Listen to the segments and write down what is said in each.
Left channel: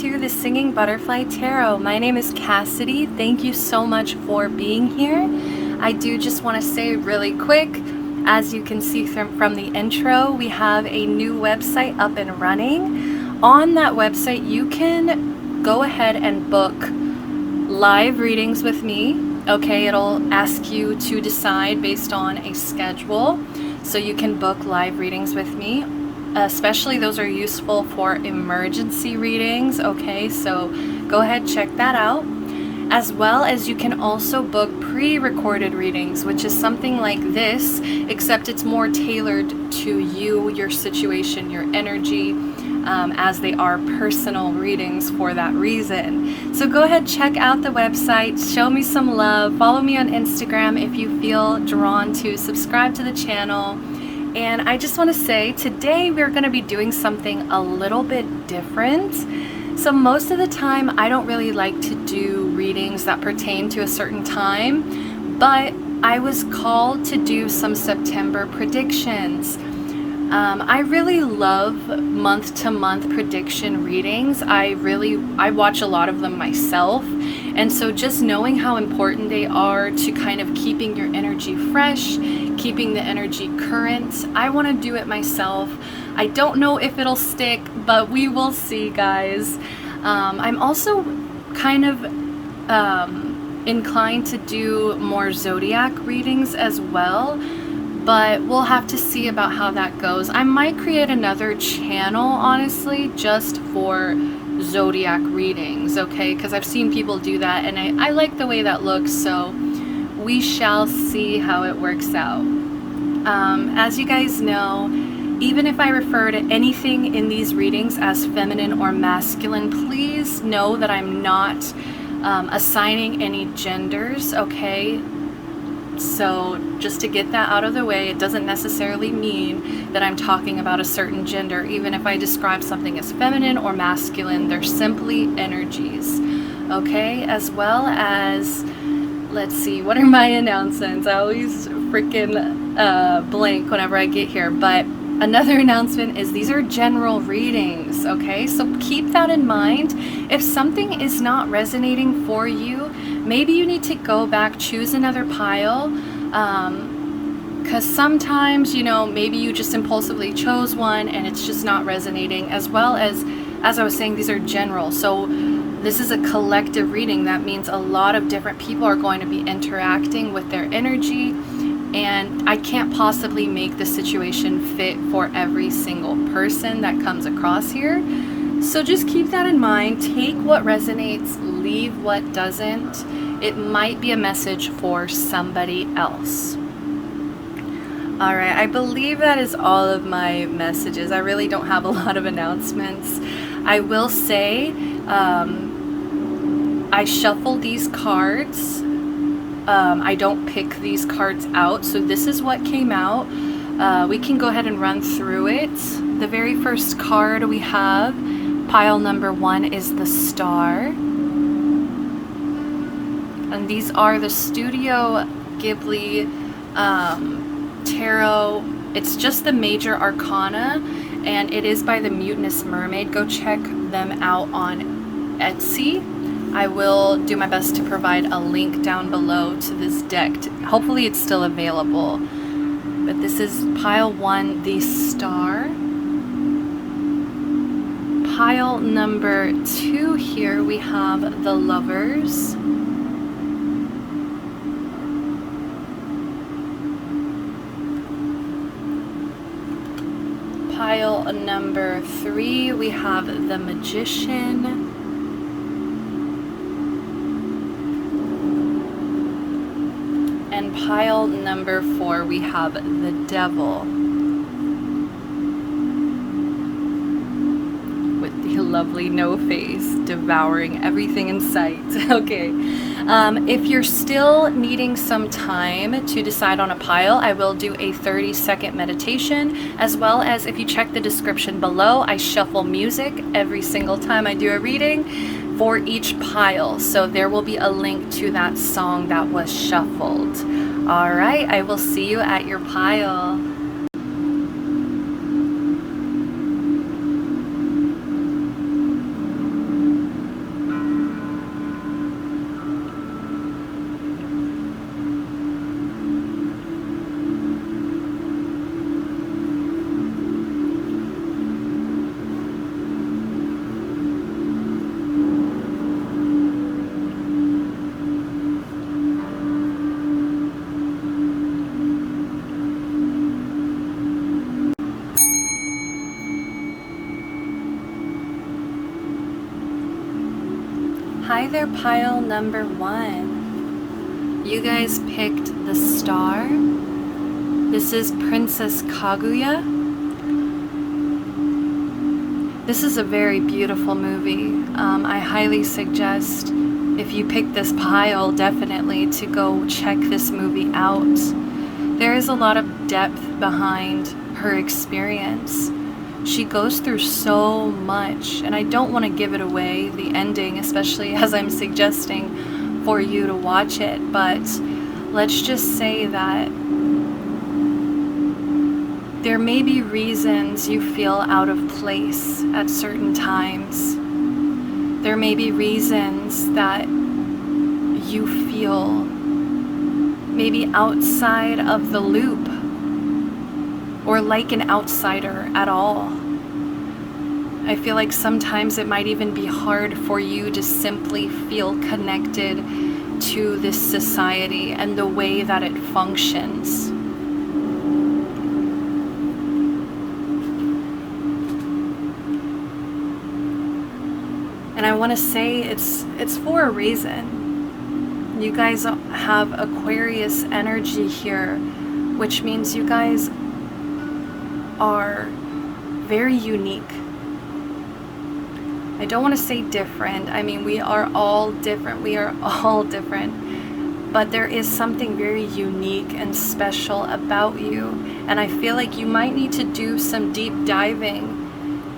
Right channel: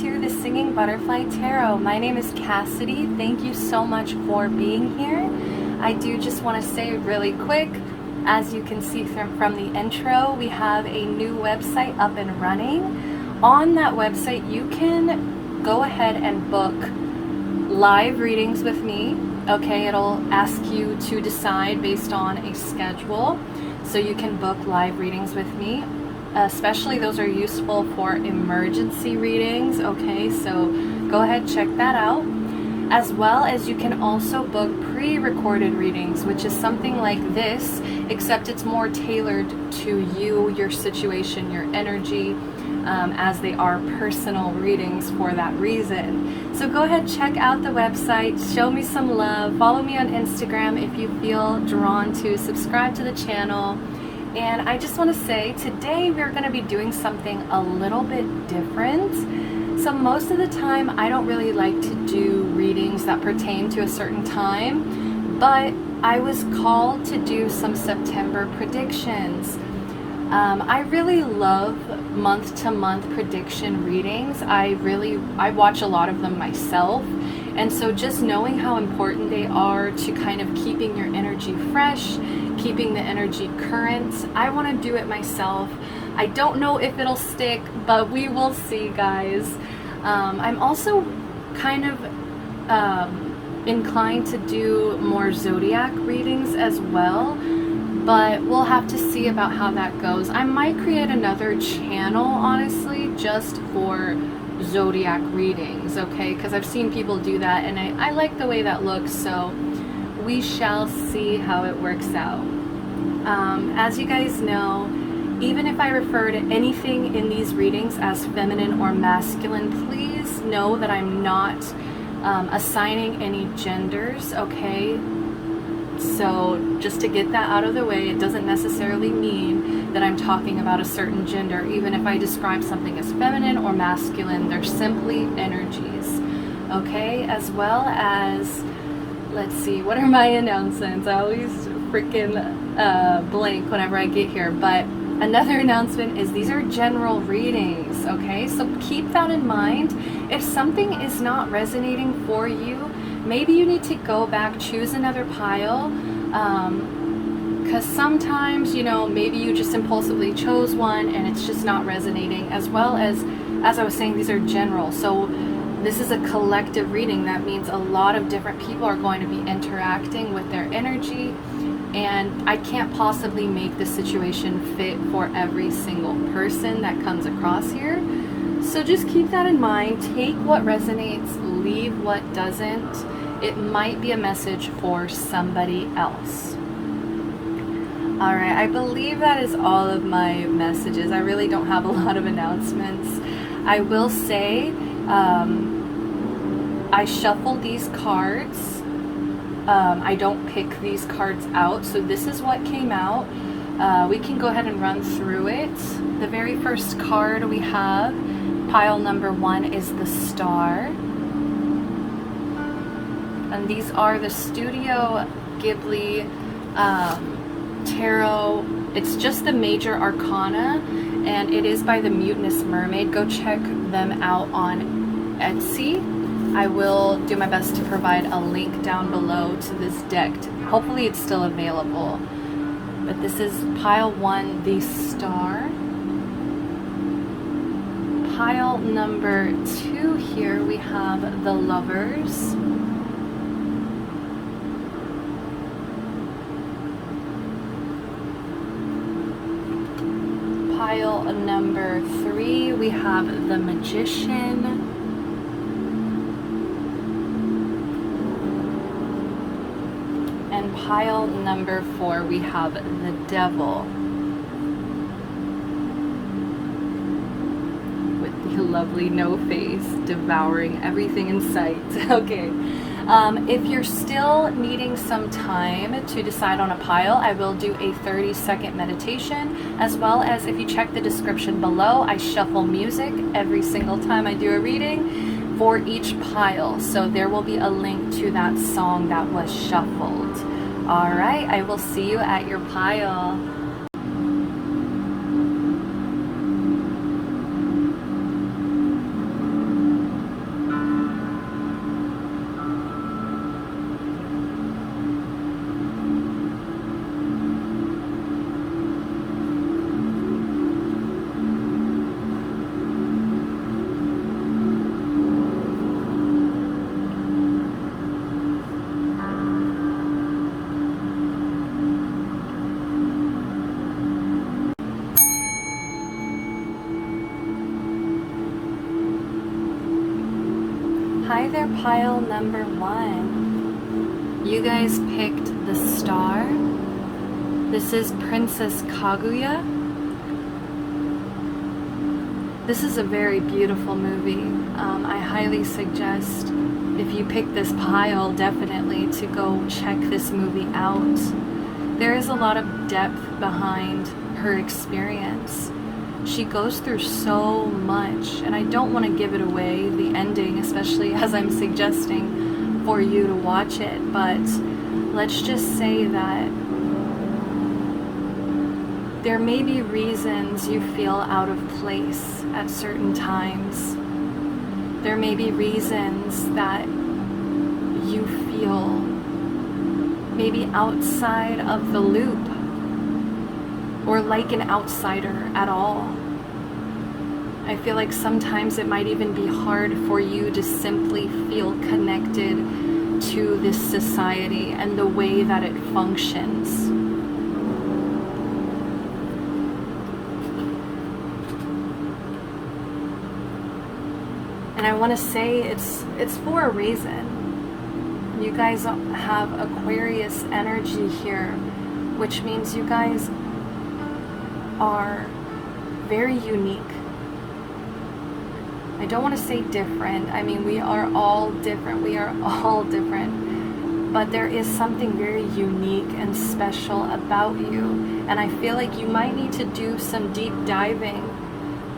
to the Singing Butterfly Tarot. My name is Cassidy. Thank you so much for being here. I do just want to say really quick, as you can see from the intro, we have a new website up and running. On that website, you can go ahead and book live readings with me. Okay, it'll ask you to decide based on a schedule. So you can book live readings with me. Especially those are useful for emergency readings. Okay, so go ahead, check that out. As well as you can also book pre-recorded readings, which is something like this, except it's more tailored to you, your situation, your energy, as they are personal readings for that reason. So go ahead, check out the website, show me some love, follow me on Instagram if you feel drawn to, subscribe to the channel. And I just want to say, today we're going to be doing something a little bit different. So most of the time, I don't really like to do readings that pertain to a certain time, but I was called to do some September predictions. I really love month-to-month prediction readings. I watch a lot of them myself. And so just knowing how important they are to kind of keeping your energy fresh, keeping the energy current, I want to do it myself. I don't know if it'll stick, but we will see, guys. I'm also kind of inclined to do more zodiac readings as well, but we'll have to see about how that goes. I might create another channel, honestly, just for zodiac readings, okay? Because I've seen people do that, and I like the way that looks, so we shall see how it works out. As you guys know, even if I refer to anything in these readings as feminine or masculine, please know that I'm not assigning any genders, okay? So just to get that out of the way, it doesn't necessarily mean that I'm talking about a certain gender. Even if I describe something as feminine or masculine, they're simply energies, okay? As well as, let's see, what are my announcements? I always freaking blank whenever I get here, but another announcement is these are general readings, okay? So keep that in mind. If something is not resonating for you, maybe you need to go back, choose another pile, because sometimes, you know, maybe you just impulsively chose one and it's just not resonating. As well as I was saying, these are general. So this is a collective reading. That means a lot of different people are going to be interacting with their energy, and I can't possibly make the situation fit for every single person that comes across here. So just keep that in mind. Take what resonates, leave what doesn't. It might be a message for somebody else. All right, I believe that is all of my messages. I really don't have a lot of announcements. I will say, I shuffle these cards. I don't pick these cards out, so this is what came out. We can go ahead and run through it. The very first card we have, pile number 1, is the Star. And these are the Studio Ghibli tarot. It's just the major arcana, and it is by the Mutinous Mermaid. Go check them out on Etsy. I will do my best to provide a link down below to this deck. Hopefully it's still available. But this is pile 1, the Star. Pile number 2 here, we have the Lovers. Pile number 3, we have the Magician. And pile number 4, we have the Devil. With the lovely no face, devouring everything in sight. Okay. If you're still needing some time to decide on a pile, I will do a 30-second meditation, as well as if you check the description below, I shuffle music every single time I do a reading for each pile. So there will be a link to that song that was shuffled. All right, I will see you at your pile. there, pile number 1. You guys picked the star. This is Princess Kaguya. This is a very beautiful movie. I highly suggest, if you pick this pile, definitely to go check this movie out. There is a lot of depth behind her experience. She goes through so much, and I don't want to give it away, the ending, especially as I'm suggesting for you to watch it, but let's just say that there may be reasons you feel out of place at certain times. There may be reasons that you feel maybe outside of the loop, or like an outsider at all. I feel like sometimes it might even be hard for you to simply feel connected to this society and the way that it functions. And I want to say it's for a reason. You guys have Aquarius energy here, which means you guys are very unique. I don't want to say different. I mean, we are all different. We are all different. But there is something very unique and special about you. And I feel like you might need to do some deep diving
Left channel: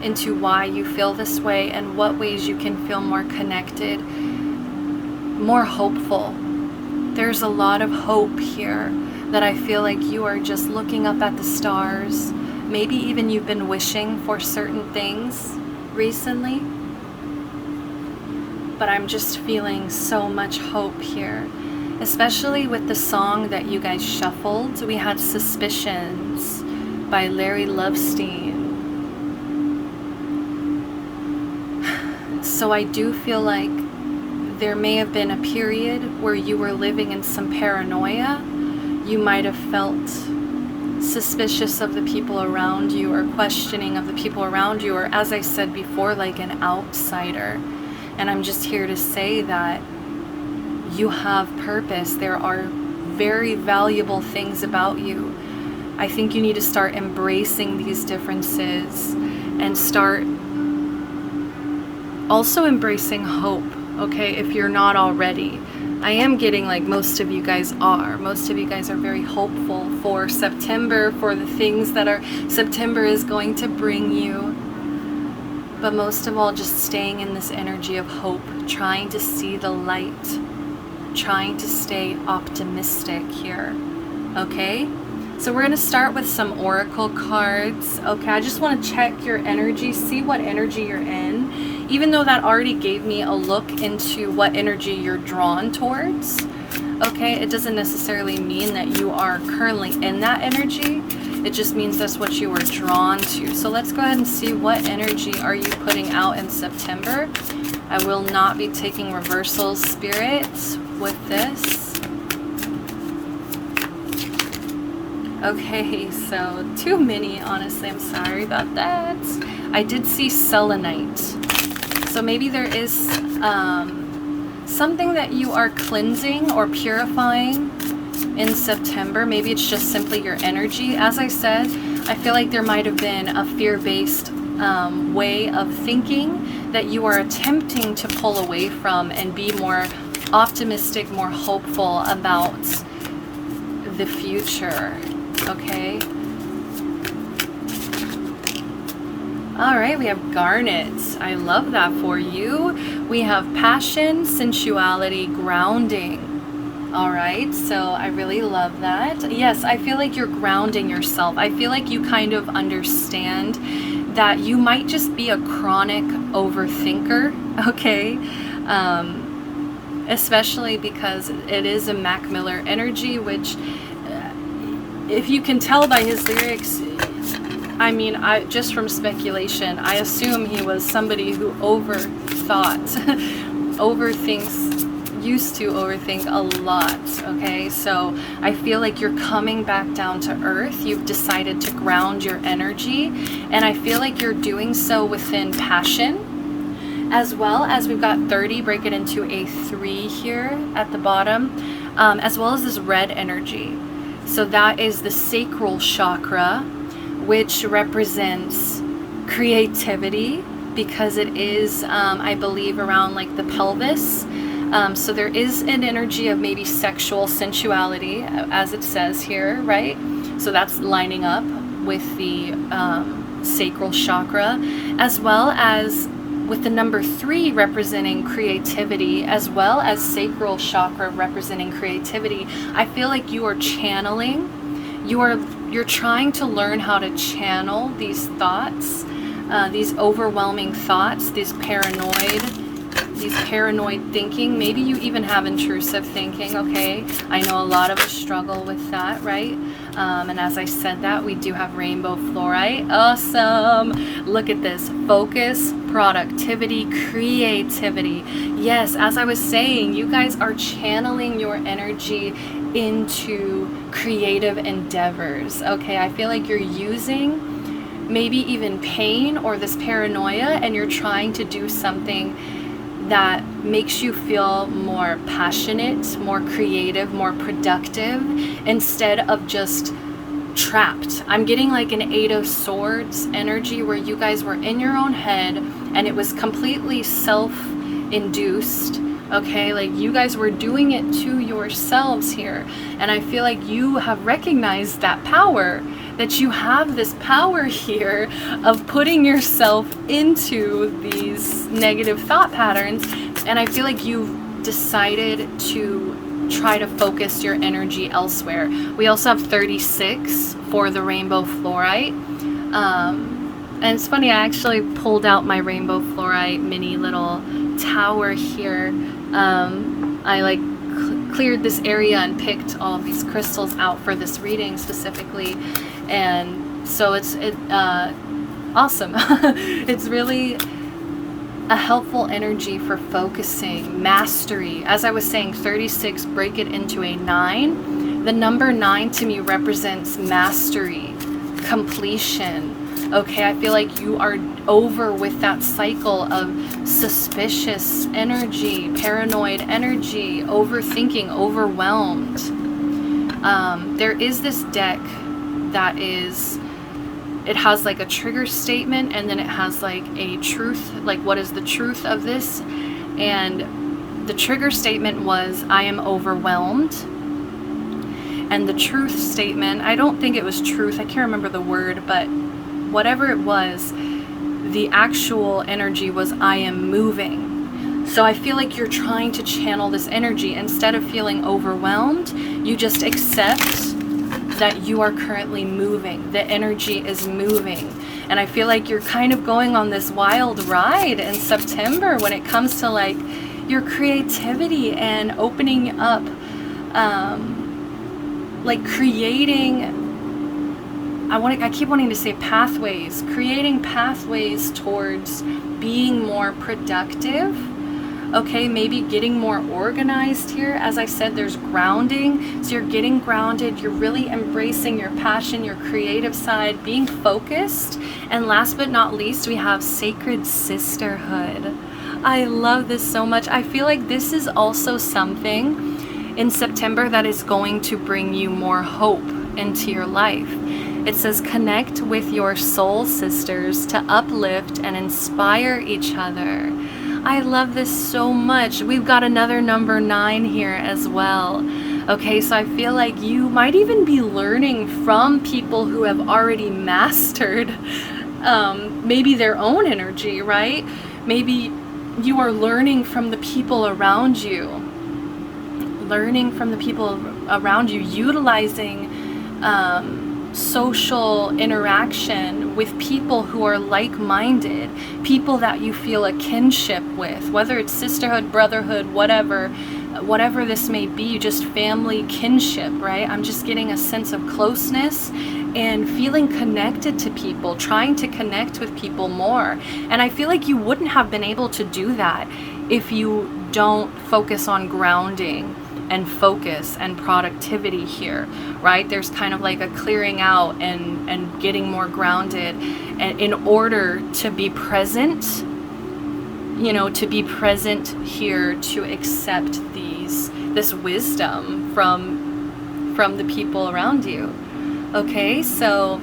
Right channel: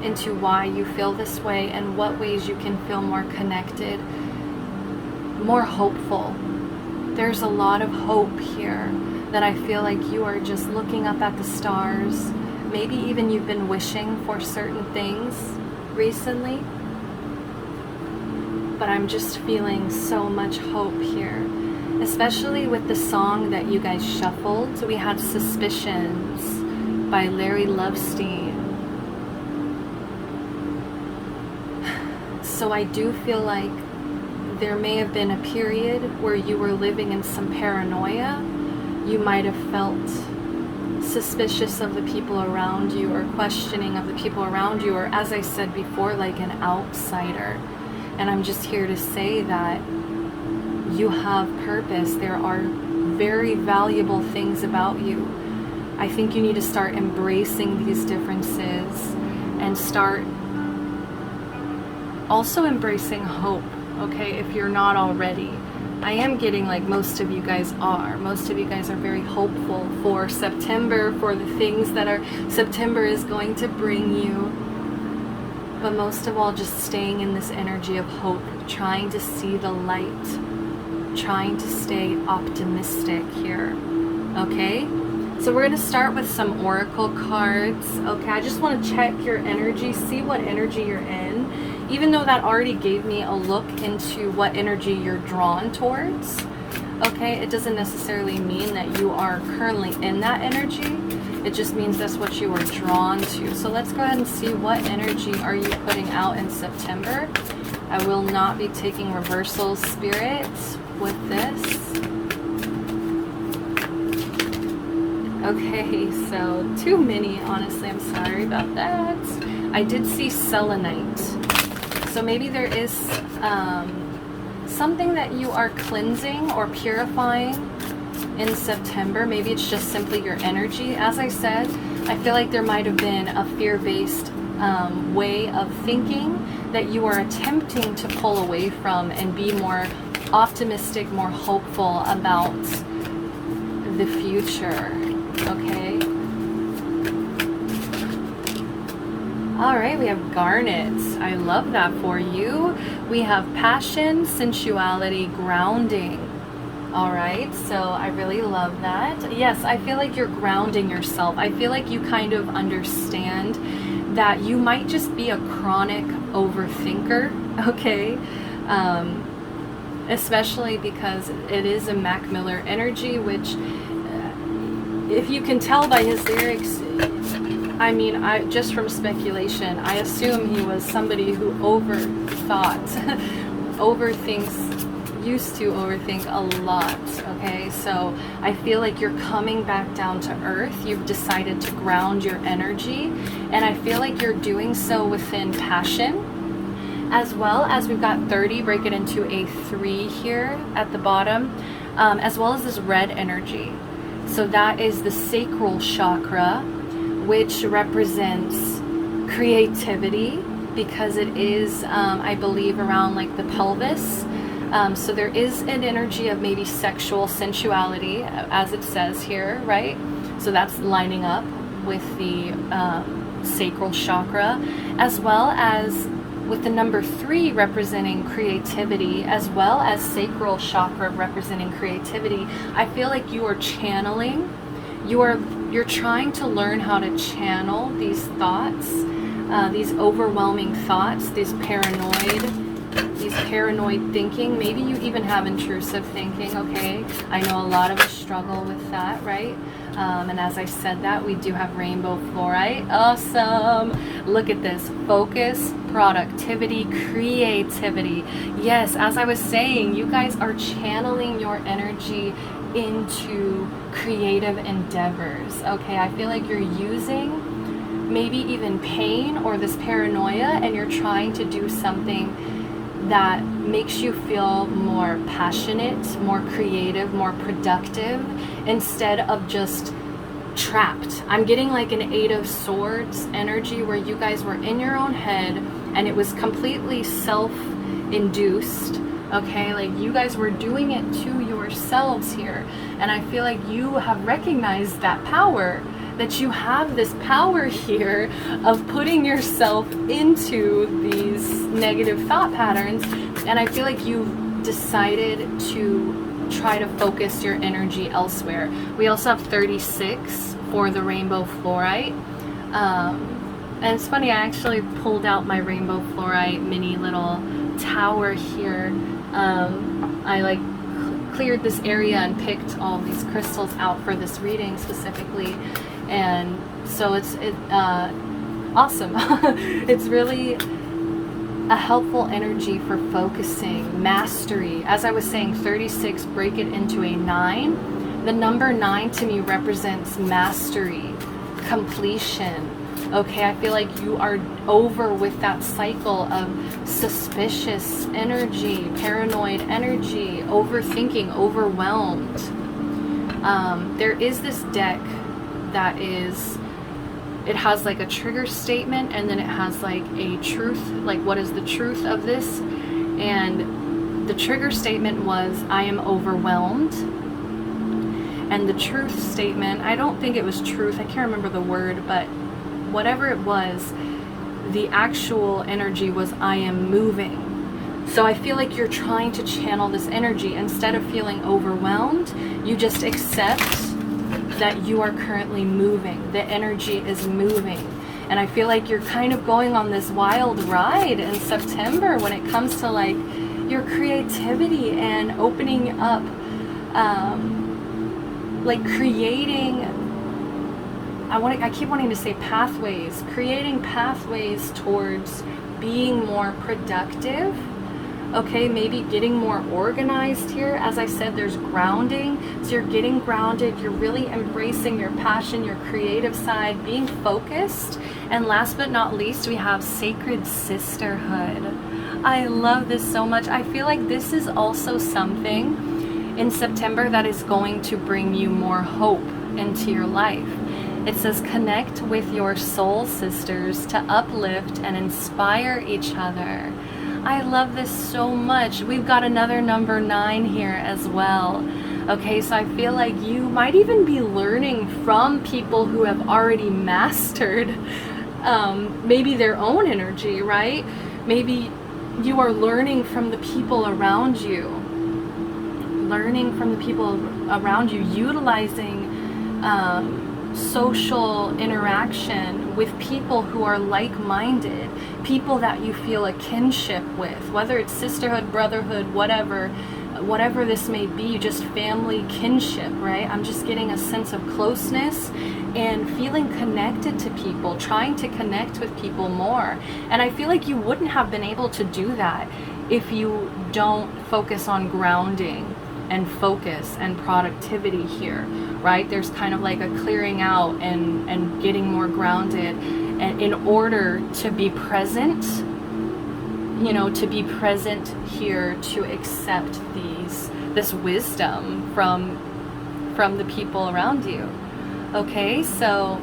into why you feel this way and what ways you can feel more connected, more hopeful. There's a lot of hope here that I feel like you are just looking up at the stars. Maybe even you've been wishing for certain things recently. But I'm just feeling so much hope here, especially with the song that you guys shuffled. We had Suspicions by Larry Lovestein. So I do feel like there may have been a period where you were living in some paranoia. You might have felt suspicious of the people around you, or questioning of the people around you, or as I said before, like an outsider. And I'm just here to say that you have purpose. There are very valuable things about you. I think you need to start embracing these differences and start also embracing hope, okay, if you're not already. I am getting like most of you guys are. Most of you guys are very hopeful for September, for the things that September is going to bring you. But most of all, just staying in this energy of hope, trying to see the light, trying to stay optimistic here, okay? So we're going to start with some oracle cards. Okay, I just want to check your energy, see what energy you're in. Even though that already gave me a look into what energy you're drawn towards. Okay, it doesn't necessarily mean that you are currently in that energy. It just means that's what you are drawn to. So let's go ahead and see what energy are you putting out in September. I will not be taking reversals, spirits, with this. Okay, so too many, honestly. I'm sorry about that. I did see selenite. So maybe there is something that you are cleansing or purifying in September. Maybe it's just simply your energy. As I said, I feel like there might have been a fear-based way of thinking that you are attempting to pull away from and be more optimistic, more hopeful about the future. Okay. All right, we have garnet. I love that for you. We have passion, sensuality, grounding. All right, so I really love that. Yes, I feel like you're grounding yourself. I feel like you kind of understand that you might just be a chronic overthinker, okay? Especially because it is a Mac Miller energy, which if you can tell by his lyrics, I mean, just from speculation, I assume he was somebody who used to overthink a lot, okay? So I feel like you're coming back down to earth. You've decided to ground your energy, and I feel like you're doing so within passion. as well as we've got 30, break it into a 3 here at the bottom, as well as this red energy. So that is the sacral chakra, which represents creativity, because it is, I believe, around like the pelvis. So there is an energy of maybe sexual sensuality, as it says here, right? So that's lining up with the sacral chakra, as well as with the number 3 representing creativity, as well as sacral chakra representing creativity. I feel like you are channeling, you're trying to learn how to channel these thoughts, these overwhelming thoughts, these paranoid thinking. Maybe you even have intrusive thinking, okay? I know a lot of us struggle with that, right? And as I said that, we do have rainbow fluorite. Awesome. Look at this. Focus, productivity, creativity. Yes, as I was saying, you guys are channeling your energy into creative endeavors, okay? I feel like you're using maybe even pain or this paranoia, and you're trying to do something that makes you feel more passionate, more creative, more productive, instead of just trapped. I'm getting like an 8 of Swords energy where you guys were in your own head and it was completely self-induced, okay? Like you guys were doing it to yourselves here. And I feel like you have recognized that power, that you have this power here of putting yourself into these negative thought patterns. And I feel like you've decided to try to focus your energy elsewhere. We also have 36 for the rainbow fluorite. And it's funny, I actually pulled out my rainbow fluorite mini little tower here. I like cleared this area and picked all of these crystals out for this reading specifically. And so it's awesome. It's really a helpful energy for focusing, mastery. As I was saying, 36, break it into a 9. The number 9 to me represents mastery, completion. Okay, I feel like you are over with that cycle of suspicious energy, paranoid energy, overthinking, overwhelmed. There is this deck that is, it has like a trigger statement, and then it has like a truth, like what is the truth of this? And the trigger statement was, I am overwhelmed. And the truth statement, I don't think it was truth, I can't remember the word, but whatever it was, the actual energy was, I am moving. So I feel like you're trying to channel this energy. Instead of feeling overwhelmed, you just accept that you are currently moving. The energy is moving. And I feel like you're kind of going on this wild ride in September when it comes to like your creativity and opening up, like creating, I keep wanting to say pathways, creating pathways towards being more productive. Okay, maybe getting more organized here. As I said, there's grounding. So you're getting grounded. You're really embracing your passion, your creative side, being focused. And last but not least, we have sacred sisterhood. I love this so much. I feel like this is also something in September that is going to bring you more hope into your life. It says connect with your soul sisters to uplift and inspire each other. I love this so much. We've got another number 9 here as well. Okay, so I feel like you might even be learning from people who have already mastered maybe their own energy, right? Maybe you are learning from the people around you. Learning from the people around you, utilizing social interaction with people who are like-minded, people that you feel a kinship with, whether it's sisterhood, brotherhood, whatever this may be, just family kinship, right? I'm just getting a sense of closeness and feeling connected to people, trying to connect with people more. And I feel like you wouldn't have been able to do that if you don't focus on grounding and focus and productivity here, right? There's kind of like a clearing out and getting more grounded, and in order to be present you know, to be present here, to accept this wisdom from the people around you. Okay, so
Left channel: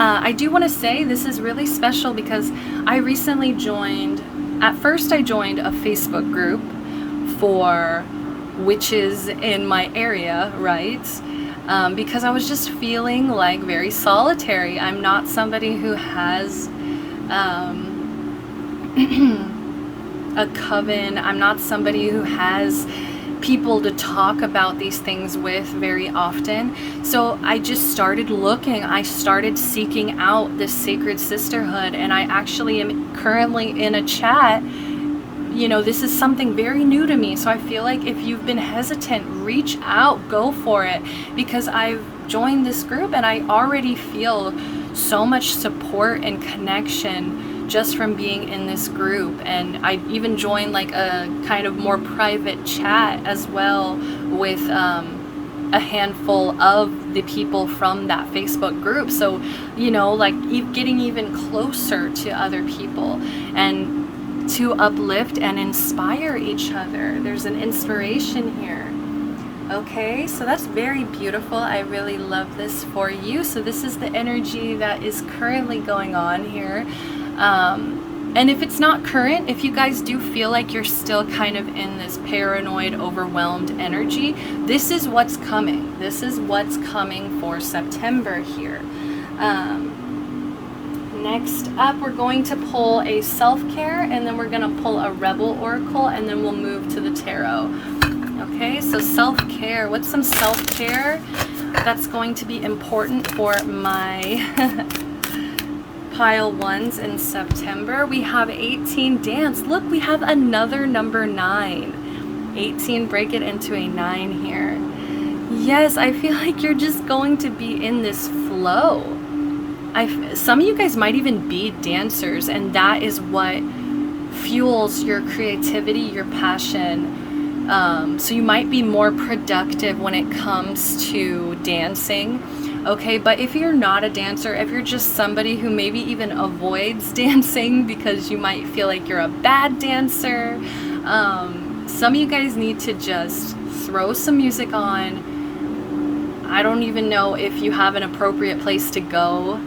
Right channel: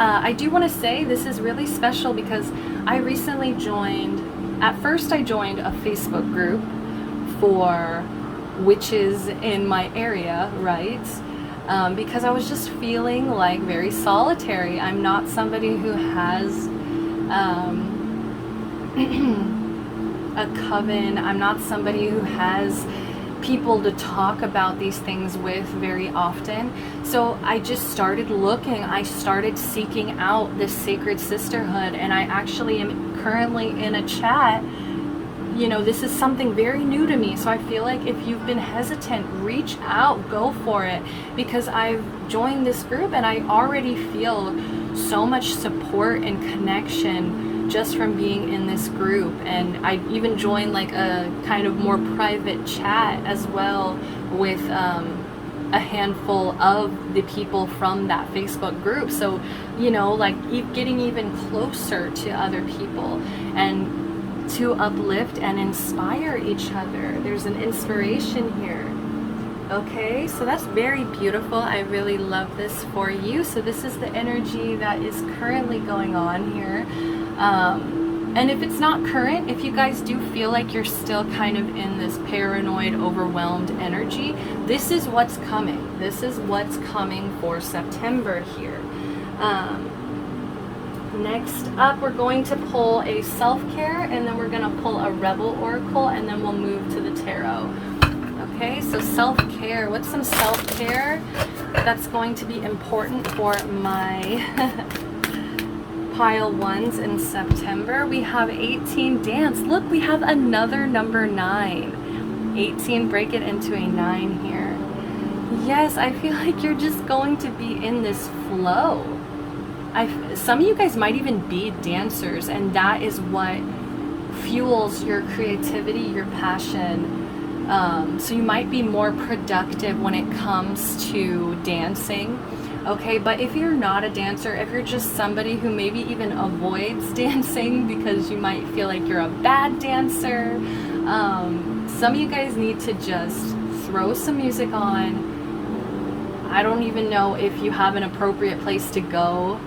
I do want to say this is really special because I recently at first I joined a Facebook group for witches in my area, right? Because I was just feeling like very solitary. I'm not somebody who has a coven. I'm not somebody who has people to talk about these things with very often. So I just started looking. I started seeking out this sacred sisterhood, and I actually am currently in a chat. You know, this is something very new to me, so I feel like if you've been hesitant, reach out, go for it, because I've joined this group and I already feel so much support and connection just from being in this group. And I even joined like a kind of more private chat as well with a handful of the people from that Facebook group, so you know, like getting even closer to other people and to uplift and inspire each other. There's an inspiration here. Okay, so that's very beautiful. I really love this for you. So this is the energy that is currently going on here. And if it's not current, if you guys do feel like you're still kind of in this paranoid, overwhelmed energy, this is what's coming. This is what's coming for September here. Next up, we're going to pull a self-care, and then we're going to pull a rebel oracle, and then we'll move to the tarot. Okay, so self-care. What's some self-care that's going to be important for my pile ones in September? We have 18, dance. Look, we have another number 9. 18, break it into a 9 here. Yes, I feel like you're just going to be in this flow. Some of you guys might even be dancers, and that is what fuels your creativity, your passion. So you might be more productive when it comes to dancing. Okay, but if you're not a dancer, if you're just somebody who maybe even avoids dancing because you might feel like you're a bad dancer, some of you guys need to just throw some music on. I don't even know if you have an appropriate place to go.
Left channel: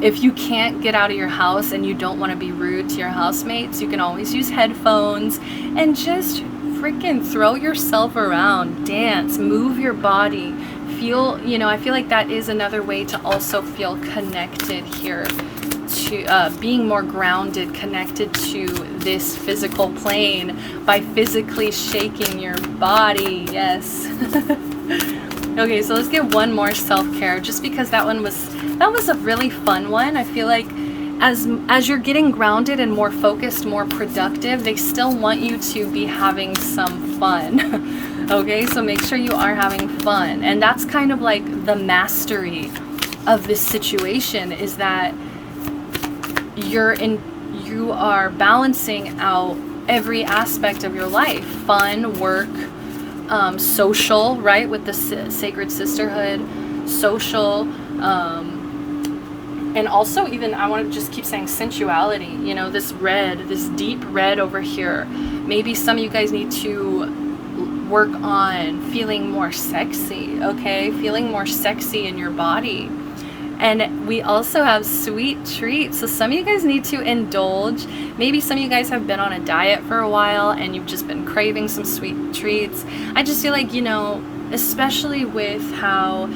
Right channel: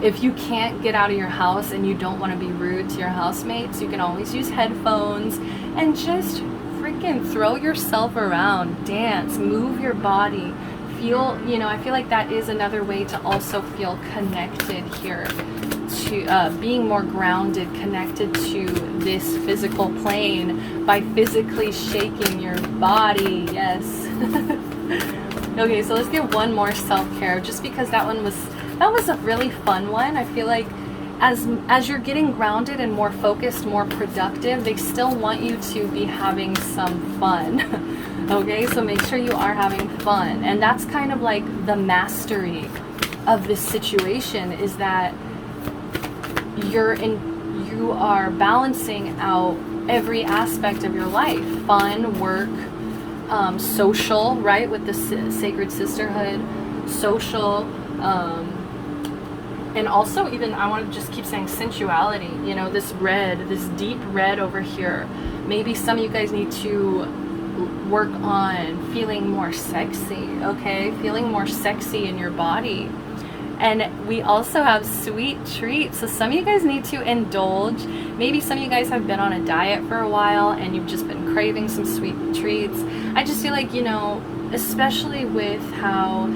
If you can't get out of your house and you don't want to be rude to your housemates, you can always use headphones and just freaking throw yourself around, dance, move your body, feel, you know, I feel like that is another way to also feel connected here, to being more grounded, connected to this physical plane by physically shaking your body. Yes. Okay, so let's get one more self-care, just because that was a really fun one. I feel like as you're getting grounded and more focused, more productive, they still want you to be having some fun. Okay, so make sure you are having fun. And that's kind of like the mastery of this situation, is that you are balancing out every aspect of your life: fun, work, social, right, with the sacred sisterhood, social, and also even, I want to just keep saying sensuality, you know, this red, this deep red over here. Maybe some of you guys need to work on feeling more sexy, okay, feeling more sexy in your body. And we also have sweet treats. So some of you guys need to indulge. Maybe some of you guys have been on a diet for a while and you've just been craving some sweet treats. I just feel like, you know, especially with how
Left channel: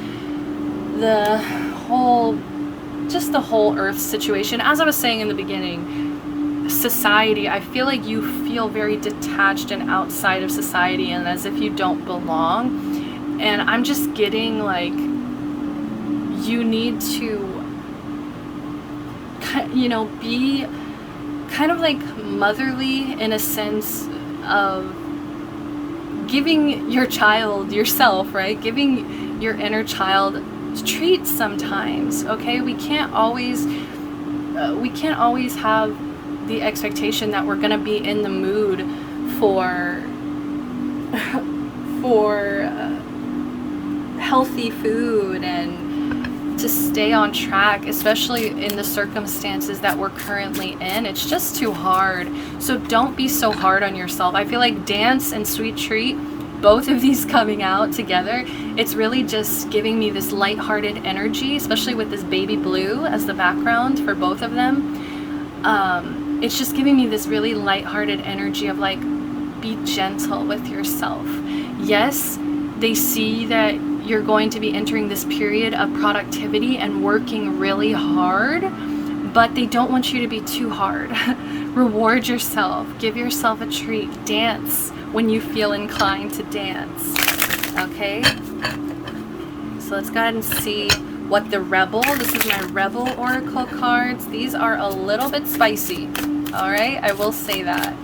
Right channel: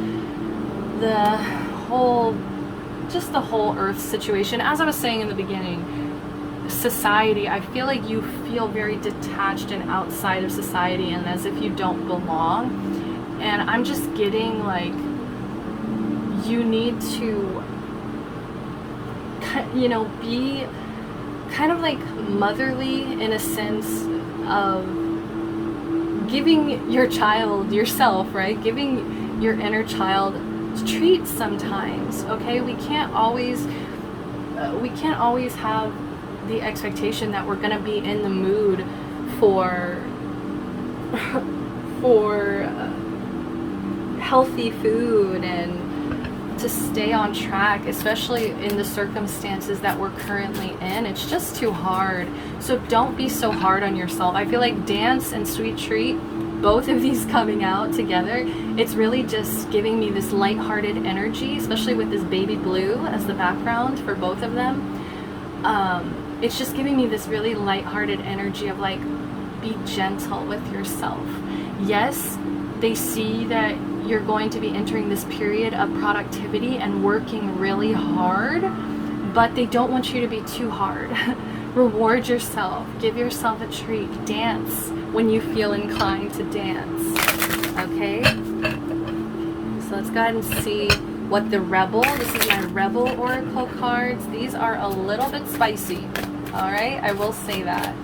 the whole earth situation, as I was saying in the beginning, society, I feel like you feel very detached and outside of society and as if you don't belong. And I'm just getting like, you need to, you know, be kind of like motherly in a sense of giving your child, yourself, right? Giving your inner child treats sometimes, okay? We can't always have the expectation that we're gonna be in the mood for healthy food and to stay on track, especially in the circumstances that we're currently in. It's just too hard. So don't be so hard on yourself. I feel like dance and sweet treat, both of these coming out together, it's really just giving me this lighthearted energy, especially with this baby blue as the background for both of them. It's just giving me this really lighthearted energy of like, be gentle with yourself. Yes, they see that you're going to be entering this period of productivity and working really hard, but they don't want you to be too hard. Reward yourself, give yourself a treat, dance when you feel inclined to dance. Okay? So let's go ahead and see what the Rebel, this is my Rebel Oracle cards. These are a little bit spicy. All right, I will say that.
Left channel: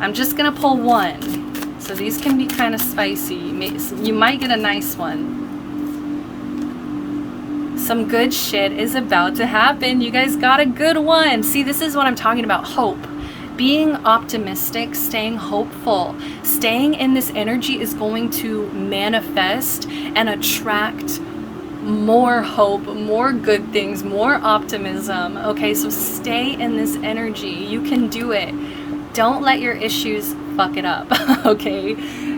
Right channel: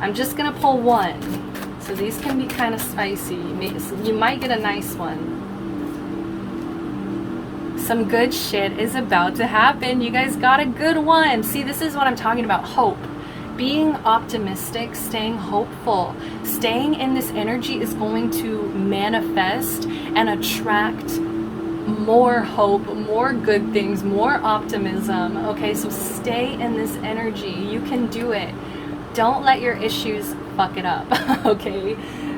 I'm just gonna pull one. So these can be kind of spicy. You might get a nice one. Some good shit is about to happen. You guys got a good one. See, this is what I'm talking about, hope. Being optimistic, staying hopeful, staying in this energy is going to manifest and attract more hope, more good things, more optimism. Okay, so stay in this energy. You can do it. Don't let your issues fuck it up, okay?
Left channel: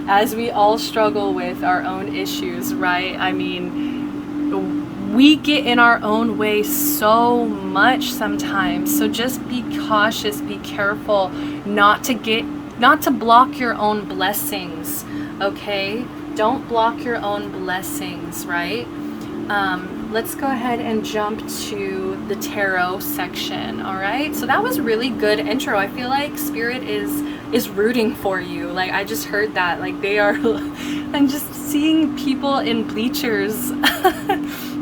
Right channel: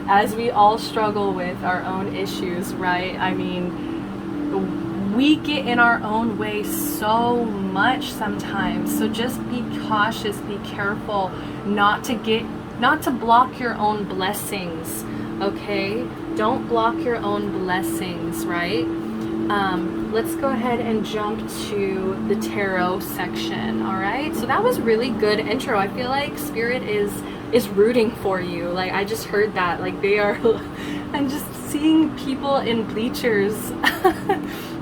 As we all struggle with our own issues, right? I mean, we get in our own way so much sometimes. So just be cautious, be careful not to block your own blessings, okay? Don't block your own blessings, right? Let's go ahead and jump to the tarot section, all right? So that was really good intro. I feel like Spirit is rooting for you. Like, I just heard that. Like, they are, I'm just seeing people in bleachers.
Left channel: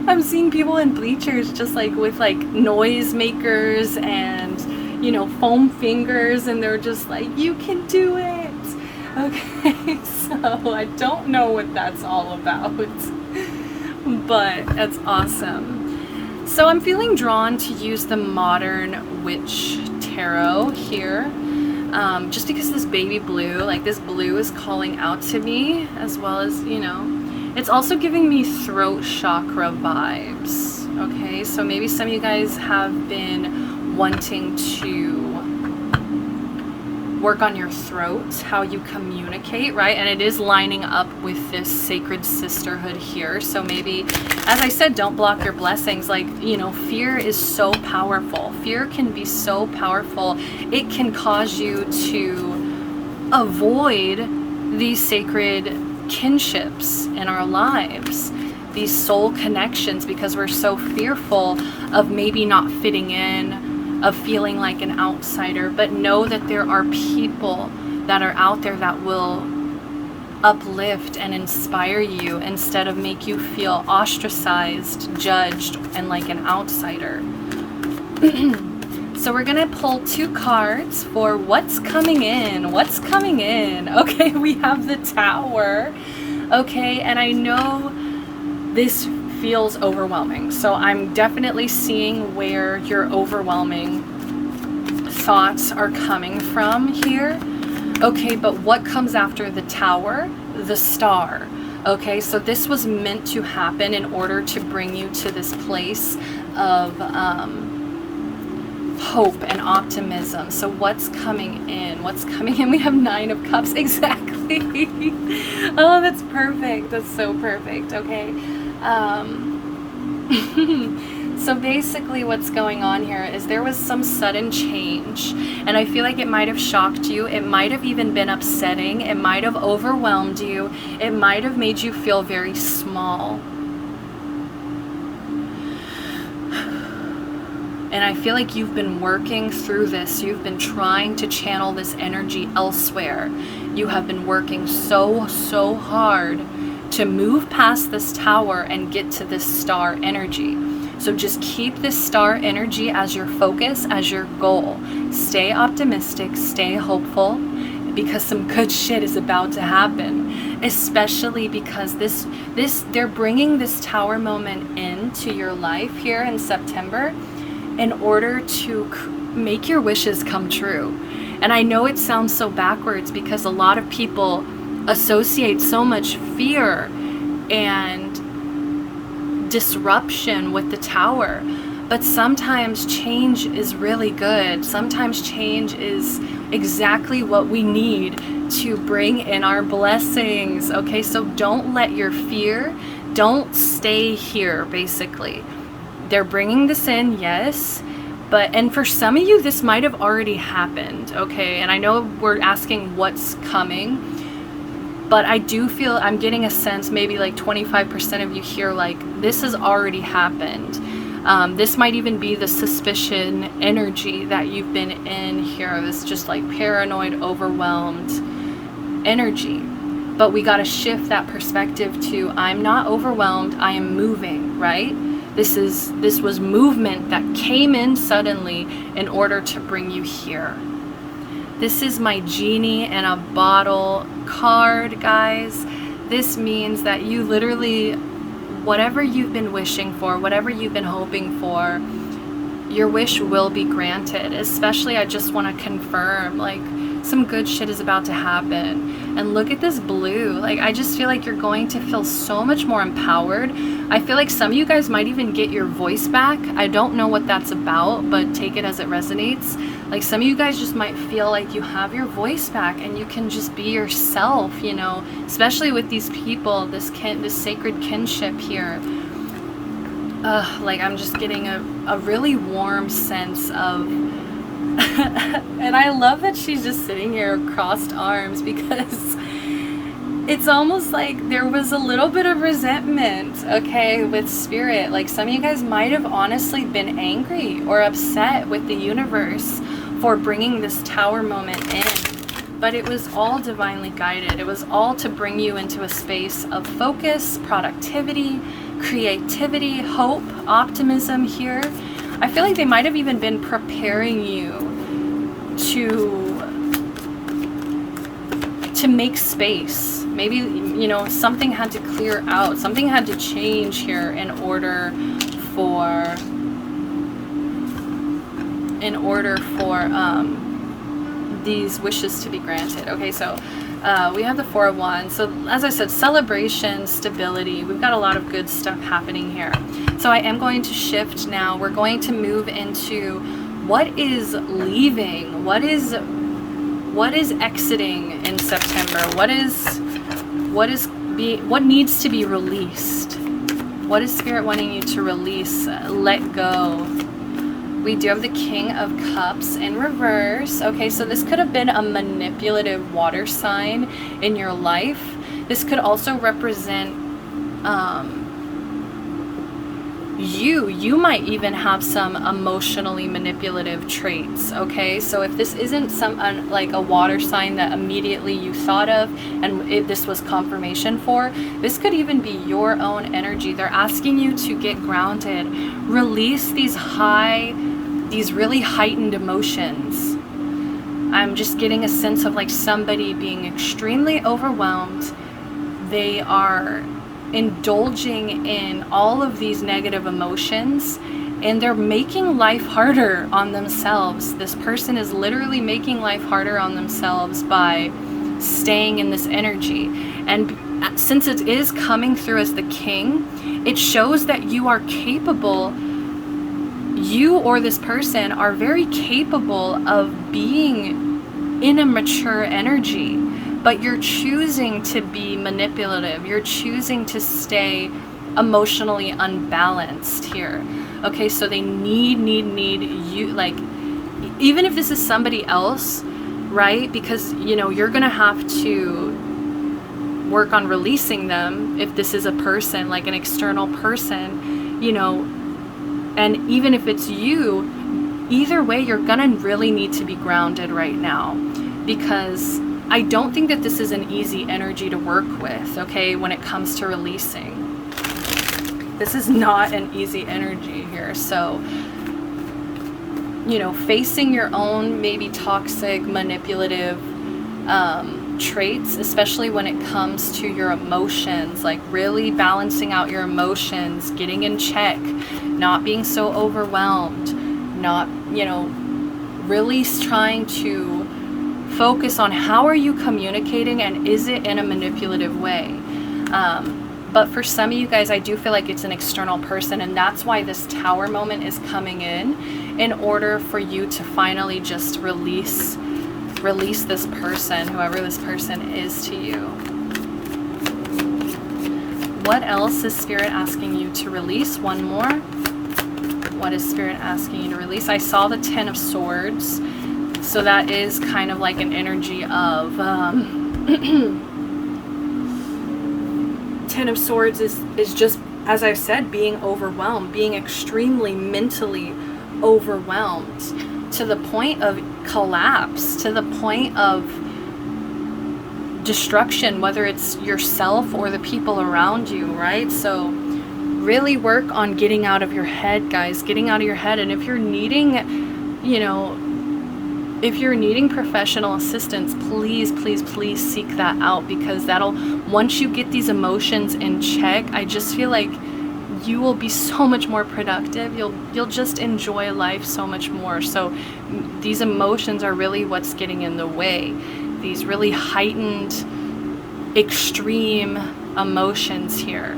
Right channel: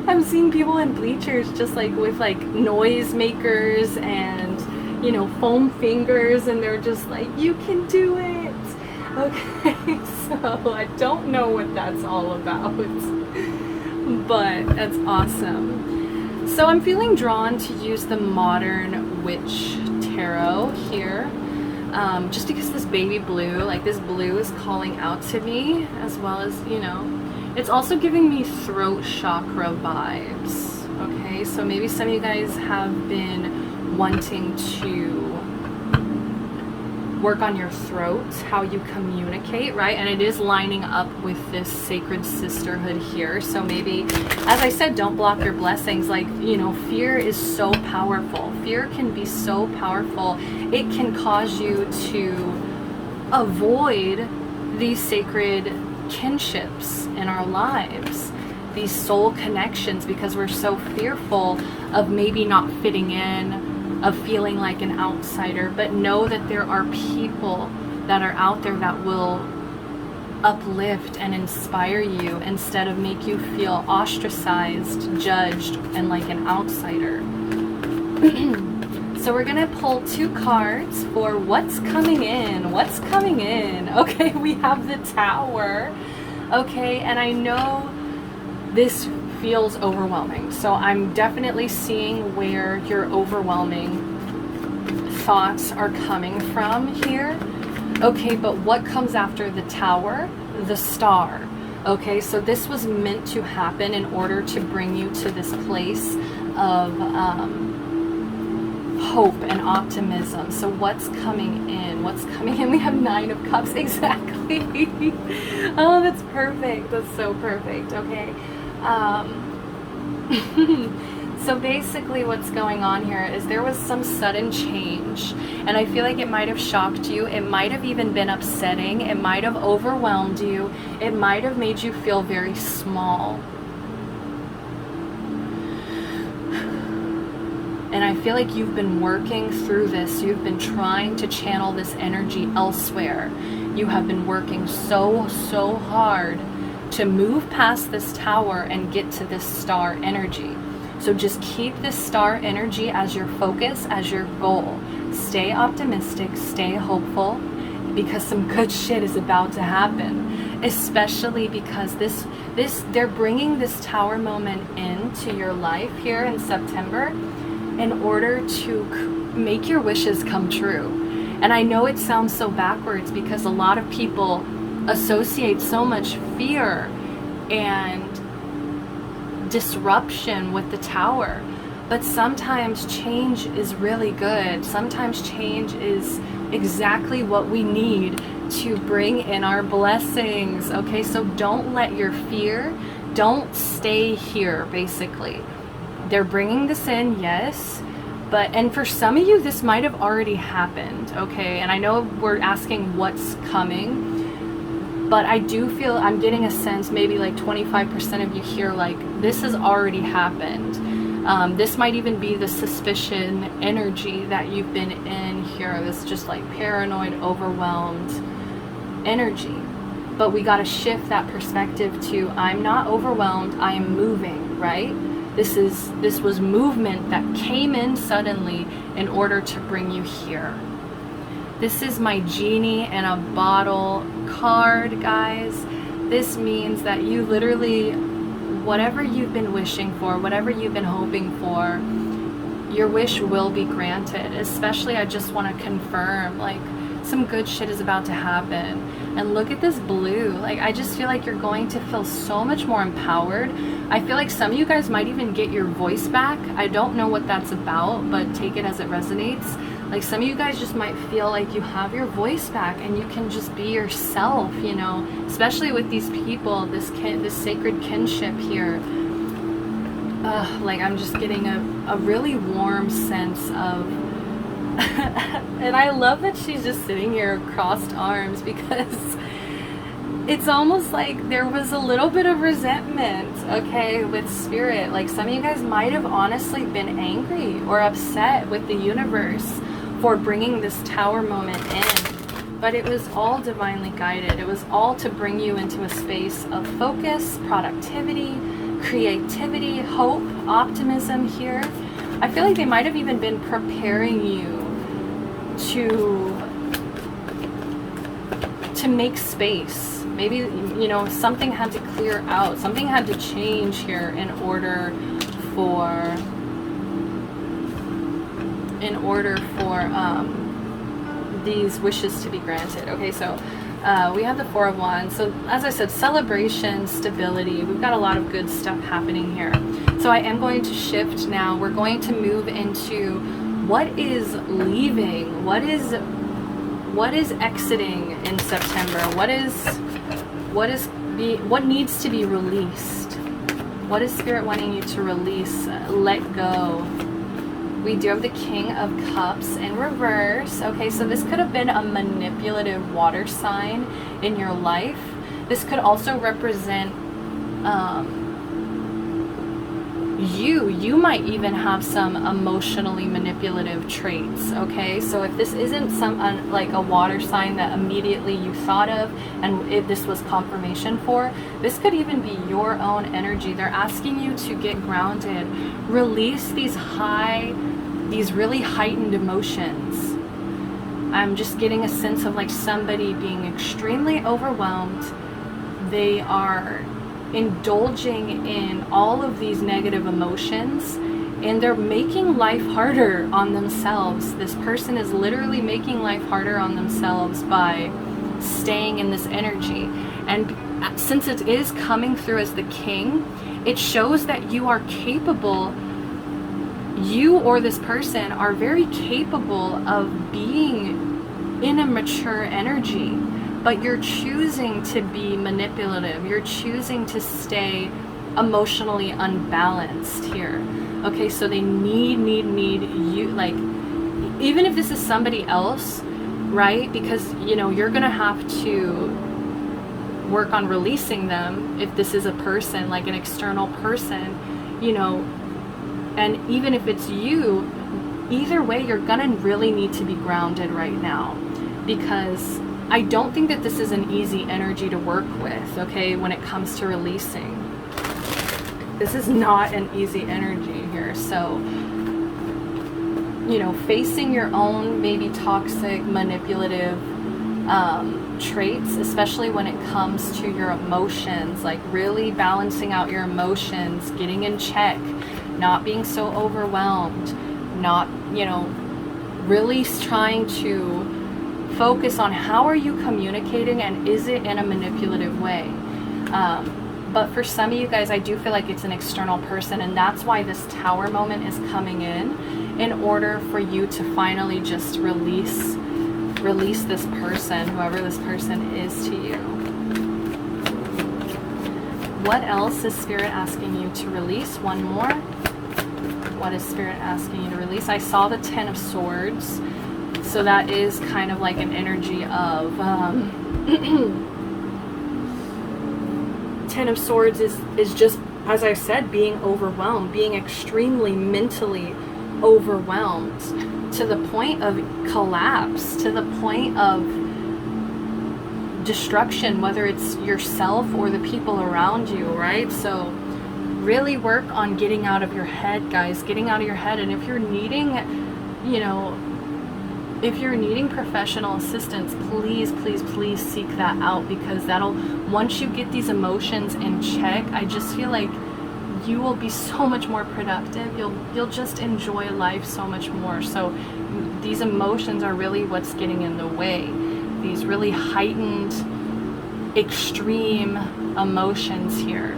I'm seeing people in bleachers just like with like noise makers and, you know, foam fingers, and they're just like, you can do it. Okay, so I don't know what that's all about. But that's awesome. So I'm feeling drawn to use the Modern Witch Tarot here, just because this baby blue, like this blue is calling out to me, as well as, you know, it's also giving me throat chakra vibes. Okay, so maybe some of you guys have been wanting to work on your throat, how you communicate, right? And it is lining up with this sacred sisterhood here. So maybe, as I said, don't block your blessings. Like, you know, fear is so powerful. Fear can be so powerful. It can cause you to avoid these sacred kinships in our lives, these soul connections, because we're so fearful of maybe not fitting in, of feeling like an outsider. But know that there are people that are out there that will uplift and inspire you instead of make you feel ostracized, judged, and like an outsider. So we're gonna pull 2 cards for what's coming in. What's coming in? Okay, we have the Tower. Okay, and I know this feels overwhelming. So I'm definitely seeing where your overwhelming thoughts are coming from here. Okay, but what comes after the Tower? The Star. Okay, so this was meant to happen in order to bring you to this place of hope and optimism. So what's coming in? What's coming in? We have 9 of Cups. Exactly. Oh, that's perfect. That's so perfect. Okay. So basically what's going on here is there was some sudden change, and I feel like it might have shocked you. It might have even been upsetting. It might have overwhelmed you. It might have made you feel very small. And I feel like you've been working through this. You've been trying to channel this energy elsewhere. You have been working so hard to move past this Tower and get to this Star energy. So just keep this Star energy as your focus, as your goal. Stay optimistic, stay hopeful, because some good shit is about to happen. Especially because they're bringing this Tower moment into your life here in September in order to make your wishes come true. And I know it sounds so backwards because a lot of people associate so much fear and disruption with the Tower. But sometimes change is really good. Sometimes change is exactly what we need to bring in our blessings. Okay, so don't let your fear, don't stay here, basically. They're bringing this in, yes. And for some of you, this might have already happened, okay? And I know we're asking what's coming, but I do feel, I'm getting a sense, maybe like 25% of you here, like, this has already happened. This might even be the suspicion energy that you've been in here, this just like paranoid, overwhelmed energy. But we got to shift that perspective to, I'm not overwhelmed, I am moving, right? This was movement that came in suddenly in order to bring you here. This is my genie in a bottle card, guys. This means that you literally, whatever you've been wishing for, whatever you've been hoping for, your wish will be granted. Especially, I just want to confirm, like, some good shit is about to happen. And look at this blue. Like, I just feel like you're going to feel so much more empowered. I feel like some of you guys might even get your voice back. I don't know what that's about, but take it as it resonates. Like, some of you guys just might feel like you have your voice back and you can just be yourself, you know, especially with these people, this sacred kinship here. Like, I'm just getting a really warm sense of and I love that she's just sitting here crossed arms, because it's almost like there was a little bit of resentment, okay, with spirit. Like, some of you guys might have honestly been angry or upset with the universe for bringing this Tower moment in, but it was all divinely guided. It was all to bring you into a space of focus, productivity, creativity, hope, optimism here. I feel like they might have even been preparing you to make space. Maybe, you know, something had to clear out, something had to change here in order for these wishes to be granted. Okay, so we have the Four of Wands. So as I said, celebration, stability. We've got a lot of good stuff happening here. So I am going to shift now. We're going to move into what is leaving, what is exiting in September, what needs to be released, what is Spirit wanting you to release, let go. We do have the King of Cups in reverse. Okay, so this could have been a manipulative water sign in your life. This could also represent you might even have some emotionally manipulative traits. Okay, so if this isn't like a water sign that immediately you thought of and this was confirmation for, this could even be your own energy. They're asking you to get grounded, release these really heightened emotions. I'm just getting a sense of like somebody being extremely overwhelmed. They are indulging in all of these negative emotions and they're making life harder on themselves. This person is literally making life harder on themselves by staying in this energy. And since it is coming through as the King, it shows that you are capable, you or this person are very capable of being in a mature energy. But you're choosing to be manipulative. You're choosing to stay emotionally unbalanced here. Okay, so they need you, like, even if this is somebody else, right? Because, you know, you're gonna have to work on releasing them if this is a person, like an external person, you know, and even if it's you, either way, you're gonna really need to be grounded right now, because I don't think that this is an easy energy to work with, okay, when it comes to releasing. This is not an easy energy here. So, you know, facing your own maybe toxic, manipulative traits, especially when it comes to your emotions, like really balancing out your emotions, getting in check, not being so overwhelmed, not, you know, really trying to focus on how are you communicating and is it in a manipulative way. But for some of you guys, I do feel like it's an external person, and that's why this Tower moment is coming in order for you to finally just release this person, whoever this person is to you. What else is Spirit asking you to release? One more. What is Spirit asking you to release? I saw the Ten of Swords. So that is kind of like an energy of... Ten of Swords is just, as I said, being overwhelmed, being extremely mentally overwhelmed to the point of collapse, to the point of destruction, whether it's yourself or the people around you, right? So really work on getting out of your head, guys, getting out of your head. And if you're needing, you know, if you're needing professional assistance, please, please, please seek that out, because that'll, once you get these emotions in check, I just feel like you will be so much more productive. You'll just enjoy life so much more. So these emotions are really what's getting in the way. These really heightened, extreme emotions here.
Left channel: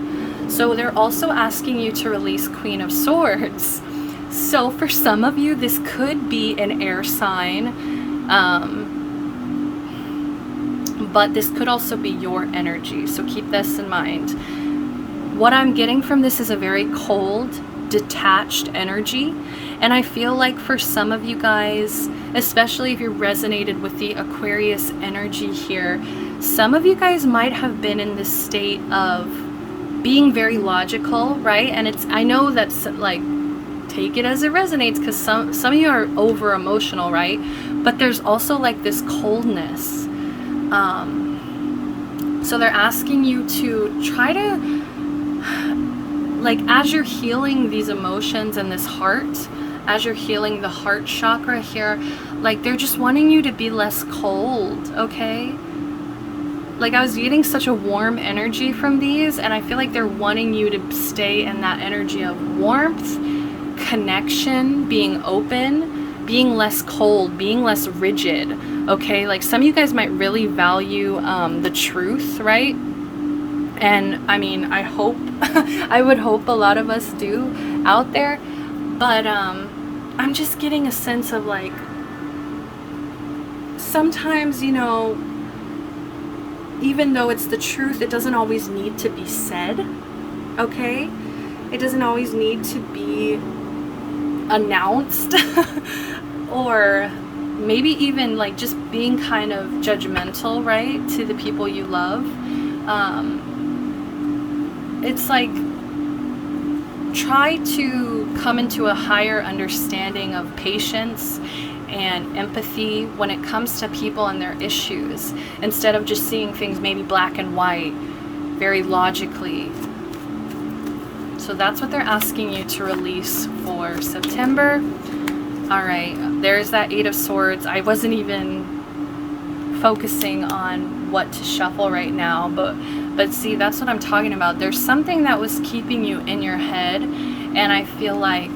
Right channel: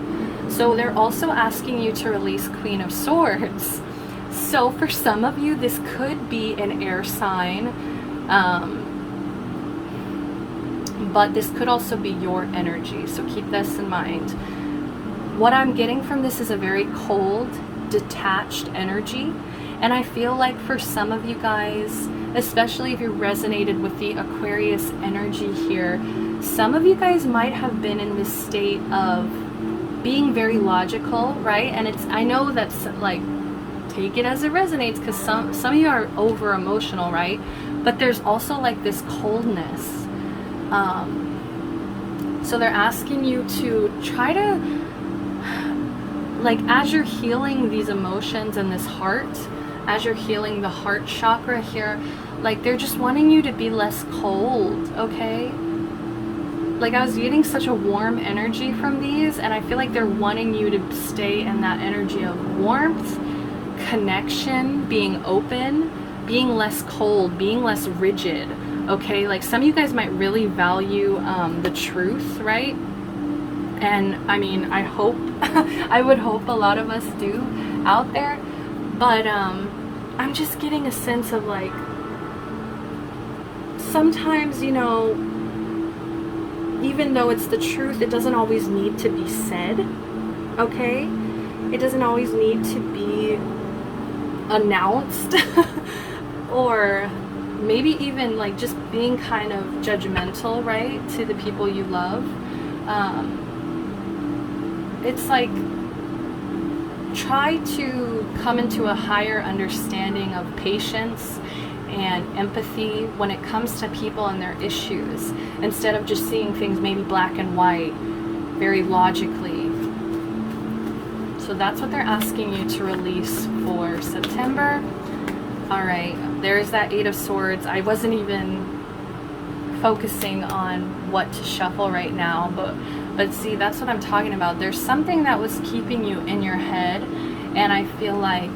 So they're also asking you to release Queen of Swords. So for some of you, this could be an air sign, but this could also be your energy. So keep this in mind. What I'm getting from this is a very cold, detached energy. And I feel like for some of you guys, especially if you resonated with the Aquarius energy here, some of you guys might have been in this state of being very logical, right? And it's, I know that's like, take it as it resonates, because some of you are over emotional, right? But there's also like this coldness. So they're asking you to try to, like, as you're healing these emotions and this heart, as you're healing the heart chakra here, like they're just wanting you to be less cold, okay? Like I was getting such a warm energy from these, and I feel like they're wanting you to stay in that energy of warmth, connection, being open, being less cold, being less rigid, okay? Like some of you guys might really value the truth, right? And I mean, I hope, I would hope a lot of us do out there, but I'm just getting a sense of like, sometimes, you know, even though it's the truth, it doesn't always need to be said, okay? It doesn't always need to be announced or maybe even like just being kind of judgmental, right, to the people you love. It's like, try to come into a higher understanding of patience and empathy when it comes to people and their issues, instead of just seeing things maybe black and white, very logically. So that's what they're asking you to release for September. All right, there's that Eight of Swords. I wasn't even focusing on what to shuffle right now, but see, that's what I'm talking about. There's something that was keeping you in your head, and I feel like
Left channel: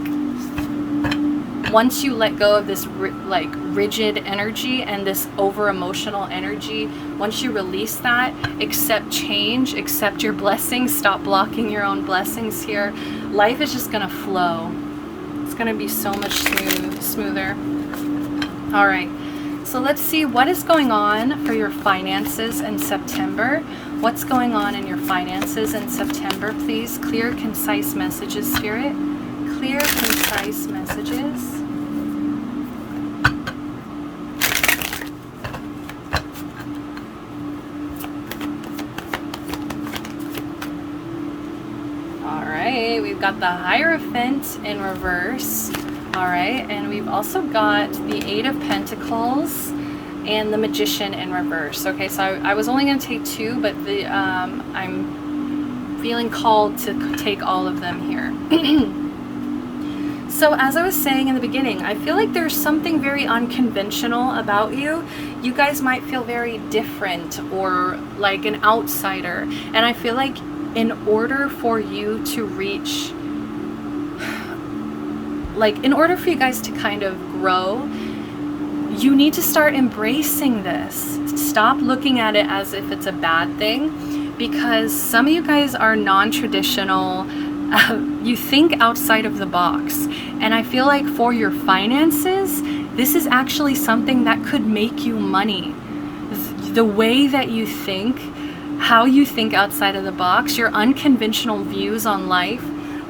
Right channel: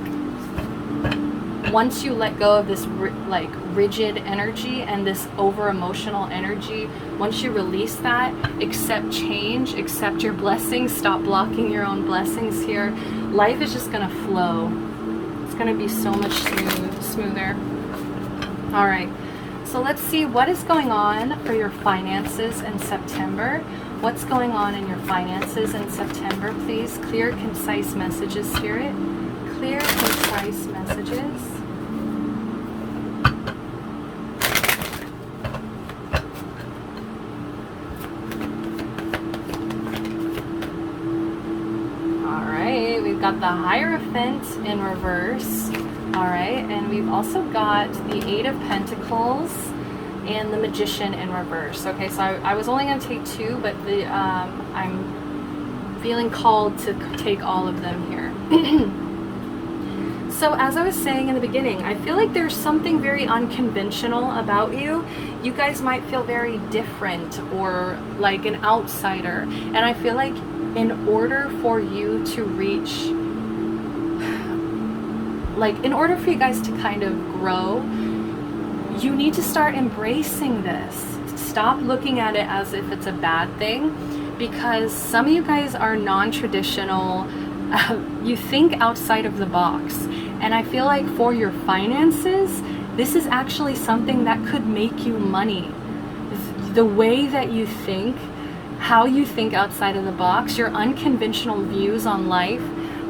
once you let go of this like rigid energy and this over emotional energy, once you release that, accept change, accept your blessings, stop blocking your own blessings here, life is just gonna flow. It's gonna be so much smoother. All right, so let's see what is going on for your finances in September. What's going on in your finances in September, please? Clear, concise messages, Spirit. Clear, concise messages. We've got the Hierophant in reverse. All right, and we've also got the Eight of Pentacles and the Magician in reverse. Okay, so I was only going to take two, but I'm feeling called to take all of them here. So as I was saying in the beginning, I feel like there's something very unconventional about you. You guys might feel very different or like an outsider, and I feel like in order for you to reach, like in order for you guys to kind of grow, you need to start embracing this. Stop looking at it as if it's a bad thing, because some of you guys are non-traditional. You think outside of the box. And I feel like for your finances, this is actually something that could make you money. The way that you think, how you think outside of the box, your unconventional views on life.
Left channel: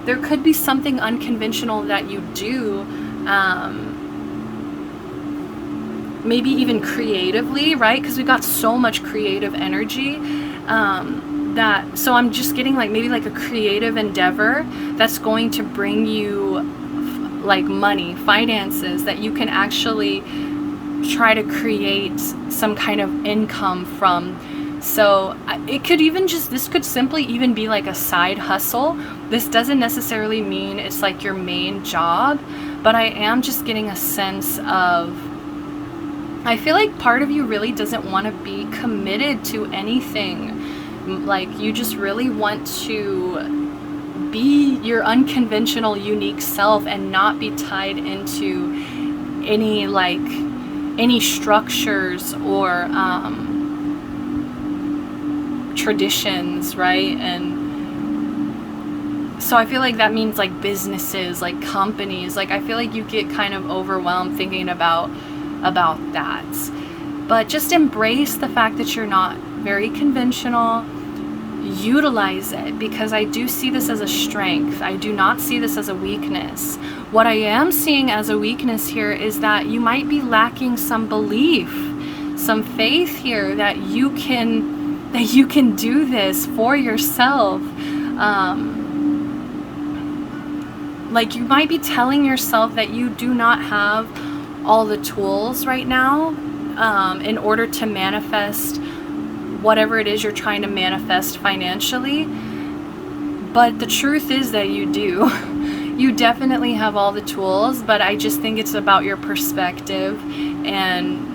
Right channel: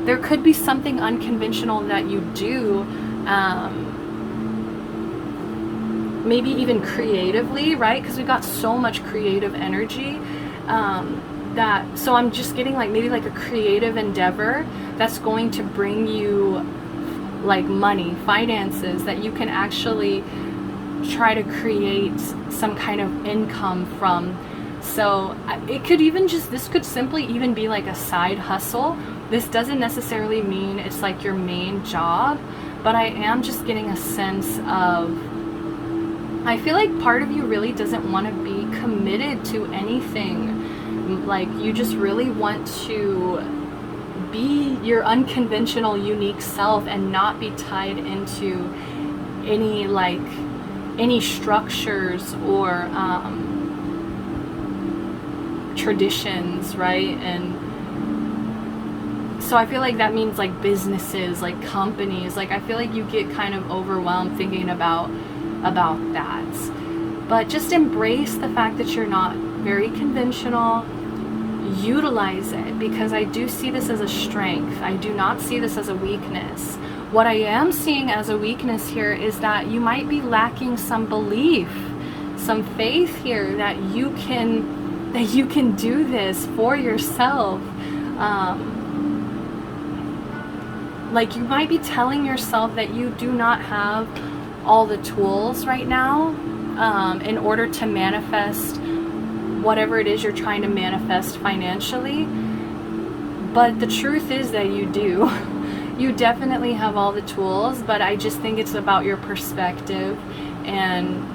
There could be something unconventional that you do, maybe even creatively, right? Because we've got so much creative energy. So I'm just getting like maybe like a creative endeavor that's going to bring you like money, finances, that you can actually try to create some kind of income from. So it could even this could simply even be like a side hustle. This doesn't necessarily mean it's like your main job, but I am just getting a sense of, I feel like part of you really doesn't want to be committed to anything. Like you just really want to be your unconventional, unique self and not be tied into any structures or traditions, right? And so I feel like that means like businesses, like companies. Like I feel like you get kind of overwhelmed thinking about that. But just embrace the fact that you're not very conventional. Utilize it, because I do see this as a strength. I do not see this as a weakness. What I am seeing as a weakness here is that you might be lacking some belief, some faith here that you can do this for yourself. Like you might be telling yourself that you do not have all the tools right now in order to manifest whatever it is you're trying to manifest financially. But the truth is that you do. You definitely have all the tools, but I just think it's about your perspective and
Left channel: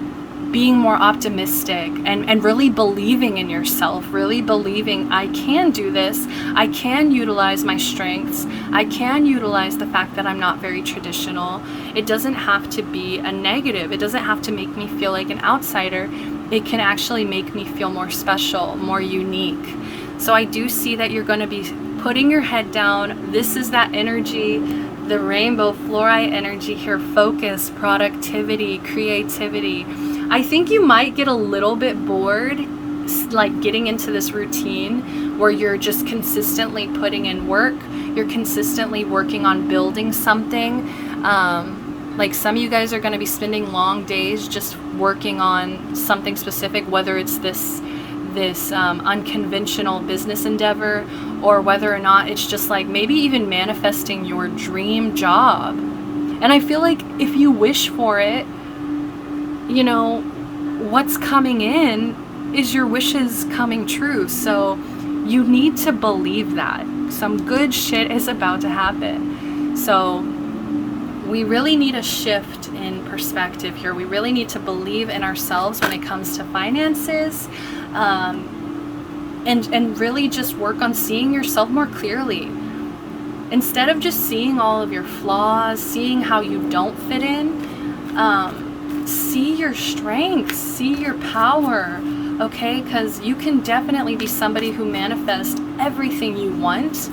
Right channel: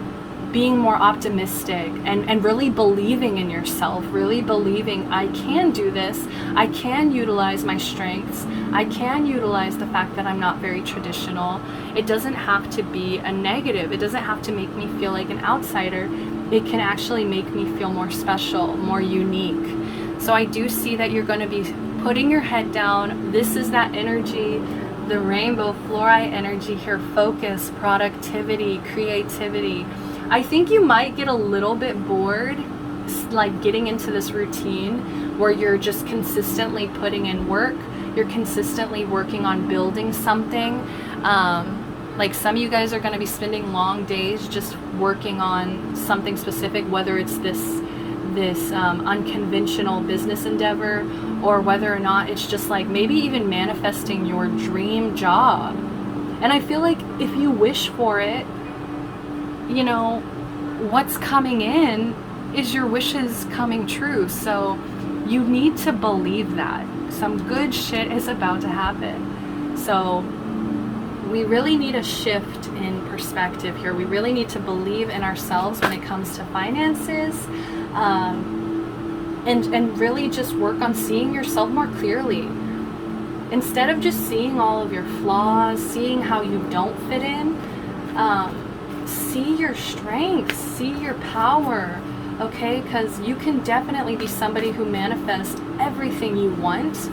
being more optimistic and really believing in yourself, really believing I can do this, I can utilize my strengths, I can utilize the fact that I'm not very traditional. It doesn't have to be a negative. It doesn't have to make me feel like an outsider. It can actually make me feel more special, more unique. So I do see that you're going to be putting your head down. This is that energy, the rainbow fluorite energy here, focus, productivity, creativity. I think you might get a little bit bored, like getting into this routine where you're just consistently putting in work, you're consistently working on building something. Like some of you guys are going to be spending long days just working on something specific, whether it's this unconventional business endeavor, or whether or not it's just like maybe even manifesting your dream job. And I feel like if you wish for it, you know, what's coming in is your wishes coming true. So you need to believe that some good shit is about to happen. So we really need a shift in perspective here. We really need to believe in ourselves when it comes to finances, and really just work on seeing yourself more clearly. Instead of just seeing all of your flaws, seeing how you don't fit in, see your strengths, see your power, okay? Because you can definitely be somebody who manifests everything you want,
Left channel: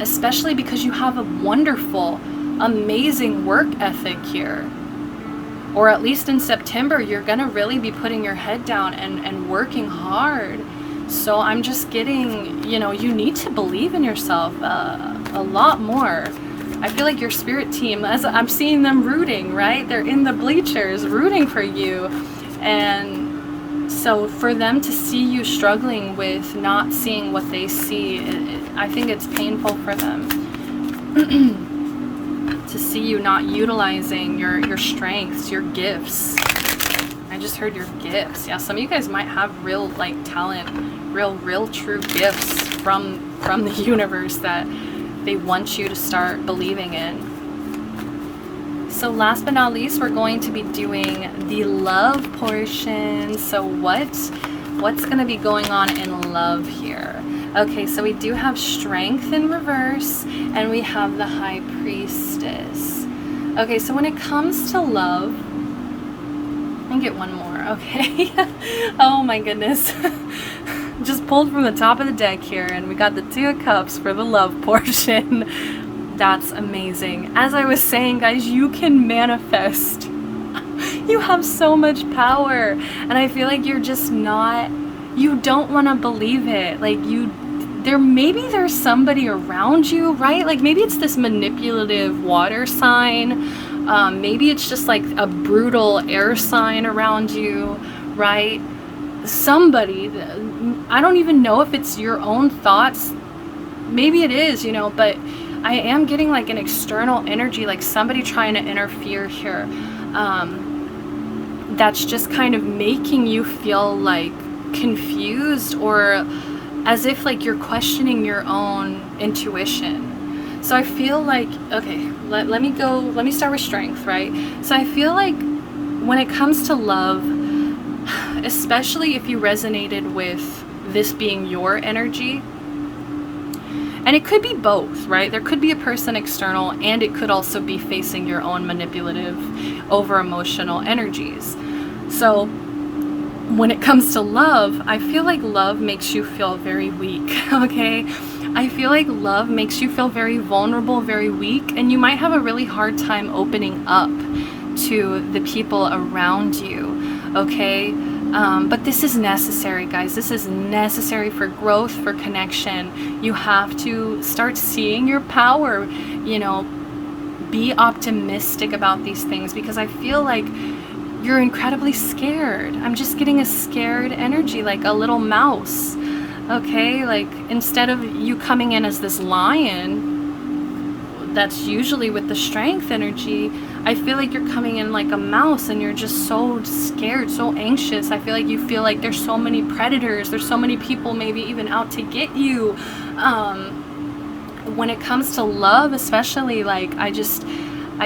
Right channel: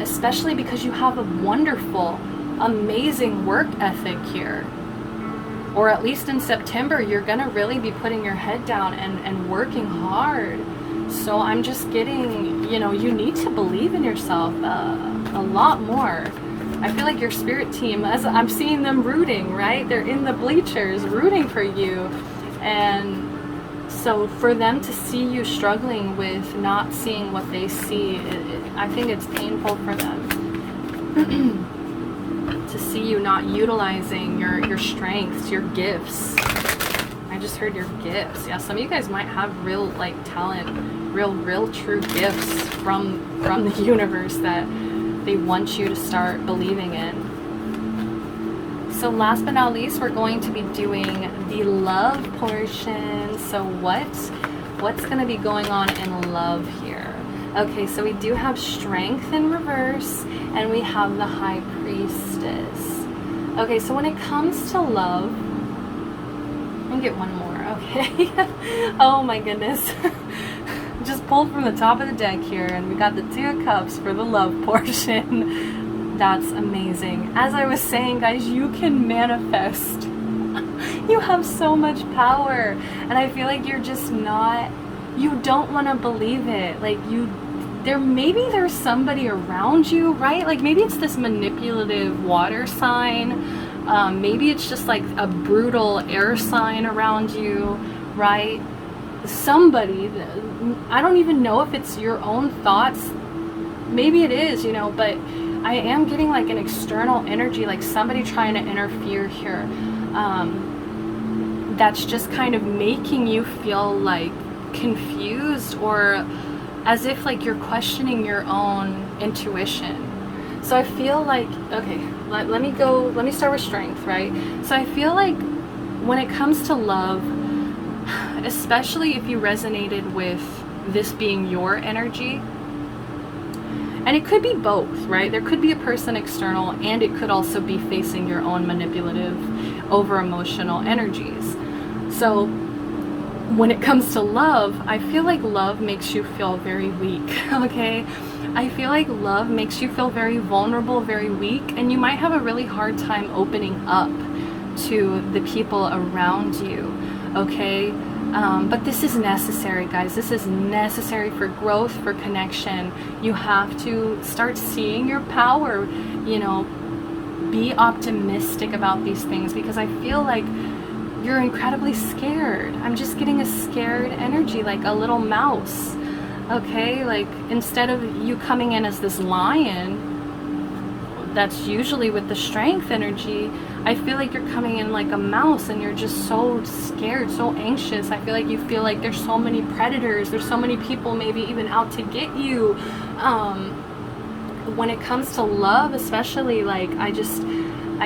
especially because you have a wonderful, amazing work ethic here. Or at least in September, you're going to really be putting your head down and working hard. So I'm just getting, you know, you need to believe in yourself a lot more. I feel like your spirit team, as I'm seeing them rooting, right? They're in the bleachers rooting for you. And so for them to see you struggling with not seeing what they see, I think it's painful for them. To see you not utilizing your strengths, your gifts. I just heard your gifts. Yeah, some of you guys might have real like talent, real true gifts from the universe that they want you to start believing in. So last but not least, we're going to be doing the love portion. So what's going to be going on in love here? Okay, so we do have strength in reverse, and we have the high priestess. Okay, so when it comes to love, let me get one more, okay? Oh my goodness. just pulled from the top of the deck here, and we got the Two of Cups for the love portion. That's amazing. As I was saying, guys, you can manifest. You have so much power, and I feel like you're just not, you don't want to believe it. Like maybe there's somebody around you, right? Like maybe it's this manipulative water sign. Maybe it's just like a brutal air sign around you, right? Somebody, I don't even know if it's your own thoughts. Maybe it is, you know, but I am getting like an external energy, like somebody trying to interfere here. That's just kind of making you feel like confused, or as if like you're questioning your own intuition. So I feel like, okay, let me start with strength, right? So I feel like when it comes to love, especially if you resonated with this being your energy, and it could be both, right? There could be a person external, and it could also be facing your own manipulative, over emotional energies. So when it comes to love, I feel like love makes you feel very weak, okay? I feel like love makes you feel very vulnerable, very weak, and you might have a really hard time opening up to the people around you, okay? But this is necessary, guys. This is necessary for growth, for connection. You have to start seeing your power, you know, be optimistic about these things, because I feel like you're incredibly scared. I'm just getting a scared energy, like a little mouse, okay? Like instead of you coming in as this lion, that's usually with the strength energy, I feel like you're coming in like a mouse, and you're just so scared, so anxious. I feel like there's so many predators, there's so many people maybe even out to get you. When it comes to love especially, like I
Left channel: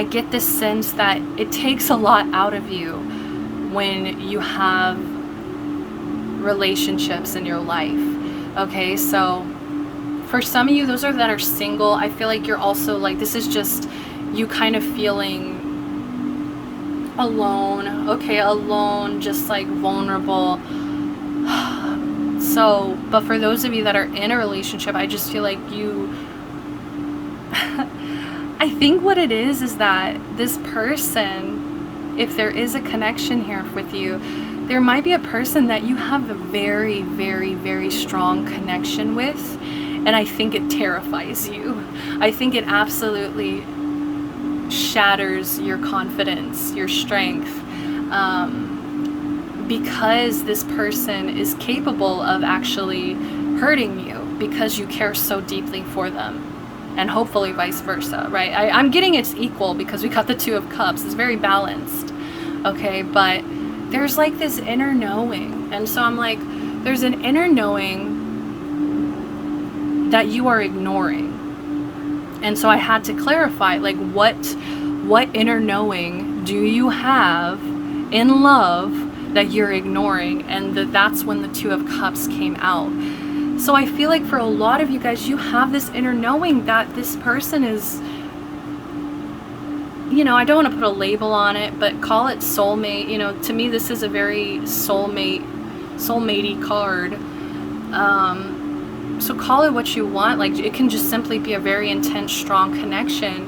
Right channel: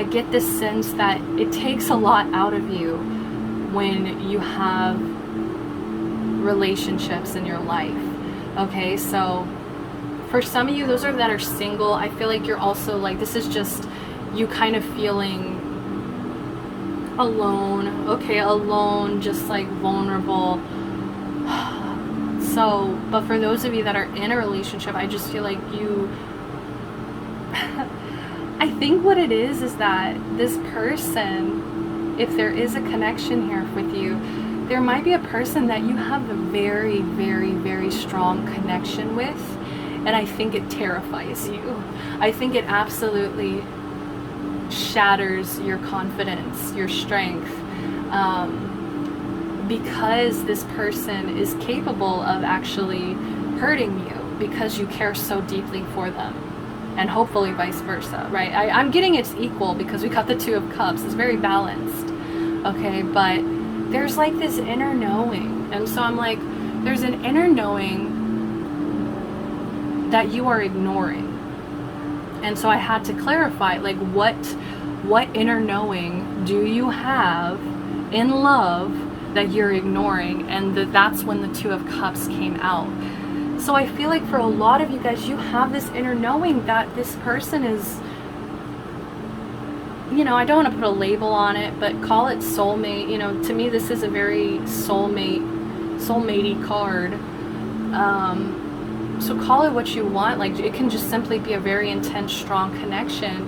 get this sense that it takes a lot out of you when you have relationships in your life, okay? So for some of you, those that are single, I feel like you're also like, this is just you kind of feeling alone, okay? Alone, just like vulnerable. So, but for those of you that are in a relationship, I just feel like I think what it is that this person, if there is a connection here with you, there might be a person that you have a very, very, very strong connection with, and I think it terrifies you. I think it absolutely shatters your confidence, your strength, because this person is capable of actually hurting you because you care so deeply for them. And hopefully vice versa, right? I'm getting it's equal because we got the Two of Cups. It's very balanced, okay? But there's like this inner knowing. And so I'm like, there's an inner knowing that you are ignoring. And so I had to clarify, like, what inner knowing do you have in love that you're ignoring? And that's when the Two of Cups came out. So I feel like for a lot of you guys, you have this inner knowing that this person is, you know, I don't want to put a label on it, but call it soulmate. You know, to me, this is a very soulmatey card. So call it what you want. Like, it can just simply be a very intense, strong connection.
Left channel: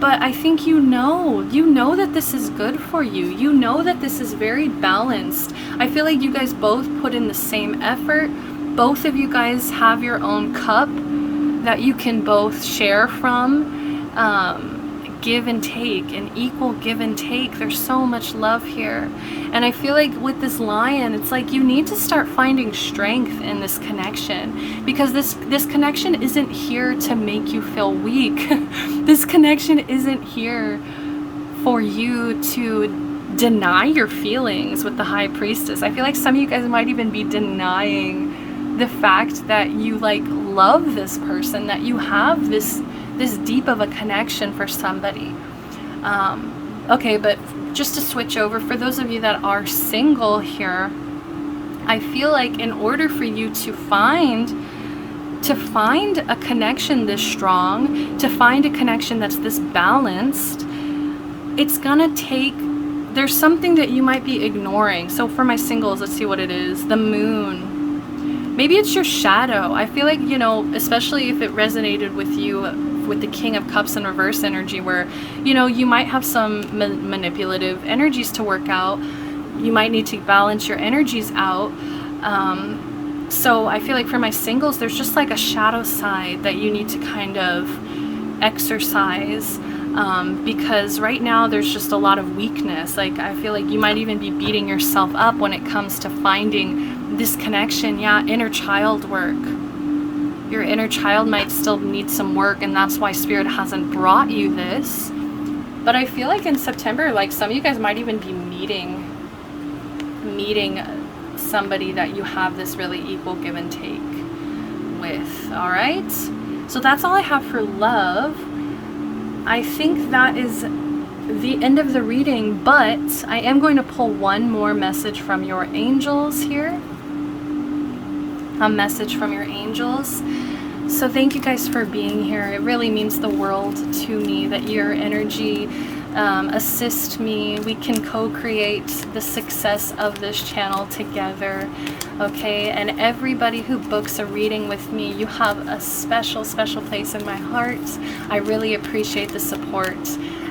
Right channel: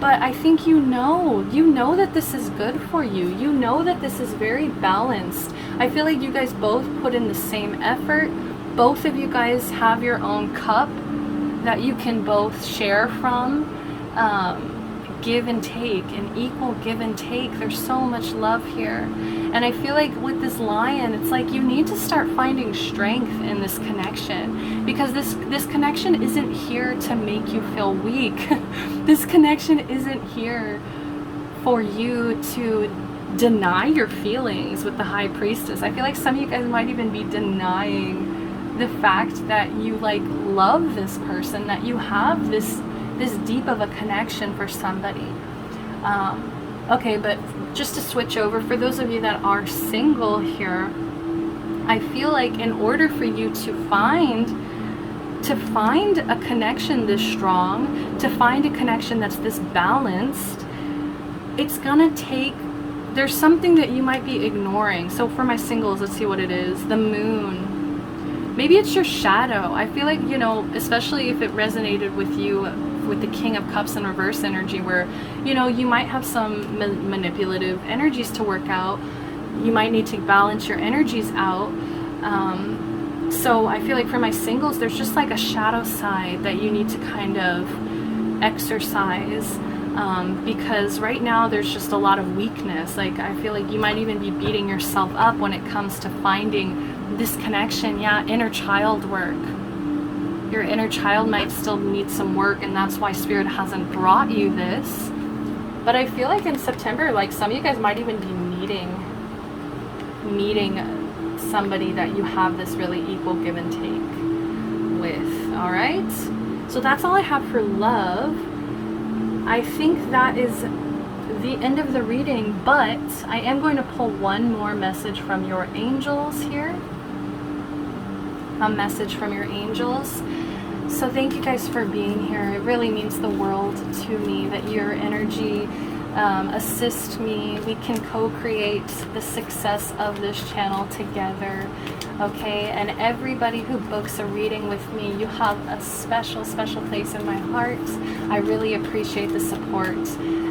But I think you know that this is good for you. You know that this is very balanced. I feel like you guys both put in the same effort. Both of you guys have your own cup that you can both share from, give and take, an equal give and take. There's so much love here. And I feel like with this lion, it's like you need to start finding strength in this connection, because this connection isn't here to make you feel weak. This connection isn't here for you to deny your feelings with the High Priestess. I feel like some of you guys might even be denying the fact that you like love this person, that you have this deep of a connection for somebody. Okay, but just to switch over, for those of you that are single here, I feel like in order for you to find a connection this strong, to find a connection that's this balanced, it's gonna take, there's something that you might be ignoring. So for my singles, let's see what it is. The moon. maybe it's your shadow. I feel like, you know, especially if it resonated with you with the King of Cups in reverse energy, where, you know, you might have some manipulative energies to work out. You might need to balance your energies out. So I feel like for my singles, there's just like a shadow side that you need to kind of exercise, because right now there's just a lot of weakness. Like, I feel like you might even be beating yourself up when it comes to finding this connection. Yeah, inner child work. Your inner child might still need some work, and that's why Spirit hasn't brought you this. But I feel like in September, like, some of you guys might even be meeting somebody that you have this really equal give and take with. All right, so that's all I have for love. I think that is the end of the reading, but I am going to pull one more message from your angels here. A message from your angels. So thank you guys for being here. It really means the world to me that your energy assist me. We can co-create the success of this channel together. Okay, and everybody who books a reading with me, you have a special place in my heart. I really appreciate the support,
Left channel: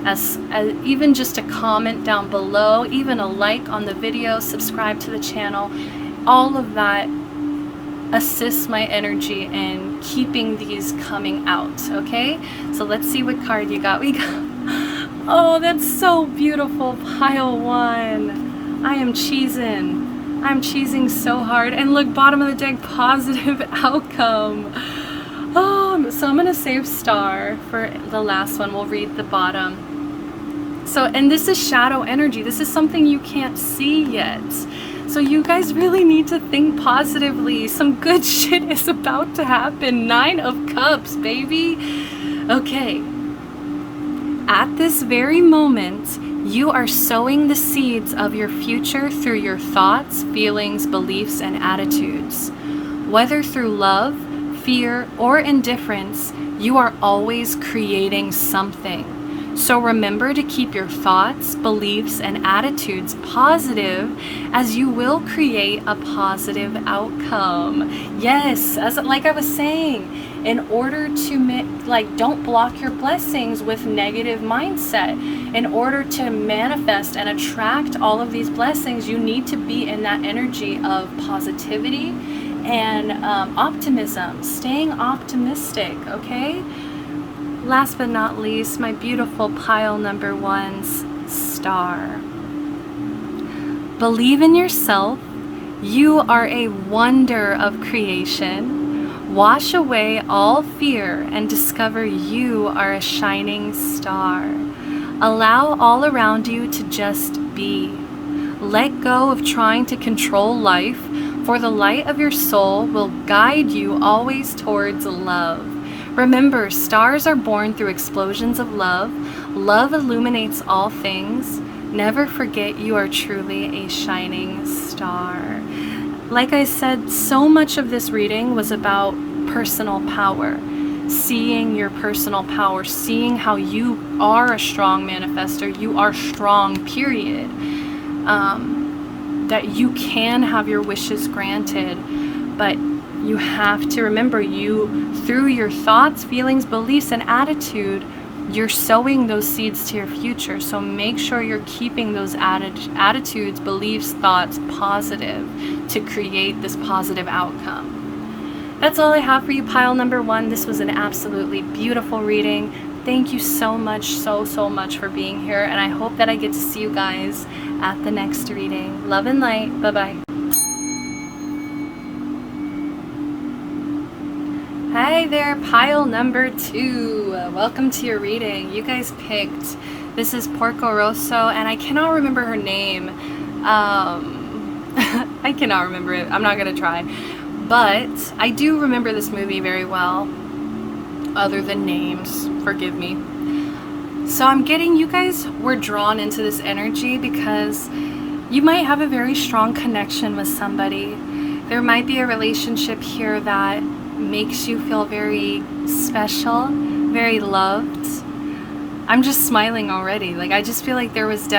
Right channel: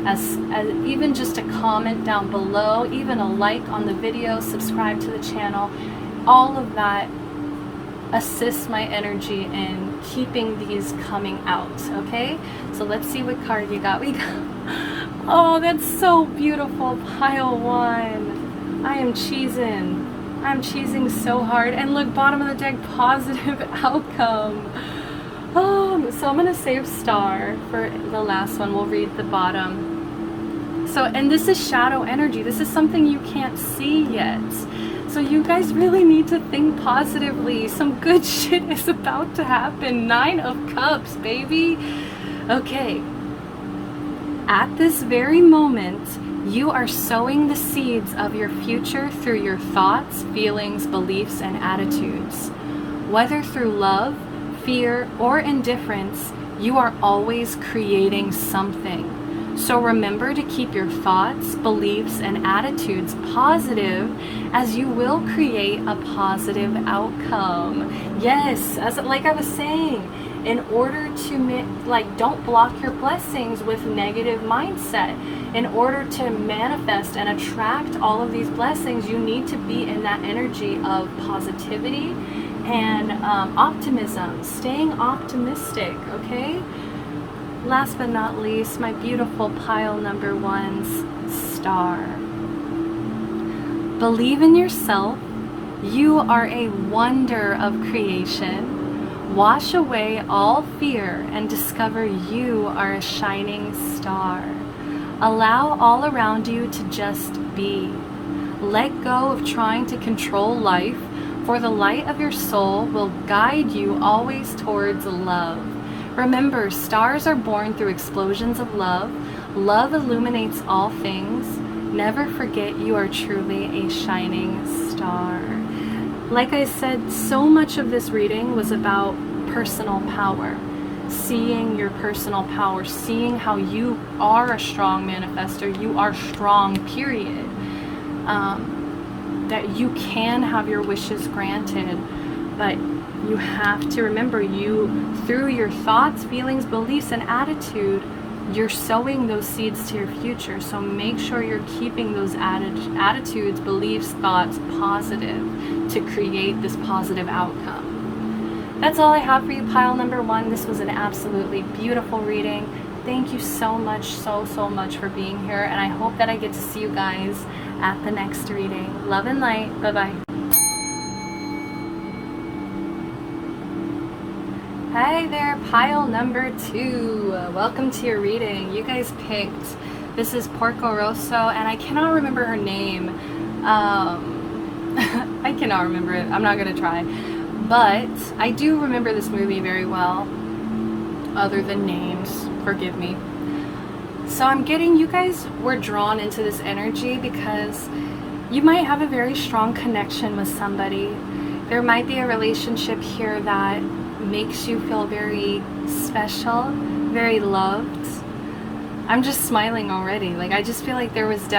as even just a comment down below, even a like on the video, subscribe to the channel, all of that assists my energy in keeping these coming out. Okay, so let's see what card you got. We got, oh, that's so beautiful, pile one. I am cheesing. I'm cheesing so hard. And look, bottom of the deck, positive outcome. Oh, so I'm gonna save star for the last one. We'll read the bottom. So, and this is shadow energy. This is something you can't see yet. So you guys really need to think positively. Some good shit is about to happen. 9 of Cups, baby. Okay. At this very moment, you are sowing the seeds of your future through your thoughts, feelings, beliefs, and attitudes. Whether through love, fear, or indifference, you are always creating something. So remember to keep your thoughts, beliefs, and attitudes positive, as you will create a positive outcome. Yes, as like I was saying, in order to don't block your blessings with negative mindset. In order to manifest and attract all of these blessings, you need to be in that energy of positivity and optimism, staying optimistic. Okay, last but not least, my beautiful pile number one's star. Believe in yourself. You are a wonder of creation. Wash away all fear and discover you are a shining star. Allow all around you to just be. Let go of trying to control life, for the light of your soul will guide you always towards love. Remember, stars are born through explosions of love. Love illuminates all things. Never forget you are truly a shining star. Like I said, so much of this reading was about personal power. Seeing your personal power, seeing how you are a strong manifester, you are strong, period. That you can have your wishes granted, but you have to remember, you, through your thoughts, feelings, beliefs, and attitude, you're sowing those seeds to your future. So make sure you're keeping those attitudes, beliefs, thoughts positive to create this positive outcome. That's all I have for you, pile number one. This was an absolutely beautiful reading. Thank you so much, so much for being here, and I hope that I get to see you guys at the next reading. Love and light. Bye-bye. Hi there, pile number two. Welcome to your reading. You guys picked, this is Porco Rosso, and I cannot remember her name. I cannot remember it. I'm not going to try. But I do remember this movie very well, other than names. Forgive me. So I'm getting, you guys were drawn into this energy because you might have a very strong connection with somebody. There might be a relationship here that makes you feel very special, very loved. I'm just smiling already. Like, I just feel like there's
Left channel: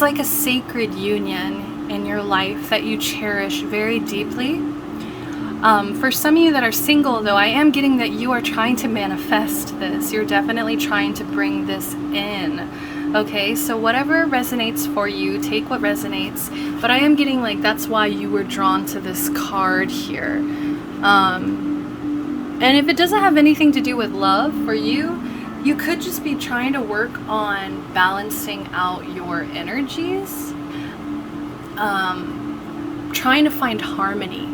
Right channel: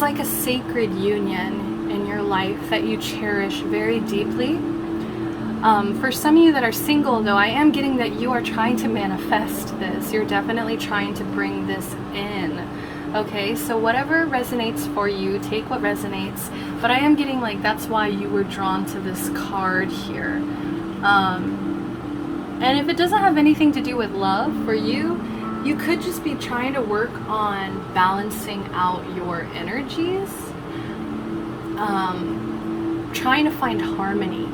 like a sacred union in your life that you cherish very deeply. For some of you that are single, though, I am getting that you are trying to manifest this. You're definitely trying to bring this in. Okay, so whatever resonates for you, take what resonates. But I am getting like that's why you were drawn to this card here. And if it doesn't have anything to do with love for you, you could just be trying to work on balancing out your energies. Trying to find harmony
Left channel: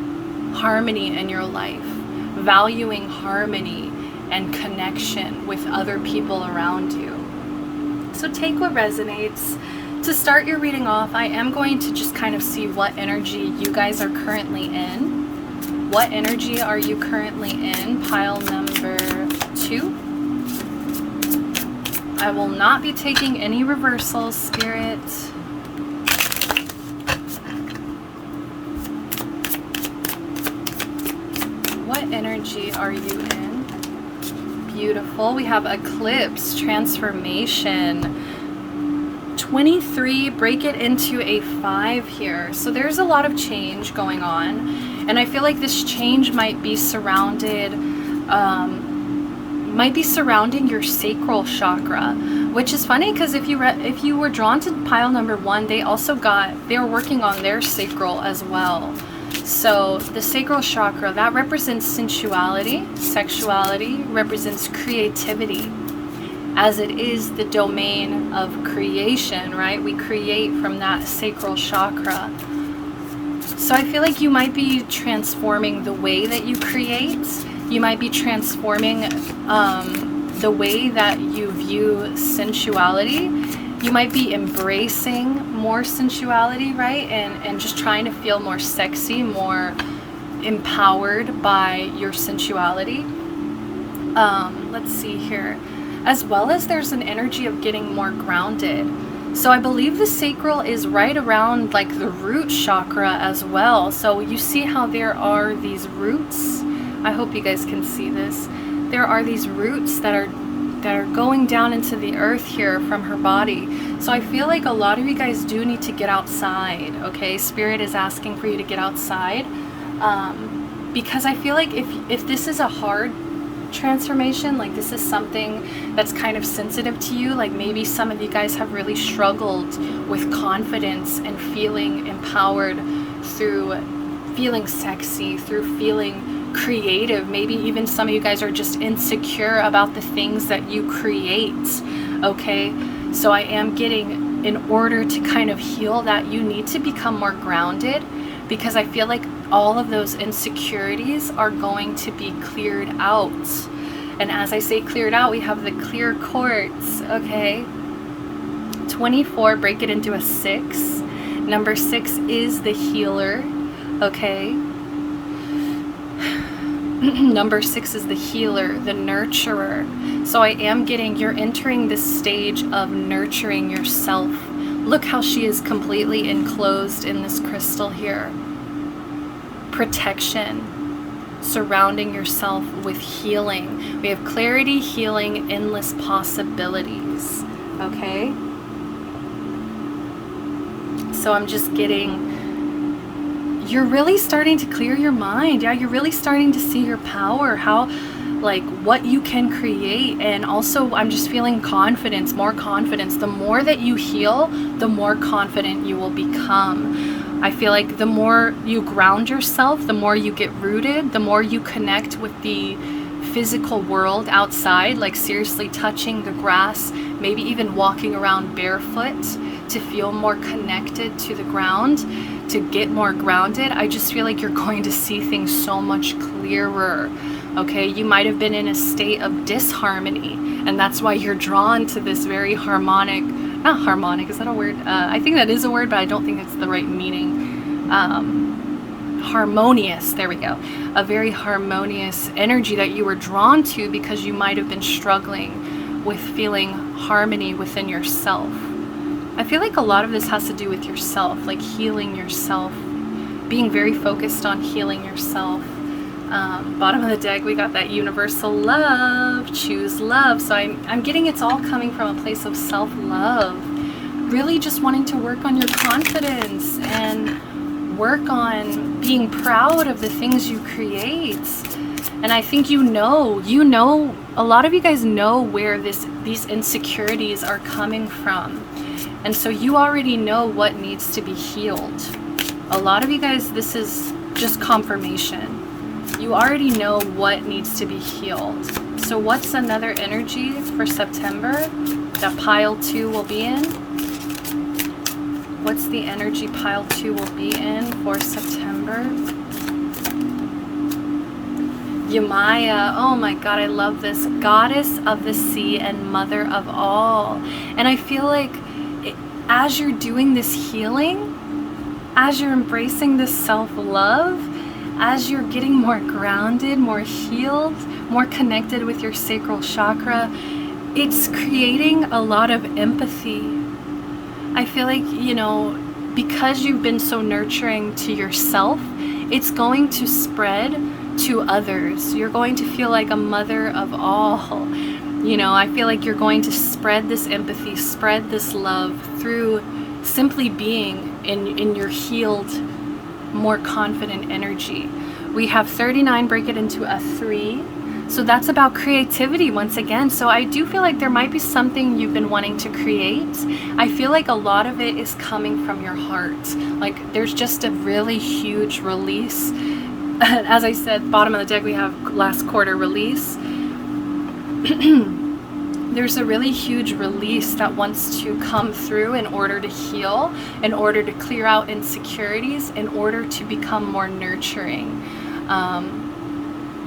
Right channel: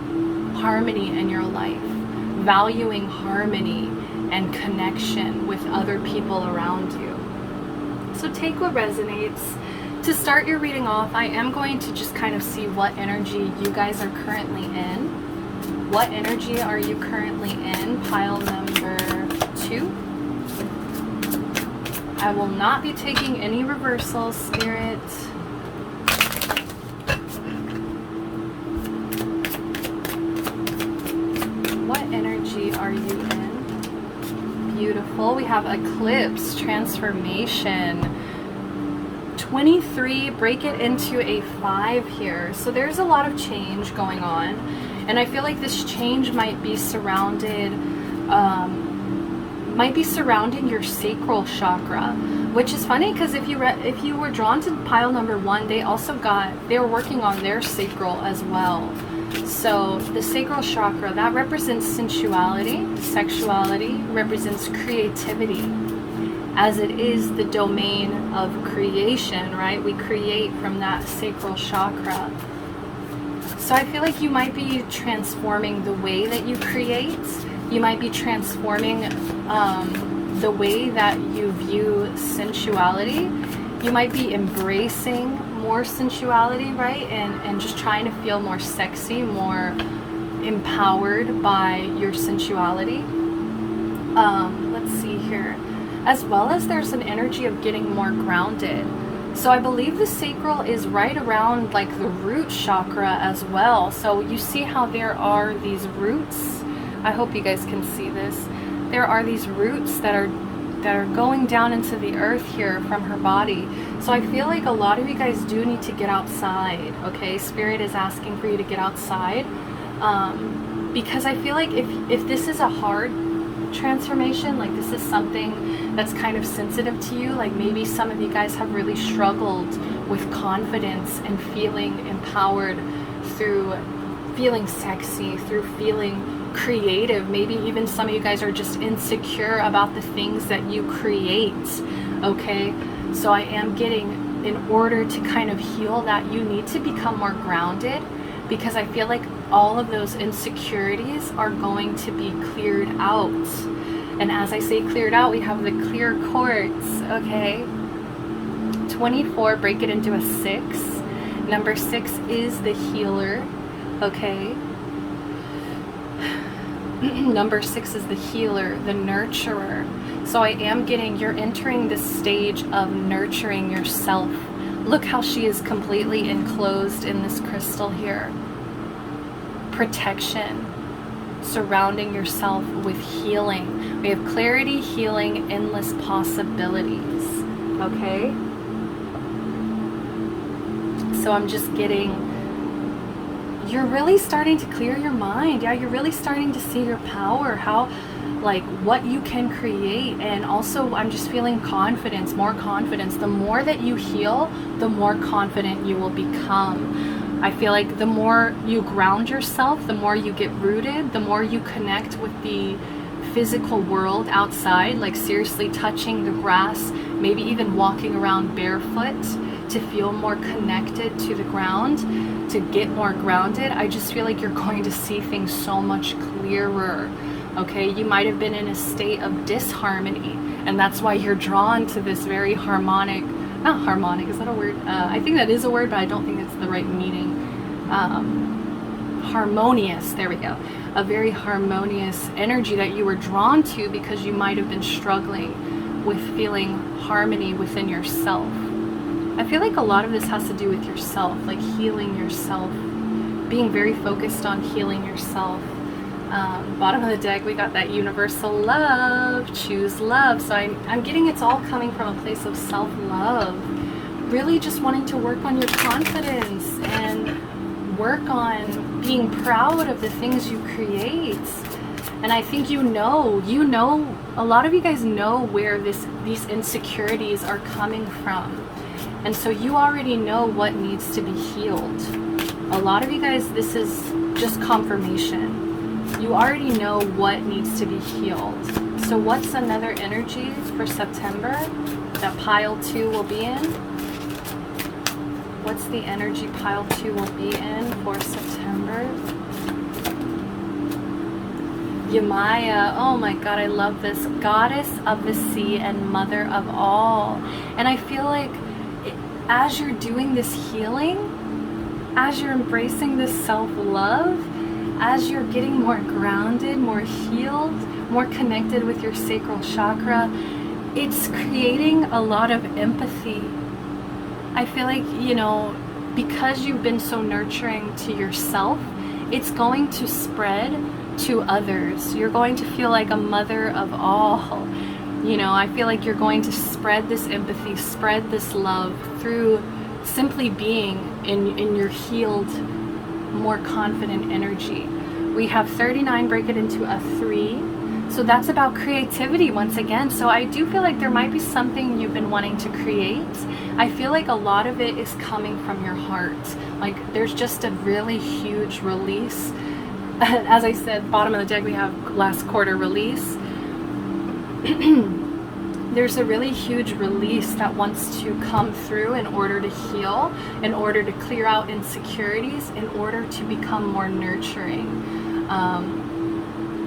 in your life, valuing harmony and connection with other people around you. So take what resonates. To start your reading off, I am going to just kind of see what energy you guys are currently in. What energy are you currently in? Pile number 2. I will not be taking any reversals, Spirit. What energy are you in? Beautiful. We have eclipse, transformation. 23, break it into a 5 here. So there's a lot of change going on. And I feel like this change might be surrounded, surrounding your sacral chakra, which is funny because if you were drawn to pile number 1, they were working on their sacral as well. So the sacral chakra, that represents sensuality, sexuality, represents creativity, as it is the domain of creation, right? We create from that sacral chakra. So I feel like you might be transforming the way that you create. You might be transforming the way that you view sensuality. You might be embracing more sensuality, right? And just trying to feel more sexy, more empowered by your sensuality. Let's see here. As well as there's an energy of getting more grounded. So I believe the sacral is right around like the root chakra as well. So you see how there are these roots. I hope you guys can see this. There are these roots that are going down into the earth here from her body. So I feel like a lot of you guys do need to get outside, okay? Spirit is asking for you to get outside. Because I feel like if this is a hard transformation, like this is something that's kind of sensitive to you, like maybe some of you guys have really struggled with confidence and feeling empowered through feeling sexy, through feeling creative. Maybe even some of you guys are just insecure about the things that you create, okay? So I am getting, in order to kind of heal that, you need to become more grounded, because I feel like all of those insecurities are going to be cleared out. And as I say cleared out, we have the clear quartz, okay? 24, break it into a 6. Number 6 is the healer, okay? Number 6 is the healer, the nurturer. So I am getting, you're entering this stage of nurturing yourself. Look how she is completely enclosed in this crystal here. Protection, surrounding yourself with healing. We have clarity, healing, endless possibilities, okay? So I'm just getting, you're really starting to clear your mind. Yeah, you're really starting to see your power, how, like, what you can create. And also I'm just feeling confidence, more confidence. The more that you heal, the more confident you will become. I feel like the more you ground yourself, the more you get rooted, the more you connect with the physical world outside, like seriously touching the grass, maybe even walking around barefoot to feel more connected to the ground, to get more grounded. I just feel like you're going to see things so much clearer, okay? You might have been in a state of disharmony, and that's why you're drawn to this very harmonic, not harmonic, is that a word? I think that is a word, but I don't think it's the right meaning. Harmonious, there we go. A very harmonious energy that you were drawn to because you might have been struggling with feeling harmony within yourself. I feel like a lot of this has to do with yourself, like healing yourself, being very focused on healing yourself. Bottom of the deck, we got that universal love, choose love. So I'm getting it's all coming from a place of self-love, really just wanting to work on your confidence and work on being proud of the things you create. And I think you know, a lot of you guys know where these insecurities are coming from. And so you already know what needs to be healed. A lot of you guys, this is just confirmation. You already know what needs to be healed. So what's another energy for September that pile 2 will be in? What's the energy pile 2 will be in for September? Yamaya, oh my god, I love this. Goddess of the sea and mother of all. And I feel like as you're doing this healing, as you're embracing this self-love, as you're getting more grounded, more healed, more connected with your sacral chakra, it's creating a lot of empathy. I feel like, you know, because you've been so nurturing to yourself, it's going to spread to others. You're going to feel like a mother of all. You know, I feel like you're going to spread this empathy, spread this love through simply being in your healed, more confident energy. We have 39, break it into a 3. So that's about creativity once again. So I do feel like there might be something you've been wanting to create. I feel like a lot of it is coming from your heart. Like there's just a really huge release. As I said, bottom of the deck we have last quarter release. There's a really huge release that wants to come through in order to heal, in order to clear out insecurities, in order to become more nurturing.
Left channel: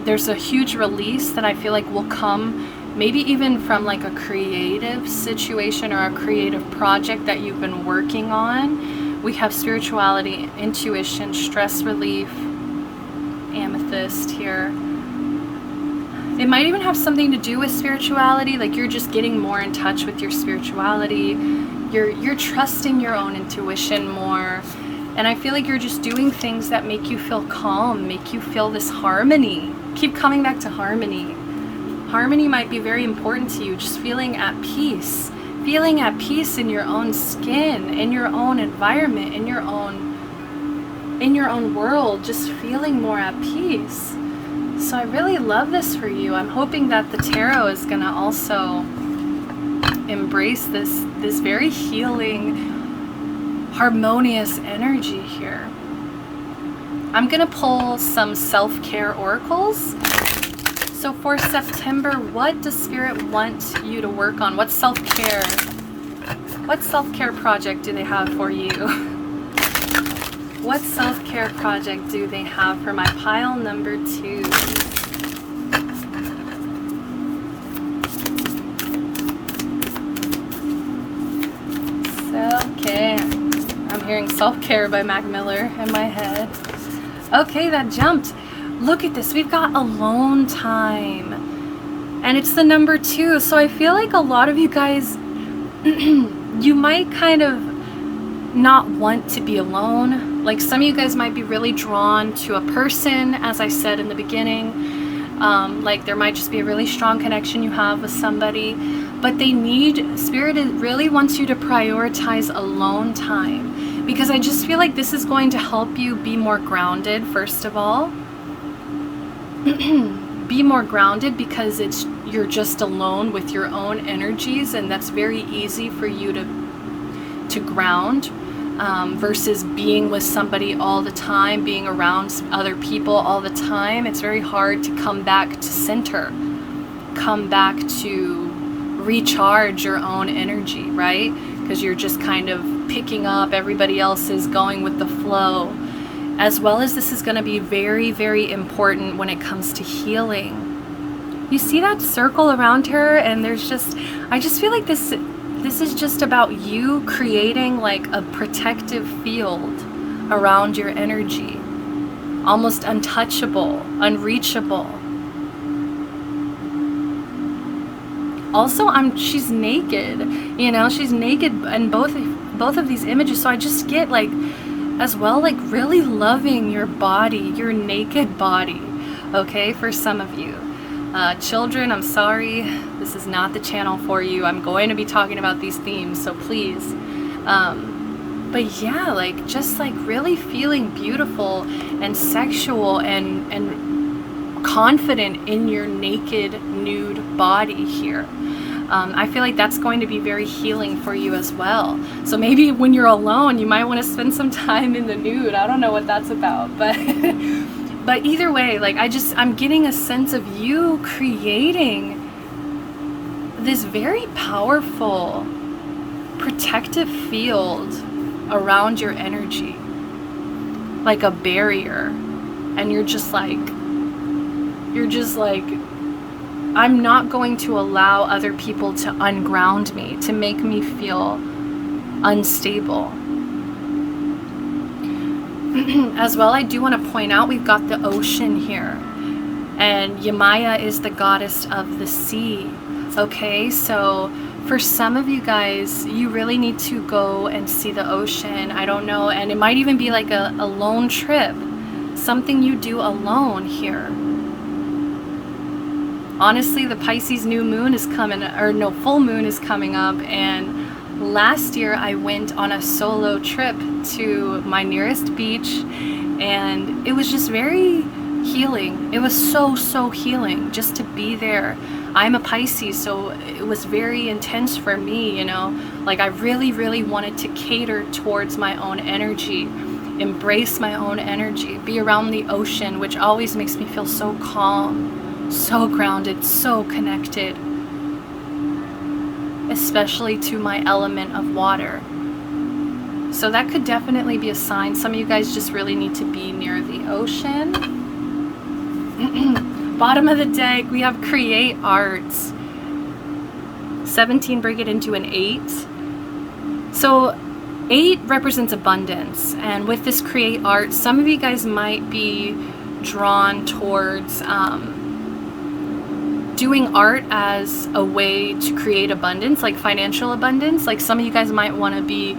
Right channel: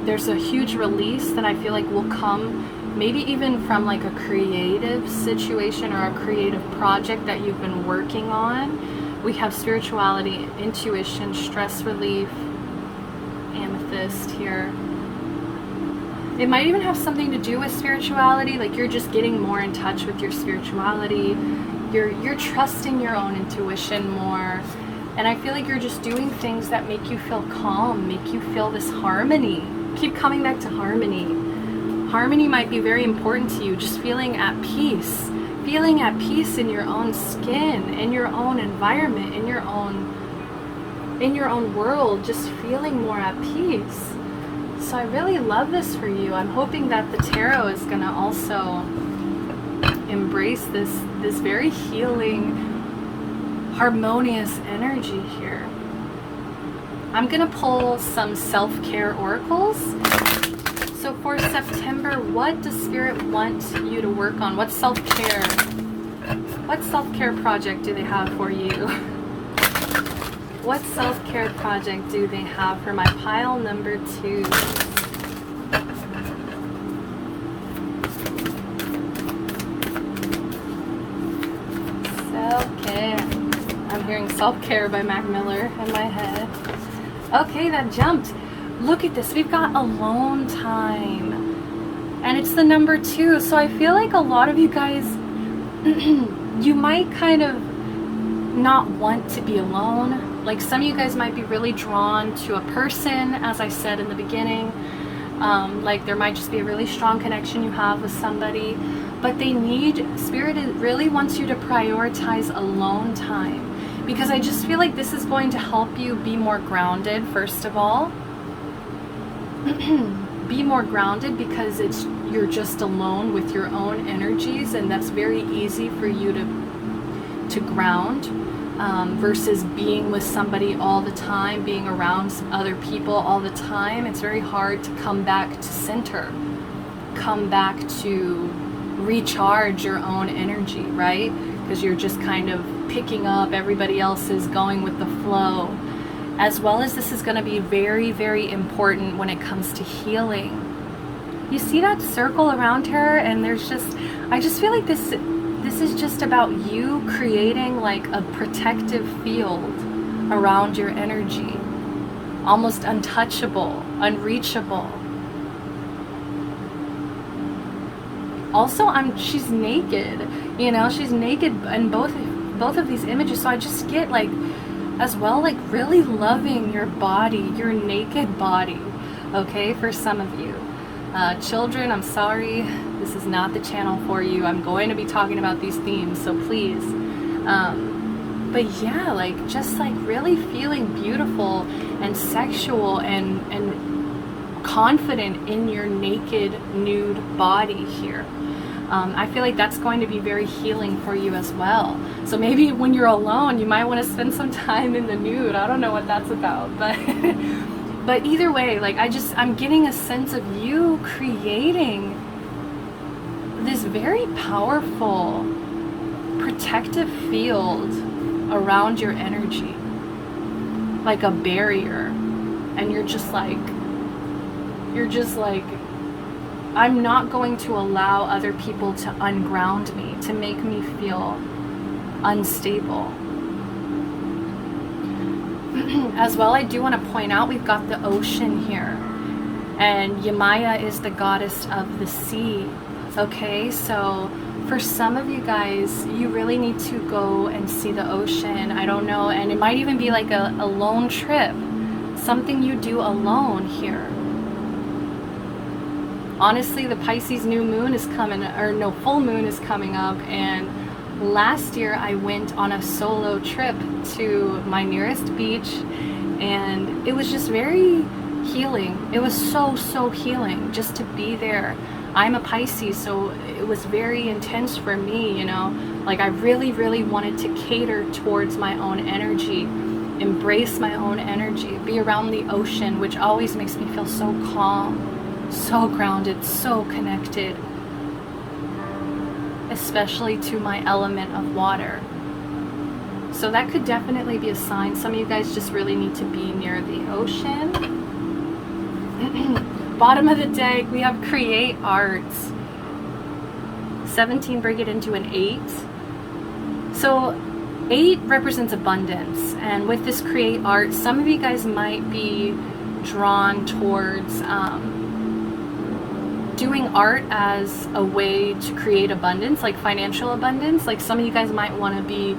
There's a huge release that I feel like will come maybe even from like a creative situation or a creative project that you've been working on. We have spirituality, intuition, stress relief, amethyst here. It might even have something to do with spirituality, like you're just getting more in touch with your spirituality. You're trusting your own intuition more. And I feel like you're just doing things that make you feel calm, make you feel this harmony. Keep coming back to harmony. Harmony might be very important to you, just feeling at peace. Feeling at peace in your own skin, in your own environment, in your own world, just feeling more at peace. So I really love this for you. I'm hoping that the tarot is going to also embrace this very healing, harmonious energy here. I'm going to pull some self-care oracles. So for September, what does Spirit want you to work on? What self-care project do they have for you? What self-care project do they have for my pile number 2? Self-care. I'm hearing self-care by Mac Miller in my head. Okay, that jumped. Look at this. We've got alone time. And it's the number 2. So I feel like a lot of you guys, you might kind of not want to be alone. Like some of you guys might be really drawn to a person, as I said in the beginning. Like there might just be a really strong connection you have with somebody, but Spirit really wants you to prioritize alone time, because I just feel like this is going to help you be more grounded. First of all, be more grounded because you're just alone with your own energies, and that's very easy for you to ground. Versus being with somebody all the time, being around other people all the time. It's very hard to come back to center, come back to recharge your own energy, right? Because you're just kind of picking up everybody else's, going with the flow. As well as this is going to be very, very important when it comes to healing. You see that circle around her, and I just feel like this is just about you creating like a protective field around your energy, almost untouchable, unreachable. Also, she's naked, you know, she's naked in both of these images. So I just get like, as well, like really loving your body, your naked body. Okay, for some of you. Children, I'm sorry, this is not the channel for you. I'm going to be talking about these themes, so please But yeah, like just like really feeling beautiful and sexual and confident in your naked, nude body here. I feel like that's going to be very healing for you as well. So maybe when you're alone, you might want to spend some time in the nude. I don't know what that's about, but but either way, like I'm getting a sense of you creating this very powerful protective field around your energy, like a barrier. And you're just like, I'm not going to allow other people to unground me, to make me feel unstable. As well, I do want to point out we've got the ocean here, and Yemaya is the goddess of the sea. Okay, so for some of you guys, you really need to go and see the ocean. I don't know, and it might even be like a lone trip, something you do alone here. Honestly, the Pisces new moon is coming, or no, full moon is coming up, and last year I went on a solo trip to my nearest beach, and it was just very healing. It was so healing just to be there. I'm a Pisces, so it was very intense for me, you know, like I really wanted to cater towards my own energy, embrace my own energy, be around the ocean, which always makes me feel so calm, so grounded, so connected, especially to my element of water. So that could definitely be a sign. Some of you guys just really need to be near the ocean. Bottom of the deck, we have create arts. 17, bring it into an 8. So 8 represents abundance, and with this create art, some of you guys might be drawn towards doing art as a way to create abundance, like financial abundance. Like some of you guys might want to be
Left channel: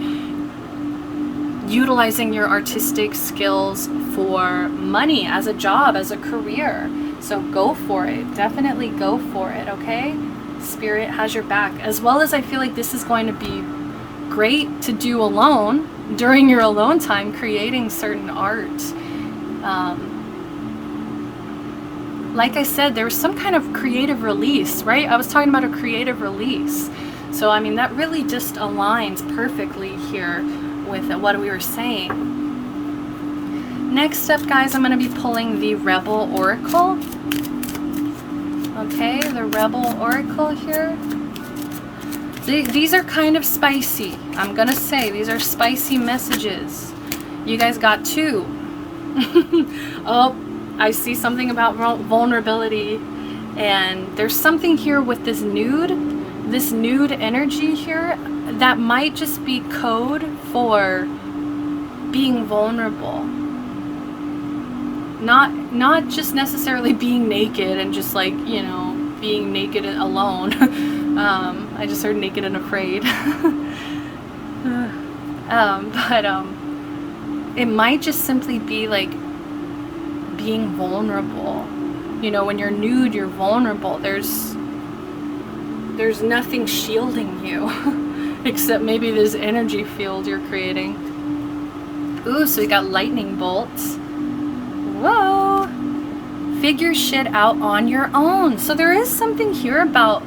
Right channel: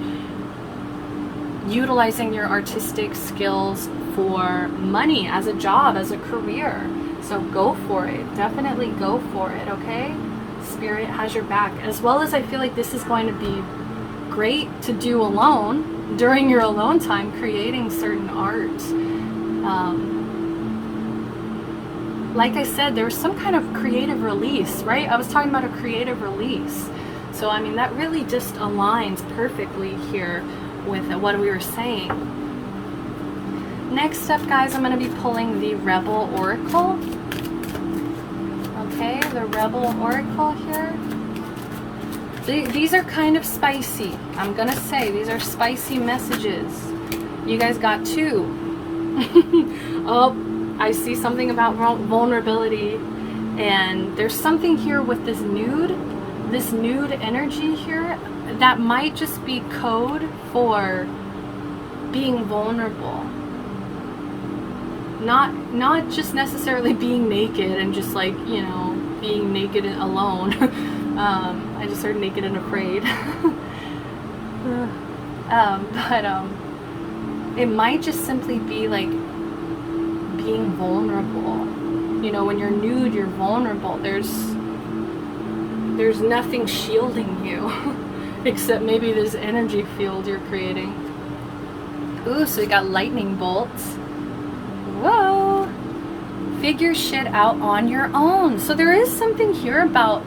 utilizing your artistic skills for money, as a job, as a career. So go for it. Definitely go for it, okay? Spirit has your back. As well as I feel like this is going to be great to do alone, during your alone time, creating certain art. Like I said, there was some kind of creative release, right? I was talking about a creative release. So, I mean, that really just aligns perfectly here with what we were saying. Next up, guys, I'm going to be pulling the Rebel Oracle. Okay, the Rebel Oracle here. These are kind of spicy. I'm going to say these are spicy messages. You guys got 2. Oh, I see something about vulnerability. And there's something here with this nude energy here that might just be code for being vulnerable. Not just necessarily being naked and just like, you know, being naked and alone. I just heard naked and afraid. But it might just simply be like being vulnerable. You know, when you're nude, you're vulnerable. There's nothing shielding you except maybe this energy field you're creating. Ooh, so we got lightning bolts. Whoa! Figure shit out on your own. So there is something here about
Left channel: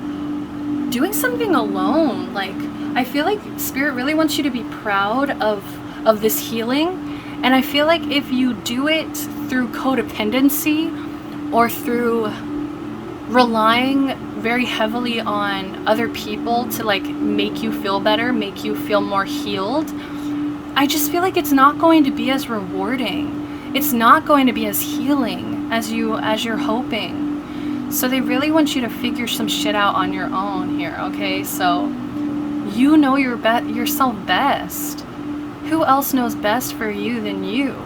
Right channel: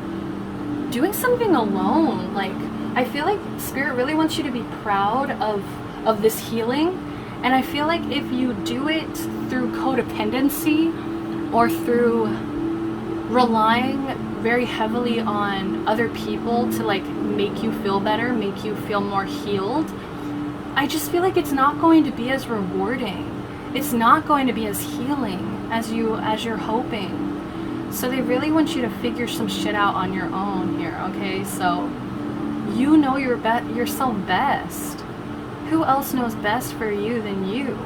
doing something alone. Like, I feel like Spirit really wants you to be proud of this healing. And I feel like if you do it through codependency or through relying very heavily on other people to like make you feel better, make you feel more healed, I just feel like it's not going to be as rewarding. It's not going to be as healing as you're hoping. So they really want you to figure some shit out on your own here, okay? So you know yourself best. Who else knows best for you than you?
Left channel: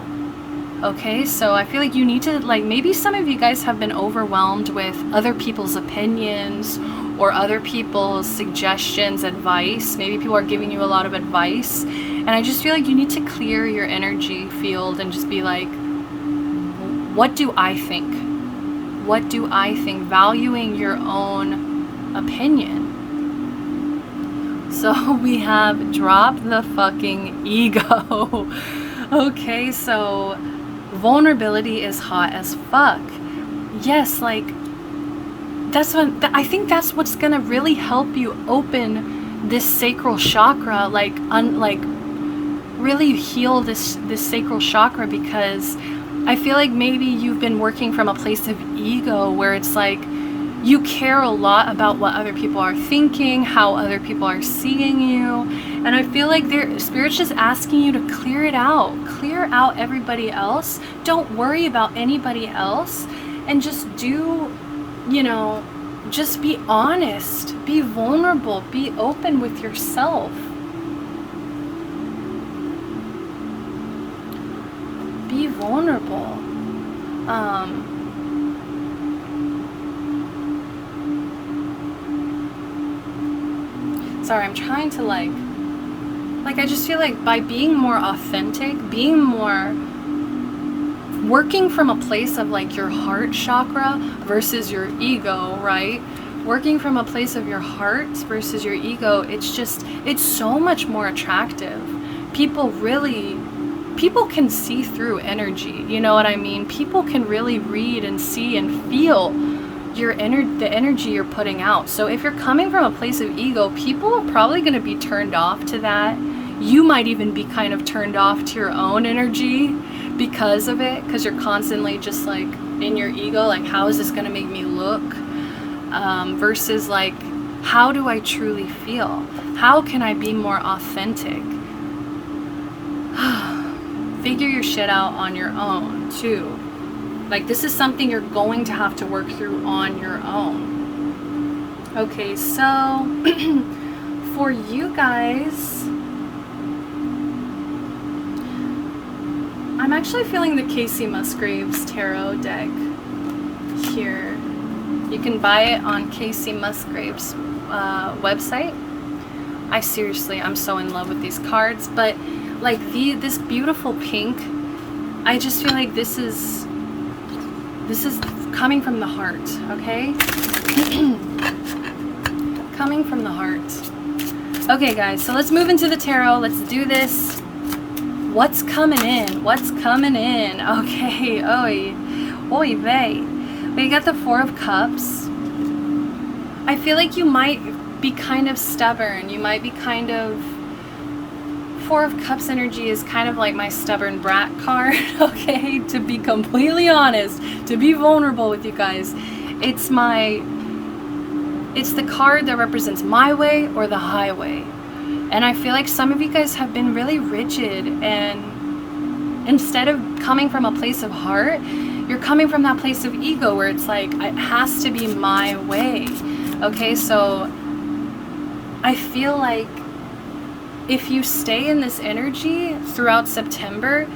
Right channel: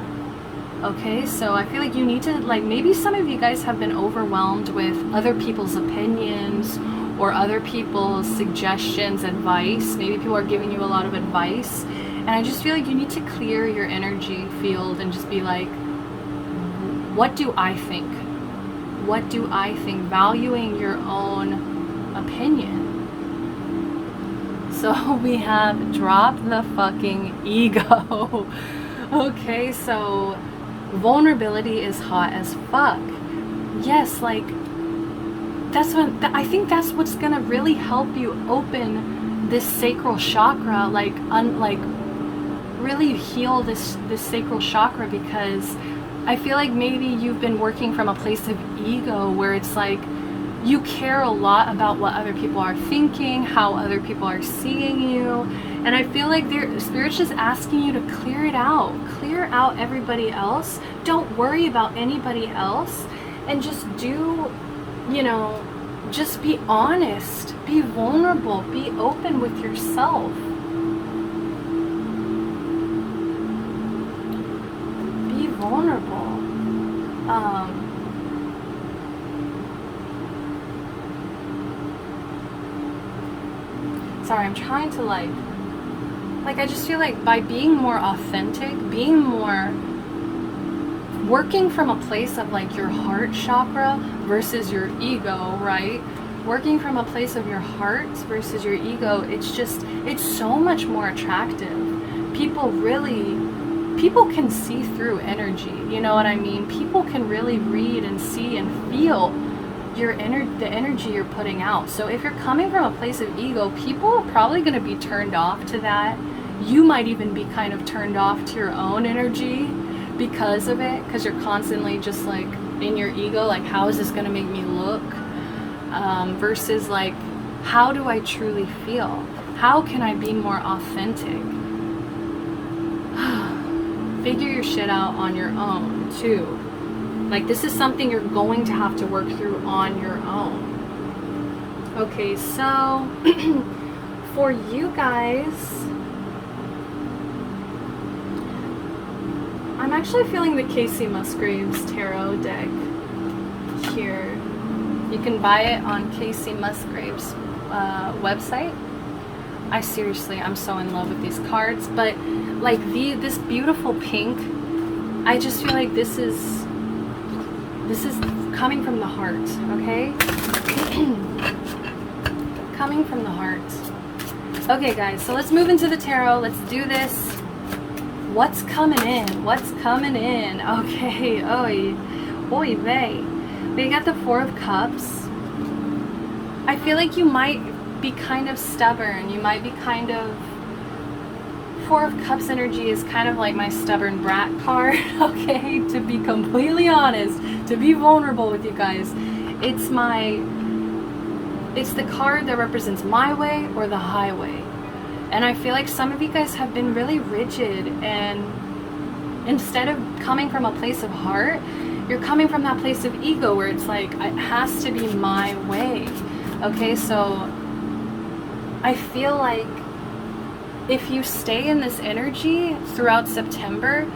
Okay, so I feel like you need to, like, maybe some of you guys have been overwhelmed with other people's opinions or other people's suggestions, advice. Maybe people are giving you a lot of advice. And I just feel like you need to clear your energy field and just be like, what do I think? What do I think? Valuing your own opinion. So we have drop the fucking ego. Okay, so vulnerability is hot as fuck. Yes, like, that's what, I think that's what's gonna really help you open this sacral chakra, like, really heal this sacral chakra, because I feel like maybe you've been working from a place of ego where it's like you care a lot about what other people are thinking, how other people are seeing you, and I feel like Spirit's just asking you to clear it out. Clear out everybody else. Don't worry about anybody else, and just do, you know, just be honest, be vulnerable, be open with yourself. Be vulnerable. Sorry, I'm trying to like I just feel like by being more authentic, being more working from a place of like your heart chakra versus your ego, right? Working from a place of your heart versus your ego, it's so much more attractive. People can see through energy, you know what I mean? People can really read and see and feel the energy you're putting out. So if you're coming from a place of ego, people are probably going to be turned off to that. You might even be kind of turned off to your own energy because of it, because you're constantly just like in your ego, like, how is this going to make me look? Versus like, how do I truly feel? How can I be more authentic? Figure your shit out on your own too. Like, this is something you're going to have to work through on your own. Okay, so for you guys, I'm actually feeling the Casey Musgraves tarot deck here. You can buy it on Casey Musgraves' website. I'm so in love with these cards, but like this beautiful pink, I just feel like this is coming from the heart, okay? Coming from the heart. Okay, guys, so let's move into the tarot. Let's do this. What's coming in? What's coming in? Okay, oy vey. We got the Four of Cups. I feel like you might be kind of stubborn. You might be kind of... Four of Cups energy is kind of like my stubborn brat card, okay? To be completely honest, to be vulnerable with you guys, it's the card that represents my way or the highway. And I feel like some of you guys have been really rigid, and instead of coming from a place of heart, you're coming from that place of ego where it's like, it has to be my way, okay? So I feel like if you stay in this energy throughout September,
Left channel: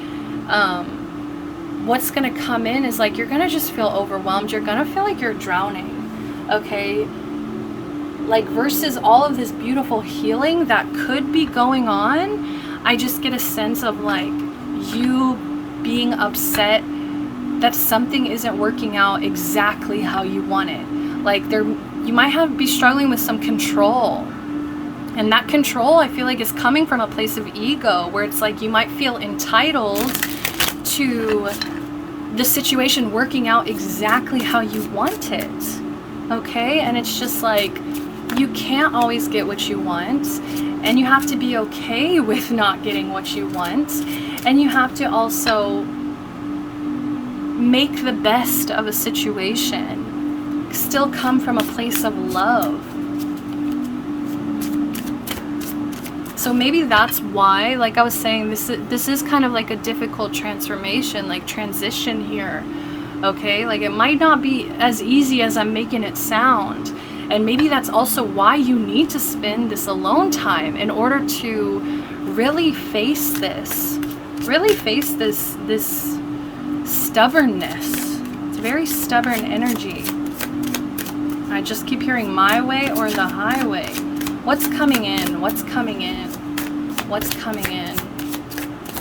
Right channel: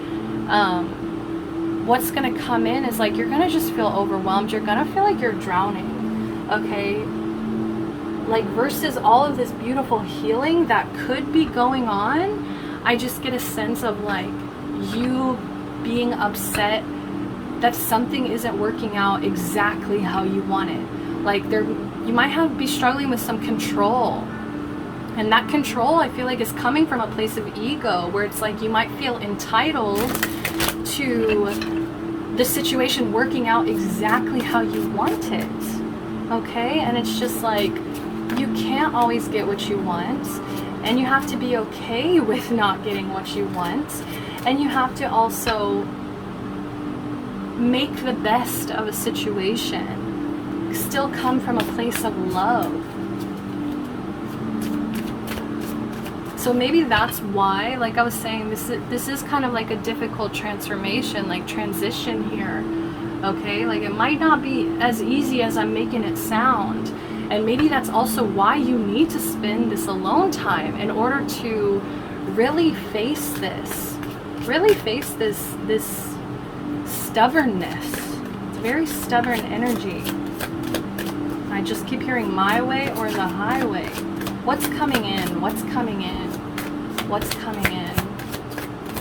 what's going to come in is like, you're going to just feel overwhelmed. You're going to feel like you're drowning, okay? Like, versus all of this beautiful healing that could be going on, I just get a sense of like you being upset that something isn't working out exactly how you want it. Like, you might be struggling with some control. And that control, I feel like, is coming from a place of ego, where it's like you might feel entitled to the situation working out exactly how you want it, okay? And it's just like, you can't always get what you want, and you have to be okay with not getting what you want, and you have to also make the best of a situation, still come from a place of love. So maybe that's why, like I was saying, this is kind of like a difficult transformation, like transition here, okay? Like, it might not be as easy as I'm making it sound. And maybe that's also why you need to spend this alone time in order to really face this stubbornness. It's very stubborn energy. I just keep hearing my way or the highway. What's coming in? What's coming in? What's coming in?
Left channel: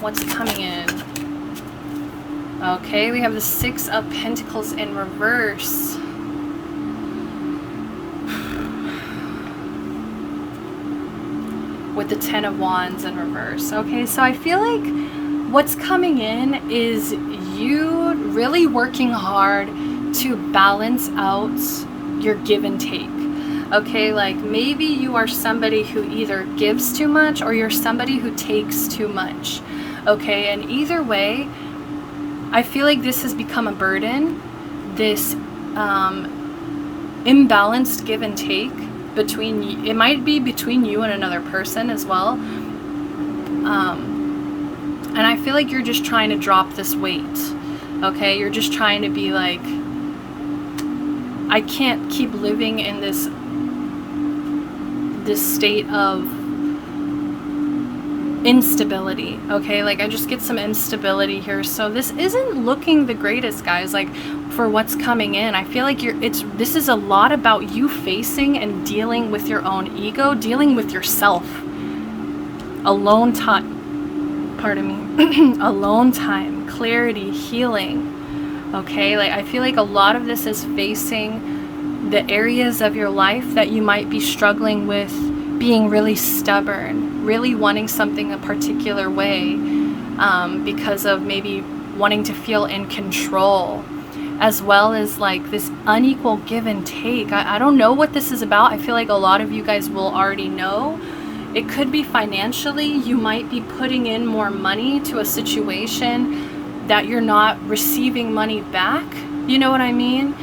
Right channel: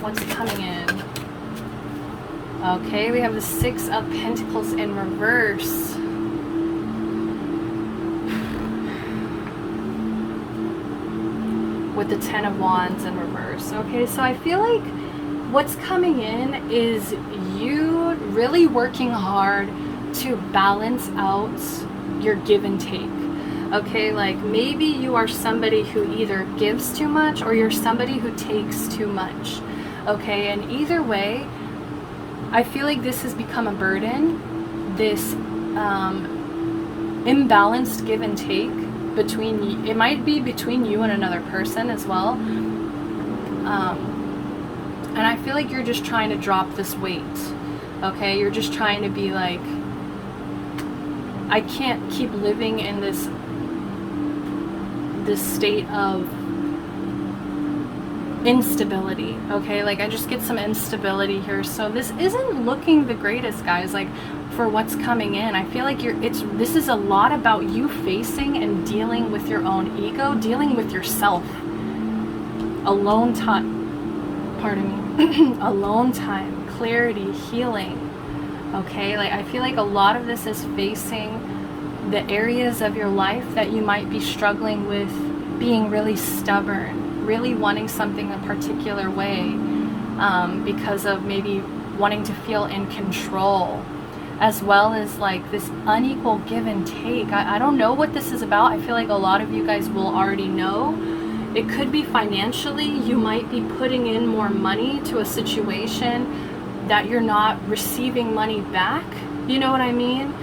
What's coming in? Okay, we have the Six of Pentacles in reverse. with the Ten of Wands in reverse. Okay, so I feel like what's coming in is you really working hard to balance out your give and take. Okay, like maybe you are somebody who either gives too much or you're somebody who takes too much. Okay, and either way, I feel like this has become a burden, this imbalanced give and take between, it might be between you and another person as well. And I feel like you're just trying to drop this weight. Okay, you're just trying to be like, I can't keep living in this state of instability. Okay, like I just get some instability here, so this isn't looking the greatest, guys, like for what's coming in. I feel like this is a lot about you facing and dealing with your own ego, dealing with yourself. Alone time, pardon me, alone time, clarity, healing. Okay, like I feel like a lot of this is facing the areas of your life that you might be struggling with being really stubborn, really wanting something a particular way, because of maybe wanting to feel in control, as well as like this unequal give and take. I don't know what this is about. I feel like a lot of you guys will already know. It could be financially. You might be putting in more money to a situation that you're not receiving money back. You know what I mean?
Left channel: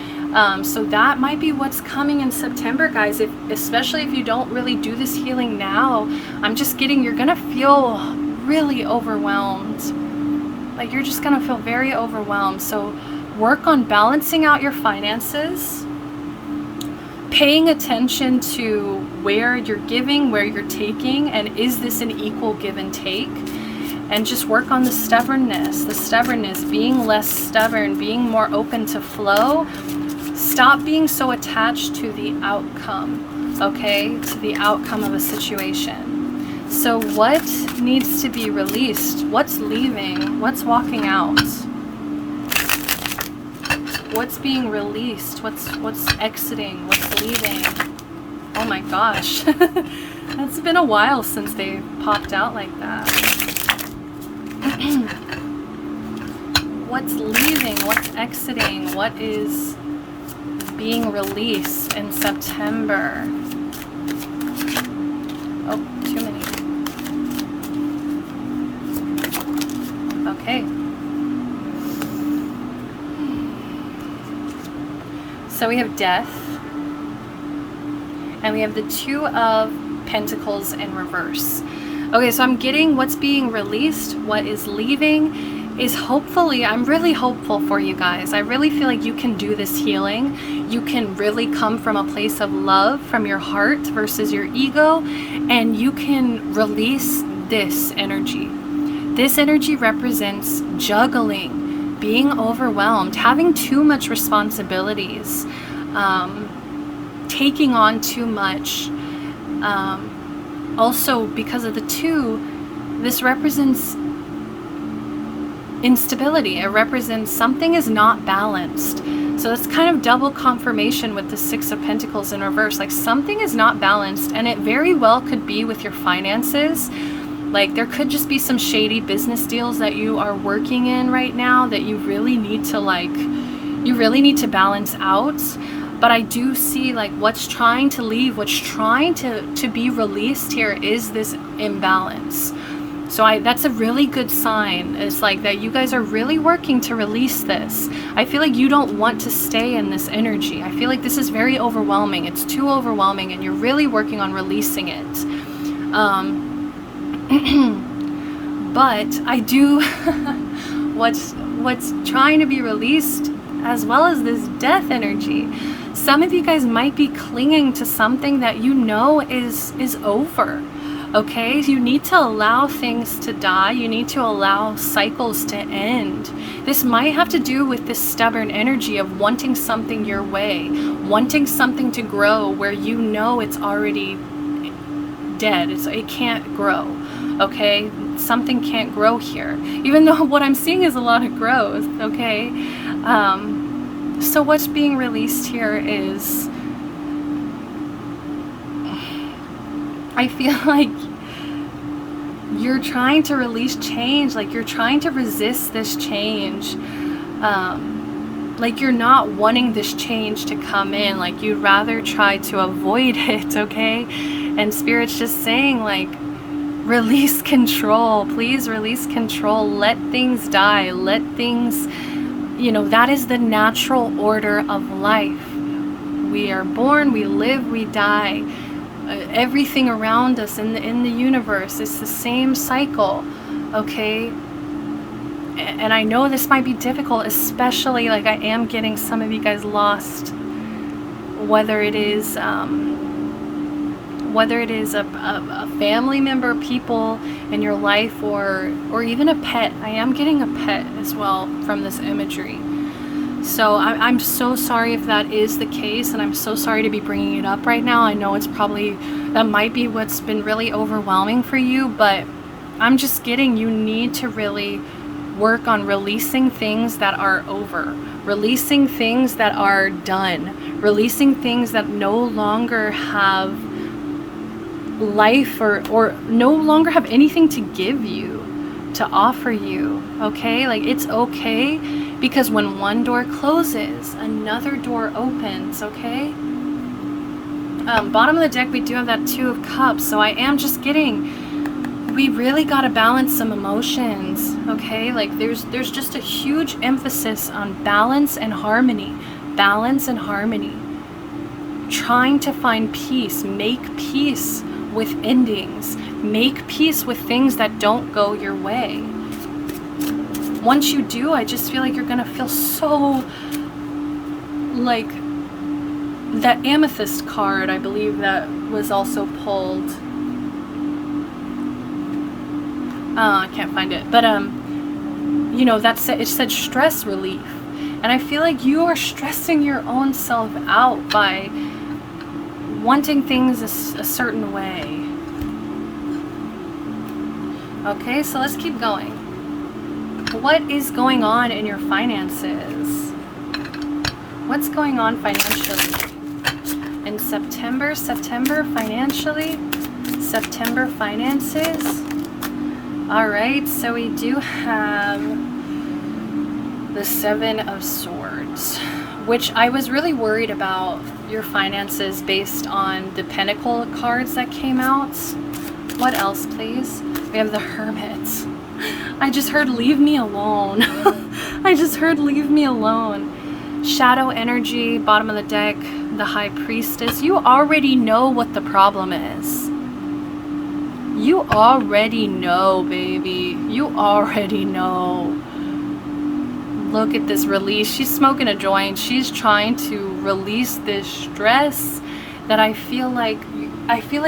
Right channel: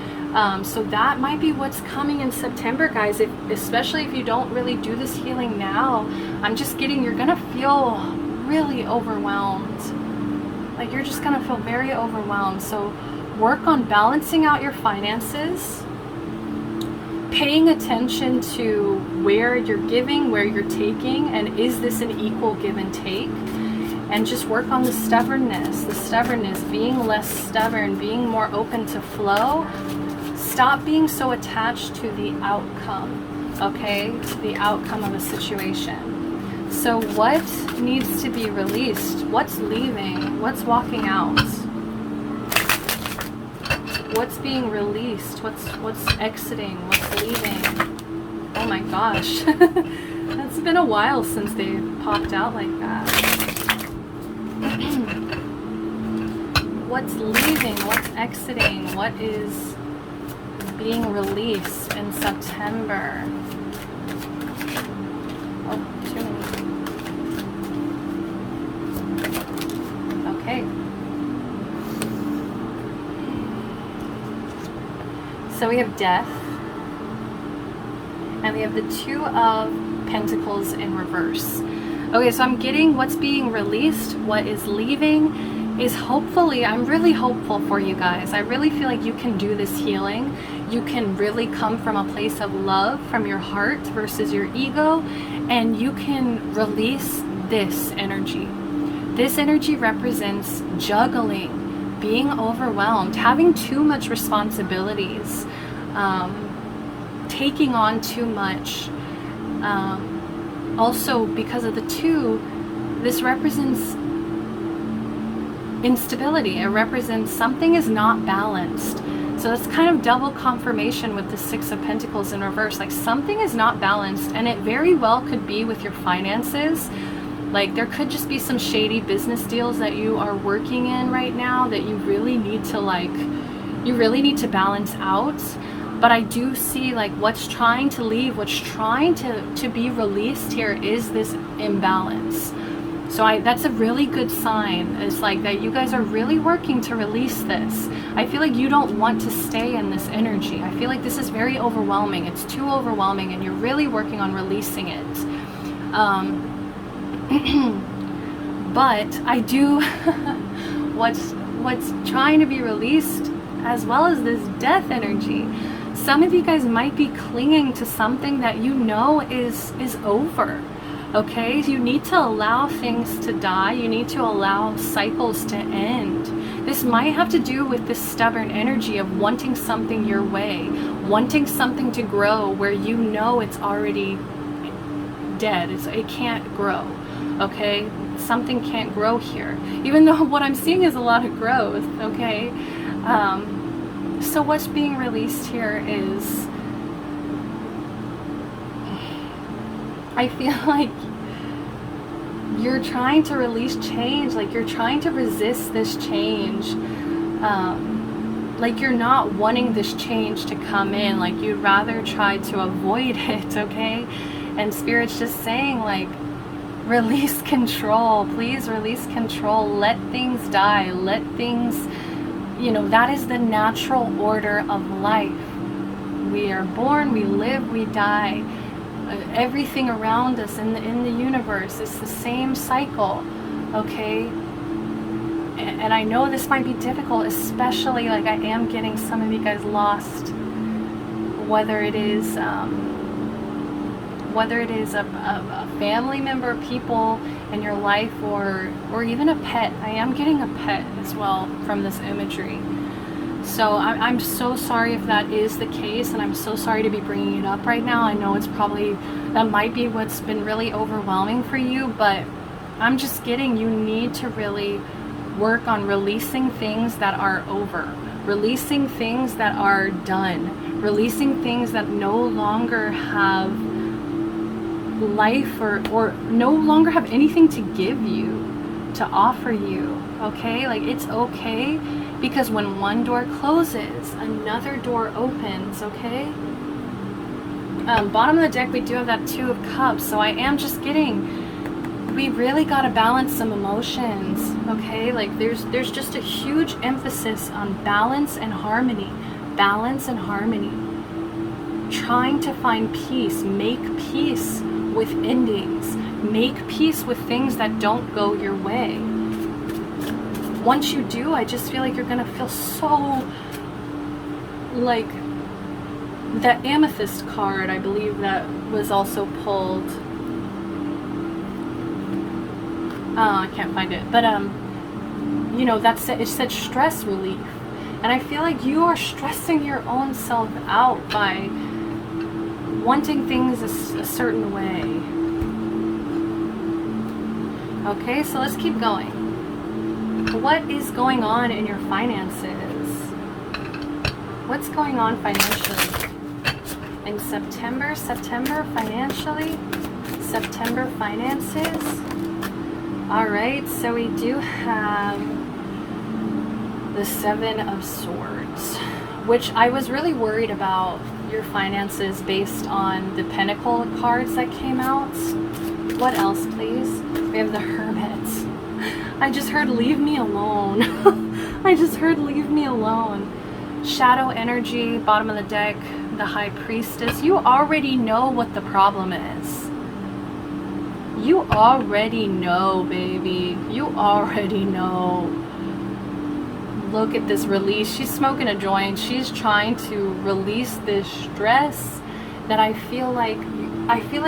So that might be what's coming in September, guys. Especially if you don't really do this healing now, I'm just getting, you're gonna feel really overwhelmed. Like you're just gonna feel very overwhelmed. So work on balancing out your finances, paying attention to where you're giving, where you're taking, and is this an equal give and take? And just work on the stubbornness, being less stubborn, being more open to flow. Stop being so attached to the outcome, okay? To the outcome of a situation. So what needs to be released? What's leaving? What's walking out? What's being released? What's exiting? What's leaving? Oh my gosh. It's been a while since they popped out like that. What's leaving? What's exiting? What is being released in September? Oh, too many. Okay. So we have death, and we have the Two of Pentacles in reverse. Okay, so I'm getting what's being released, what is leaving is hopefully, I'm really hopeful for you guys. I really feel like you can do this healing. You can really come from a place of love from your heart versus your ego, and you can release this energy. This energy represents juggling, being overwhelmed, having too much responsibilities, taking on too much. Also, because of the two, this represents instability. It represents something is not balanced. So it's kind of double confirmation with the Six of Pentacles in reverse. Like something is not balanced, and it very well could be with your finances. Like there could just be some shady business deals that you are working in right now that you really need to balance out. But I do see like what's trying to leave, what's trying to be released here is this imbalance. So that's a really good sign. It's like that you guys are really working to release this. I feel like you don't want to stay in this energy. I feel like this is very overwhelming. It's too overwhelming, and you're really working on releasing it. But I do what's trying to be released, as well as this death energy. Some of you guys might be clinging to something that you know is over. Okay, you need to allow things to die. You need to allow cycles to end. This might have to do with this stubborn energy of wanting something your way, wanting something to grow where you know it's already dead. It can't grow. Okay, something can't grow here, even though what I'm seeing is a lot of growth. Okay, so what's being released here is, I feel like you're trying to release change, like you're trying to resist this change, like you're not wanting this change to come in, like you'd rather try to avoid it, okay? And Spirit's just saying, like, release control, please release control, let things die, let things, you know, that is the natural order of life. We are born, we live, we die. Everything around us in the universe, it's the same cycle, okay? And I know this might be difficult, especially, like, I am getting some of you guys lost, whether it is a family member, people in your life, or even a pet. I am getting a pet as well from this imagery. So I'm so sorry if that is the case, and I'm so sorry to be bringing it up right now. I know that might be what's been really overwhelming for you, but I'm just getting, you need to really work on releasing things that are over, releasing things that are done, releasing things that no longer have life or no longer have anything to give you, to offer you, okay? Like, it's okay, because when one door closes, another door opens, okay? Bottom of the deck, we do have that Two of Cups, so I am just getting, we really got to balance some emotions, okay? Like, there's just a huge emphasis on balance and harmony, trying to find peace, make peace with endings, make peace with things that don't go your way. Once you do, I just feel like you're gonna feel so, like, that amethyst card, I believe that was also pulled. I can't find it, but you know, it said stress relief, and I feel like you are stressing your own self out by wanting things a certain way. Okay, so let's keep going. What is going on in your finances? What's going on financially in September financially? September finances. All right, so we do have the Seven of Swords, which I was really worried about your finances based on the Pentacle cards that came out. What else, please? We have the Hermit. I just heard leave me alone. I just heard leave me alone. Shadow energy, bottom of the deck, the High Priestess. You already know what the problem is. You already know, baby. You already know. Look at this release. She's smoking a joint. She's trying to release this stress that I feel like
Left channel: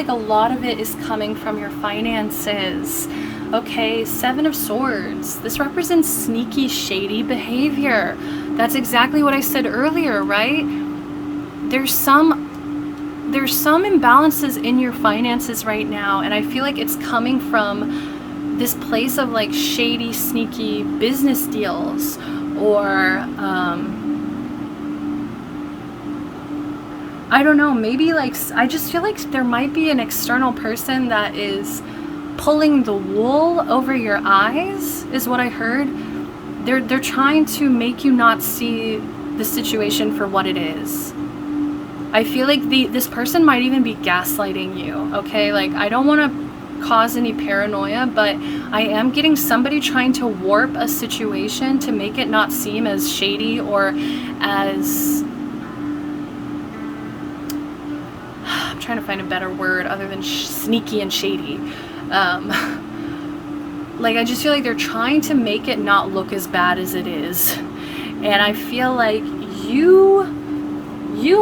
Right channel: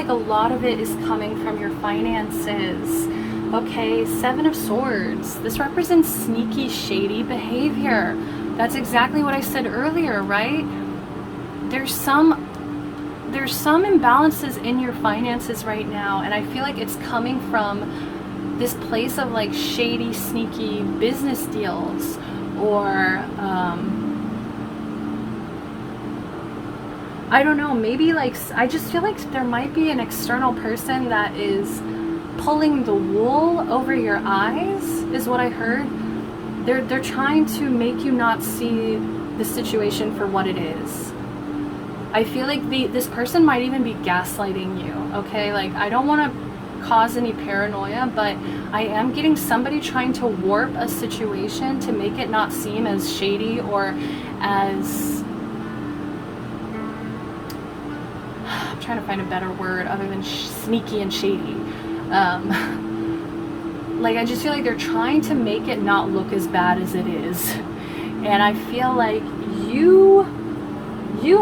a lot of it is coming from your finances. Okay, Seven of Swords. This represents sneaky, shady behavior. That's exactly what I said earlier, right? There's some imbalances in your finances right now, and I feel like it's coming from this place of, like, shady, sneaky business deals, or I don't know, maybe, like, I just feel like there might be an external person that is pulling the wool over your eyes, is what I heard. They're trying to make you not see the situation for what it is. I feel like this person might even be gaslighting you, okay? Like, I don't want to cause any paranoia, but I am getting somebody trying to warp a situation to make it not seem as shady or as... I'm trying to find a better word other than sneaky and shady. Like, I just feel like they're trying to make it not look as bad as it is. And I feel like you,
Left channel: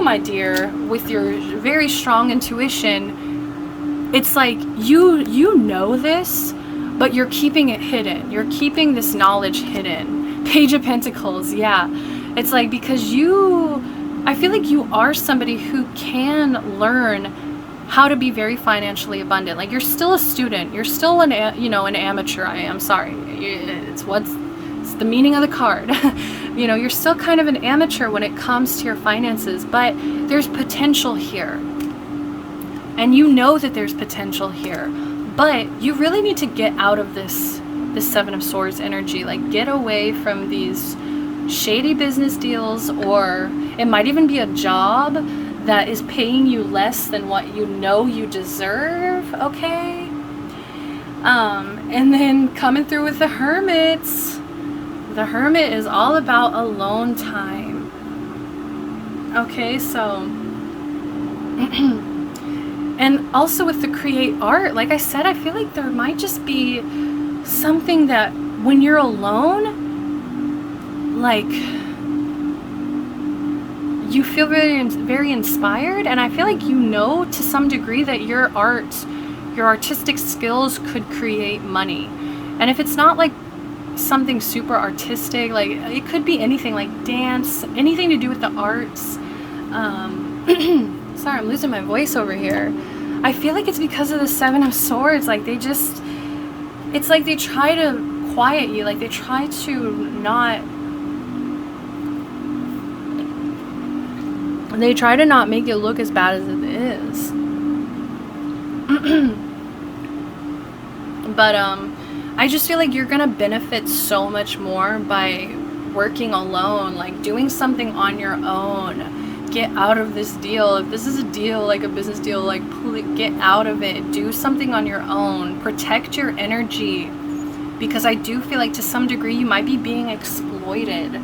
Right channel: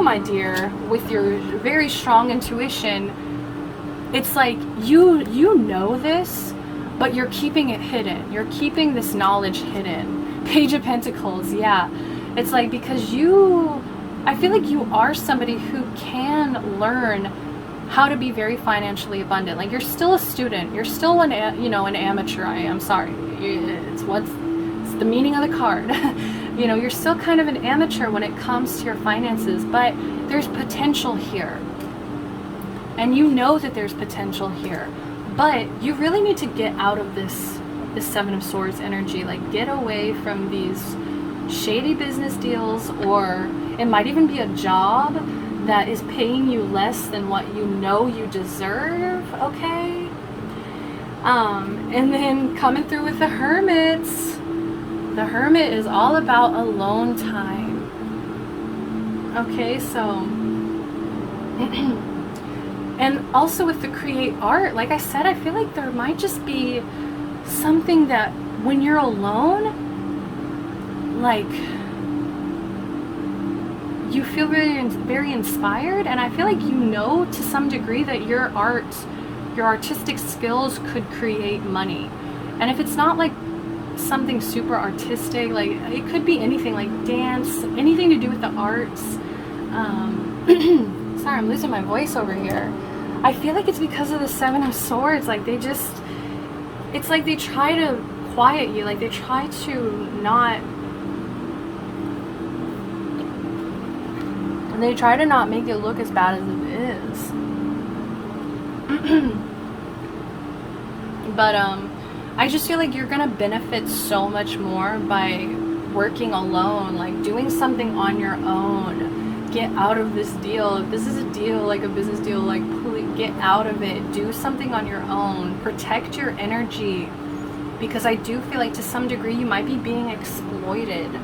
my dear, with your very strong intuition, it's like you know this, but you're keeping it hidden. You're keeping this knowledge hidden. Page of Pentacles, yeah. It's like, because I feel like you are somebody who can learn how to be very financially abundant. Like, you're still a student. You're still an amateur. I'm sorry. It's the meaning of the card. You're still kind of an amateur when it comes to your finances, but there's potential here. And you know that there's potential here, But you really need to get out of this Seven of Swords energy. Like, get away from these shady business deals, or it might even be a job that is paying you less than what you know you deserve, okay? And then coming through with the Hermits. The Hermit is all about alone time. Okay, so... and also with the create art, like I said, I feel like there might just be something that when you're alone, like, you feel very, very inspired, and I feel like you know to some degree that your artistic skills could create money. And if it's not like something super artistic, like it could be anything, like dance, anything to do with the arts. Sorry, I'm losing my voice over here. I feel like it's because of the Seven of Swords. Like, they just, it's like they try to quiet you, like they try to not, they try to not make it look as bad as it is. But I just feel like you're gonna benefit so much more by working alone, like doing something on your own. Get out of this deal. If this is a deal, like a business deal, like get out of it. Do something on your own. Protect your energy, because I do feel like to some degree you might be being exploited,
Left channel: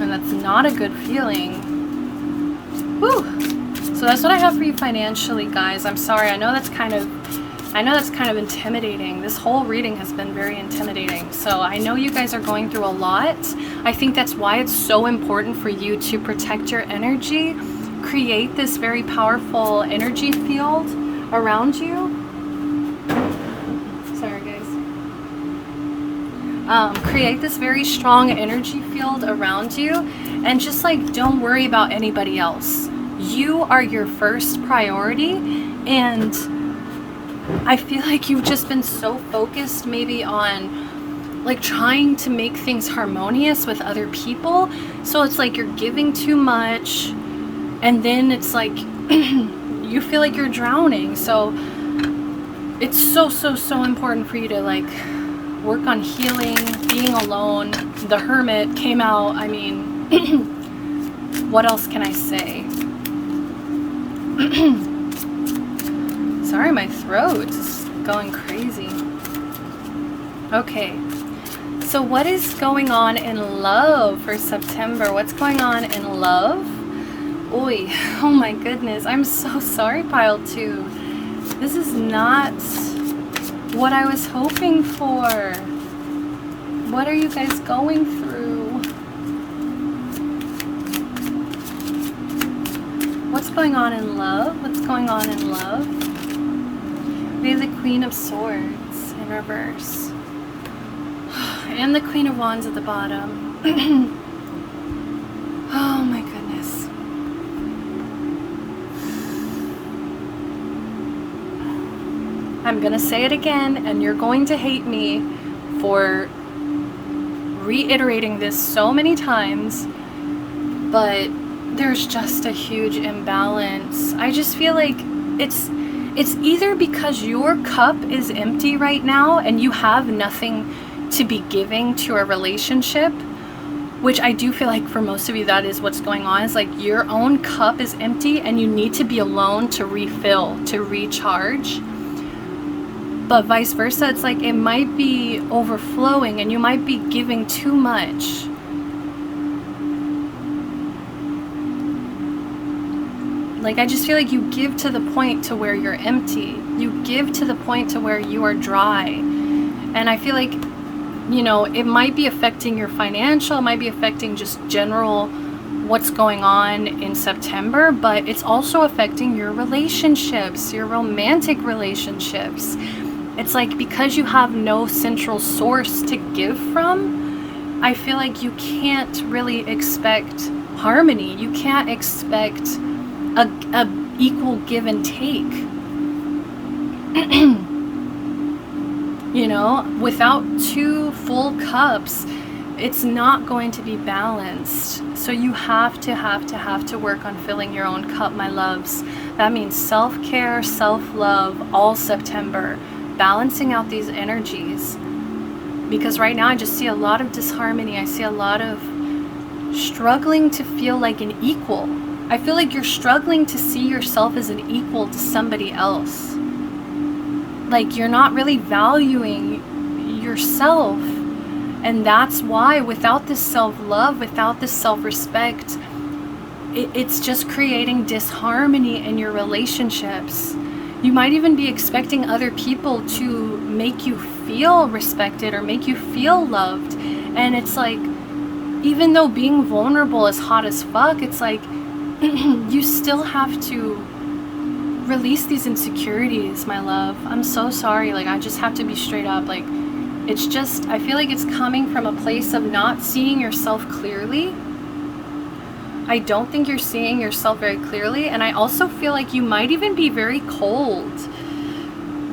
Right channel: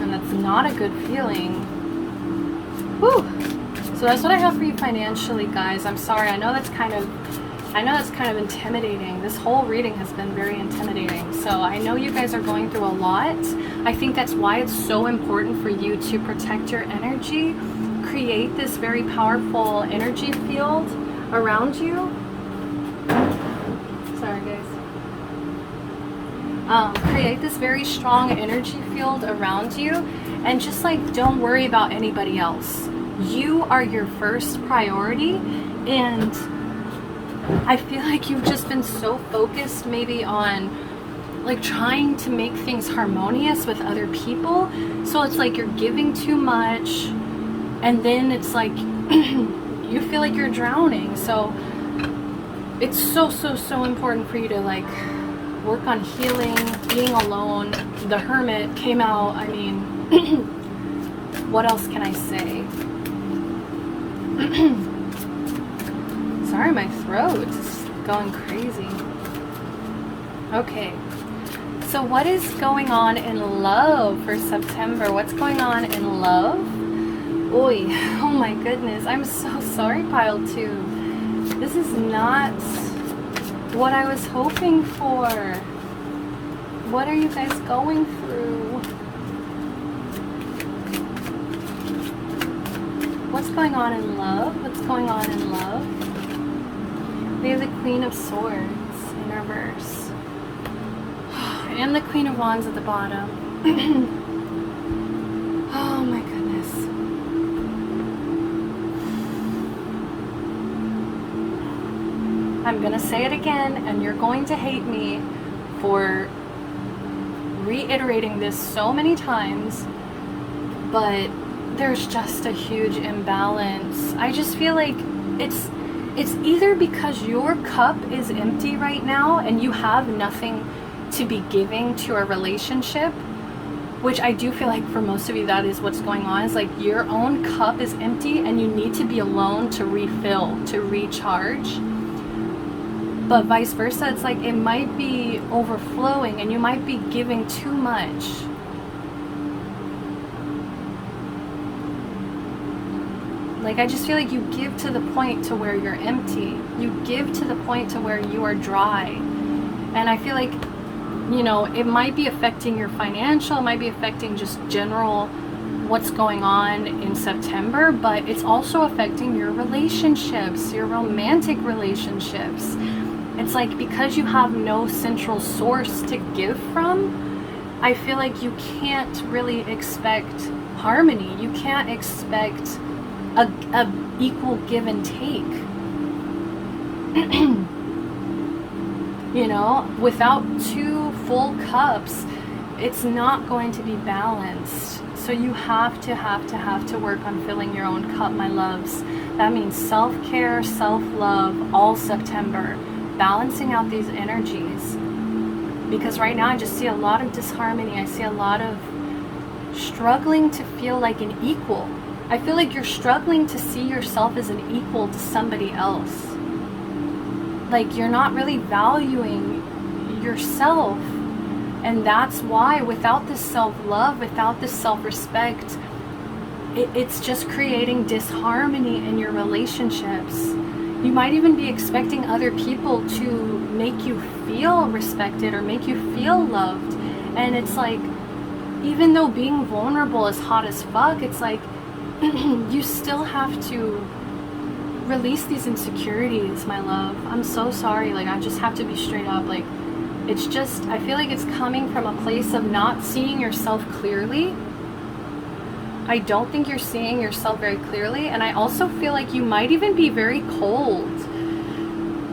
and that's not a good feeling. Whew. So that's what I have for you financially, guys. I'm sorry. I know that's kind of intimidating. This whole reading has been very intimidating. So I know you guys are going through a lot. I think that's why it's so important for you to protect your energy, create this very powerful energy field around you. Sorry, guys. Create this very strong energy field around you, and just like, don't worry about anybody else. You are your first priority, and I feel like you've just been so focused maybe on like trying to make things harmonious with other people. So it's like you're giving too much, and then it's like you feel like you're drowning. So it's so important for you to like work on healing, being alone. The Hermit came out. I mean, what else can I say? Sorry, my throat is going crazy. Okay, so what is going on in love for September? What's going on in love? Oi, oh my goodness, I'm so sorry, pile 2. This is not what I was hoping for. What are you guys going through? What's going on in love? What's going on in love? We have the Queen of Swords in reverse. And the Queen of Wands at the bottom. Oh my goodness. I'm gonna say it again, and you're going to hate me for reiterating this so many times, but there's just a huge imbalance. I just feel like it's either because your cup is empty right now and you have nothing to be giving to a relationship, which I do feel like for most of you that is what's going on. It's like your own cup is empty and you need to be alone to refill, to recharge. But vice versa, it's like it might be overflowing and you might be giving too much. Like, I just feel like you give to the point to where you're empty. You give to the point to where you are dry. And I feel like, you know, it might be affecting your financial, it might be affecting just general what's going on in September, but it's also affecting your relationships, your romantic relationships. It's like because you have no central source to give from, I feel like you can't really expect harmony. You can't expect a equal give and take. You know, without two full cups, it's not going to be balanced. So you have to work on filling your own cup, my loves. That means self-care, self-love, all September, balancing out these energies. Because right now I just see a lot of disharmony. I see a lot of struggling to feel like an equal. I feel like you're struggling to see yourself as an equal to somebody else. Like you're not really valuing yourself. And that's why without this self-love, without this self-respect, it's just creating disharmony in your relationships. You might even be expecting other people to make you feel respected or make you feel loved. And it's like, even though being vulnerable is hot as fuck, it's like, you still have to release these insecurities, my love. I'm so sorry. Like, I just have to be straight up. Like, it's just, I feel like it's coming from a place of not seeing yourself clearly. I don't think you're seeing yourself very clearly. And I also feel like you might even be very cold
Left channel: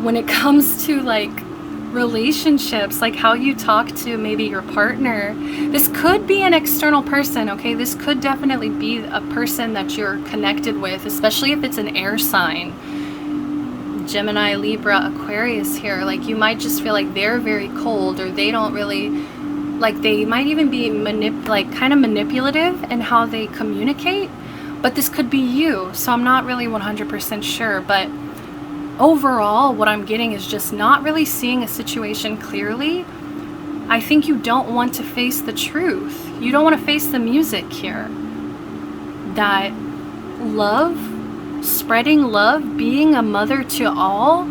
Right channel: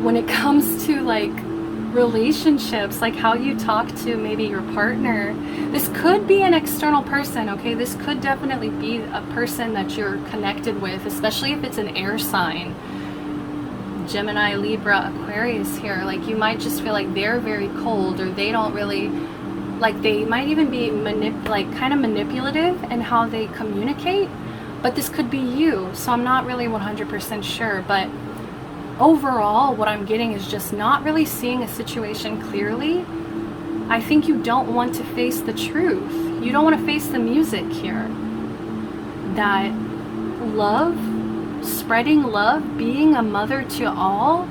when it comes to like relationships, like how you talk to maybe your partner. This could be an external person, okay? This could definitely be a person that you're connected with, especially if it's an air sign. Gemini, Libra, Aquarius here. Like you might just feel like they're very cold, or they don't really, like they might even be kind of manipulative in how they communicate. But this could be you, so I'm not really 100% sure. But overall, what I'm getting is just not really seeing a situation clearly. I think you don't want to face the truth. You don't want to face the music here. That love, spreading love, being a mother to all,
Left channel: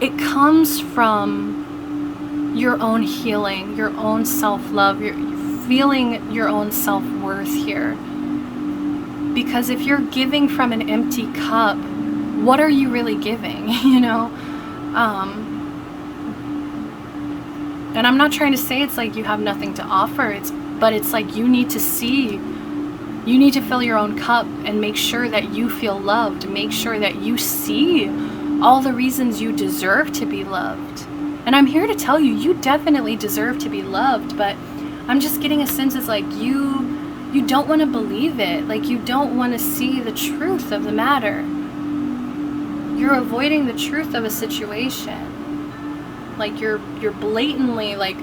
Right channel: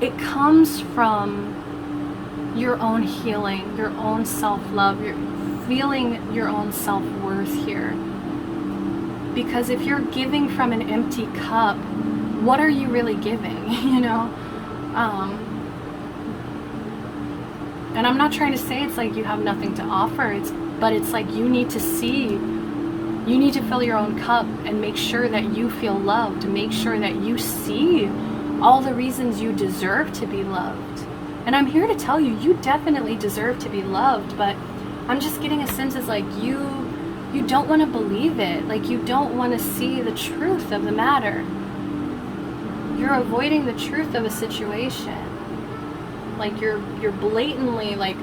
it comes from your own healing, your own self-love, you're feeling your own self-worth here. Because if you're giving from an empty cup, what are you really giving, you know? And I'm not trying to say it's like you have nothing to offer, but it's like you need to fill your own cup and make sure that you feel loved, make sure that you see all the reasons you deserve to be loved. And I'm here to tell you, you definitely deserve to be loved, but I'm just getting a sense it's like you don't want to believe it, like you don't want to see the truth of the matter. You're avoiding the truth of a situation. Like you're blatantly, like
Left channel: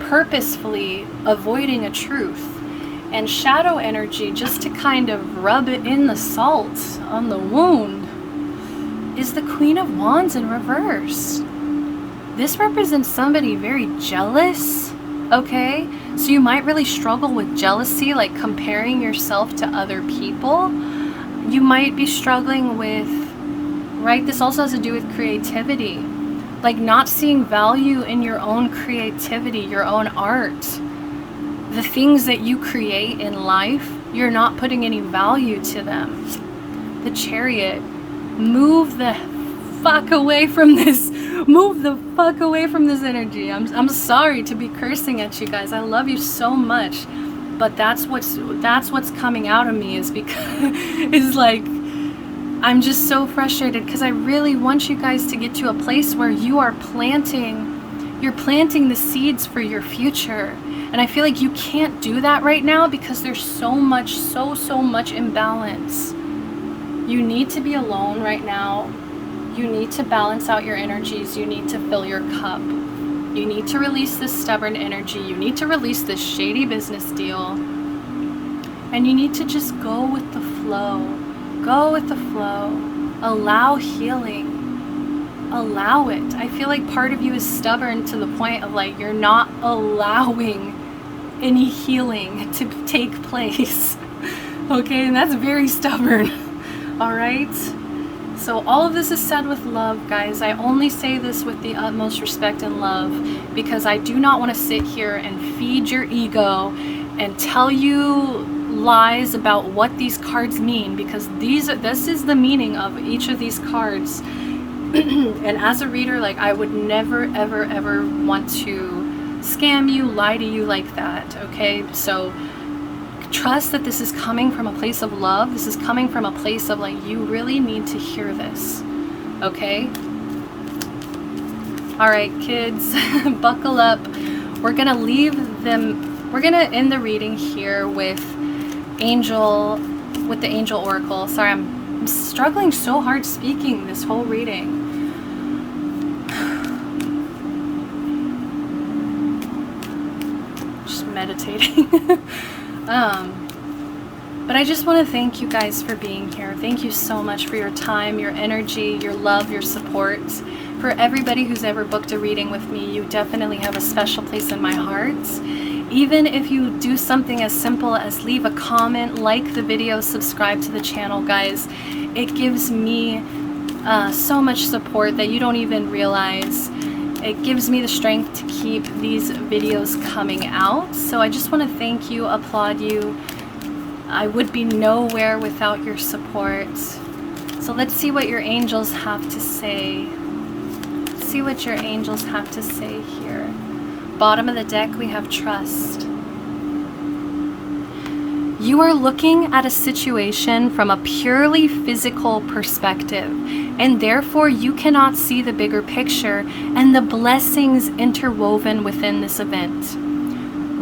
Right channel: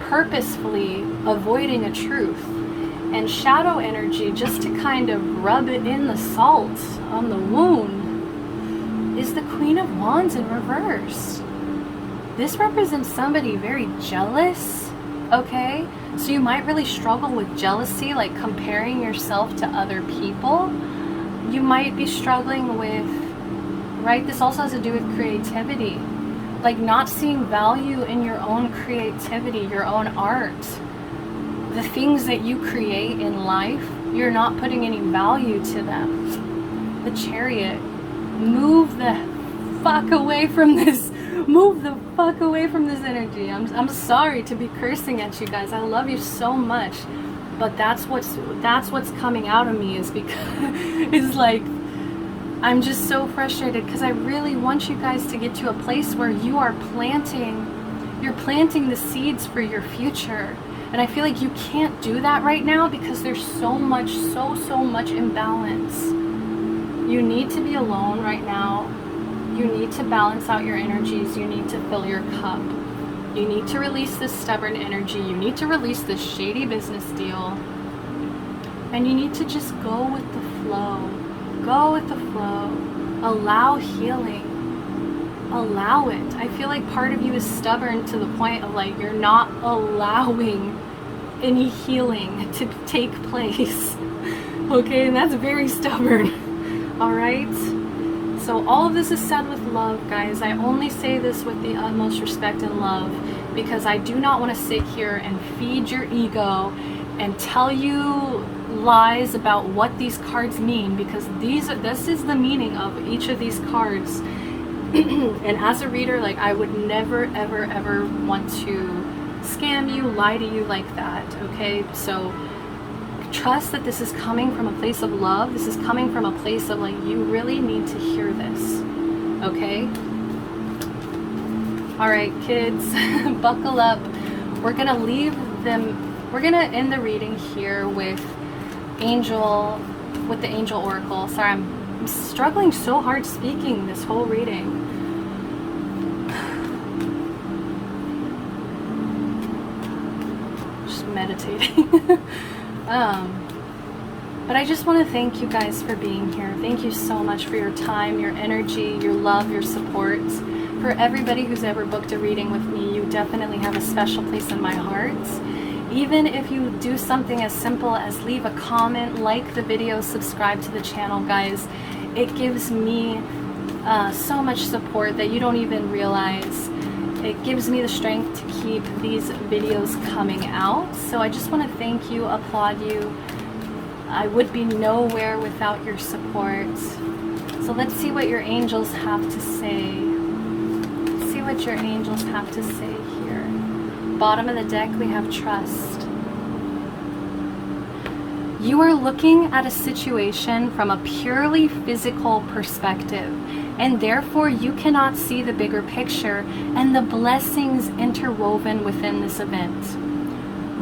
purposefully avoiding a truth. And shadow energy, just to kind of rub it in the salt on the wound, is the Queen of Wands in reverse. This represents somebody very jealous, okay? So you might really struggle with jealousy, like comparing yourself to other people. You might be struggling with, right, this also has to do with creativity. Like not seeing value in your own creativity, your own art. The things that you create in life, you're not putting any value to them. The Chariot, move the fuck away from this. Move the fuck away from this energy. I'm sorry to be cursing at you guys. I love you so much. But that's what's coming out of me, is because it's like I'm just so frustrated because I really want you guys to get to a place where you're planting the seeds for your future. And I feel like you can't do that right now because there's so much imbalance. You need to be alone right now. You need to balance out your energies. You need to fill your cup. You need to release this stubborn energy. You need to release this shady business deal. And you need to just go with the flow. Go with the flow. Allow healing. Allow it. I feel like part of you is stubborn to the point of like you're not allowing any healing to take place. Okay, and that's very stubborn. All right. So all of this is said with love, guys. I only say this with the utmost respect and love because I do not want to sit here and feed your ego and tell you lies about what these cards mean, because this is the meaning of each of these cards. And as a reader, like I would never ever want to scam you, lie to you like that, okay? So trust that this is coming from a place of love. This is coming from a place of like, you really need to hear this, okay? All right, kids, buckle up. We're gonna leave them We're gonna end the reading here with the Angel Oracle. Sorry, I'm struggling so hard speaking this whole reading. Just meditating. But I just want to thank you guys for being here. Thank you so much for your time, your energy, your love, your support. For everybody who's ever booked a reading with me, you definitely have a special place in my heart. Even if you do something as simple as leave a comment, like the video, subscribe to the channel, guys, it gives me so much support that you don't even realize. It gives me the strength to keep these videos coming out. So I just want to thank you, applaud you. I would be nowhere without your support. So let's see what your angels have to say. Let's see what your angels have to say here. Bottom of the deck, we have trust. You are looking at a situation from a purely physical perspective, and therefore you cannot see the bigger picture and the blessings interwoven within this event.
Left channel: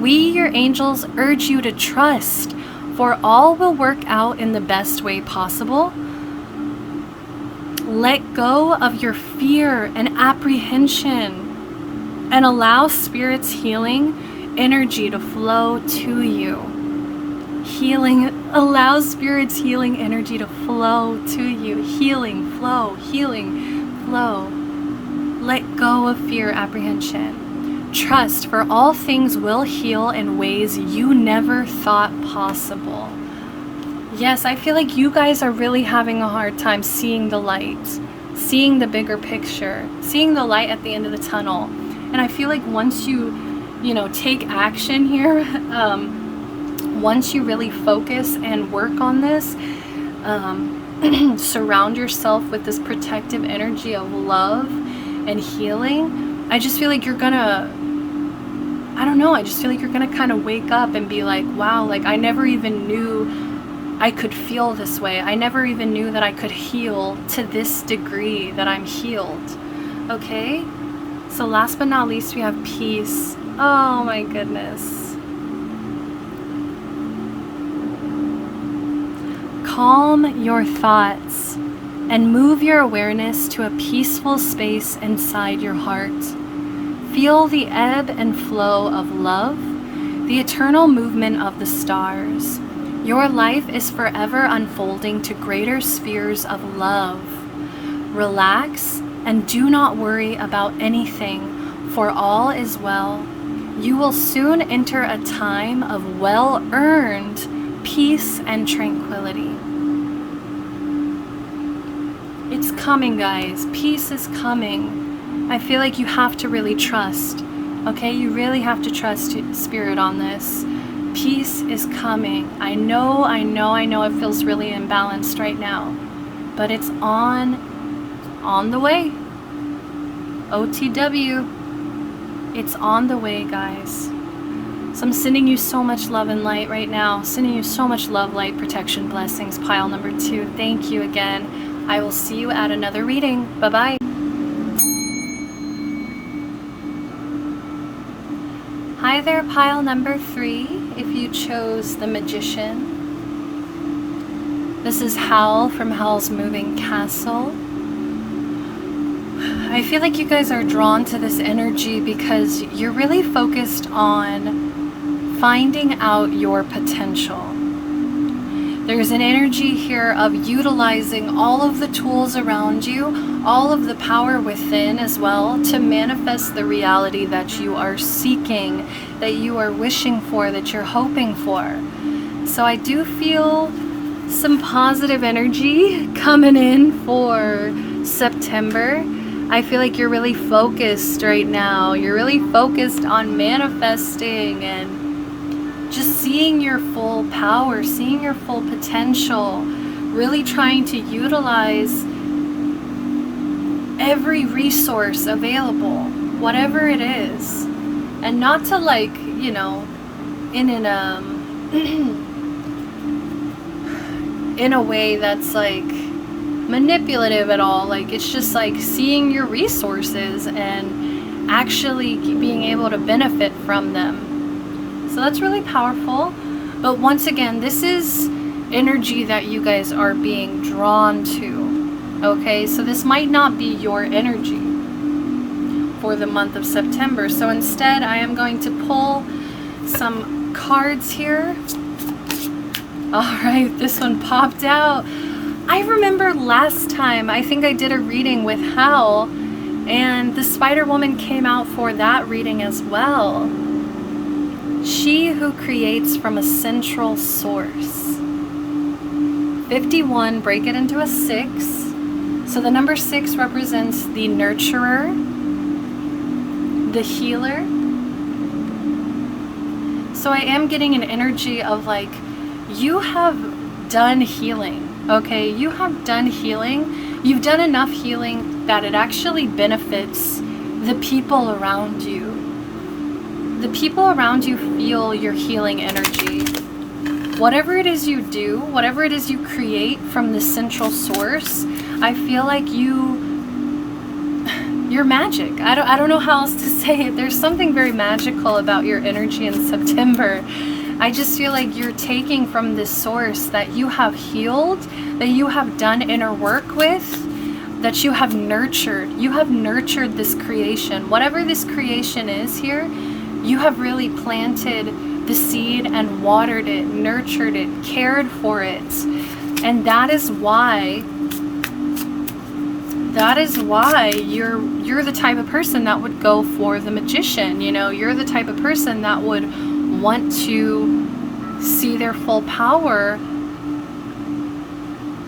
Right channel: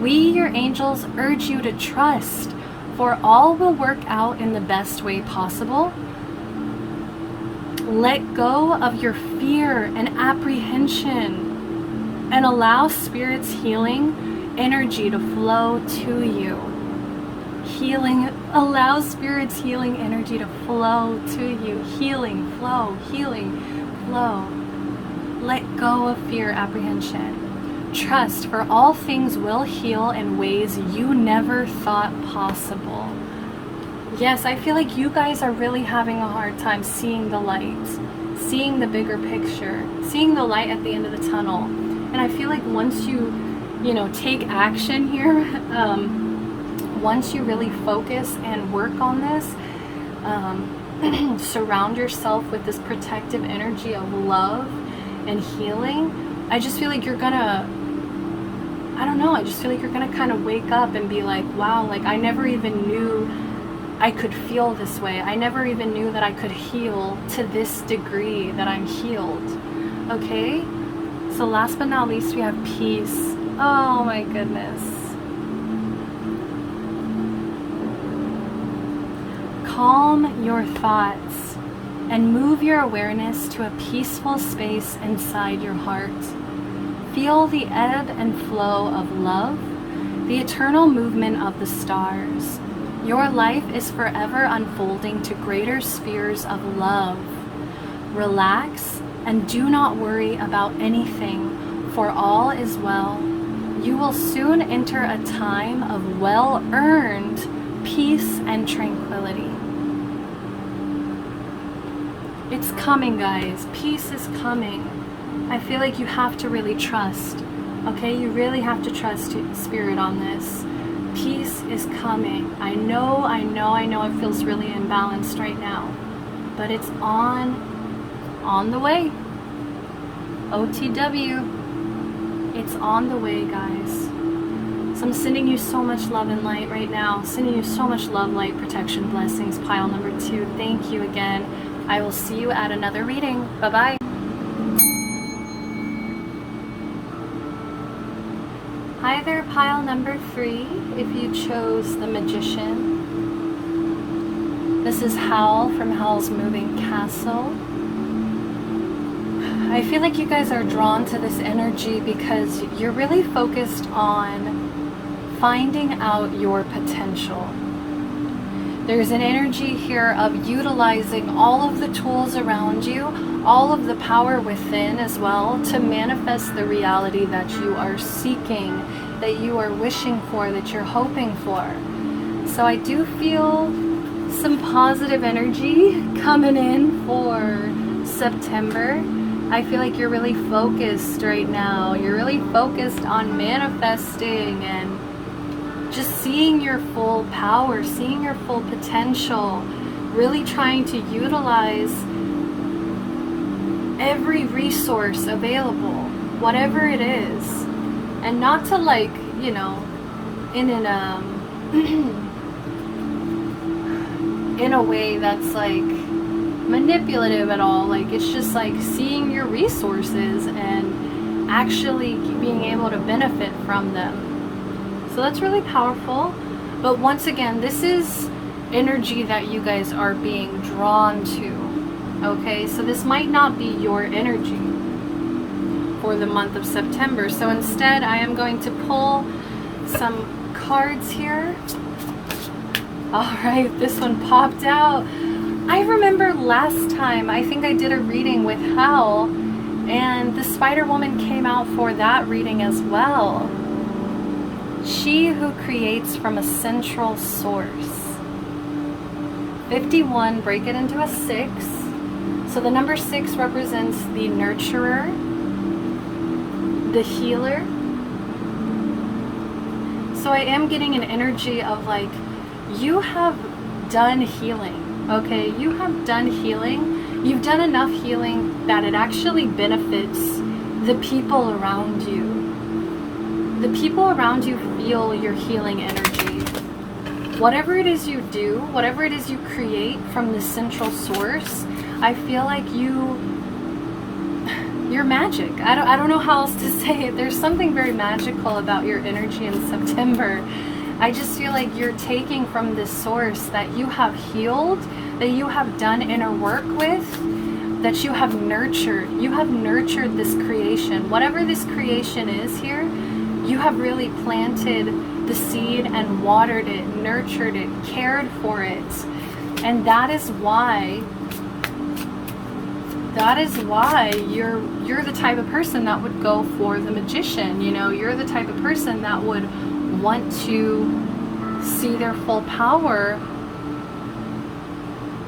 We, your angels, urge you to trust, for all will work out in the best way possible. Let go of your fear and apprehension and allow Spirit's healing energy to flow to you. Allow Spirit's healing energy to flow to you. Healing, flow, Let go of fear, apprehension. Trust, for all things will heal in ways you never thought possible. Yes, I feel like you guys are really having a hard time seeing the light, seeing the bigger picture, seeing the light at the end of the tunnel. And I feel like once you take action here, once you really focus and work on this, surround yourself with this protective energy of love and healing, I just feel like you're gonna, I just feel like you're gonna kind of wake up and be like, wow, like I never even knew I could feel this way. I never even knew that I could heal to this degree that I'm healed. Okay? So last but not least, we have peace. Oh my goodness. Calm your thoughts and move your awareness to a peaceful space inside your heart. Feel the ebb and flow of love, the eternal movement of the stars. Your life is forever unfolding to greater spheres of love. Relax and do not worry about anything, for all is well. You will soon enter a time of well-earned peace and tranquility. It's coming, guys. Peace is coming. I feel like you have to really trust, okay? You really have to trust Spirit on this. Peace is coming. I know it feels really imbalanced right now, but it's on the way. OTW, it's on the way, guys. So I'm sending you so much love and light right now. Sending you so much love, light, protection, blessings. Pile number 2. Thank you again. I will see you at another reading. Bye-bye. Hi there, pile number 3, if you chose the Magician. This is Howl from Howl's Moving Castle. I feel like you guys are drawn to this energy because you're really focused on finding out your potential. There's an energy here of utilizing all of the tools around you, all of the power within as well, to manifest the reality that you are seeking, that you are wishing for, that you're hoping for. So I do feel some positive energy coming in for September. I feel like you're really focused right now. You're really focused on manifesting and just seeing your full power, seeing your full potential, really trying to utilize every resource available, whatever it is, and not to in a way that's like manipulative at all. Like, it's just like seeing your resources and actually being able to benefit from them. So So that's really powerful. But once again, this is energy that you guys are being drawn to. Okay, so this might not be your energy for the month of September. So instead, I am going to pull some cards here. All right, this one popped out. I remember last time, I think I did a reading with Hal, and the Spider Woman came out for that reading as well. She who creates from a central source. 51, break it into a 6. So the number 6 represents the nurturer, the healer. So I am getting an energy of like, you have done healing, okay? You have done healing. You've done enough healing that it actually benefits the people around you. The people around you feel your healing energy. Whatever it is you do, whatever it is you create from the central source, I feel like you're magic. I don't know how else to say it. There's something very magical about your energy in September. I just feel like you're taking from this source that you have healed, that you have done inner work with, that you have nurtured. You have nurtured this creation. Whatever this creation is here, you have really planted the seed and watered it, nurtured it, cared for it. And that is why you're the type of person that would go for the magician. You know, you're the type of person that would want to see their full power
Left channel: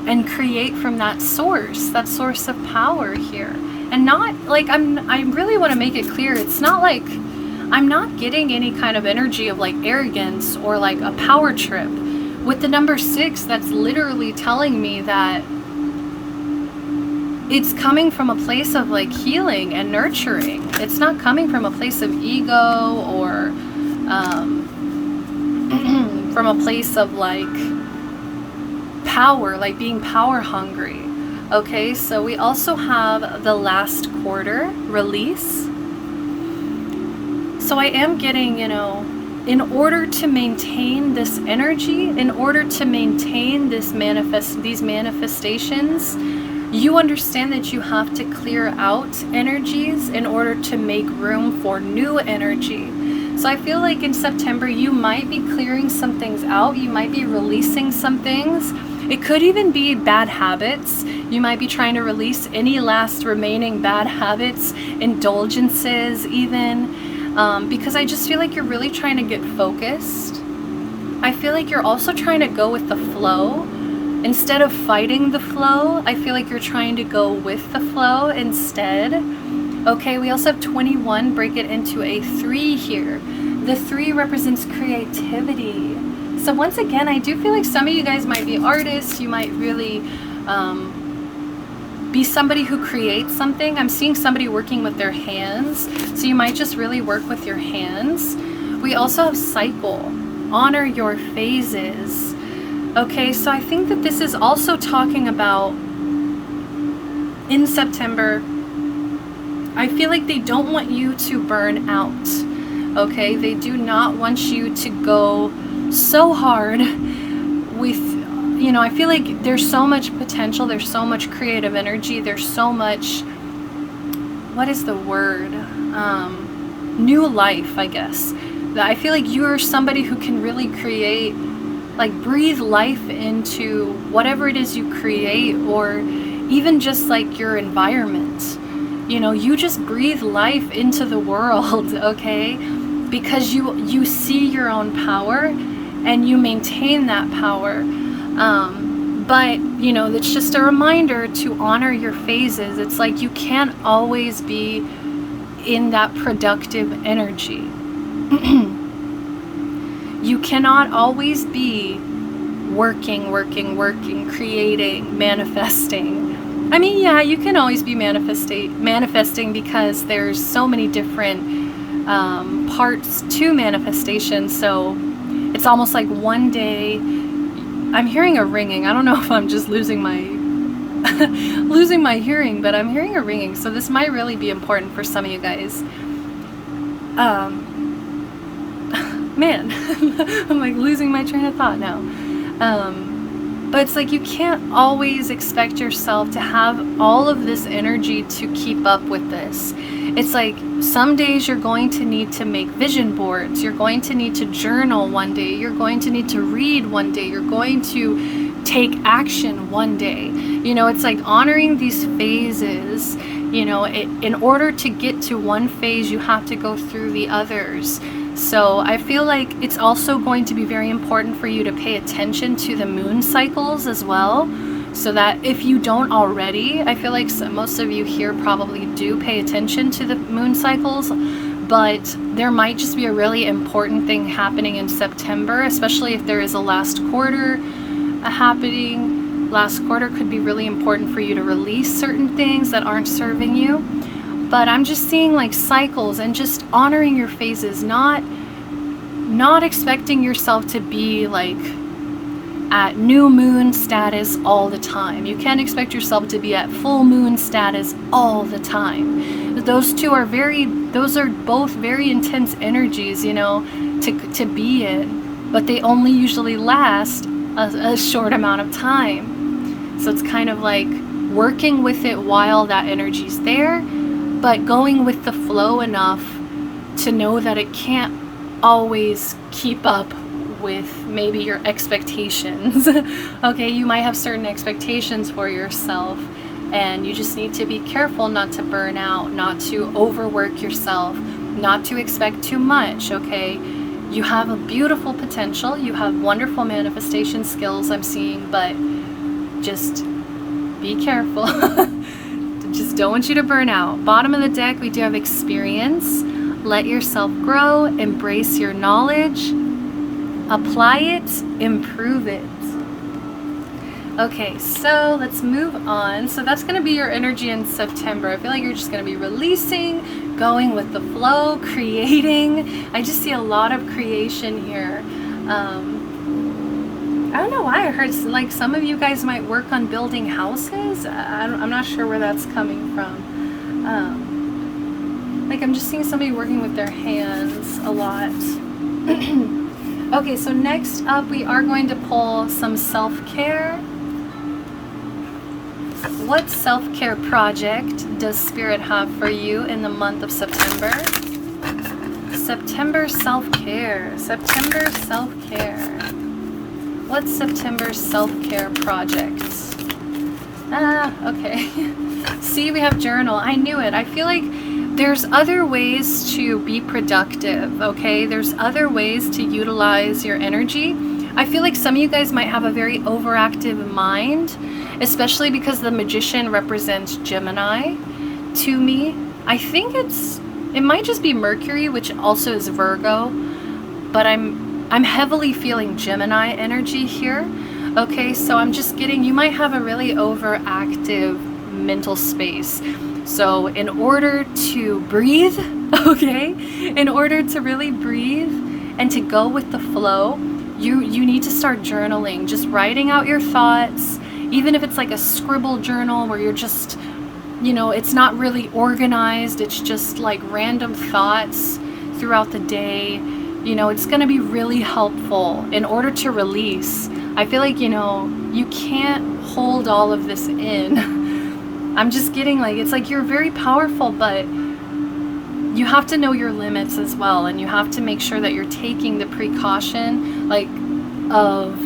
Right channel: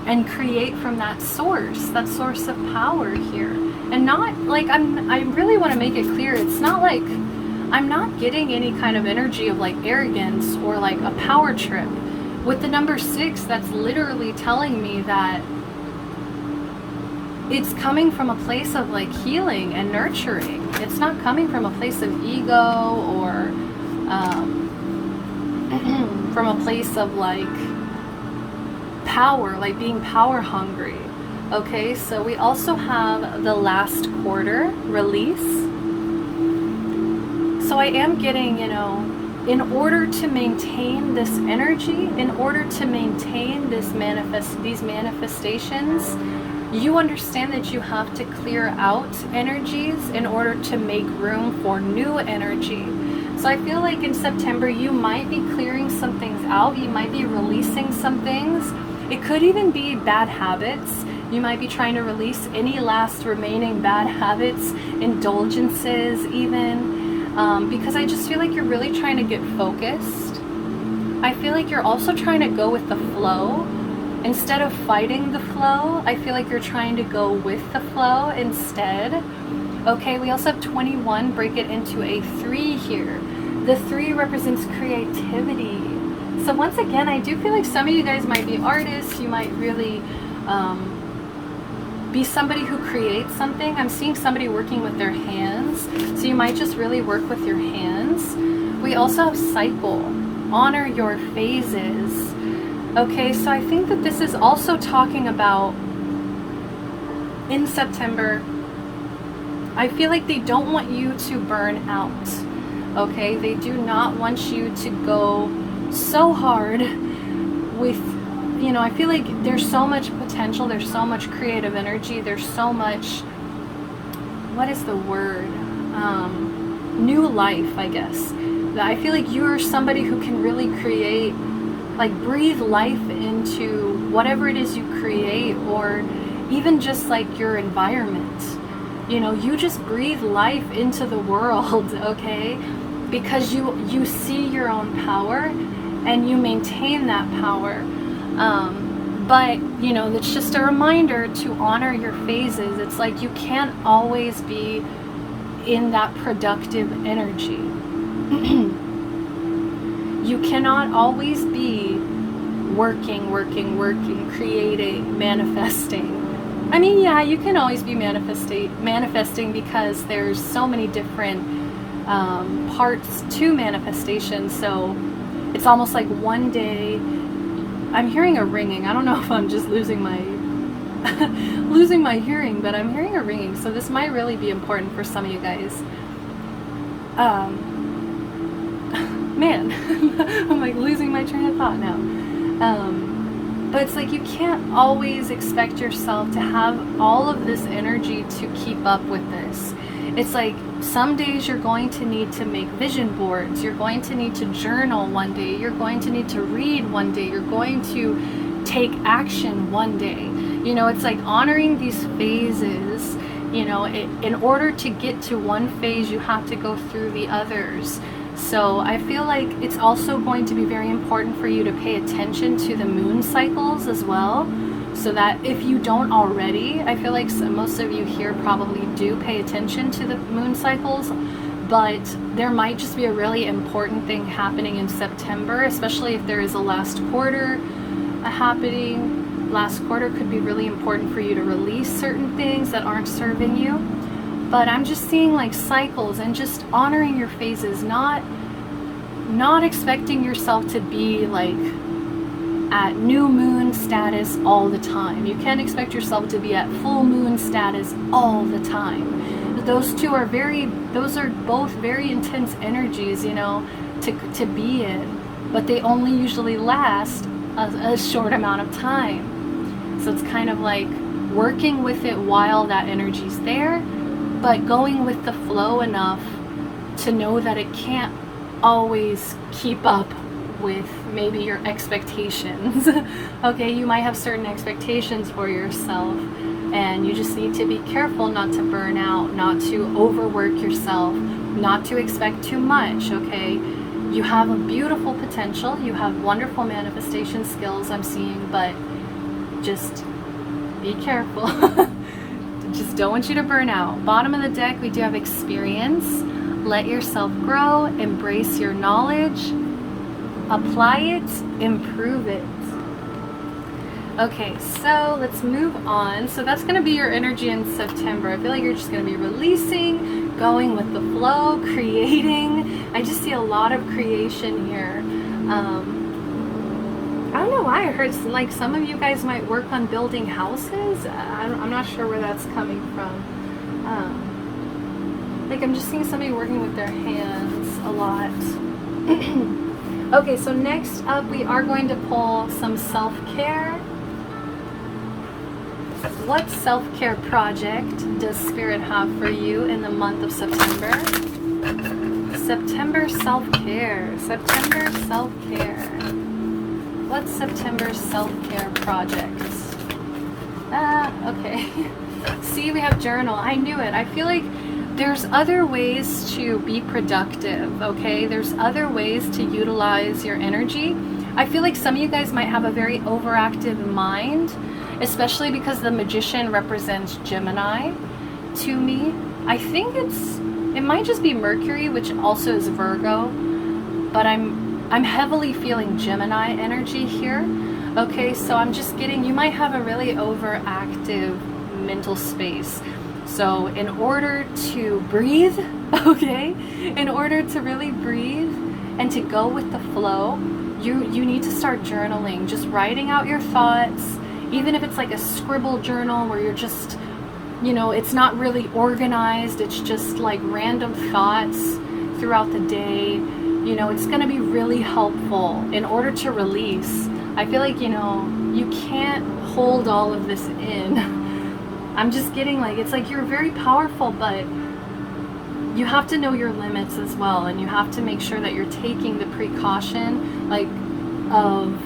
and create from that source of power here. And not like, I really want to make it clear, it's not like I'm not getting any kind of energy of like arrogance or like a power trip. With the number 6, that's literally telling me that it's coming from a place of like healing and nurturing. It's not coming from a place of ego or from a place of like power, like being power hungry. Okay, so we also have the last quarter, release. So I am getting, you know, in order to maintain this energy, in order to maintain these manifestations, you understand that you have to clear out energies in order to make room for new energy. So I feel like in September, you might be clearing some things out. You might be releasing some things. It could even be bad habits. You might be trying to release any last remaining bad habits, indulgences even. Because I just feel like you're really trying to get focused. I feel like you're also trying to go with the flow. Instead of fighting the flow, I feel like you're trying to go with the flow instead. Okay, we also have 21, break it into a 3 here. The 3 represents creativity. So once again, I do feel like some of you guys might be artists. You might really be somebody who creates something. I'm seeing somebody working with their hands. So you might just really work with your hands. We also have cycle. Honor your phases. Okay, so I think that this is also talking about in September, I feel like they don't want you to burn out. Okay, they do not want you to go so hard with, you know, I feel like there's so much potential, there's so much creative energy, there's so much, what is the word? New life, I guess. I feel like you're somebody who can really create, like breathe life into whatever it is you create, or even just like your environment. You know, you just breathe life into the world, okay? Because you see your own power and you maintain that power. But, you know, it's just a reminder to honor your phases. It's like you can't always be in that productive energy. You cannot always be working, creating, manifesting. I mean, yeah, you can always be manifesting because there's so many different parts to manifestation. So it's almost like one day, I'm hearing a ringing. I don't know if I'm just losing my hearing, but I'm hearing a ringing. So this might really be important for some of you guys. man, I'm like losing my train of thought now. But it's like you can't always expect yourself to have all of this energy to keep up with this. It's like some days you're going to need to make vision boards, you're going to need to journal one day, you're going to need to read one day, you're going to take action one day. You know, it's like honoring these phases. You know, in order to get to one phase, you have to go through the others. So I feel like it's also going to be very important for you to pay attention to the moon cycles as well. So that if you don't already, I feel like most of you here probably do pay attention to the moon cycles, but there might just be a really important thing happening in September, especially if there is a last quarter happening. Last quarter could be really important for you to release certain things that aren't serving you. But I'm just seeing like cycles and just honoring your phases, not expecting yourself to be like at new moon status all the time. You can't expect yourself to be at full moon status all the time. Those are both very intense energies, you know, to be in, but they only usually last a short amount of time. So it's kind of like working with it while that energy's there, but going with the flow enough to know that it can't always keep up with maybe your expectations. Okay, you might have certain expectations for yourself, and you just need to be careful not to burn out, not to overwork yourself, not to expect too much, okay? You have a beautiful potential, you have wonderful manifestation skills I'm seeing, but just be careful. Just don't want you to burn out. Bottom of the deck, we do have experience. Let yourself grow, embrace your knowledge, apply it, improve it. Okay, so let's move on. So that's going to be your energy in September. I feel like you're just going to be releasing, going with the flow, creating. I just see a lot of creation here. I don't know why I heard like some of you guys might work on building houses. I'm not sure where that's coming from. Like I'm just seeing somebody working with their hands a lot. Okay, so next up we are going to pull some self-care. What self-care project does Spirit have for you in the month of September? September self-care. September self-care. What's September self-care projects? Okay. See, we have journal. I knew it. I feel like there's other ways to be productive, okay? There's other ways to utilize your energy. I feel like some of you guys might have a very overactive mind, especially because the Magician represents Gemini to me. I think it might just be Mercury, which also is Virgo, but I'm heavily feeling Gemini energy here. Okay, so I'm just getting, you might have a really overactive mental space. So in order to breathe, okay, in order to really breathe and to go with the flow, you need to start journaling, just writing out your thoughts, even if it's like a scribble journal where you're just, you know, it's not really organized, it's just like random thoughts throughout the day. You know, it's going to be really helpful in order to release. I feel like, you know, you can't hold all of this in. I'm just getting like, it's like you're very powerful, but you have to know your limits as well. And you have to make sure that you're taking the precaution, like, of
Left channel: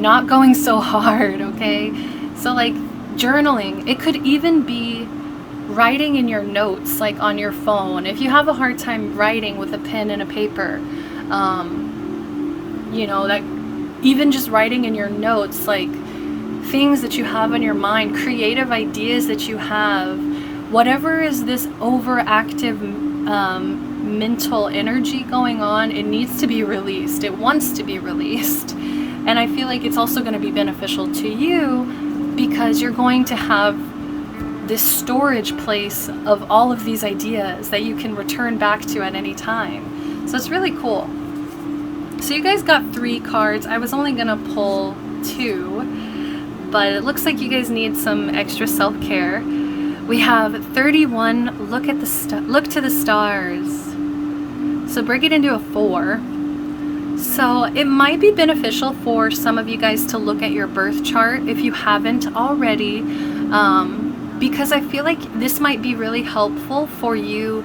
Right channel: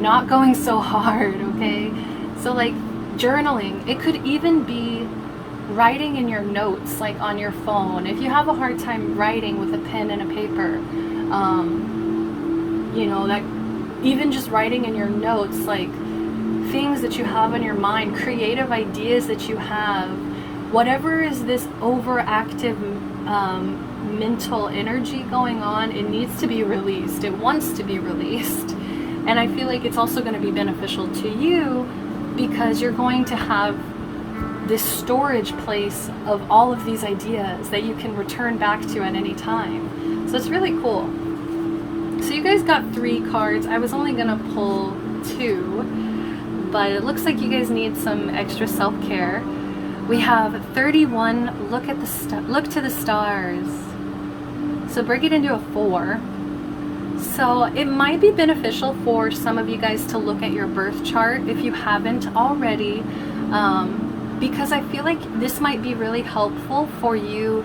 not going so hard, okay? So like journaling, it could even be writing in your notes, like on your phone. If you have a hard time writing with a pen and a paper, you know, that even just writing in your notes, like things that you have on your mind, creative ideas that you have, whatever is this overactive mental energy going on, it needs to be released. It wants to be released. And I feel like it's also going to be beneficial to you because you're going to have this storage place of all of these ideas that you can return back to at any time. So it's really cool. So you guys got 3 cards. I was only gonna pull 2, but it looks like you guys need some extra self-care. We have 31, look to the stars. So break it into a 4. So it might be beneficial for some of you guys to look at your birth chart if you haven't already, because I feel like this might be really helpful for you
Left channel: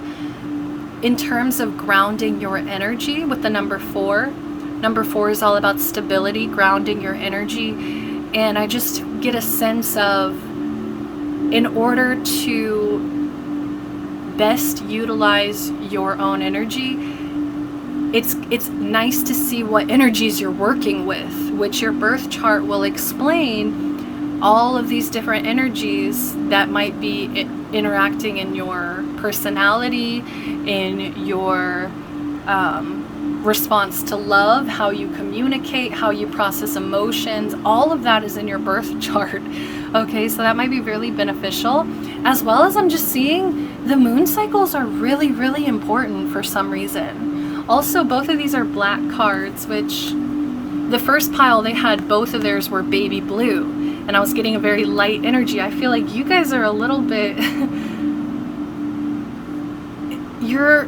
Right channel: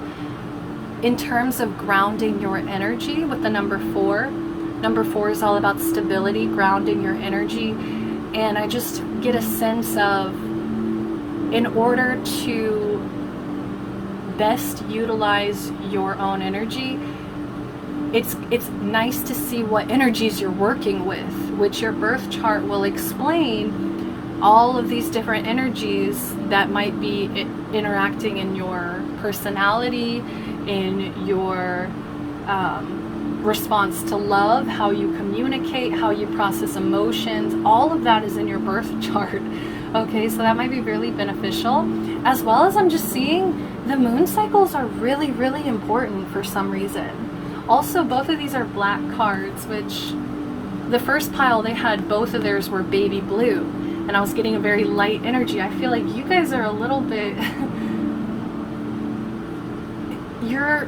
in terms of grounding your energy with the number 4. Number 4 is all about stability, grounding your energy. And I just get a sense of, in order to best utilize your own energy, it's nice to see what energies you're working with, which your birth chart will explain all of these different energies that might be interacting in your personality, in your response to love, how you communicate, how you process emotions. All of that is in your birth chart. Okay, so that might be really beneficial. As well as I'm just seeing the moon cycles are really, really important for some reason. Also, both of these are black cards, which the first pile they had, both of theirs were baby blue. And I was getting a very light energy. I feel like you guys are a little bit you're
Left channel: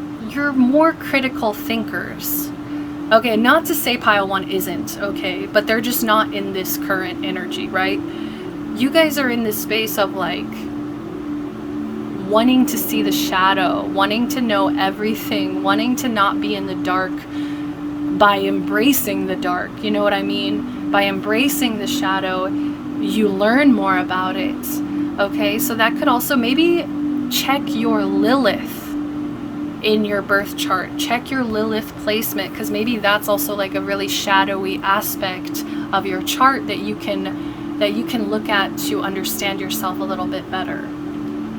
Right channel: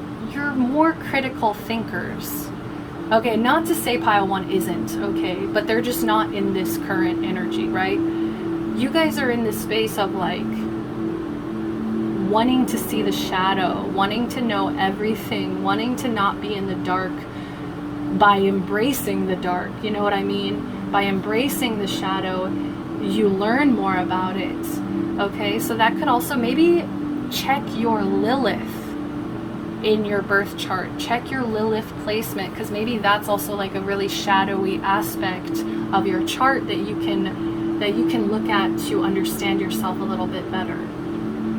more critical thinkers. Okay, not to say pile 1 isn't, okay, but they're just not in this current energy, right? You guys are in this space of like wanting to see the shadow, wanting to know everything, wanting to not be in the dark by embracing the dark. You know what I mean? By embracing the shadow, you learn more about it. Okay, so that could also maybe check your Lilith in your birth chart. Check your Lilith placement, because maybe that's also like a really shadowy aspect of your chart that you can look at to understand yourself a little bit better,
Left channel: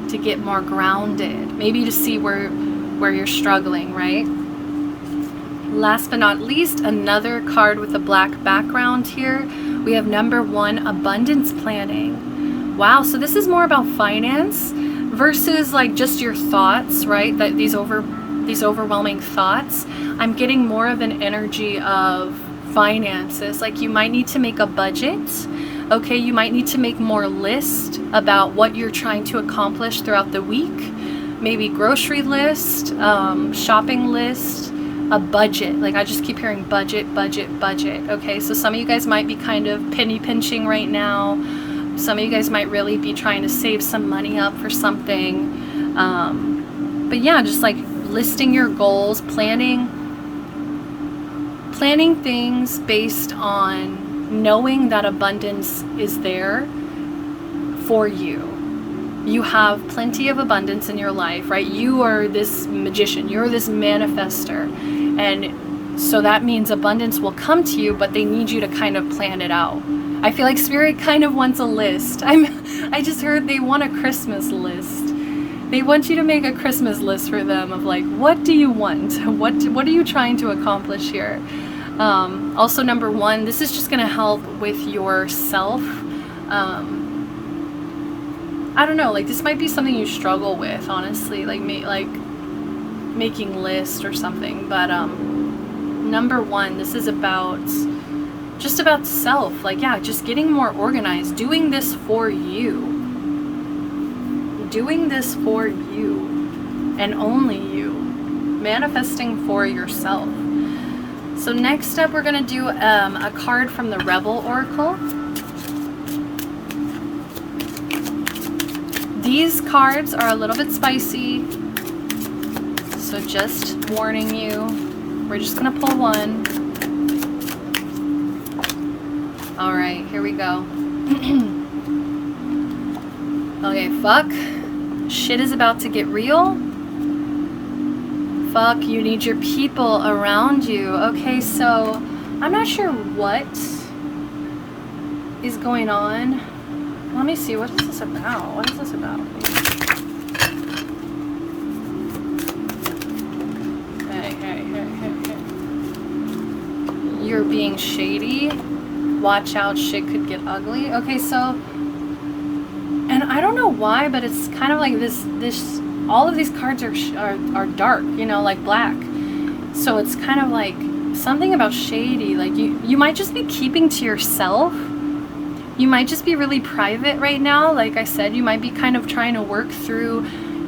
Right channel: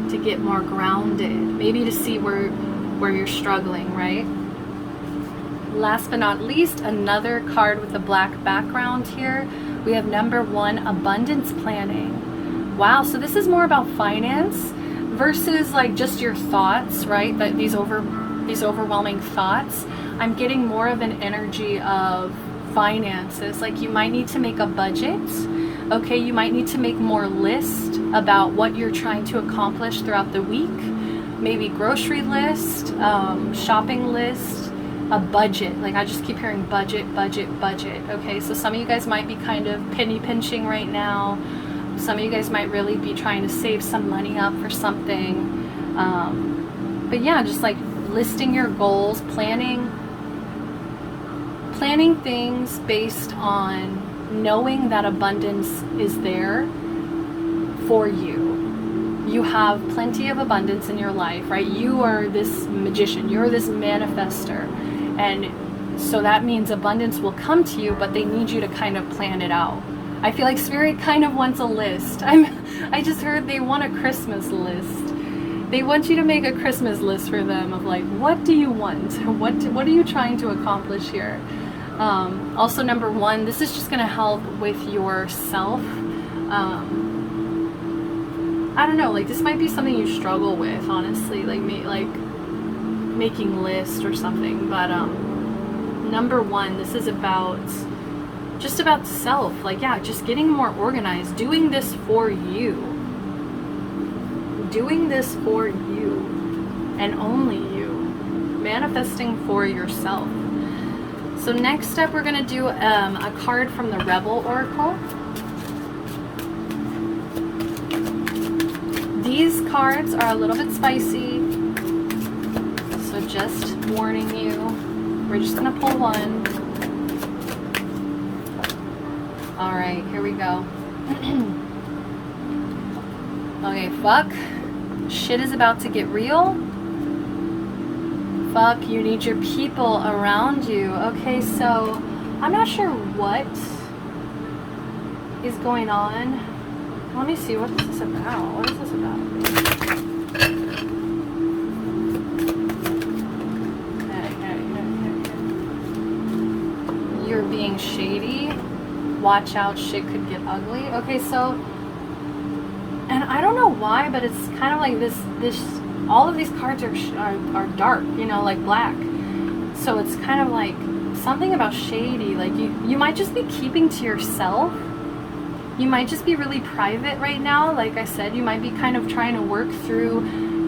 to get more grounded, maybe to see where you're struggling, right? Last but not least, another card with a black background here. We have number 1, abundance planning. Wow, so this is more about finance versus like just your thoughts, right? That these overwhelming thoughts. I'm getting more of an energy of finances. Like you might need to make a budget. Okay, you might need to make more list about what you're trying to accomplish throughout the week. Maybe grocery list, shopping list, a budget. Like I just keep hearing budget, budget, budget. Okay, so some of you guys might be kind of penny pinching right now. Some of you guys might really be trying to save some money up for something. But yeah, just like listing your goals, planning things based on knowing that abundance is there for you. You have plenty of abundance in your life, right? You are this magician, you're this manifester. And so that means abundance will come to you, but they need you to kind of plan it out. I feel like Spirit kind of wants a list. I just heard they want a Christmas list. They want you to make a Christmas list for them of like, what do you want? What are you trying to accomplish here? Also, number 1, this is just going to help with yourself. I don't know, like this might be something you struggle with, honestly, like making lists or something. But number 1, this is about just about self, like yeah, just getting more organized, doing this for you and only you, manifesting for yourself. So next up we're gonna do a card from the Rebel Oracle. These cards are a little bit spicy, so just warning you, we're just gonna pull one. All right, here we go. Okay, fuck. Shit is about to get real. Fuck, you need your people around you. Okay, so I'm not sure what is going on. Let me see, what is this about? What is this about? Okay. You're being shady. Watch out, shit could get ugly. Okay, so, and I don't know why, but it's kind of like this all of these cards are dark, you know, like black. So it's kind of like something about shady. Like you might just be keeping to yourself. You might just be really private right now. Like I said, you might be kind of trying to work through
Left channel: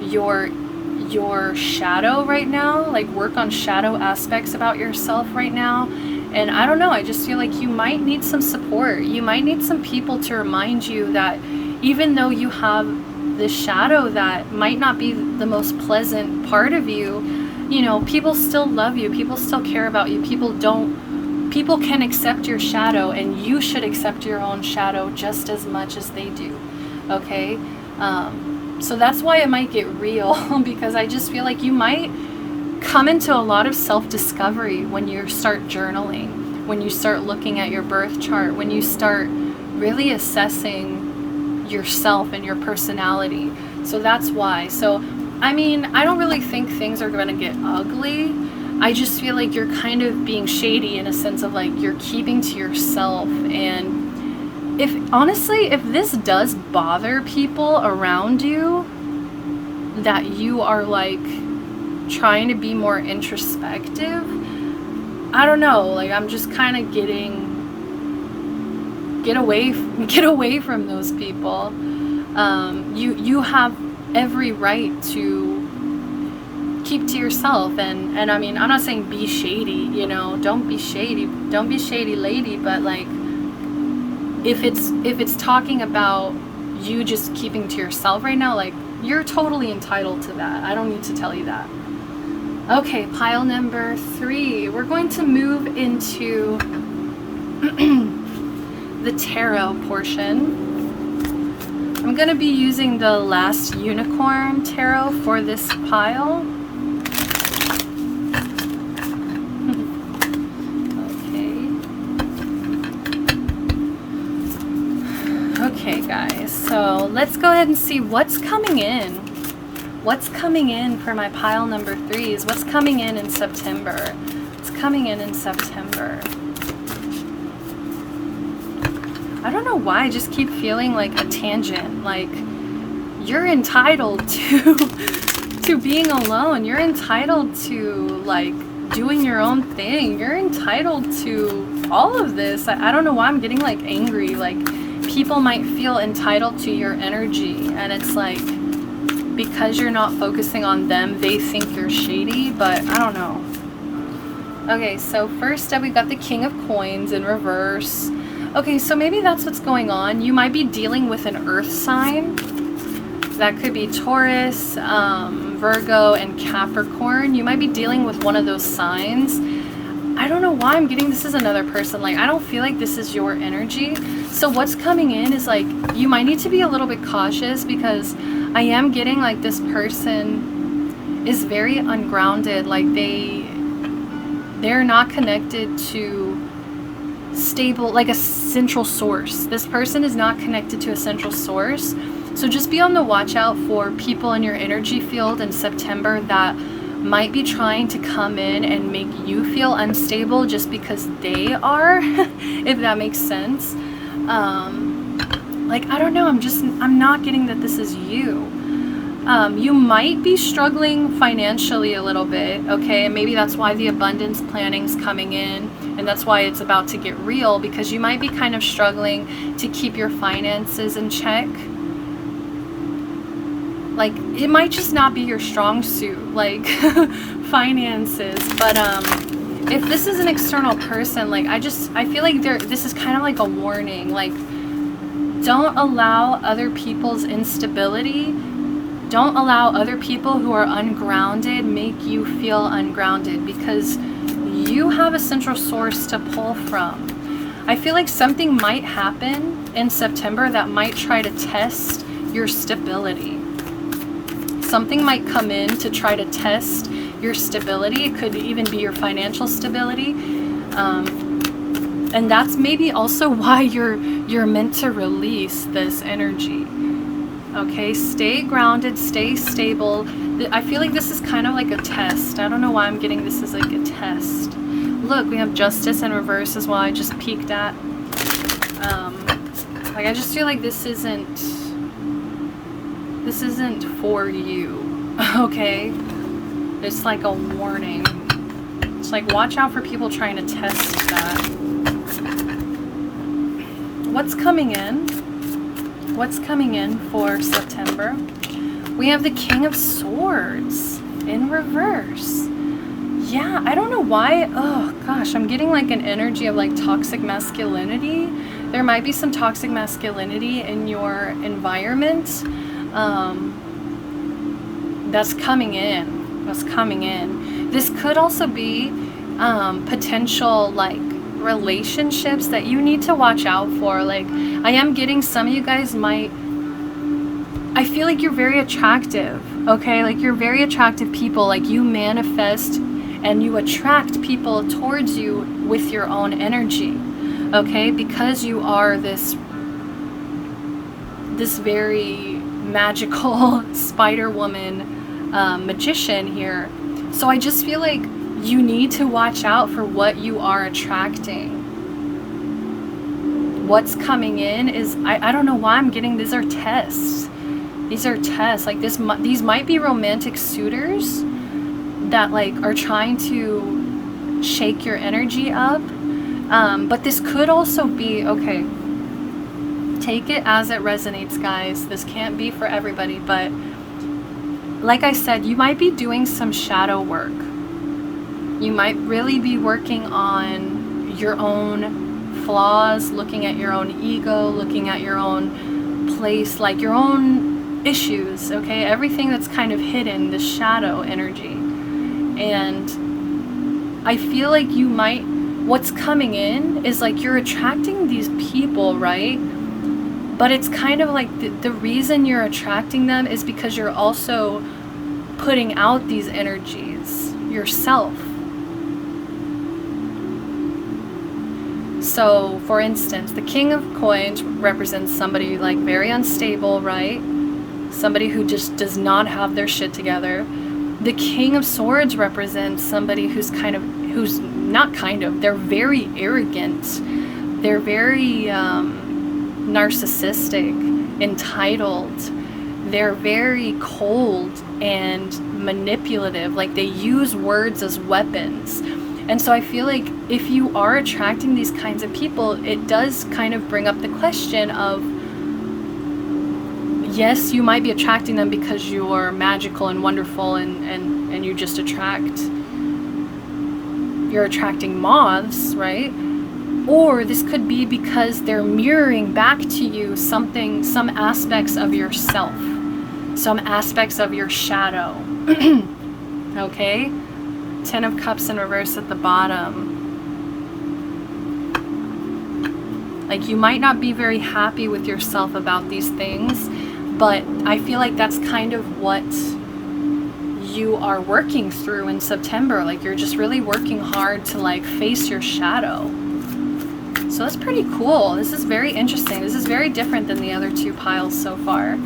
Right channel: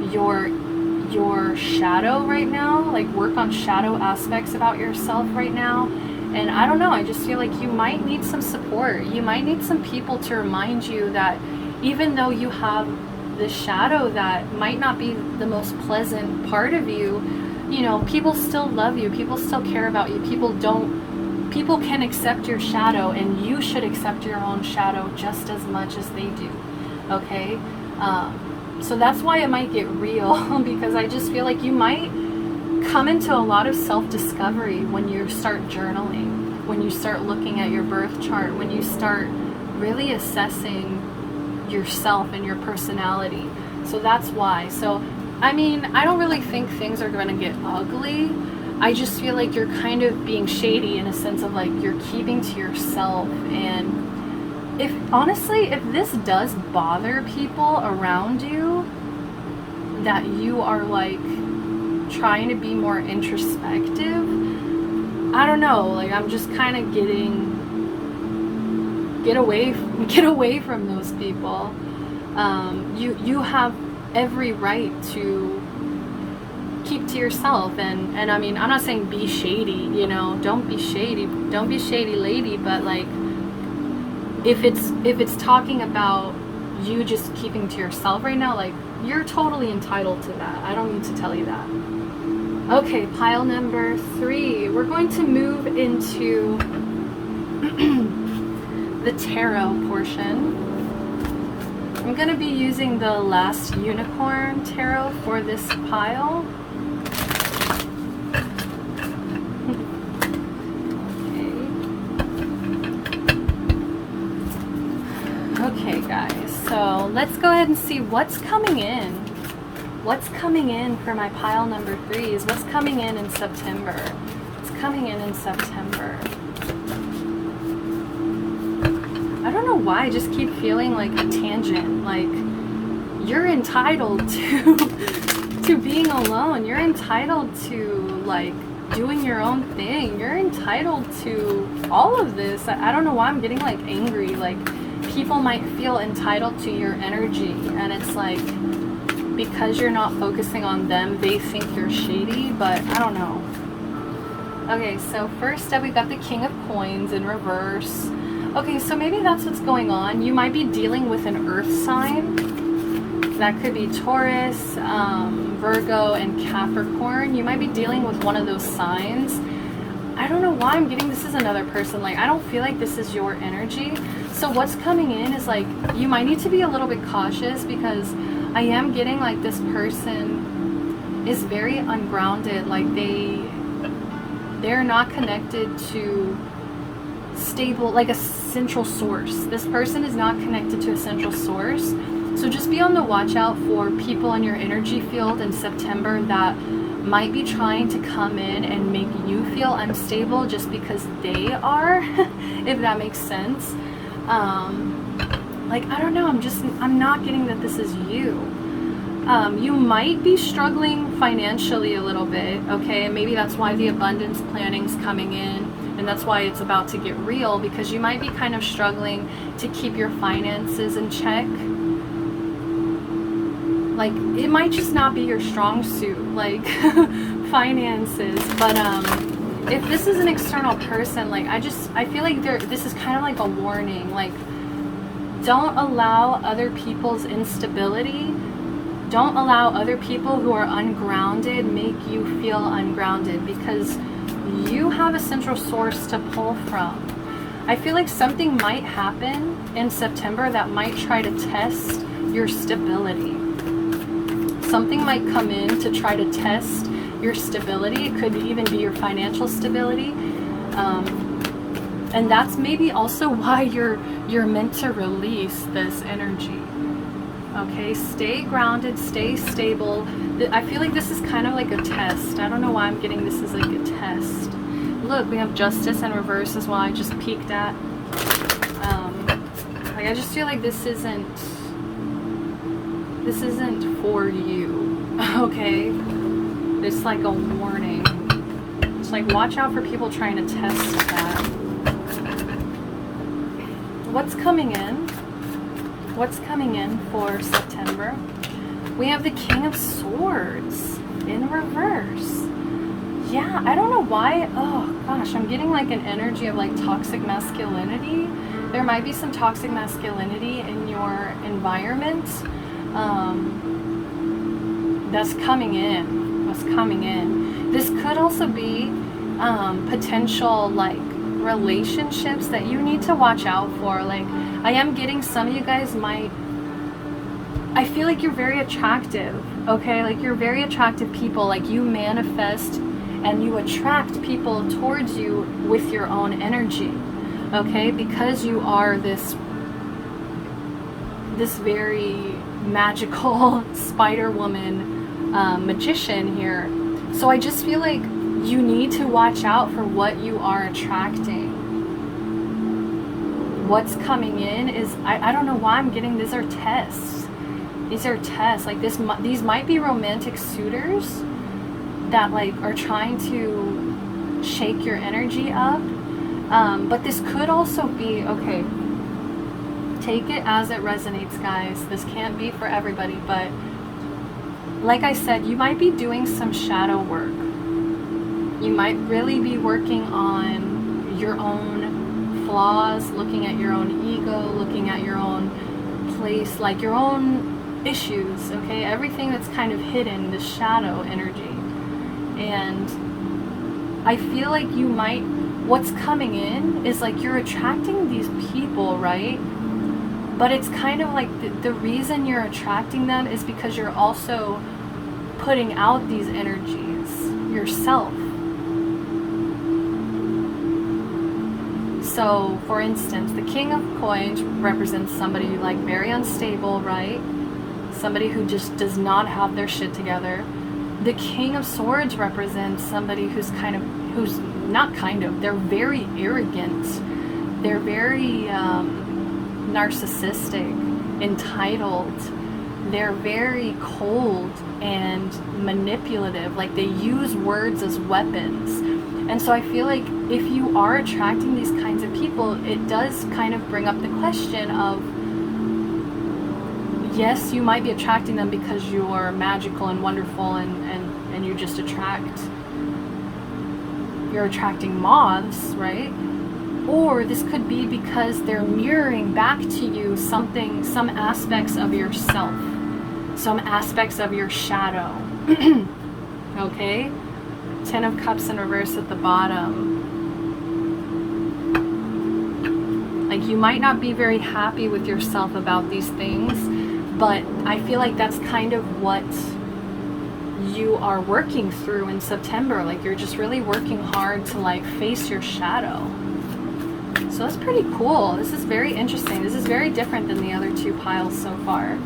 your shadow right now, like work on shadow aspects about yourself right now. And I don't know, I just feel like you might need some support. You might need some people to remind you that even though you have this shadow that might not be the most pleasant part of you, you know, people still love you, people still care about you, people can accept your shadow, and you should accept your own shadow just as much as they do, okay? So that's why it might get real, because I just feel like you might come into a lot of self-discovery when you start journaling, when you start looking at your birth chart, when you start really assessing yourself and your personality. So that's why. So, I mean, I don't really think things are going to get ugly. I just feel like you're kind of being shady in a sense of like you're keeping to yourself. And if honestly, if this does bother people around you, that you are like trying to be more introspective, I don't know, like I'm just kind of get away from those people. You have every right to keep to yourself, and I mean, I'm not saying be shady, you know, don't be shady lady, but like if it's talking about you just keeping to yourself right now, like you're totally entitled to that. I don't need to tell you that. Okay, pile number 3. We're going to move into the tarot portion. I'm going to be using the last unicorn tarot for this pile. Okay, guys, so let's go ahead and see what's coming in. What's coming in for my pile number 3s? What's coming in September? What's coming in September? I don't know why I just keep feeling like a tangent. Like, you're entitled to being alone. You're entitled to, like, doing your own thing. You're entitled to all of this. I don't know why I'm getting, like, angry. Like, people might feel entitled to your energy, and it's like, because you're not focusing on them, they think you're shady, but I don't know. Okay, so first up we got the King of Coins in reverse. Okay, so maybe that's what's going on. You might be dealing with an earth sign. That could be Taurus, Virgo, and Capricorn. You might be dealing with one of those signs. I don't know why I'm getting this is another person. Like, I don't feel like this is your energy. So what's coming in is like, you might need to be a little bit cautious, because I am getting like this person is very ungrounded. Like they're not connected to stable, like a central source. This person is not connected to a central source. So just be on the watch out for people in your energy field in September that might be trying to come in and make you feel unstable just because they are, if that makes sense. Like, I don't know, I'm not getting that this is you. You might be struggling financially a little bit, okay? And maybe that's why the abundance planning's coming in, and that's why it's about to get real, because you might be kind of struggling to keep your finances in check. Like, it might just not be your strong suit, like, finances. But, if this is an external person, like, I feel like this is kind of like a warning. Like, don't allow other people's instability, don't allow other people who are ungrounded make you feel ungrounded, because you have a central source to pull from. I feel like something might happen in September that might try to test your stability. Something might come in to try to test your stability. It could even be your financial stability. And that's maybe also why you're meant to release this energy. Okay, stay grounded, stay stable. I feel like this is kind of like a test. I don't know why I'm getting this as like a test. Look, we have Justice in reverse as well. I just peeked at. Like, I just feel like this isn't for you. Okay, it's like a warning. It's like, watch out for people trying to test that. What's coming in? What's coming in for September? We have the King of Swords in reverse. yeah, I don't know why. Oh gosh, I'm getting like an energy of like toxic masculinity. There might be some toxic masculinity in your environment. That's coming in. That's coming in. This could also be potential like relationships that you need to watch out for. Like, I am getting some of you guys might, I feel like you're very attractive, okay? Like, you're very attractive people. Like, you manifest and you attract people towards you with your own energy, okay? Because you are this very magical Spider Woman magician here. So I just feel like you need to watch out for what you are attracting. What's coming in is, I don't know why I'm getting, these are tests. These are tests. Like, these might be romantic suitors that like are trying to shake your energy up. But this could also be, okay, take it as it resonates, guys. This can't be for everybody, but like I said, you might be doing some shadow work. You might really be working on your own flaws, looking at your own ego, looking at your own place, like your own issues, okay? Everything that's kind of hidden, the shadow energy. And I feel like you might, what's coming in is like you're attracting these people, right? But it's kind of like the reason you're attracting them is because you're also putting out these energies yourself. So, for instance, the King of Coins represents somebody like very unstable, right? Somebody who just does not have their shit together. The King of Swords represents somebody who's they're very arrogant. They're very narcissistic, entitled. They're very cold and manipulative. Like, they use words as weapons. And so I feel like if you are attracting these kinds of people, it does kind of bring up the question of, yes, you might be attracting them because you're magical and wonderful and you just you're attracting moths, right? Or this could be because they're mirroring back to you some aspects of yourself, some aspects of your shadow. Okay? 10 of Cups in reverse at the bottom. Like, you might not be very happy with yourself about these things, but I feel like that's kind of what you are working through in September. Like, you're just really working hard to like face your shadow. So that's pretty cool. This is very interesting. This is very different than the other two piles so far.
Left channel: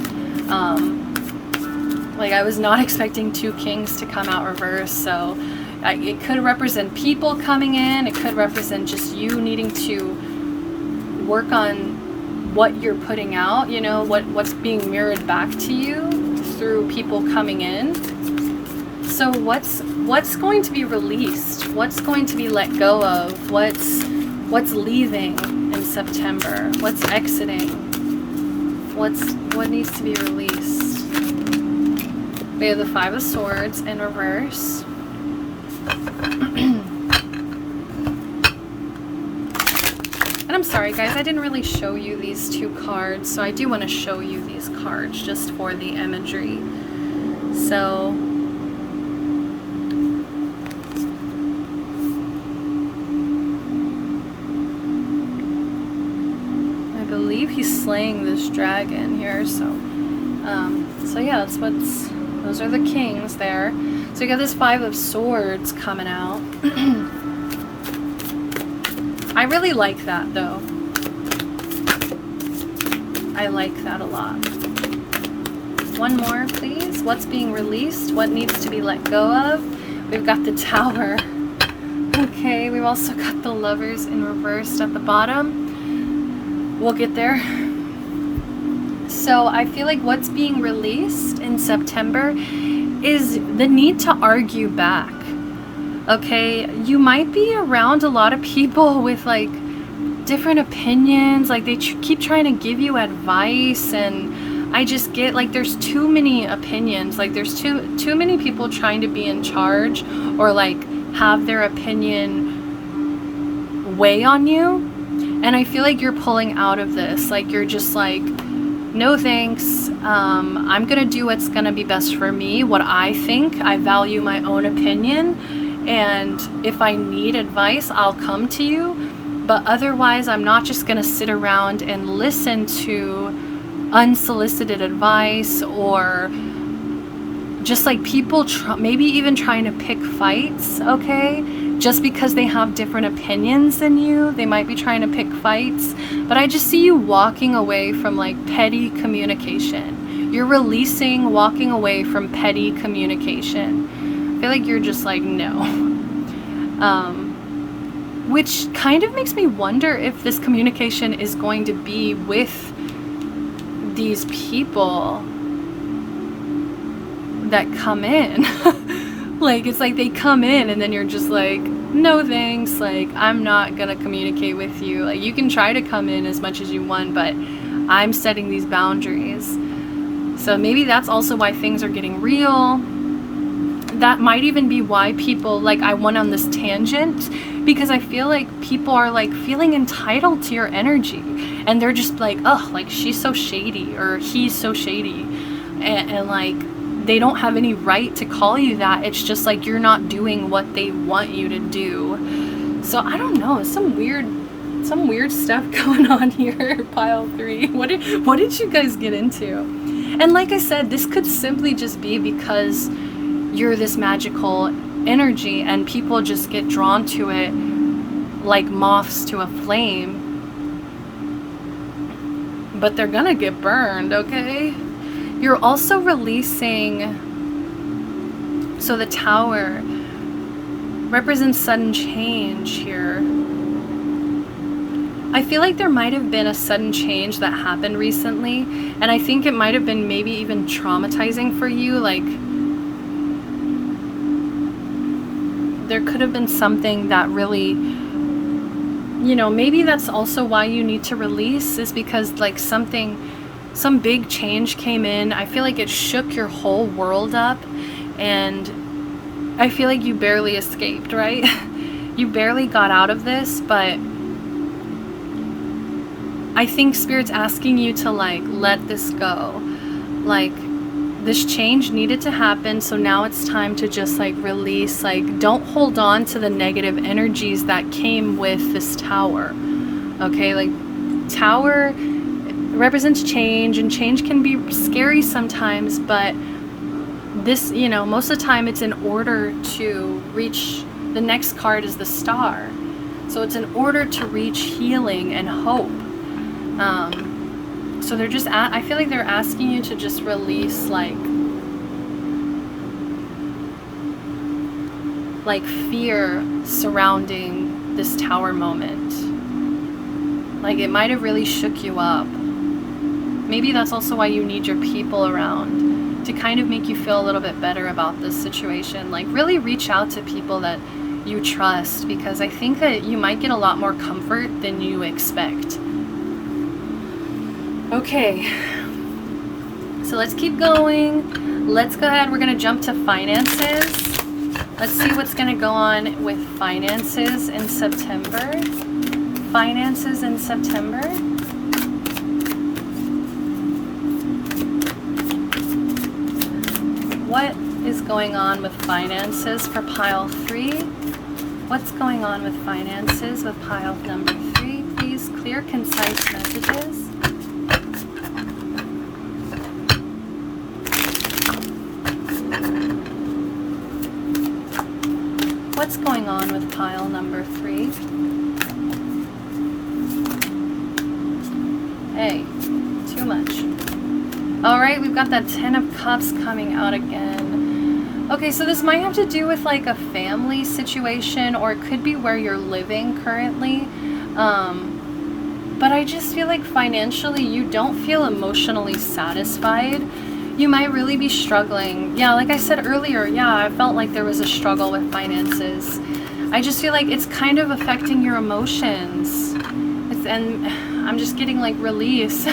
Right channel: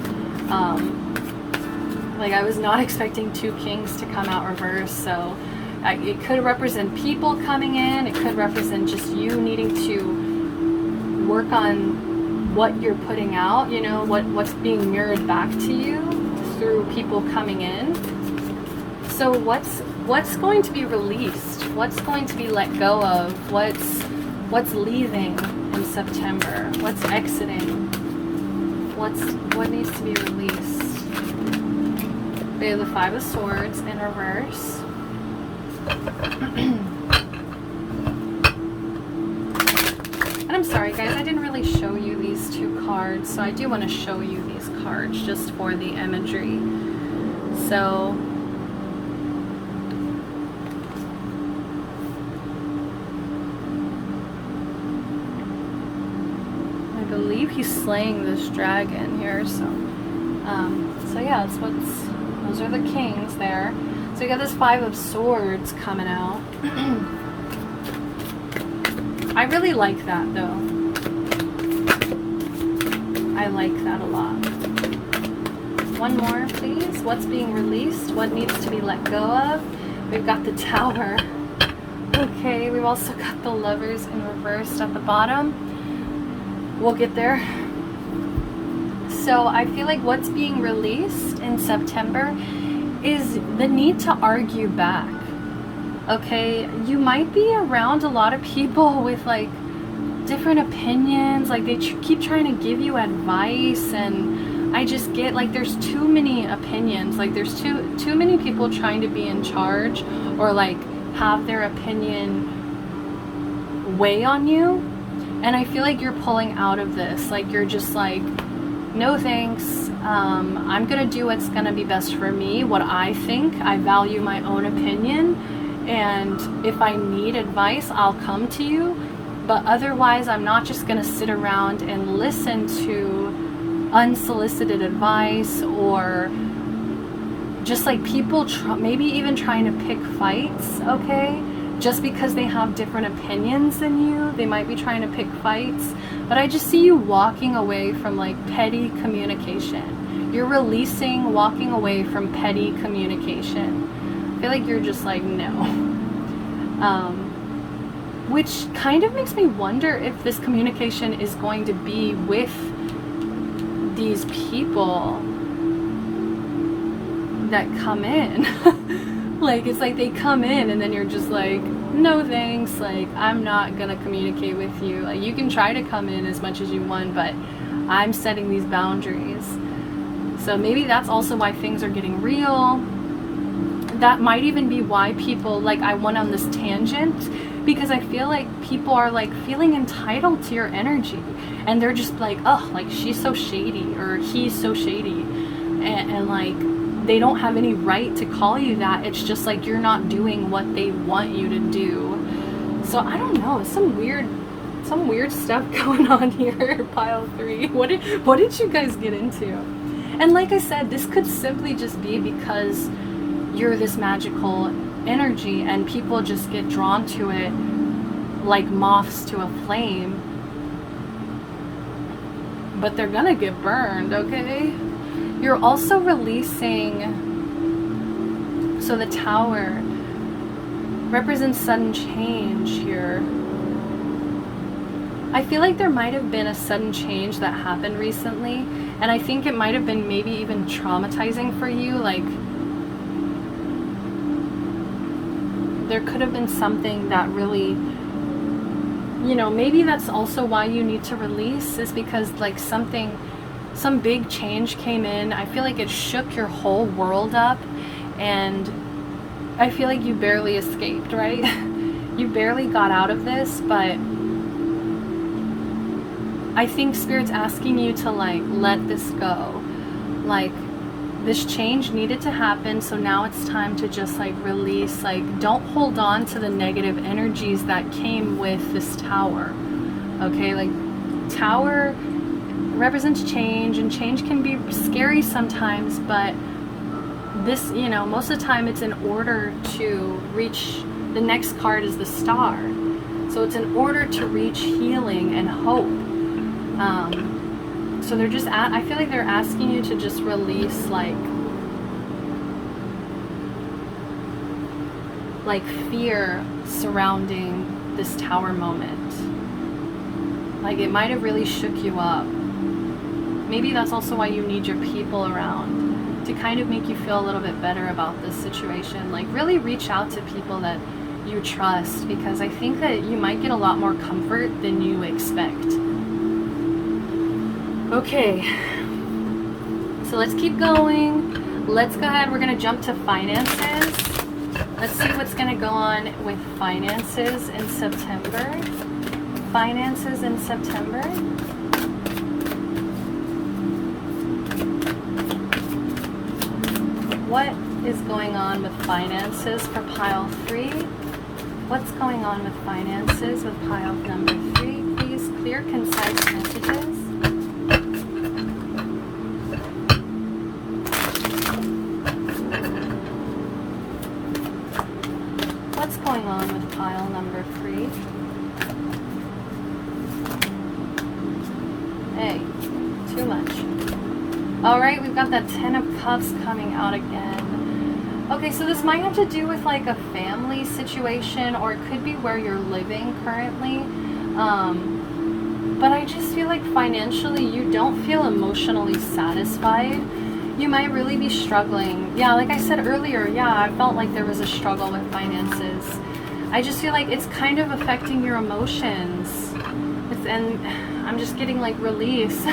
Like, I was not expecting 2 kings to come out reverse, so it could represent people coming in. It could represent just you needing to work on what you're putting out, you know, what's being mirrored back to you through people coming in. So what's going to be released? What's going to be let go of? What's leaving in September? What's exiting? What needs to be released? We have the 5 of Swords in reverse. And I'm sorry guys, I didn't really show you these 2 cards, so I do want to show you these cards just for the imagery. So I believe he's slaying this dragon here, so yeah, those are the kings there. So you got this 5 of Swords coming out. I really like that though. I like that a lot. One more, please. What's being released? What needs to be let go of? We've got the Tower. Okay, we've also got the Lovers in reverse at the bottom. We'll get there. So I feel like what's being released in September is the need to argue back. Okay, you might be around a lot of people with like different opinions, like they keep trying to give you advice, and I just get like there's too many opinions, like there's too many people trying to be in charge or like have their opinion weigh on you. And I feel like you're pulling out of this. Like, you're just like, no thanks. I'm gonna do what's gonna be best for me, what I think. I value my own opinion. And if I need advice, I'll come to you. But otherwise, I'm not just gonna sit around and listen to unsolicited advice, or just like people maybe even trying to pick fights, okay? Just because they have different opinions than you, they might be trying to pick fights. But I just see you walking away from like petty communication. You're releasing, walking away from petty communication. I feel like you're just like, no. Which kind of makes me wonder if this communication is going to be with these people that come in. Like, it's like they come in and then you're just like, no thanks, like, I'm not gonna communicate with you. Like, you can try to come in as much as you want, but I'm setting these boundaries. So maybe that's also why things are getting real. That might even be why people, like, I went on this tangent, because I feel like people are like feeling entitled to your energy, and they're just like, oh, like, she's so shady, or he's so shady, and like, they don't have any right to call you that. It's just like you're not doing what they want you to do. So I don't know, some weird stuff going on here, pile 3. What did you guys get into? And like I said, this could simply just be because you're this magical energy and people just get drawn to it like moths to a flame. But they're gonna get burned, okay? You're also releasing, so the Tower represents sudden change here. I feel like there might have been a sudden change that happened recently, and I think it might have been maybe even traumatizing for you. Like, there could have been something that really, you know, maybe that's also why you need to release, is because like some big change came in. I feel like it shook your whole world up, and I feel like you barely escaped, right? You barely got out of this, but I think Spirit's asking you to like let this go. Like, this change needed to happen, so now it's time to just like release. Like, don't hold on to the negative energies that came with this Tower. Okay, like, Tower represents change, and change can be scary sometimes, but this, you know, most of the time it's in order to reach, the next card is the Star, so it's in order to reach healing and hope. So they're just I feel like they're asking you to just release like fear surrounding this Tower moment. Like, it might have really shook you up. Maybe that's also why you need your people around, to kind of make you feel a little bit better about this situation. Like, really reach out to people that you trust, because I think that you might get a lot more comfort than you expect. Okay, so let's keep going. Let's go ahead, we're gonna jump to finances. Let's see what's gonna go on with finances in September. Finances in September. What is going on with finances for pile 3? What's going on with finances with pile number 3? Please, clear, concise messages. What's going on with pile number 3? Hey, too much. Alright, we've got that 10 of Cups coming out again. Okay, so this might have to do with like a family situation, or it could be where you're living currently. But I just feel like financially you don't feel emotionally satisfied. You might really be struggling. Yeah, like I said earlier, yeah, I felt like there was a struggle with finances. I just feel like it's kind of affecting your emotions. And I'm just getting like release.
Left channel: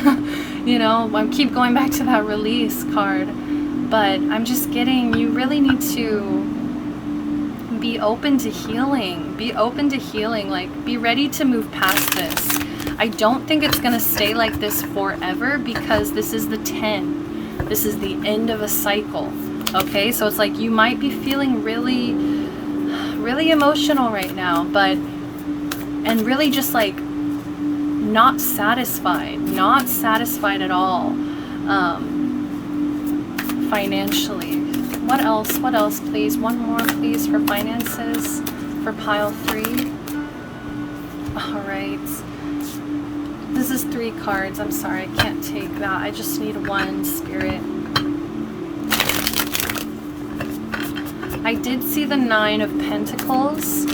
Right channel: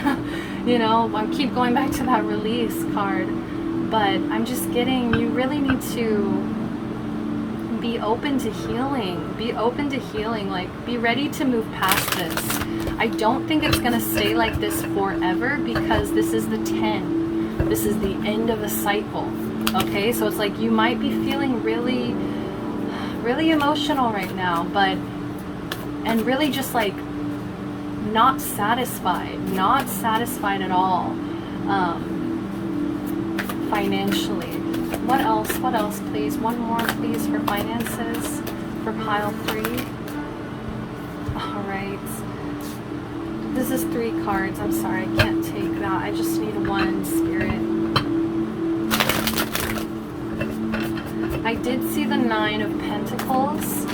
You know, I keep going back to that release card. But I'm just getting, you really need to be open to healing. Be open to healing. Like, be ready to move past this. I don't think it's going to stay like this forever, because this is the 10. This is the end of a cycle. Okay, so it's like you might be feeling really, really emotional right now, and really just like not satisfied at all, financially. What else, please? One more, please, for finances, for pile 3. All right. This is 3 cards. I'm sorry, I can't take that. I just need 1, Spirit. I did see the 9 of Pentacles,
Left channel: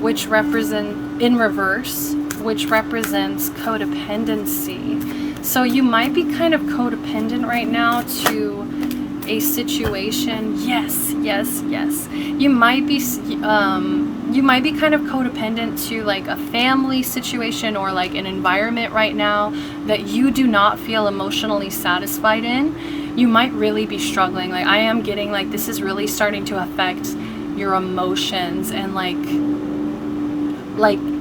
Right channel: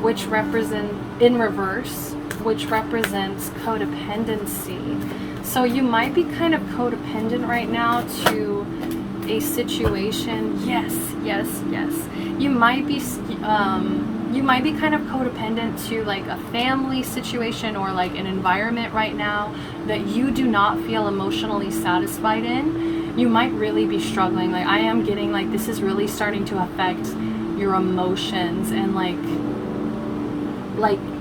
which represent, in reverse, which represents codependency. So you might be kind of codependent right now to a situation. Yes. You might be kind of codependent to like a family situation or like an environment right now that you do not feel emotionally satisfied in. You might really be struggling. Like, I am getting like this is really starting to affect your emotions, and like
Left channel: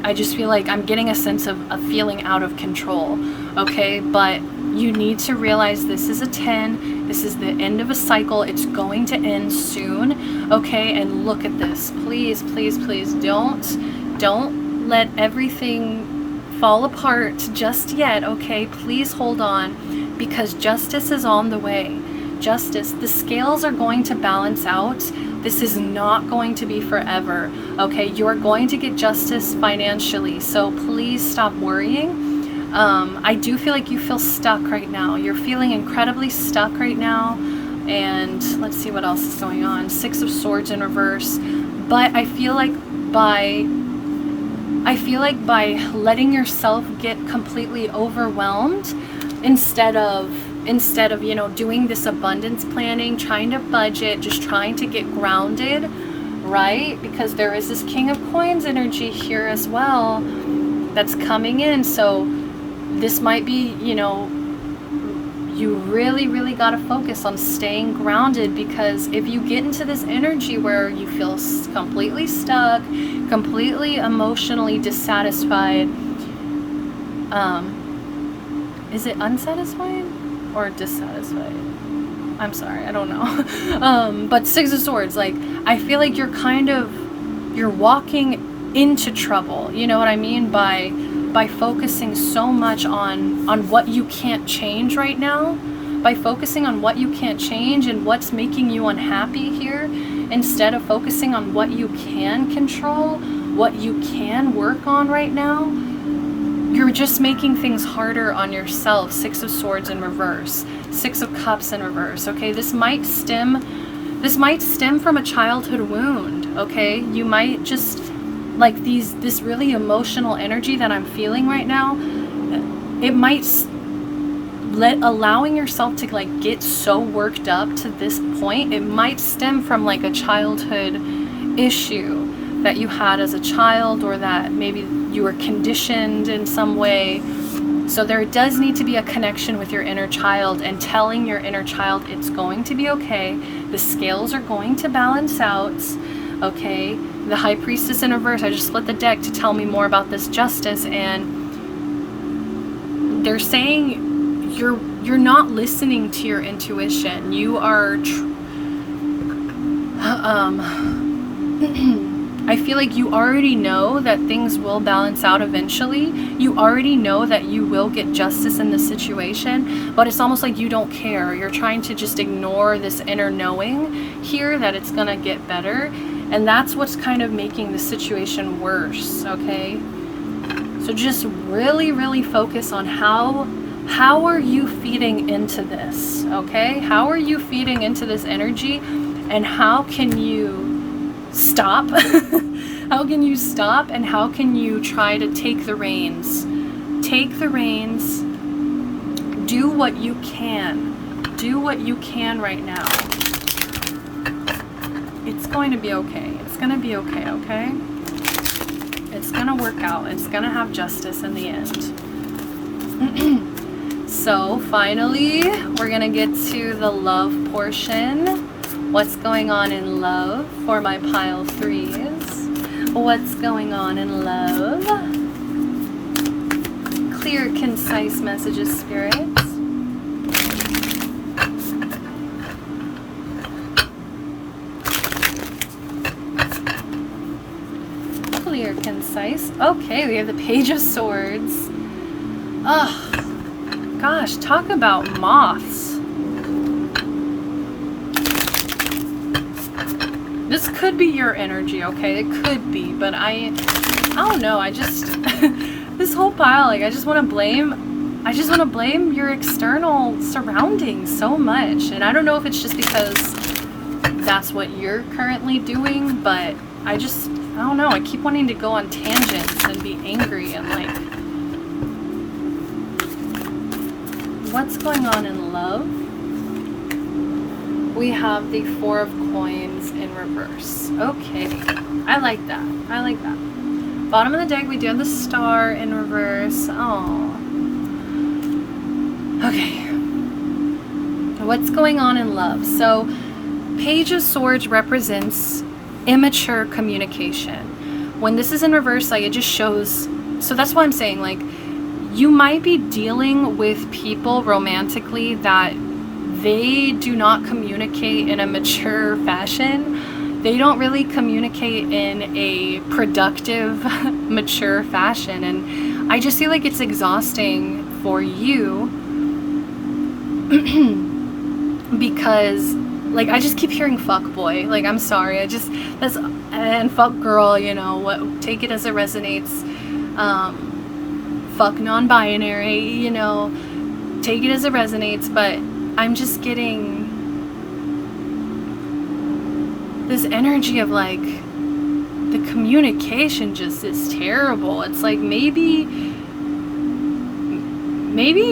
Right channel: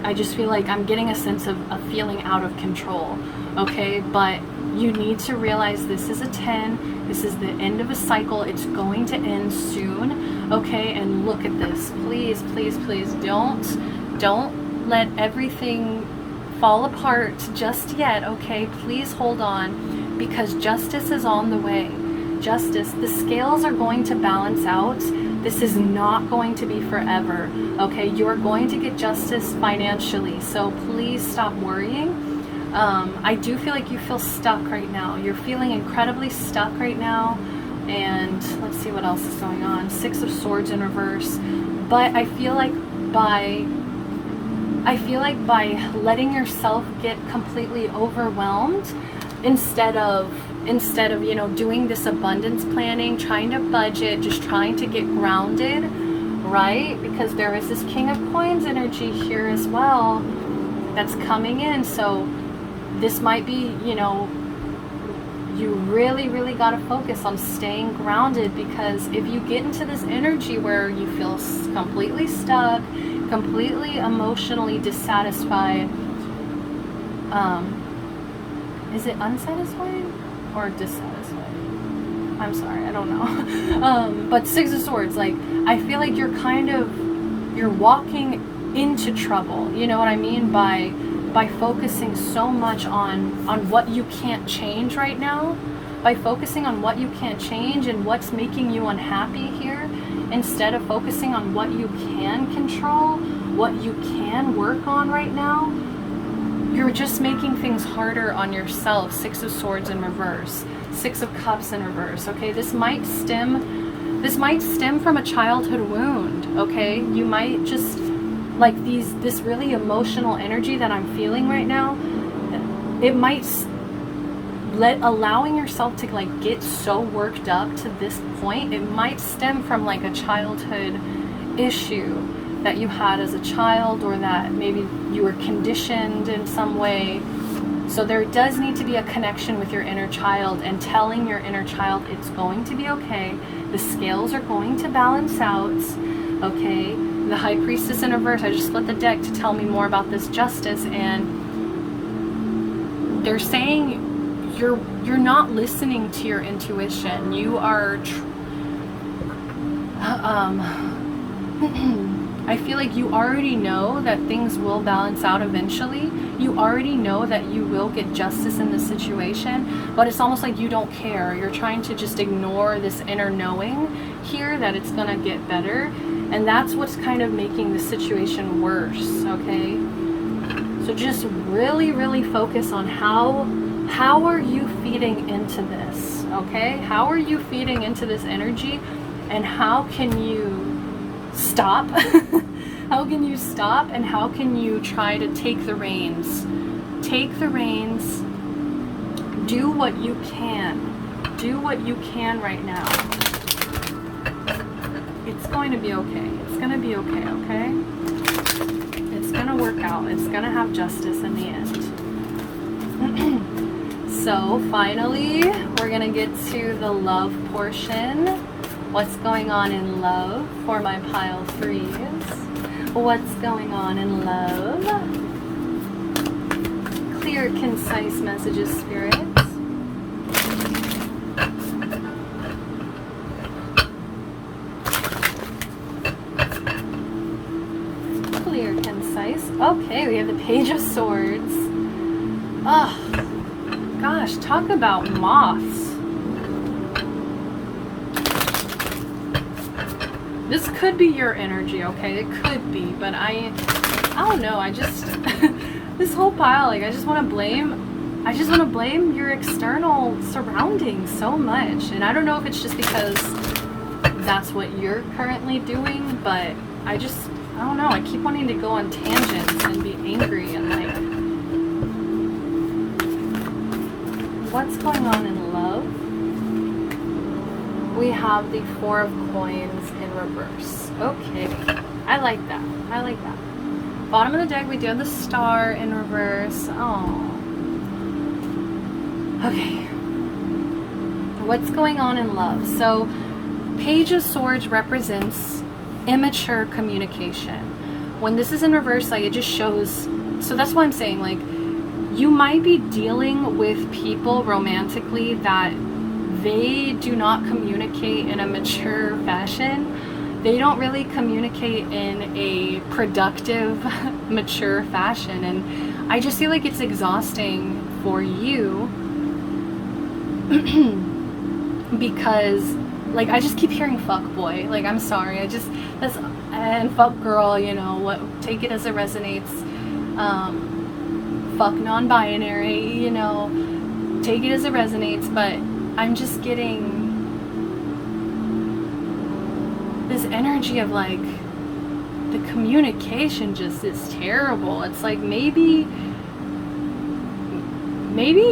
I just feel like I'm getting a sense of feeling out of control. Okay, but you need to realize this is a 10. This is the end of a cycle. It's going to end soon. Okay, and look at this. Please, please, please don't let everything fall apart just yet. Okay, please hold on, because justice is on the way. Justice, the scales are going to balance out. This is not going to be forever. Okay, you're going to get justice financially, so please stop worrying. I do feel like you feel stuck right now. You're feeling incredibly stuck right now. And let's see what else is going on. 6 of Swords in reverse. But I feel like by letting yourself get completely overwhelmed, instead of you know, doing this abundance planning, trying to budget, just trying to get grounded, right? Because there is this King of Coins energy here as well that's coming in. So this might be, you know, you really got to focus on staying grounded, because if you get into this energy where you feel completely stuck, completely emotionally dissatisfied, is it unsatisfied or dissatisfied? I'm sorry, I don't know. But 6 of Swords, like, I feel like you're walking into trouble, you know what I mean, by focusing so much on what you can't change right now, by focusing on what you can't change and what's making you unhappy here, instead of focusing on what you can control, what you can work on right now. You're just making things harder on yourself. 6 of Swords in reverse, 6 of Cups in reverse. Okay, this might stem from a childhood wound. Okay, you might just like this really emotional energy that I'm feeling right now. It might allowing yourself to like get so worked up to this point. It might stem from like a childhood issue that you had as a child, or that maybe you were conditioned in some way. So there does need to be a connection with your inner child, and telling your inner child it's going to be okay. The scales are going to balance out. Okay, the High Priestess in reverse. I just split the deck to tell me more about this justice, and they're saying you're not listening to your intuition. You are I feel like you already know that things will balance out eventually. You already know that you will get justice in this situation, but it's almost like you don't care. You're trying to just ignore this inner knowing here that it's gonna get better, and that's what's kind of making the situation worse. Okay, so just really focus on how are you feeding into this. Okay, how are you feeding into this energy, and how can you stop? How can you stop, and how can you try to take the reins? Take the reins. Do what you can. Do what you can right now. It's going to be okay. It's going to be okay, okay? It's going to work out. It's going to have justice in the end. So finally, we're going to get to the love portion. What's going on in love for my pile 3s? What's going on in love? Clear, concise messages, spirits. Clear, concise. Okay, we have the Page of Swords. Oh, gosh, talk about moths. This could be your energy, okay? It could be, but I don't know. I just this whole pile, like, I just want to blame your external surroundings so much. And I don't know if it's just because that's what you're currently doing, but I don't know. I keep wanting to go on tangents and be angry and like, what's going on in love? We have the Four of Coins in reverse. Okay, I like that. I like that. Bottom of the deck, we do have the Star in reverse. Oh. Okay. What's going on in love? So, Page of Swords represents immature communication. When this is in reverse, like, it just shows. So that's why I'm saying, like, you might be dealing with people romantically that they do not communicate in a mature fashion. They don't really communicate in a productive, mature fashion. And I just feel like it's exhausting for you because, like, I just keep hearing fuck boy. Like, I'm sorry. And fuck girl, you know, what, take it as it resonates. Fuck non-binary, you know, take it as it resonates, but I'm just getting this energy of like the communication just is terrible. It's like maybe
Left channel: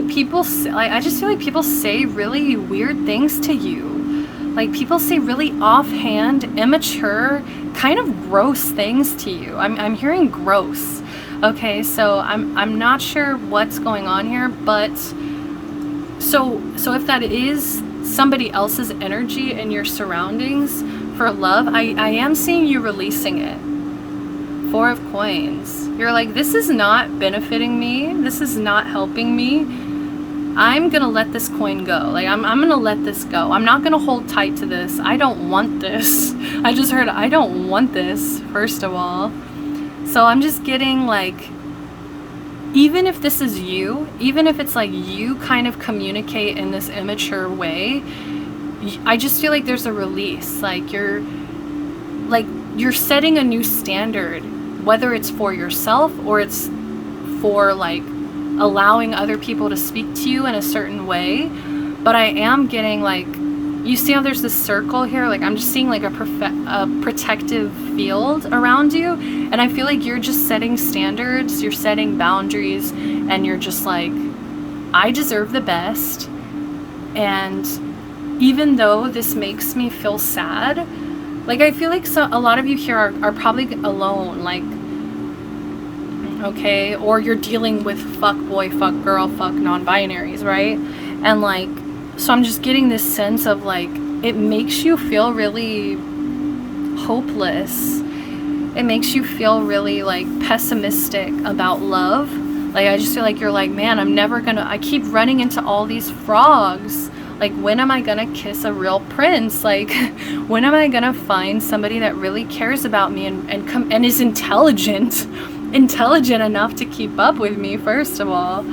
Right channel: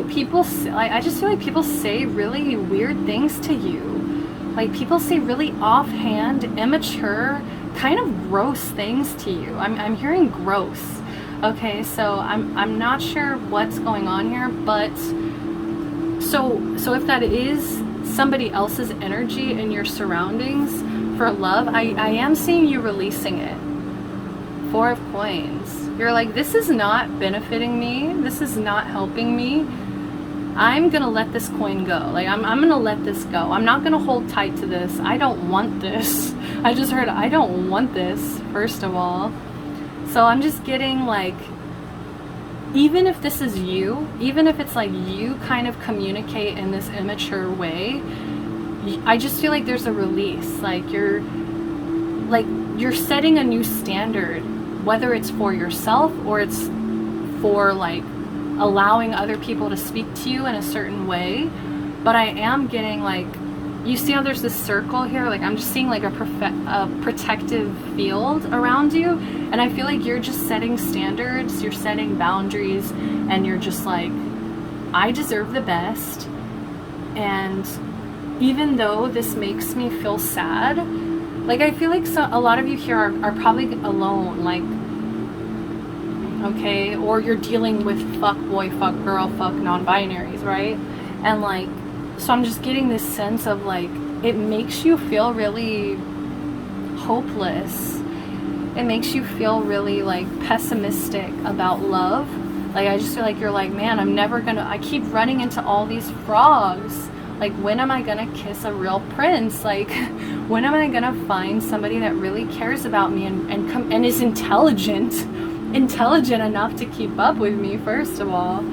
people say, like, I just feel like people say really weird things to you. Like, people say really offhand, immature, kind of gross things to you. I'm hearing gross. Okay, so I'm not sure what's going on here, but so if that is somebody else's energy in your surroundings for love, I am seeing you releasing it. Four of Coins. You're like, this is not benefiting me. This is not helping me. I'm gonna let this coin go. Like, I'm gonna let this go. I'm not gonna hold tight to this. I don't want this. I just heard, I don't want this, first of all. So I'm just getting like, even if this is you, even if it's like you kind of communicate in this immature way, I just feel like there's a release. Like you're setting a new standard, whether it's for yourself or it's for like allowing other people to speak to you in a certain way. But I am getting like, you see how there's this circle here? Like, I'm just seeing like a protective field around you. And I feel like you're just setting standards, you're setting boundaries, and you're just like, I deserve the best. And even though this makes me feel sad, like, I feel like a lot of you here are probably alone, like, okay? Or you're dealing with fuck boy, fuck girl, fuck non-binaries, right? And like, so I'm just getting this sense of like, it makes you feel really hopeless. It makes you feel really like pessimistic about love. Like, I just feel like you're like, man, I keep running into all these frogs. Like, when am I gonna kiss a real prince? Like, when am I gonna find somebody that really cares about me and is intelligent enough to keep up with me, first of all.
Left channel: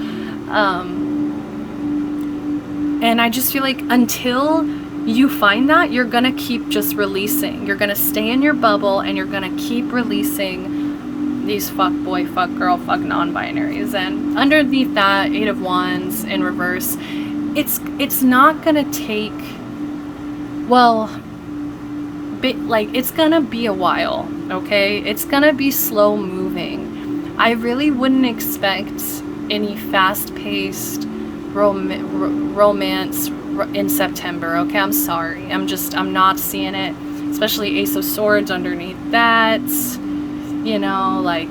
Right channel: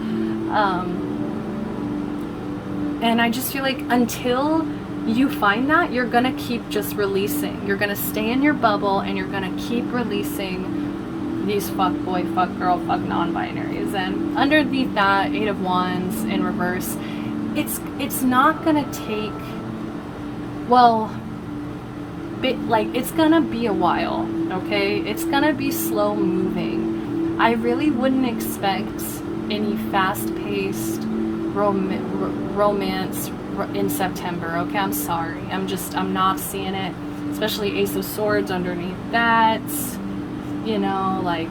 And I just feel like until you find that, you're gonna keep just releasing. You're gonna stay in your bubble and you're gonna keep releasing these fuck boy, fuck girl, fuck non-binaries. And underneath that, Eight of Wands in reverse, it's not gonna take, well, it's gonna be a while, okay? It's gonna be slow moving. I really wouldn't expect any fast-paced romance in September, okay? I'm sorry. I'm not seeing it, especially Ace of Swords underneath that, you know, like,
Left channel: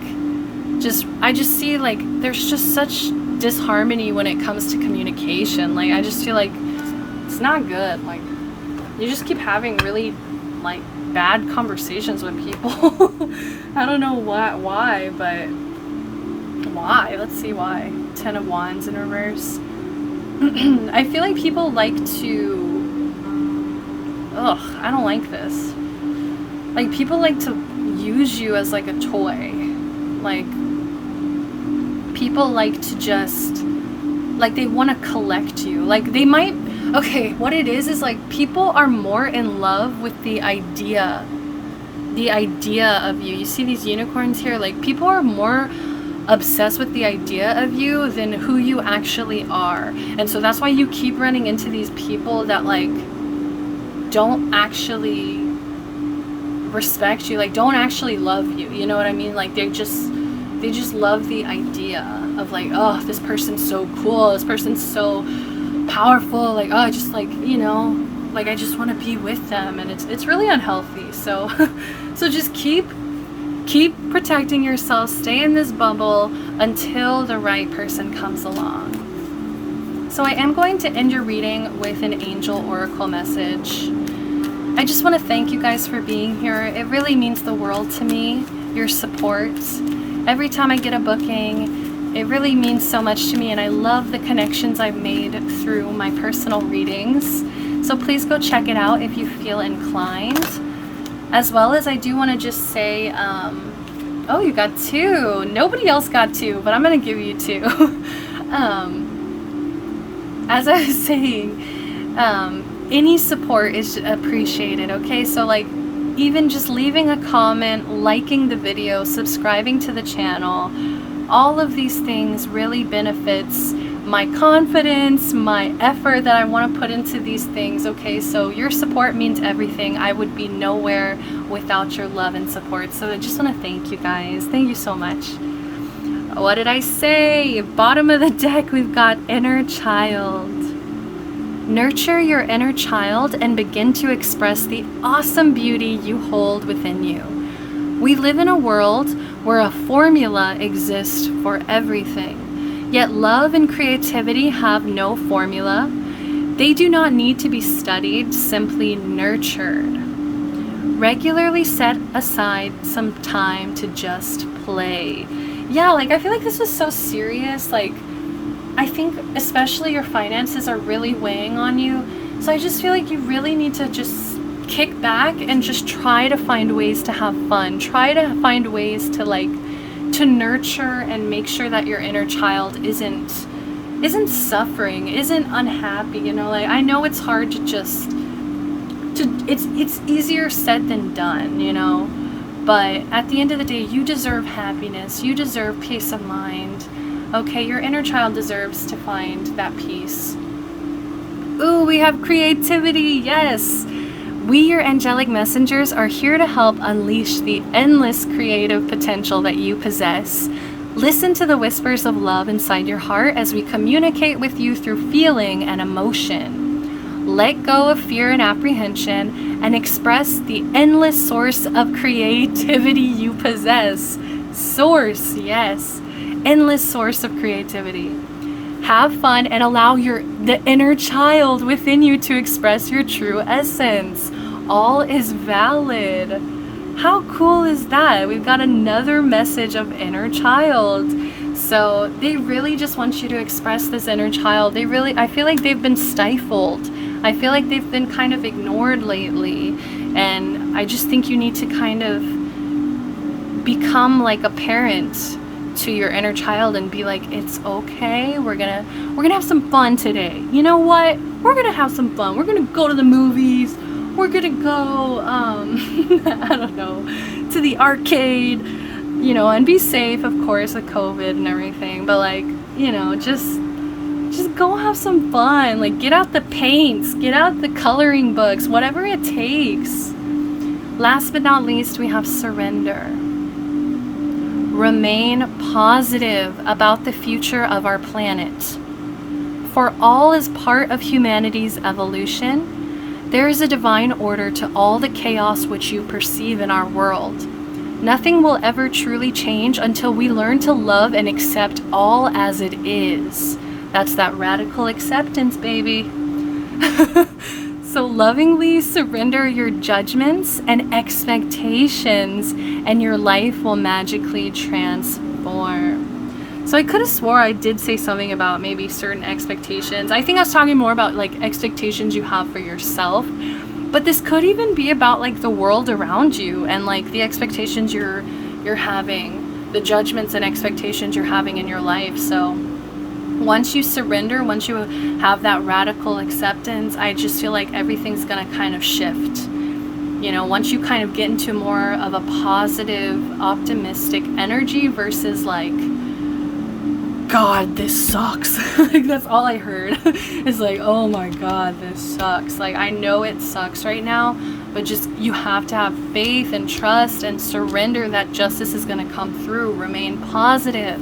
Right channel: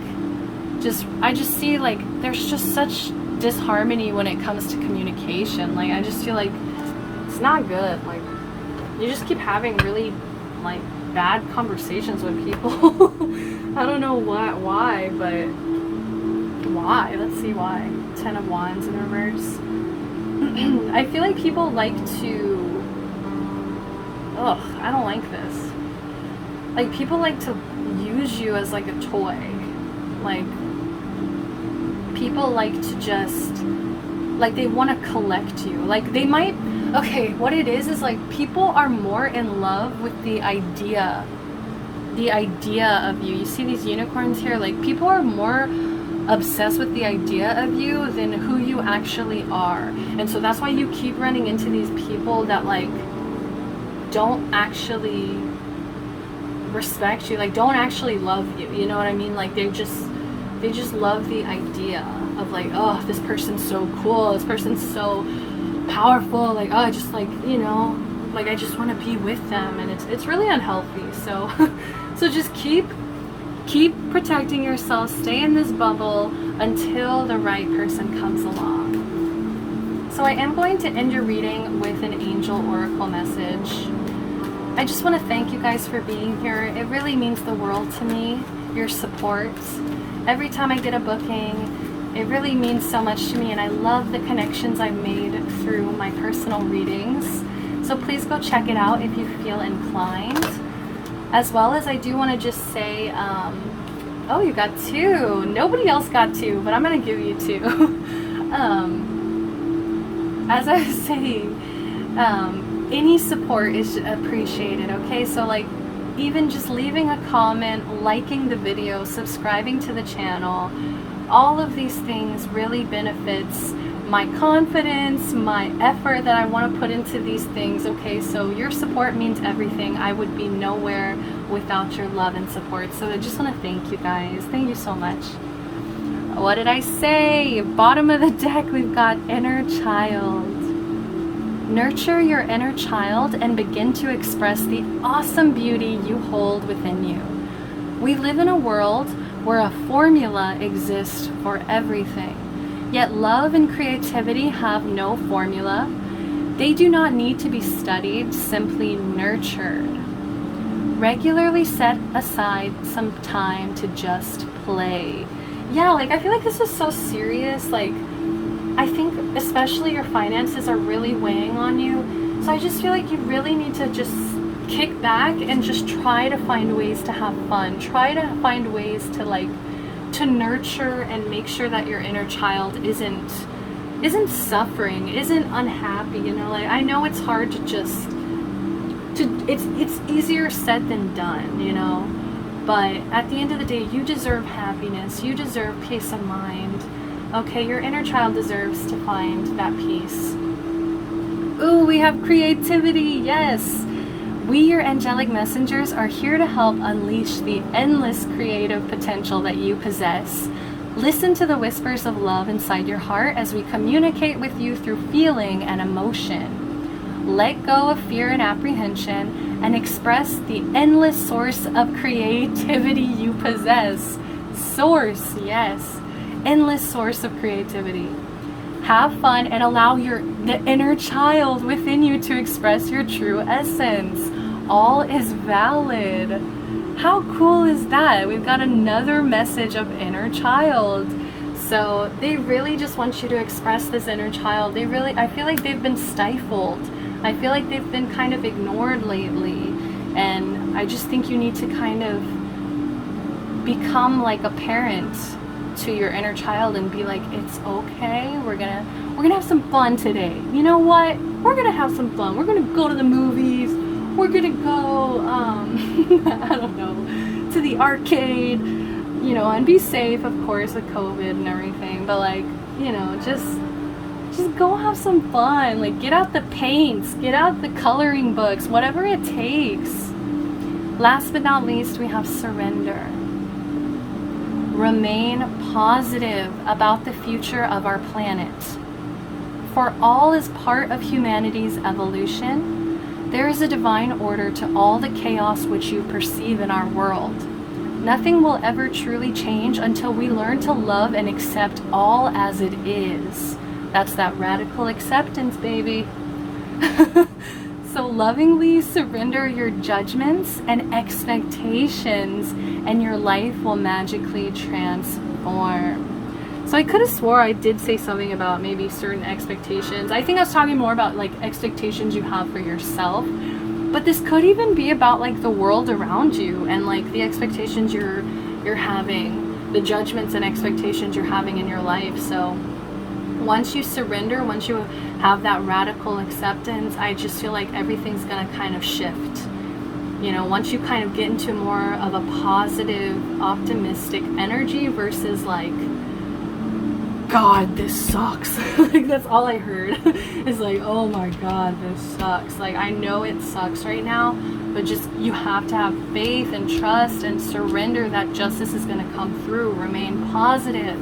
I just see, like, there's just such disharmony when it comes to communication. Like, I just feel like it's not good. Like, you just keep having really like bad conversations with people. I don't know why, but why? Let's see why. 10 of Wands in reverse. I feel like people like to, I don't like this. Like, people like to use you as like a toy. Like, people like to just, like, they want to collect you. Like, they might, okay, what it is like people are more in love with the idea of you. You see these unicorns here? Like, people are more obsessed with the idea of you than who you actually are. And so that's why you keep running into these people that like don't actually respect you, like don't actually love you, you know what I mean? Like they just love the idea of like, oh, this person's so cool, this person's so powerful, like, oh, just like, you know, like I just want to be with them, and it's really unhealthy. So so just keep protecting yourself, stay in this bubble until the right person comes along. So I am going to end your reading with an angel oracle message. I just want to thank you guys for being here. It really means the world to me, your support. Every time I get a booking, it really means so much to me, and I love the connections I've made through my personal readings. So please go check it out if you feel inclined. As well as I do want to just say, oh, you got 2. Nobody else got 2, but I'm going to give you 2. As I was saying, any support is appreciated, okay? So like, even just leaving a comment, liking the video, subscribing to the channel, all of these things really benefits my confidence, my effort that I want to put into these things, okay? So your support means everything. I would be nowhere without your love and support. So I just want to thank you guys. Thank you so much. What did I say? Bottom of the deck, we've got inner child. Nurture your inner child and begin to express the awesome beauty you hold within you. We live in a world where a formula exists for everything. Yet love and creativity have no formula. They do not need to be studied, simply nurtured. Regularly set aside some time to just play. Yeah, like I feel like this is so serious. Like, I think especially your finances are really weighing on you. So I just feel like you really need to just kick back and just try to find ways to have fun. Try to find ways to like, to nurture and make sure that your inner child isn't suffering, isn't unhappy, you know? Like, I know it's hard to just it's easier said than done, you know, but at the end of the day, you deserve happiness, you deserve peace of mind, okay? Your inner child deserves to find that peace. Ooh, we have creativity, yes. We, your angelic messengers, are here to help unleash the endless creative potential that you possess. Listen to the whispers of love inside your heart as we communicate with you through feeling and emotion. Let go of fear and apprehension and express the endless source of creativity you possess. Source, yes. Endless source of creativity. Have fun and allow the inner child within you to express your true essence. All is valid. How cool is that? We've got another message of inner child. So they really just want you to express this inner child. I feel like they've been stifled. I feel like they've been kind of ignored lately. And I just think you need to kind of become like a parent to your inner child and be like, it's okay, we're gonna have some fun today. You know what? We're gonna have some fun. We're gonna go to the movies. We're gonna go I don't know, to the arcade, you know, and be safe, of course, with COVID and everything, but like, you know, just go have some fun. Like, get out the paints, get out the coloring books, whatever it takes. Last but not least, we have surrender. Remain positive about the future of our planet. For all is part of humanity's evolution. There is a divine order to all the chaos which you perceive in our world. Nothing will ever truly change until we learn to love and accept all as it is. That's that radical acceptance, baby. So lovingly surrender your judgments and expectations, and your life will magically transform. So I could have swore I did say something about maybe certain expectations. I think I was talking more about like expectations you have for yourself. But this could even be about like the world around you and like the expectations you're having, the judgments and expectations you're having in your life. So once you surrender, once you have that radical acceptance, I just feel like everything's gonna kind of shift. You know, once you kind of get into more of a positive, optimistic energy versus like, God, this sucks. Like, that's all I heard. It's like, oh my God, this sucks. Like, I know it sucks right now, but just, you have to have faith and trust and surrender that justice is going to come through. Remain positive.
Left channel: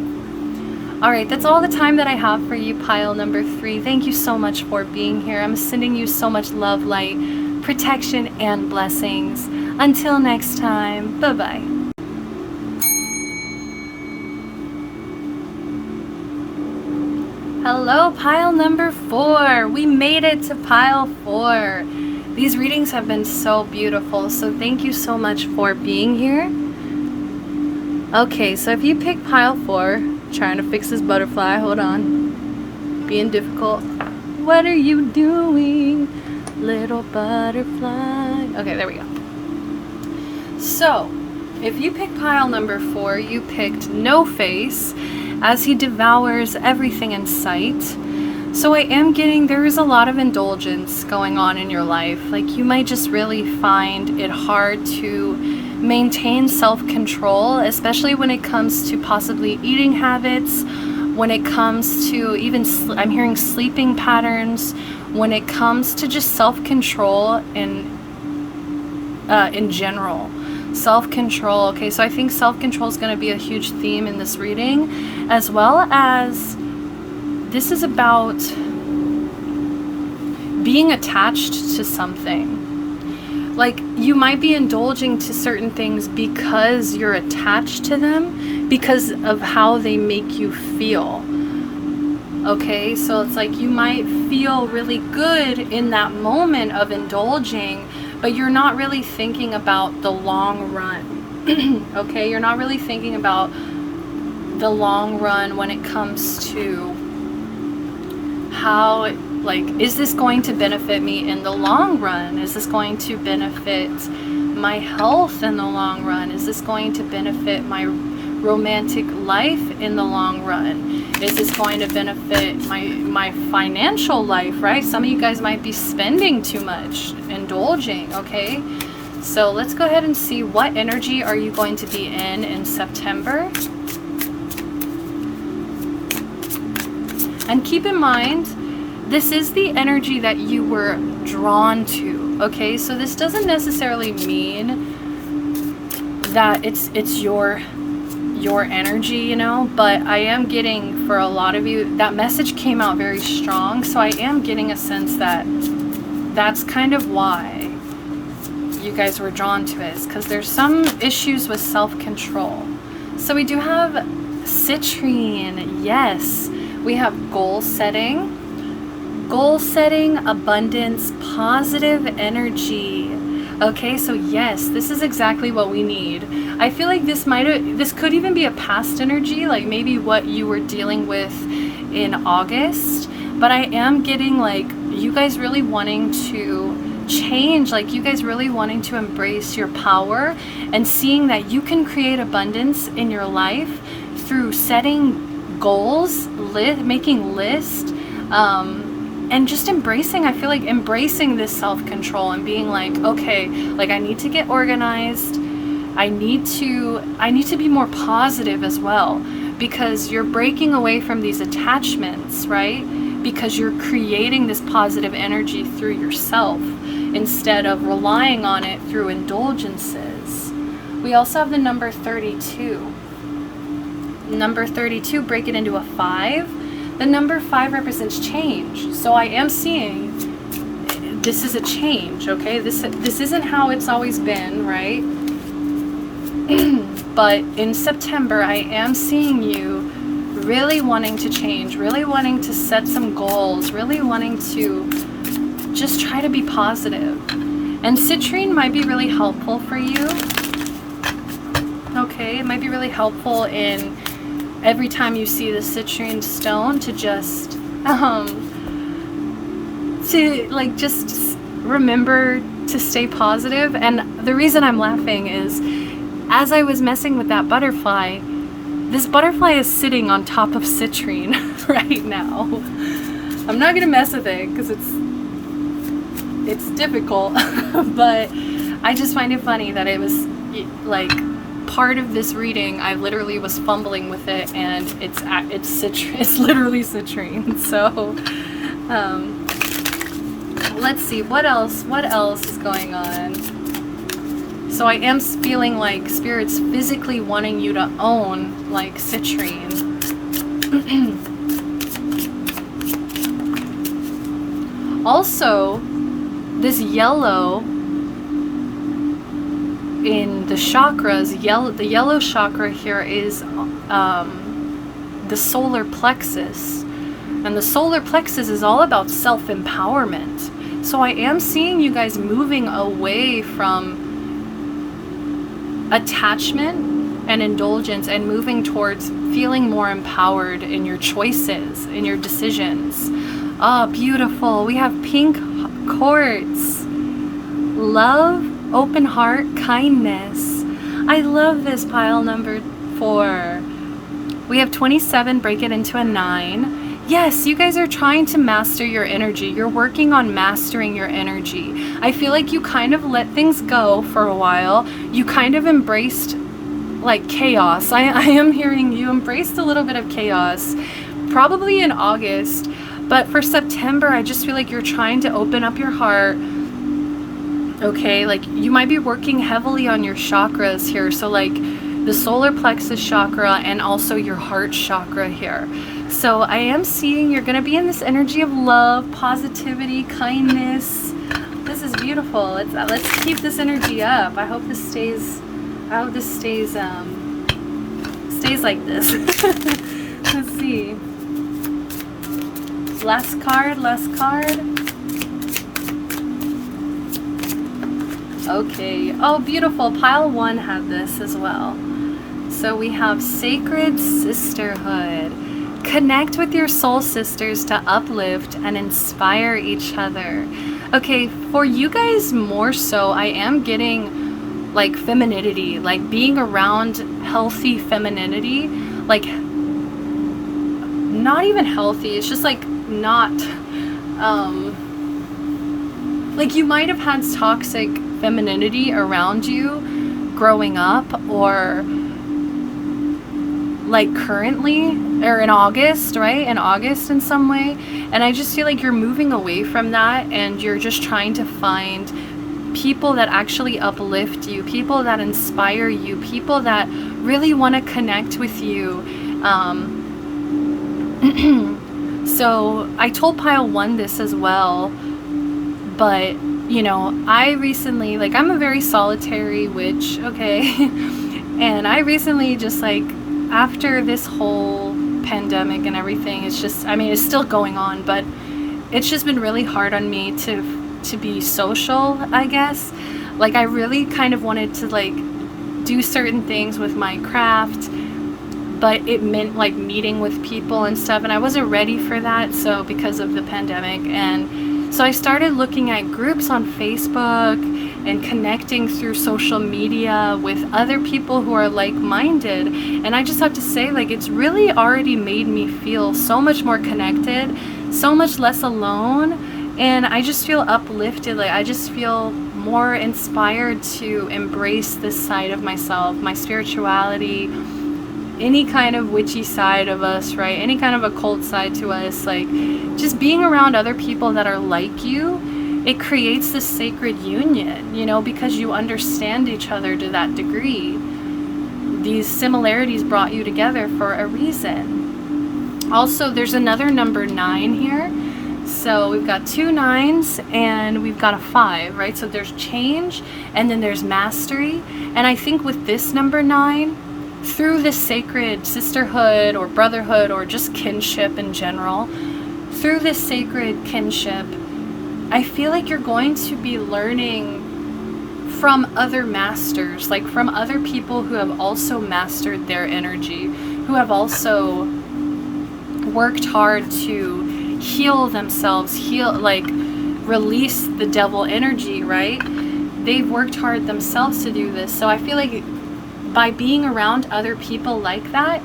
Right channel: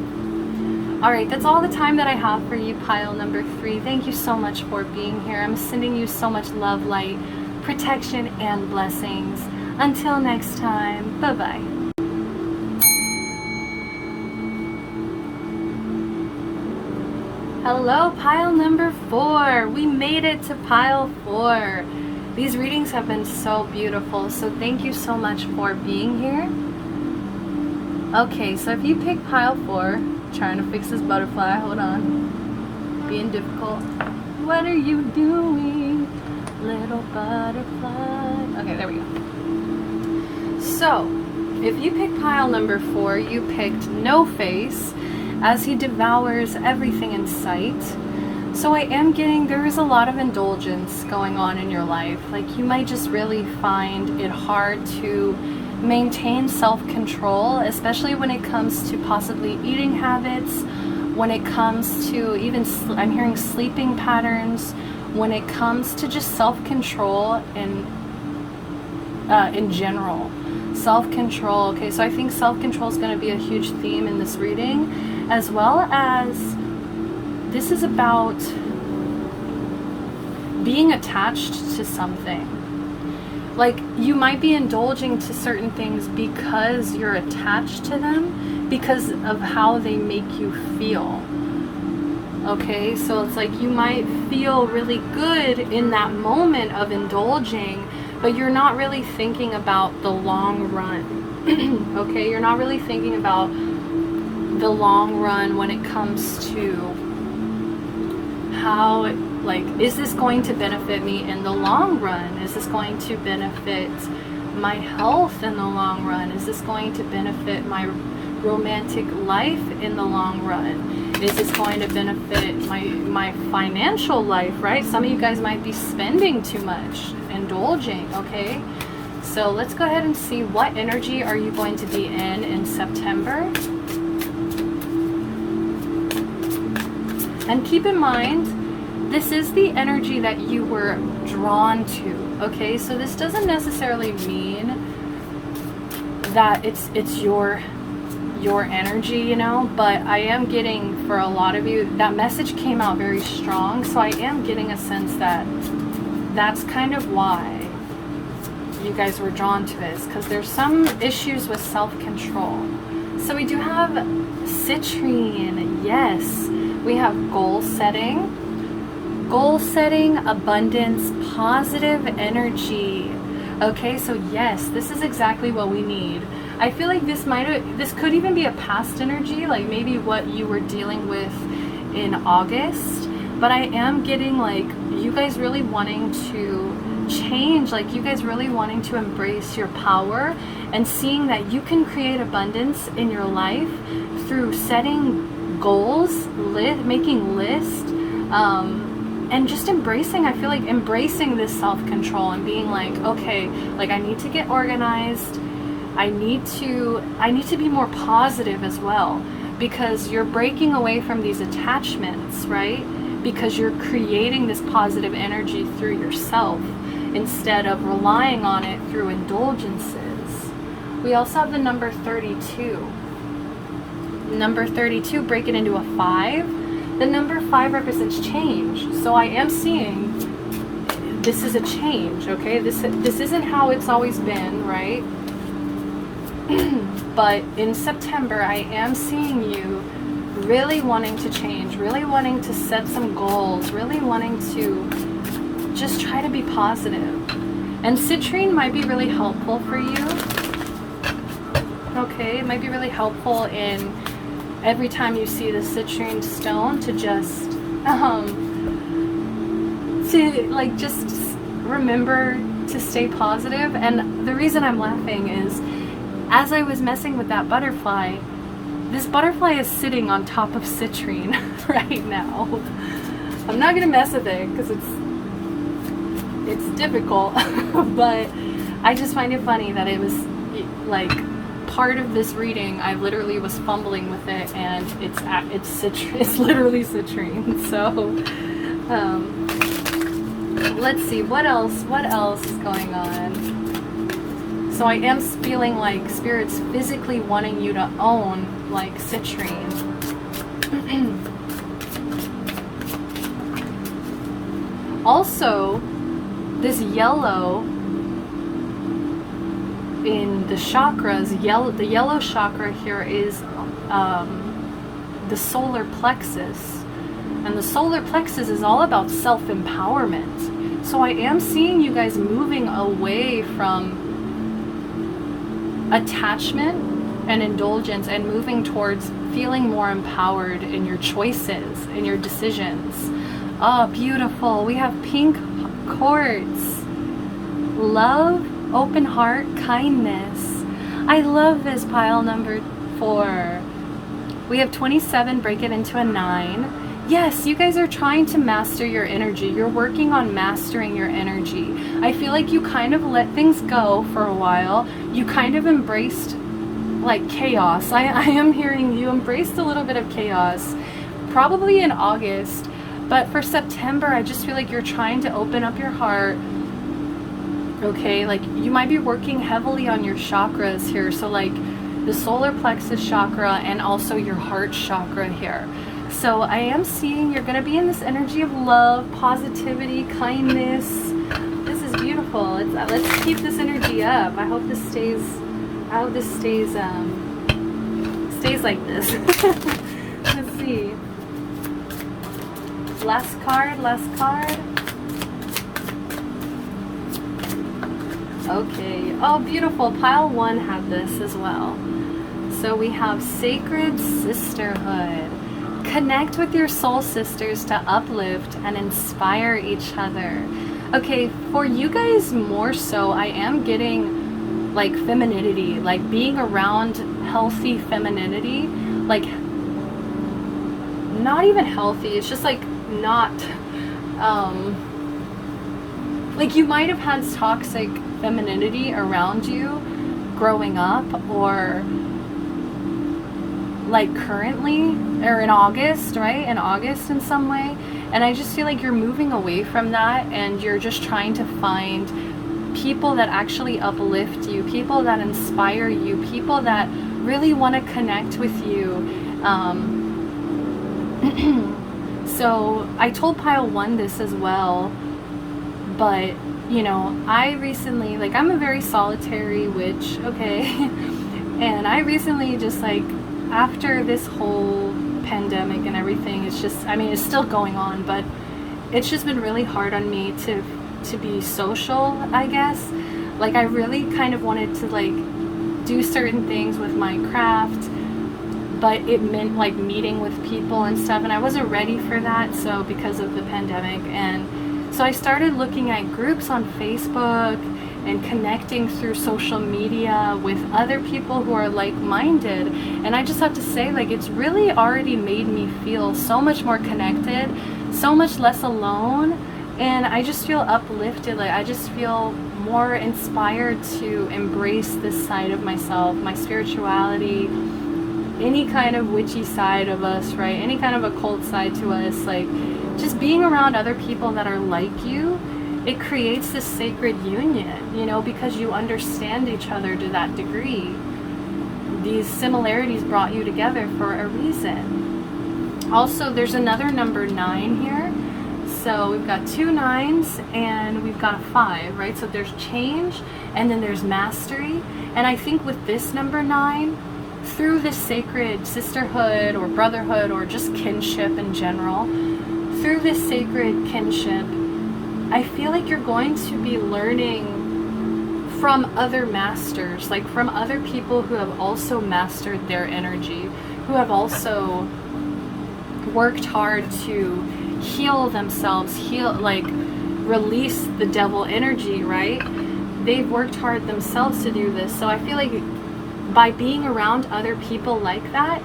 All right, that's all the time that I have for you, pile number 3. Thank you so much for being here. I'm sending you so much love, light, protection, and blessings. Until next time, bye-bye. Hello, pile number 4. We made it to pile 4. These readings have been so beautiful, so thank you so much for being here. Okay, so if you pick pile 4, trying to fix this butterfly, hold on, being difficult. What are you doing, little butterfly? Okay, there we go. So, if you pick pile number 4, you picked no face, as he devours everything in sight. So I am getting, there is a lot of indulgence going on in your life. Like, you might just really find it hard to maintain self-control, especially when it comes to possibly eating habits, when it comes to even, I'm hearing sleeping patterns, when it comes to just self-control in general. Self-control. Okay, so I think self-control is going to be a huge theme in this reading, as well as this is about being attached to something. Like, you might be indulging to certain things because you're attached to them, because of how they make you feel. Okay, so it's like you might feel really good in that moment of indulging, but you're not really thinking about the long run. Okay, you're not really thinking about the long run when it comes to how, like, is this going to benefit me in the long run? Is this going to benefit my health in the long run? Is this going to benefit my romantic life in the long run? Is this going to benefit my financial life, right? Some of you guys might be spending too much, indulging, okay? So let's go ahead and see what energy are you going to be in September. And keep in mind, this is the energy that you were drawn to, okay? So this doesn't necessarily mean that it's your energy, you know, but I am getting, for a lot of you, that message came out very strong, so I am getting a sense that that's kind of why you guys were drawn to it, because there's some issues with self-control. So we do have citrine, yes. We have goal setting, abundance, positive energy. Okay, so yes, this is exactly what we need. I feel like this could even be a past energy, like maybe what you were dealing with in August, but I am getting like you guys really wanting to change, like you guys really wanting to embrace your power and seeing that you can create abundance in your life through setting goals, making lists, and just embracing, I feel like embracing this self-control and being like, okay, like I need to get organized. I need to be more positive as well, because you're breaking away from these attachments, right? Because you're creating this positive energy through yourself instead of relying on it through indulgences. We also have the number 32. Number 32, break it into a 5. The number 5 represents change. So I am seeing this is a change, okay? This isn't how it's always been, right? But in September, I am seeing you really wanting to change, really wanting to set some goals, really wanting to just try to be positive. And citrine might be really helpful for you. Okay, it might be really helpful in every time you see the citrine stone to just just remember to stay positive. And the reason I'm laughing is, as I was messing with that butterfly, this butterfly is sitting on top of citrine right now. I'm not gonna mess with it because it's difficult, but I just find it funny that it was like part of this reading. I literally was fumbling with it, and it's literally citrine. So let's see what else is going on. So I am feeling like Spirit's physically wanting you to own like citrine. Also, this yellow in the chakras, the yellow chakra here is the solar plexus. And the solar plexus is all about self-empowerment. So I am seeing you guys moving away from attachment and indulgence and moving towards feeling more empowered in your choices, in your decisions. Oh, beautiful. We have pink quartz. Love, open heart, kindness. I love this pile number 4. We have 27, break it into a 9. Yes, you guys are trying to master your energy. You're working on mastering your energy. I feel like you kind of let things go for a while. You kind of embraced like chaos. I am hearing you embraced a little bit of chaos, probably in August. But for September, I just feel like you're trying to open up your heart. Okay, like you might be working heavily on your chakras here. So like the solar plexus chakra and also your heart chakra here. So I am seeing you're going to be in this energy of love, positivity, kindness. This is beautiful. Let's keep this energy up. I hope this stays like this. Let's see. Last card. Okay. Oh, beautiful. Pile 1 had this as well. So we have sacred sisterhood. Connect with your soul sisters to uplift and inspire each other. Okay, for you guys more so, I am getting like femininity, like being around healthy femininity, like not even healthy, it's just like not, like you might have had toxic femininity around you growing up, or like currently, or in August, right? In August in some way. And I just feel like you're moving away from that, and you're just trying to find people that actually uplift you, people that inspire you, people that really want to connect with you. So I told pile 1 this as well, but you know, I recently, like I'm a very solitary witch, okay? And I recently just like, after this whole pandemic and everything, it's just, I mean, it's still going on, but it's just been really hard on me to be social, I guess. Like I really kind of wanted to like do certain things with my craft, but it meant like meeting with people and stuff, and I wasn't ready for that, so because of the pandemic. And so I started looking at groups on Facebook and connecting through social media with other people who are like-minded. And I just have to say, like, it's really already made me feel so much more connected, so much less alone. And I just feel uplifted. Like, I just feel more inspired to embrace this side of myself, my spirituality, any kind of witchy side of us, right? Any kind of occult side to us. Like, just being around other people that are like you, it creates this sacred union, you know, because you understand each other to that degree. These similarities brought you together for a reason. Also, there's another number 9 here. So we've got 2 9s and we've got a 5, right? So there's change and then there's mastery. And I think with this number 9, through this sacred sisterhood or brotherhood or just kinship in general, through this sacred kinship, I feel like you're going to be learning from other masters, like from other people who have also mastered their energy, who have also worked hard to heal themselves, release the devil energy, right? They've worked hard themselves to do this. So I feel like by being around other people like that,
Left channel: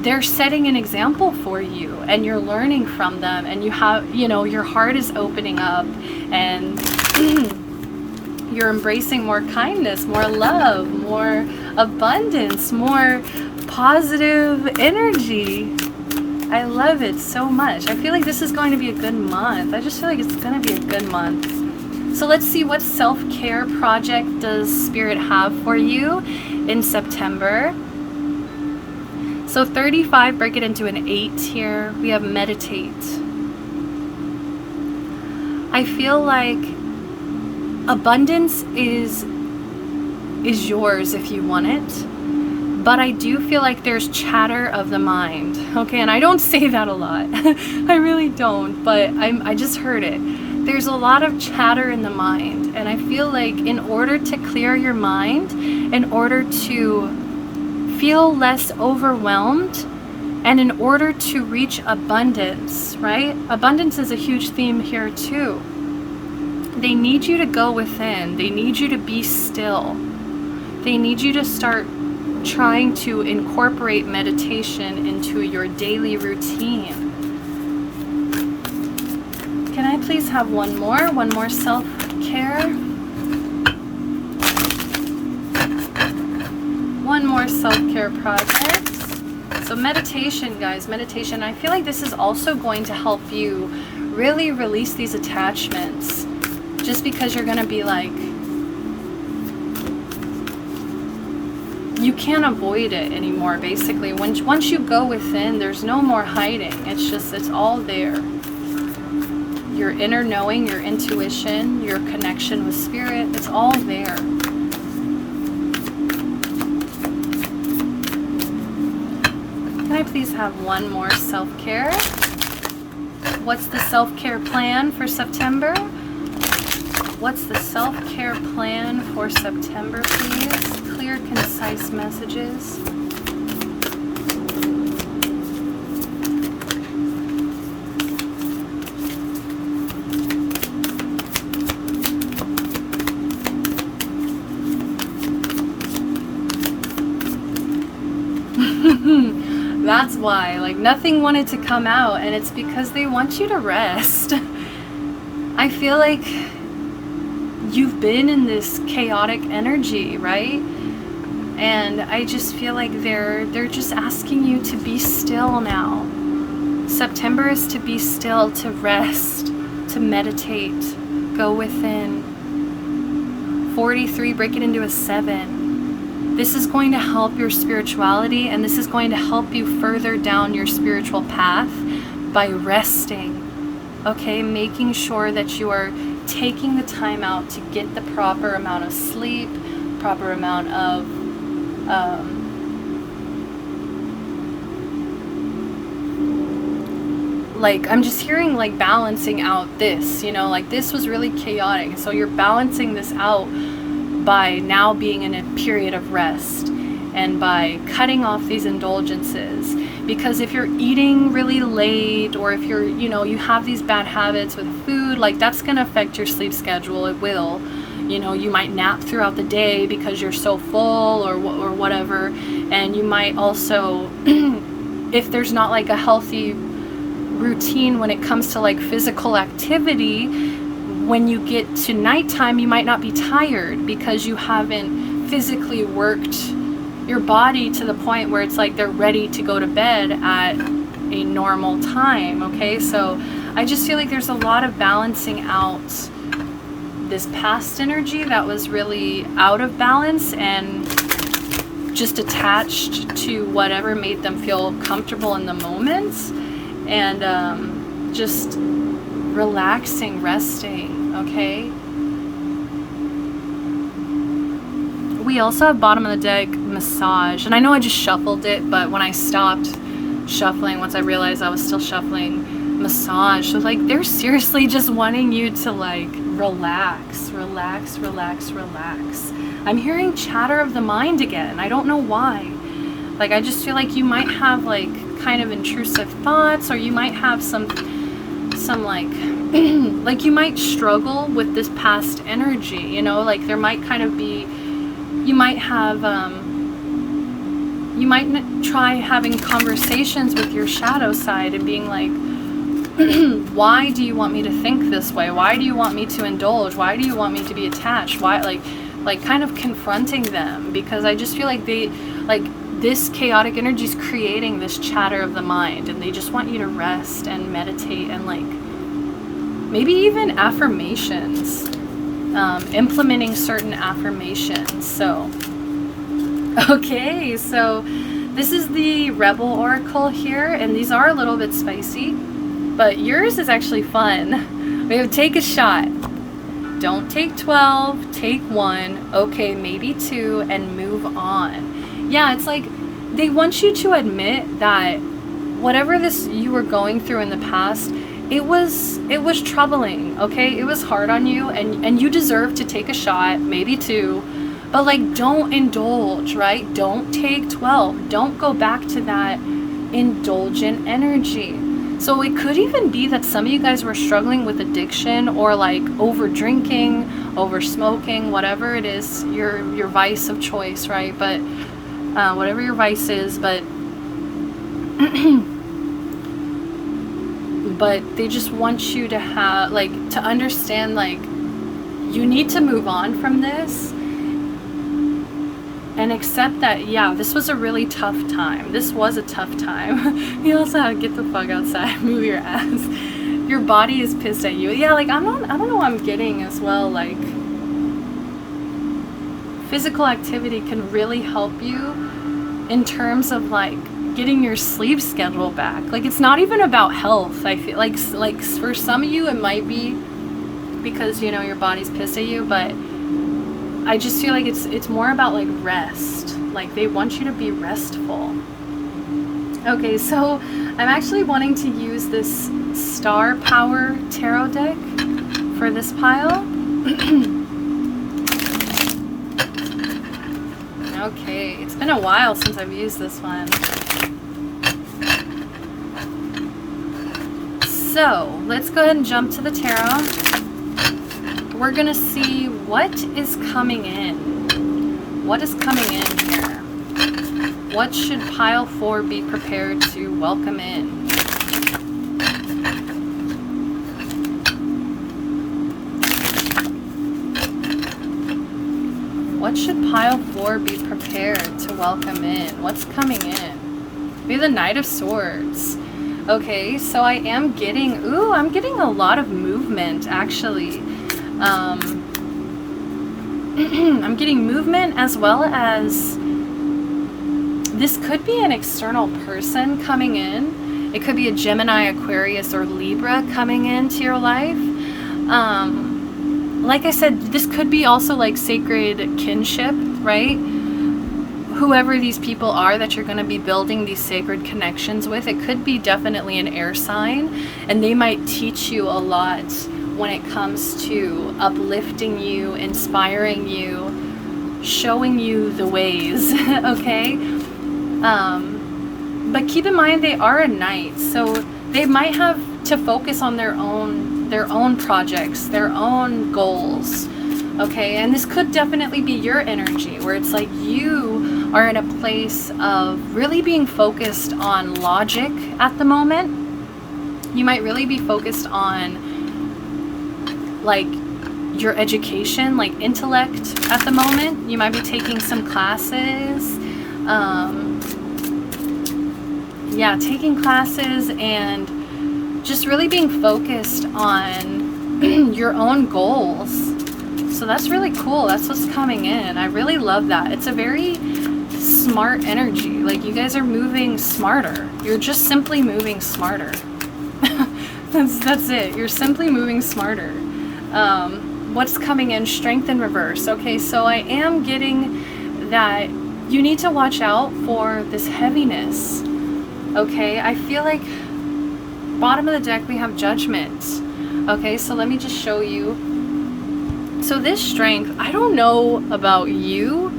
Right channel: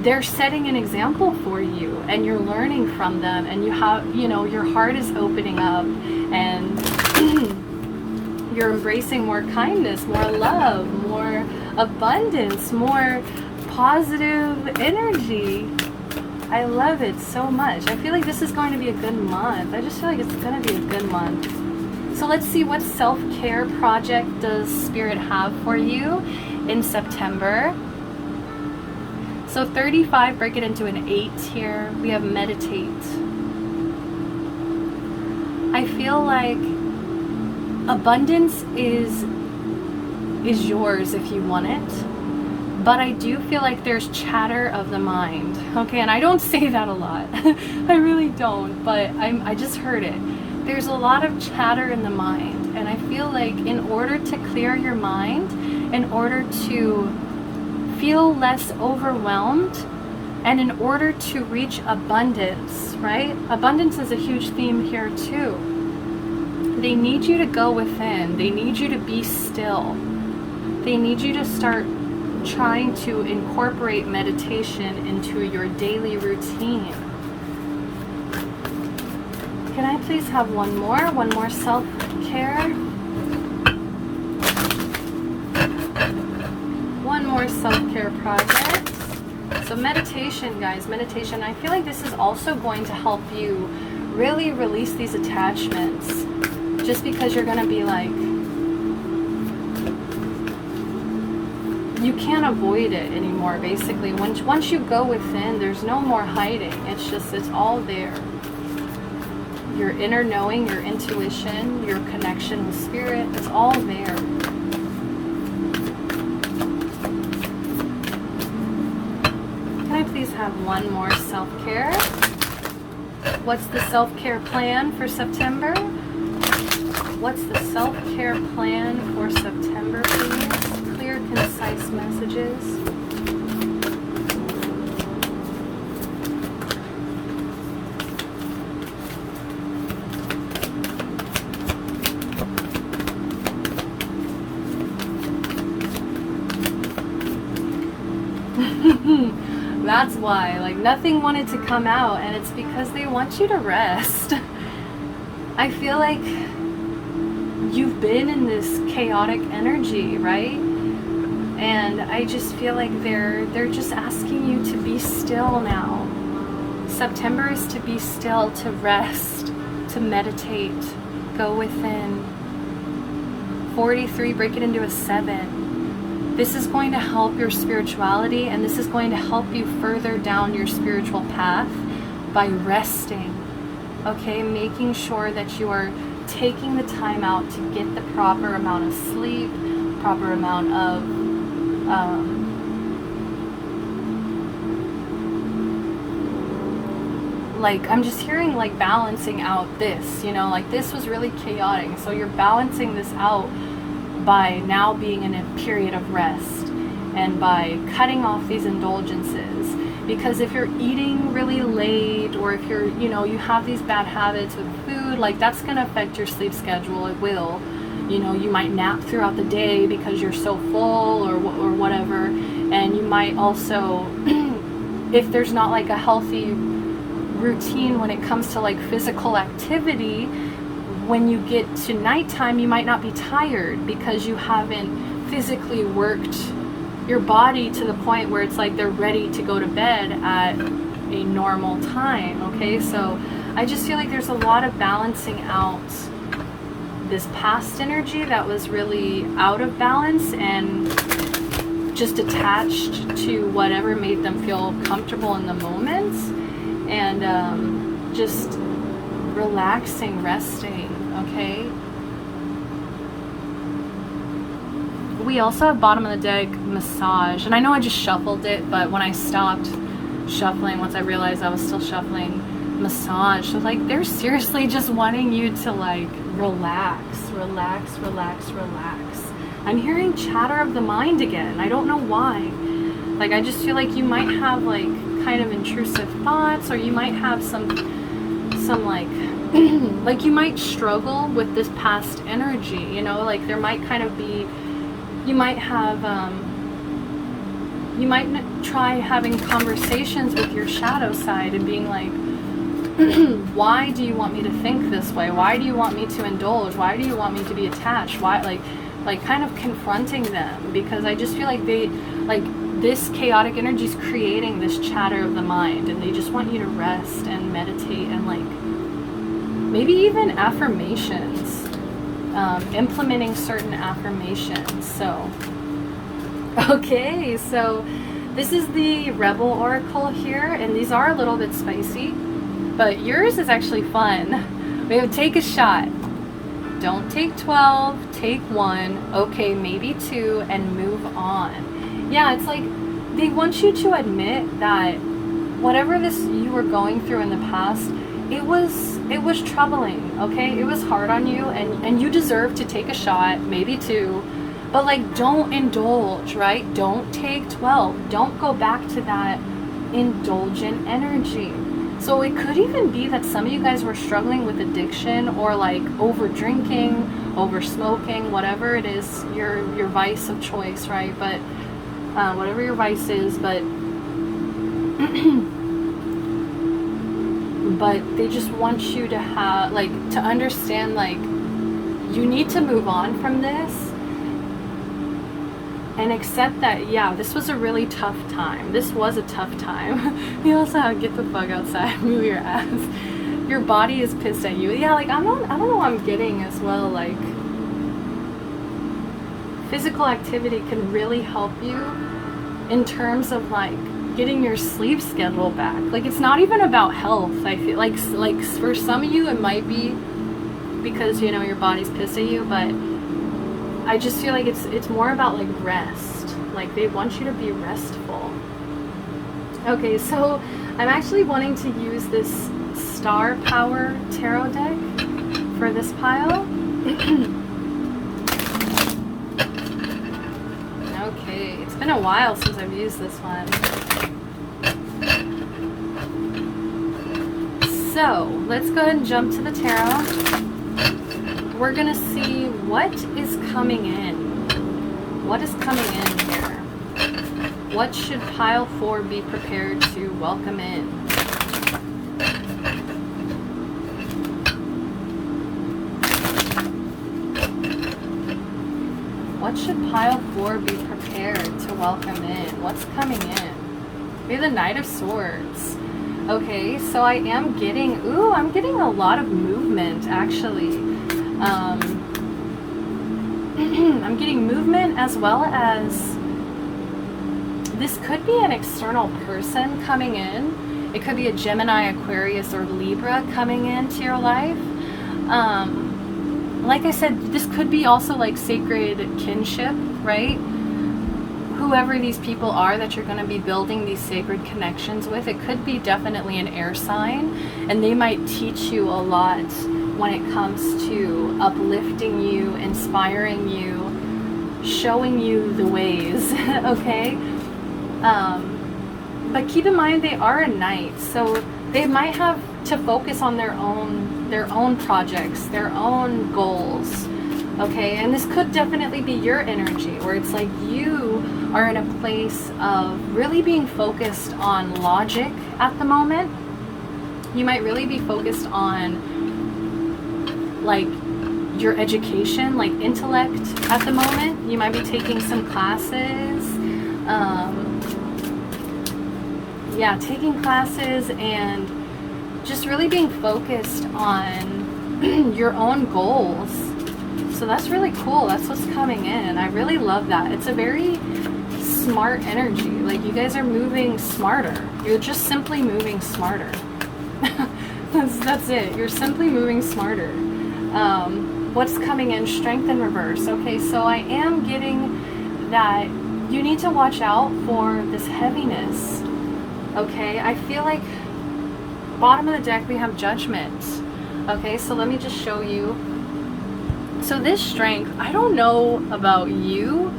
they're setting an example for you, and you're learning from them, and you have, your heart is opening up, and you're embracing more kindness, more love, more abundance, more positive energy. I love it so much. I feel like this is going to be a good month. I just feel like it's going to be a good month. So let's see, what self-care project does Spirit have for you in September? So 35, break it into an 8 here. We have meditate. I feel like abundance is yours if you want it. But I do feel like there's chatter of the mind. Okay, and I don't say that a lot. I really don't, but I just heard it. There's a lot of chatter in the mind. And I feel like in order to clear your mind, in order to feel less overwhelmed, and in order to reach abundance, right? Abundance is a huge theme here too. They need you to go within. They need you to be still. They need you to start trying to incorporate meditation into your daily routine. Can I please have one more self-care? One more self-care project. So meditation, guys, meditation. I feel like this is also going to help you really release these attachments, just because you're going to be like, you can't avoid it anymore, basically. Once you go within, there's no more hiding. It's all there. Your inner knowing, your intuition, your connection with spirit, it's all there. Can I please have one more self-care? What's the self-care plan for September? What's the self-care plan for September, please? Clear, concise messages. That's why, like, nothing wanted to come out, and it's because they want you to rest. I feel like you've been in this chaotic energy, right? And I just feel like they're just asking you to be still now. September is to be still, to rest, to meditate, go within. 43, break it into a 7. This is going to help your spirituality, and this is going to help you further down your spiritual path by resting. Okay, making sure that you are taking the time out to get the proper amount of sleep, proper amount of like, I'm just hearing like balancing out this, like this was really chaotic. So you're balancing this out by now being in a period of rest, and by cutting off these indulgences. Because if you're eating really late, or if you're, you have these bad habits with food, like that's going to affect your sleep schedule. It will. You might nap throughout the day because you're so full, or whatever. And you might also, if there's not like a healthy routine when it comes to like physical activity, when you get to nighttime, you might not be tired because you haven't physically worked your body to the point where it's like they're ready to go to bed at a normal time. Okay, so I just feel like there's a lot of balancing out this past energy that was really out of balance and just attached to whatever made them feel comfortable in the moment, and just relaxing, resting. Okay, we also have bottom of the deck massage, and I know I just shuffled it, but when I stopped shuffling, once I realized I was still shuffling, massage. So like they're seriously just wanting you to like relax, relax, relax, relax. I'm hearing chatter of the mind again. I don't know why. Like I just feel like you might have like kind of intrusive thoughts, or you might have some like like you might struggle with this past energy, you know, like there might kind of be, you might have you might try having conversations with your shadow side and being like, why do you want me to think this way? Why do you want me to indulge? Why do you want me to be attached? Why, like kind of confronting them, because I just feel like they, like this chaotic energy is creating this chatter of the mind, and they just want you to rest and meditate and like maybe even affirmations, implementing certain affirmations. So, okay, so this is the Rebel Oracle here, and these are a little bit spicy, but yours is actually fun. We have take a shot. Don't take 12, take 1, okay, maybe 2, and move on. Yeah, it's like they want you to admit that whatever this you were going through in the past, it was troubling, okay? It was hard on you, and you deserve to take a shot, maybe 2, but like don't indulge, right? Don't take 12. Don't go back to that indulgent energy. So it could even be that some of you guys were struggling with addiction, or like over drinking, over smoking, whatever it is, your vice of choice, right? But whatever your vice is, but but they just want you to have, like, to understand, like, you need to move on from this and accept that, yeah, this was a really tough time. This was a tough time. You also have get the fuck outside, move your ass. Your body is pissed at you. Yeah, like, I don't know what I'm getting as well. Like, physical activity can really help you in terms of, like, getting your sleep schedule back. Like, it's not even about health. I feel like for some of you, it might be because, you know, your body's pissed at you, but I just feel like it's more about like rest. Like they want you to be restful. Okay, so I'm actually wanting to use this Star Power Tarot deck for this pile. Okay, it's been a while since I've used this one. So let's go ahead and jump to the tarot. We're gonna see what is coming in. What is coming in here? What should pile 4 be prepared to welcome in? What should pile 4 be prepared to welcome in? What's coming in? Be the Knight of Swords. Okay, so I am getting, I'm getting a lot of movement actually. I'm getting movement, as well as this could be an external person coming in. It could be a Gemini, Aquarius, or Libra coming into your life. Like I said, this could be also like sacred kinship, right? Whoever these people are that you're going to be building these sacred connections with, it could be definitely an air sign, and they might teach you a lot when it comes to uplifting you, inspiring you, showing you the ways, okay? But keep in mind they are a knight, so they might have to focus on their own projects, their own goals, okay? And this could definitely be your energy, where it's like you are in a place of really being focused on logic at the moment. You might really be focused on like your education, like intellect at the moment. You might be taking some classes, taking classes and just really being focused on your own goals. So that's really cool. That's what's coming in. I really love that. It's a very smart energy. Like, you guys are moving smarter. You're just simply moving smarter. That's it. You're simply moving smarter. What's coming in? Strength in reverse. Okay, so I am getting that you need to watch out for this heaviness. Okay, I feel like bottom of the deck, we have Judgment. Okay, so let me just show you. So this Strength, I don't know about you,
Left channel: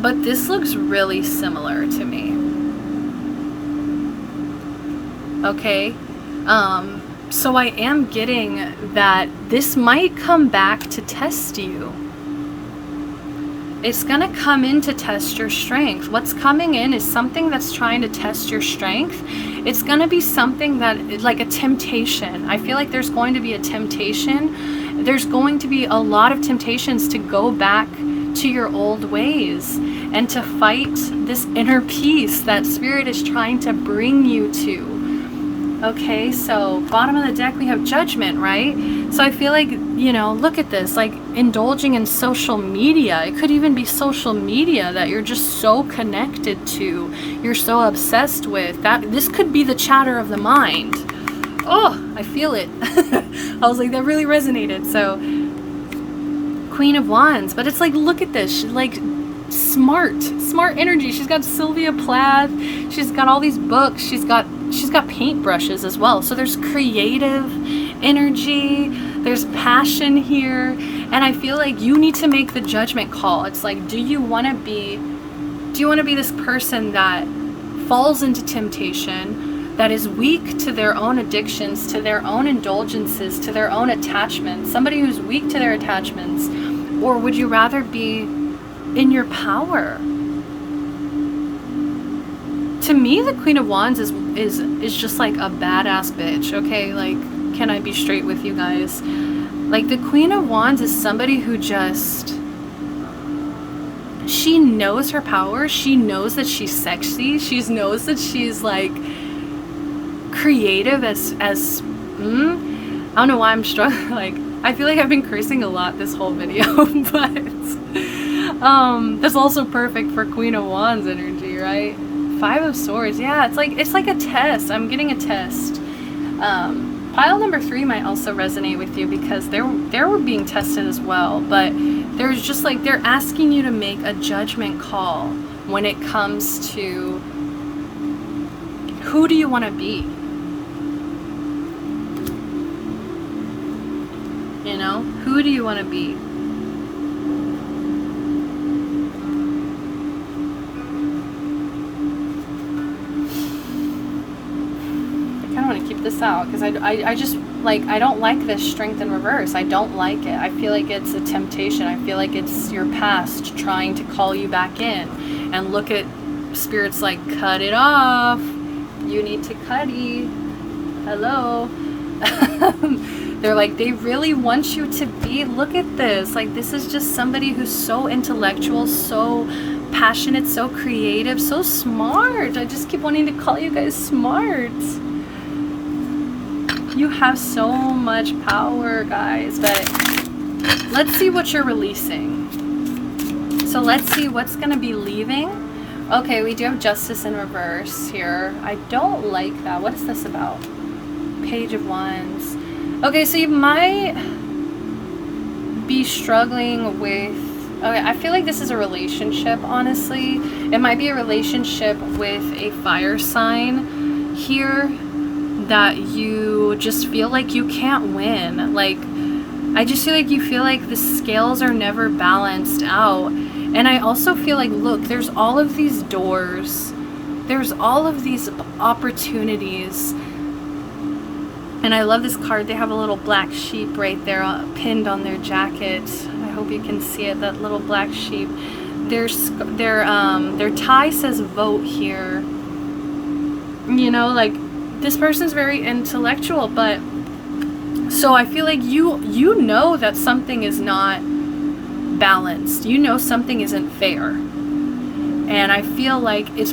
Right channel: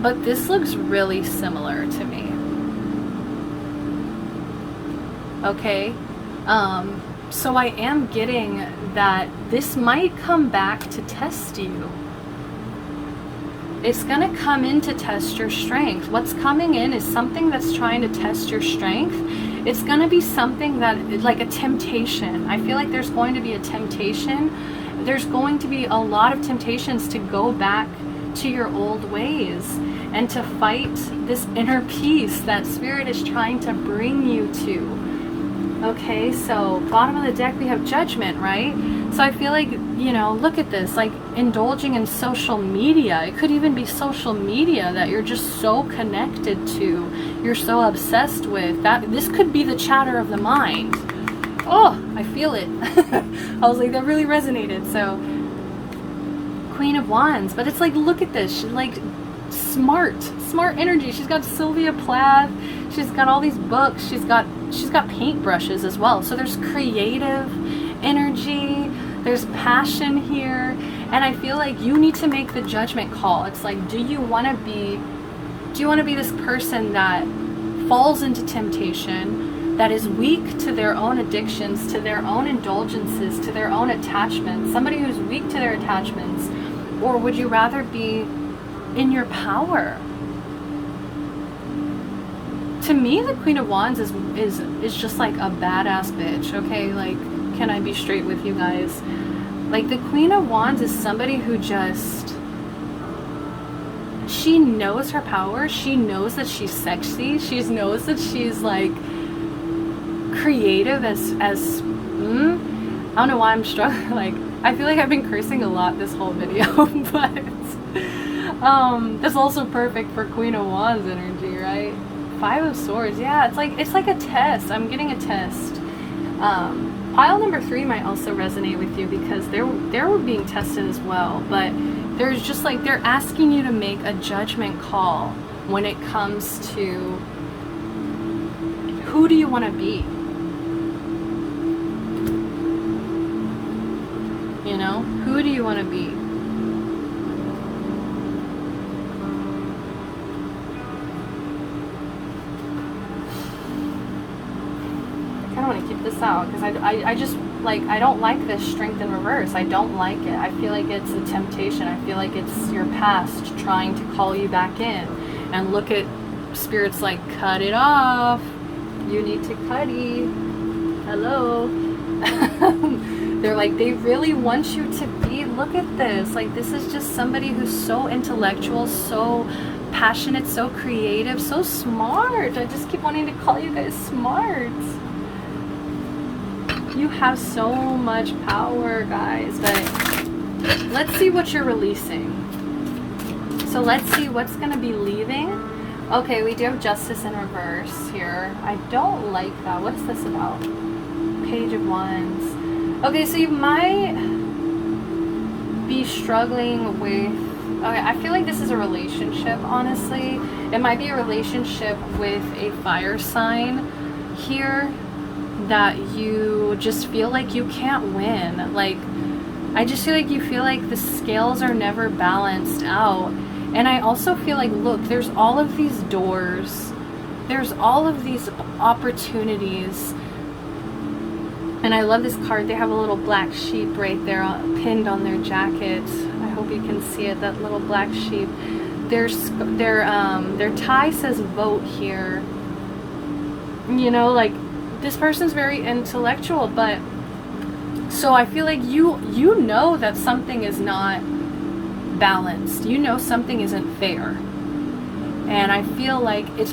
but this looks really similar to me. Okay, so I am getting that this might come back to test you. It's gonna come in to test your strength. What's coming in is something that's trying to test your strength. It's gonna be something that, like a temptation. I feel like there's going to be a temptation. There's going to be a lot of temptations to go back to your old ways and to fight this inner peace that Spirit is trying to bring you to. Okay, so bottom of the deck, we have Judgment, right? So I feel like, you know, look at this, like indulging in social media. It could even be social media that you're just so connected to. You're so obsessed with. This could be the chatter of the mind. Oh, I feel it. I was like, that really resonated. So, Queen of Wands. But it's like, look at this. She's like smart energy. She's got Sylvia Plath. She's got all these books. She's got paintbrushes as well. So there's creative energy, there's passion here, and I feel like you need to make the judgment call. It's like, do you want to be this person that falls into temptation, that is weak to their own addictions, to their own indulgences, to their own attachments, somebody who's weak to their attachments, or would you rather be in your power? To me, the Queen of Wands is just like a badass bitch, okay? Like, can I be straight with you guys? Like, the Queen of Wands is somebody who just, she knows her power. She knows that she's sexy. She knows that she's like creative as I don't know why I'm struggling. Like, I feel like I've been cursing a lot this whole video, but that's also perfect for Queen of Wands energy, right? Five of Swords, yeah, it's like a test. I'm getting a test. Pile number 3 might also resonate with you because they were being tested as well. But there's just like, they're asking you to make a judgment call when it comes to who do you want to be? You know, who do you want to be? This out because I just like, I don't like this Strength in reverse. I don't like it. I feel like it's a temptation. I feel like it's your past trying to call you back in. And look at Spirit's like, cut it off. You need to cutty. Hello. They're like, they really want you to be, look at this. Like, this is just somebody who's so intellectual, so passionate, so creative, so smart. I just keep wanting to call you guys smart. You have so much power, guys, but let's see what you're releasing. So let's see what's going to be leaving. Okay, we do have Justice in reverse here. I don't like that. What is this about? Page of Wands. Okay, so you might be struggling with... Okay, I feel like this is a relationship, honestly. It might be a relationship with a fire sign here, that you just feel like you can't win. Like, I just feel like you feel like the scales are never balanced out. And I also feel like, look, there's all of these doors. There's all of these opportunities. And I love this card. They have a little black sheep right there pinned on their jacket. I hope you can see it, that little black sheep. Their tie says vote here. You know, like, this person's very intellectual, but so I feel like you know that something is not balanced. You know something isn't fair. And I feel like it's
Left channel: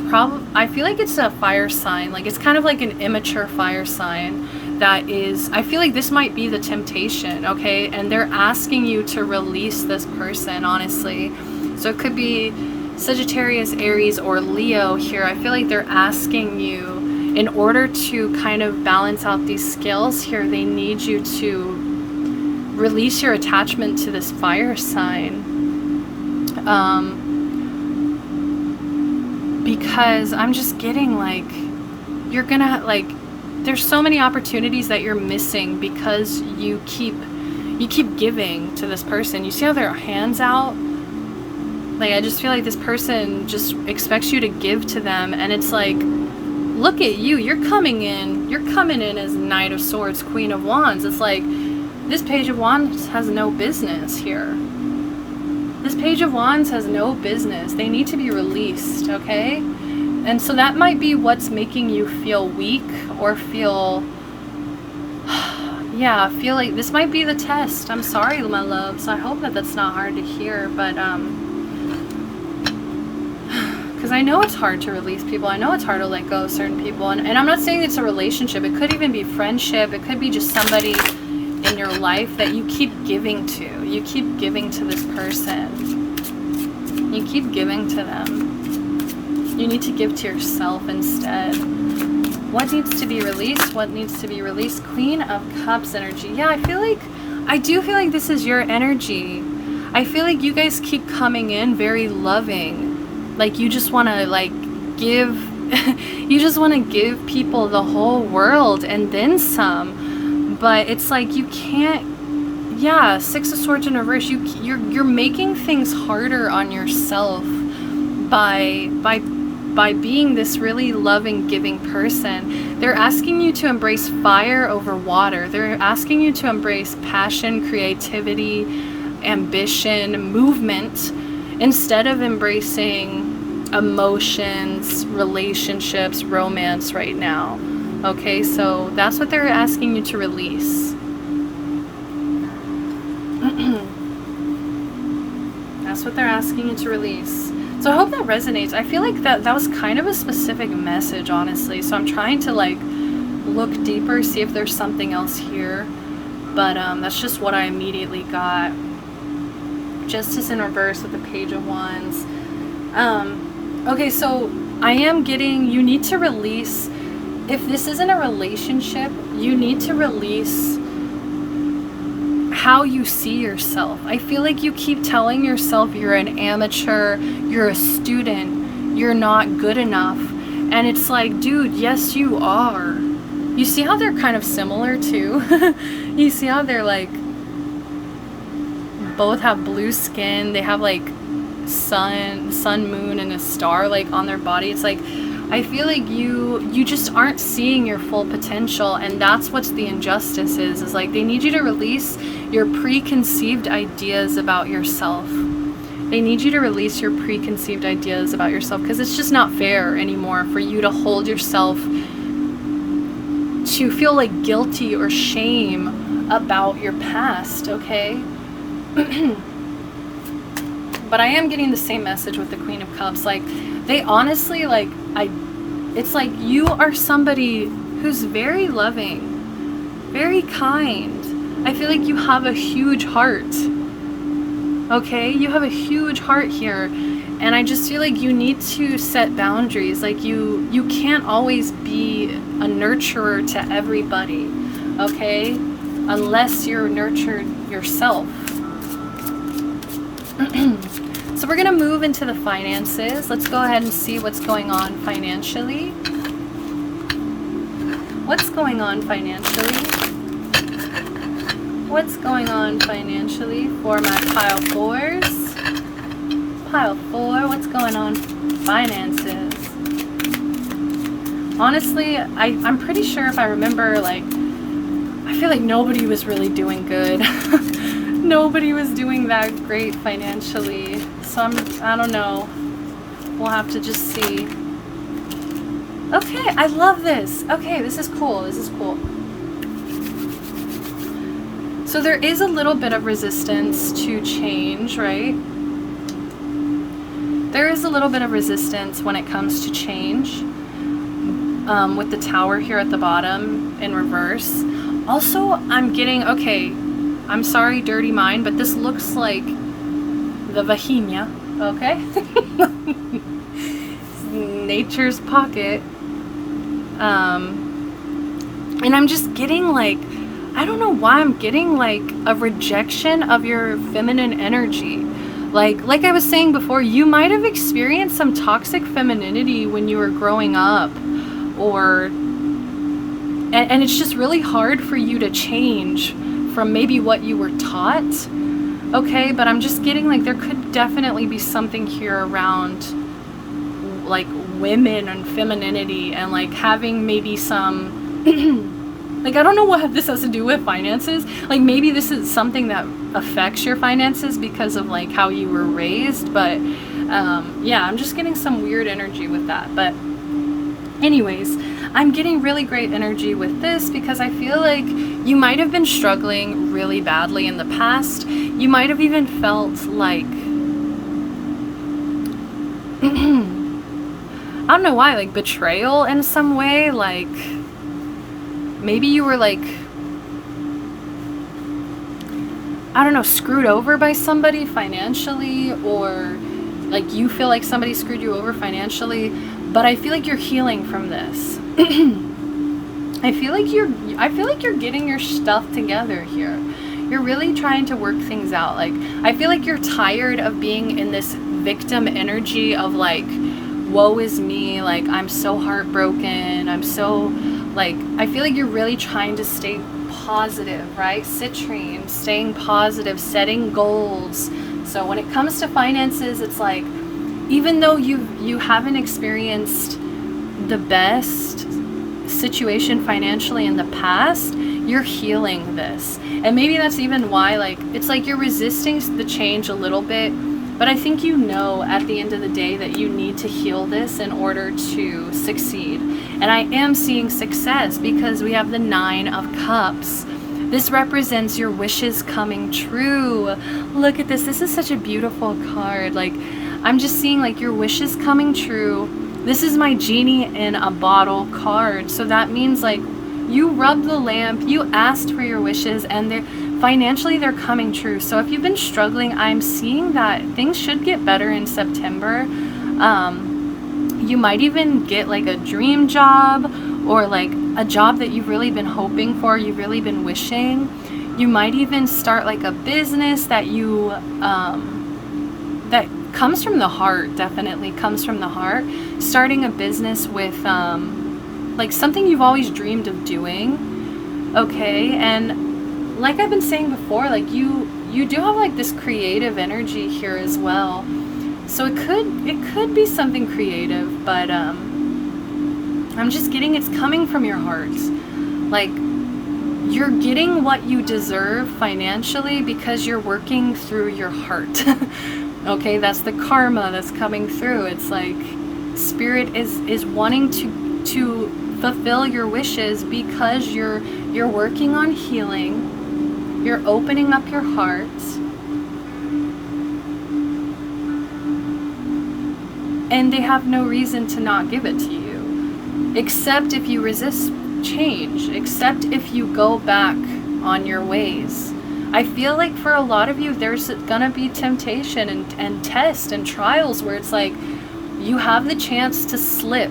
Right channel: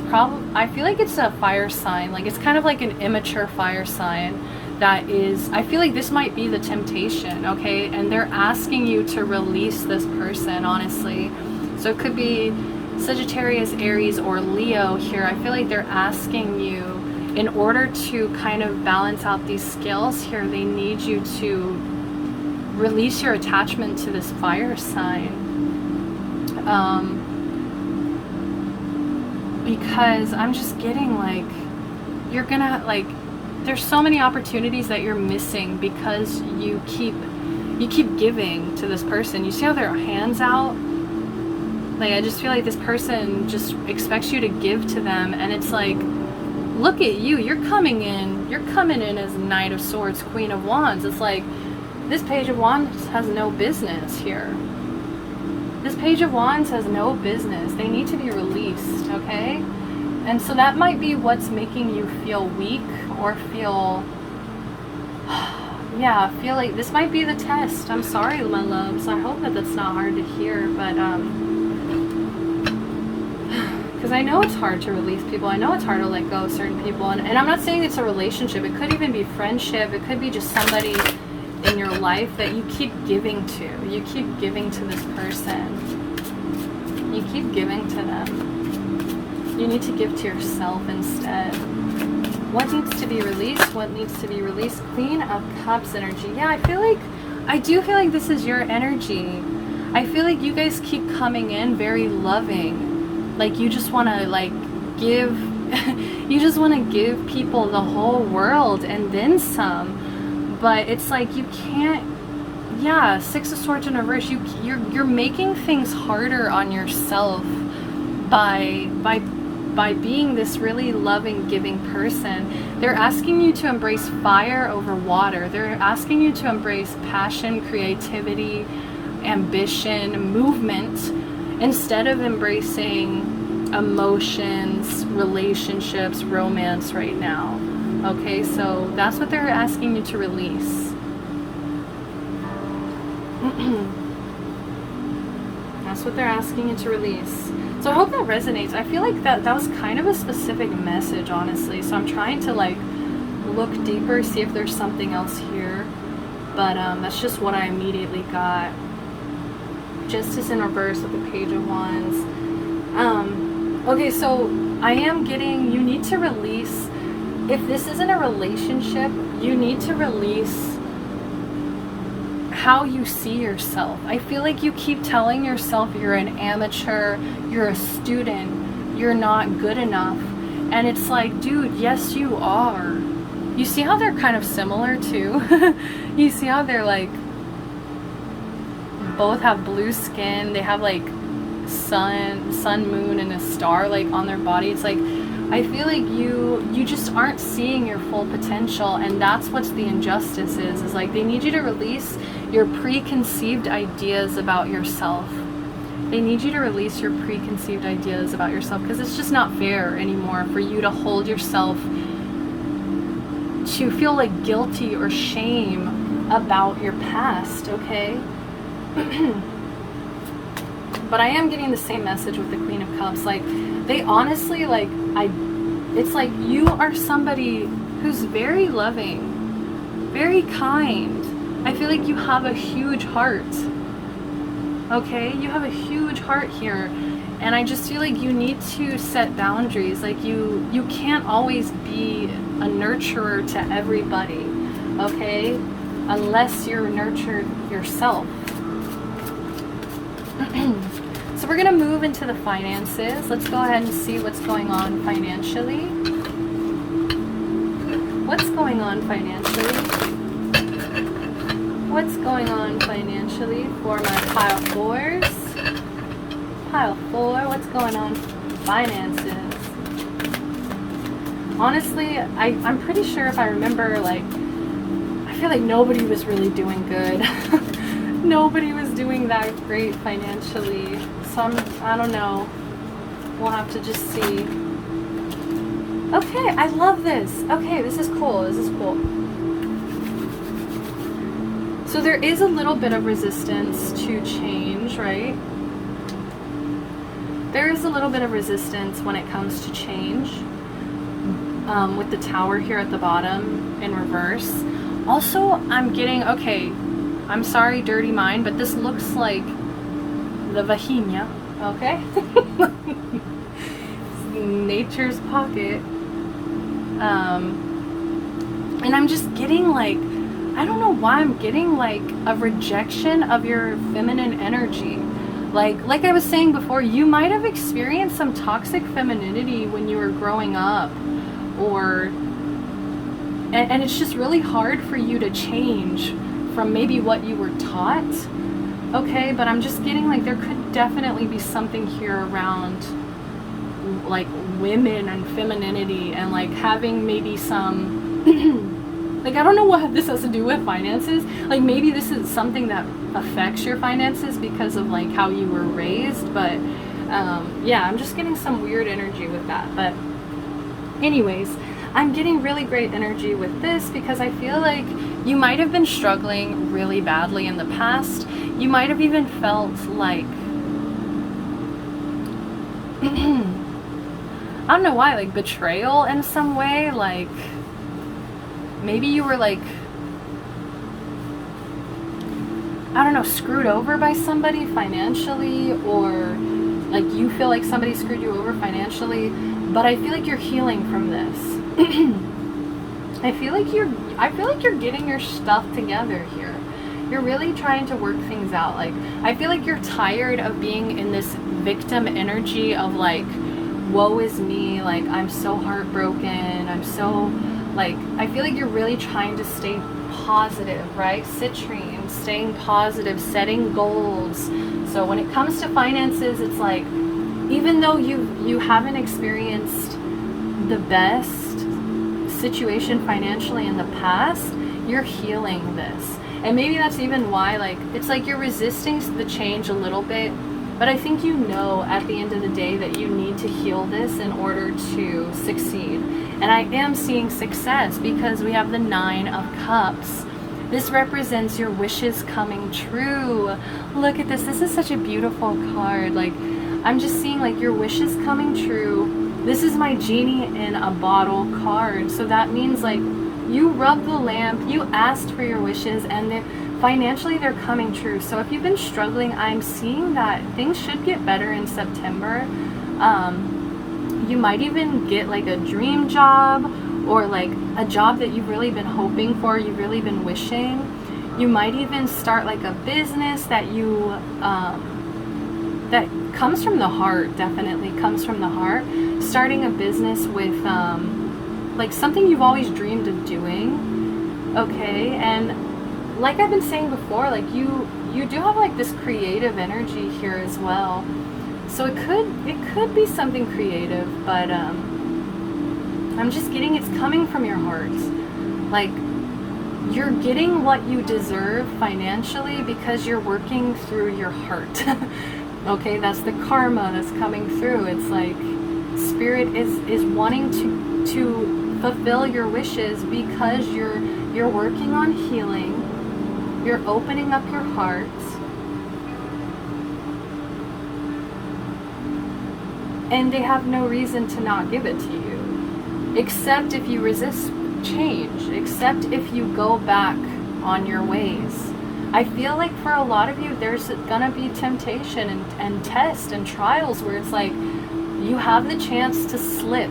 a fire sign. Like, it's kind of like an immature fire sign that is, I feel like this might be the temptation, okay? And they're asking you to release this person, honestly. So it could be Sagittarius, Aries, or Leo here. I feel like they're asking you, in order to kind of balance out these scales here, they need you to release your attachment to this fire sign. Because I'm just getting like, you're gonna like, there's so many opportunities that you're missing because you keep giving to this person. You see how their hands out? Like, I just feel like this person just expects you to give to them, and it's like, look at you, you're coming in as Knight of Swords, Queen of Wands. It's like, this Page of Wands has no business here. This Page of Wands has no business. They need to be released, okay? And so that might be what's making you feel weak, or feel, yeah, feel like this might be the test. I'm sorry, my loves. I hope that that's not hard to hear, but, because I know it's hard to release people. I know it's hard to let go of certain people. And I'm not saying it's a relationship. It could even be friendship. It could be just somebody in your life that you keep giving to. You keep giving to this person. You keep giving to them. You need to give to yourself instead. What needs to be released? What needs to be released? Queen of Cups energy. Yeah, I do feel like this is your energy. I feel like you guys keep coming in very loving. Like, you just want to, like, give, you just want to give people the whole world and then some. But it's like, you can't, yeah, Six of Swords in reverse, you're making things harder on yourself by being this really loving, giving person. They're asking you to embrace fire over water. They're asking you to embrace passion, creativity, ambition, movement, instead of embracing emotions, relationships, romance right now. Okay, so that's what they're asking you to release. That's what they're asking you to release. So I hope that resonates. I feel like that was kind of a specific message, honestly. So I'm trying to, like, look deeper, see if there's something else here. But that's just what I immediately got. Justice in reverse with the Page of Wands. Okay, so I am getting, you need to release, if this isn't a relationship, you need to release how you see yourself. I feel like you keep telling yourself you're an amateur, you're a student, you're not good enough. And it's like, dude, yes, you are. You see how they're kind of similar too? You see how they're like, both have blue skin, they have like sun, moon, and a star like on their body. It's like, I feel like you just aren't seeing your full potential, and that's what the injustice is like, they need you to release your preconceived ideas about yourself. They need you to release your preconceived ideas about yourself, because it's just not fair anymore for you to hold yourself to feel like guilty or shame about your past, okay? But I am getting the same message with the Queen of Cups. Like, they honestly, like, it's like you are somebody who's very loving, very kind. I feel like you have a huge heart. Okay? You have a huge heart here. And I just feel like you need to set boundaries. Like, you can't always be a nurturer to everybody. Okay? Unless you're nurtured yourself. So we're going to move into the finances. Let's go ahead and see what's going on financially. What's going on financially? What's going on financially for my pile fours? Pile four, what's going on finances? Honestly, I'm pretty sure if I remember, like, I feel like nobody was really doing good. Nobody was doing that great financially. So I don't know. We'll have to just see. Okay, I love this. Okay, this is cool. This is cool. So there is a little bit of resistance to change, right? There is a little bit of resistance when it comes to change. With the Tower here at the bottom in reverse. Also, I'm getting, okay, I'm sorry, dirty mind, but this looks like the vagina, okay? Nature's pocket. And I'm just getting like, I don't know why I'm getting like a rejection of your feminine energy. Like I was saying before, you might have experienced some toxic femininity when you were growing up, or and it's just really hard for you to change from maybe what you were taught. Okay, but I'm just getting like there could definitely be something here around like women and femininity, and like having maybe some like, I don't know what this has to do with finances. Like, maybe this is something that affects your finances because of like how you were raised, but yeah, I'm just getting some weird energy with that. But anyways, I'm getting really great energy with this because I feel like you might have been struggling really badly in the past. You might have even felt like I don't know why, like betrayal in some way. Like maybe you were like, I don't know, screwed over by somebody financially, or like you feel like somebody screwed you over financially. But I feel like you're healing from this. I feel like you're getting your stuff together here. You're really trying to work things out. Like, I feel like you're tired of being in this victim energy of like, woe is me, like I'm so heartbroken, I'm so like, I feel like you're really trying to stay positive, right? Citrine, staying positive, setting goals. So when it comes to finances, it's like, even though you haven't experienced the best situation financially in the past, you're healing this. And maybe that's even why, like, it's like you're resisting the change a little bit, but I think you know at the end of the day that you need to heal this in order to succeed. And I am seeing success because we have the 9 of Cups. This represents your wishes coming true. Look at this. This is such a beautiful card. Like, I'm just seeing like your wishes coming true. This is my genie in a bottle card. So that means like you rubbed the lamp, you asked for your wishes, and they're coming true. So if you've been struggling, I'm seeing that things should get better in September. You might even get like a dream job, or like a job that you've really been hoping for, you've really been wishing. You might even start like a business that you that comes from the heart, definitely comes from the heart. Starting a business with like something you've always dreamed of doing. Okay, and like I've been saying before, like you do have like this creative energy here as well. So it could be something creative, but I'm just getting it's coming from your heart. Like, you're getting what you deserve financially because you're working through your heart. Okay, that's the karma that's coming through. It's like spirit is wanting to fulfill your wishes because you're working on healing. You're opening up your heart. And they have no reason to not give it to you, except if you resist change, except if you go back on your ways. I feel like for a lot of you, there's gonna be temptation and tests and trials where it's like, you have the chance to slip.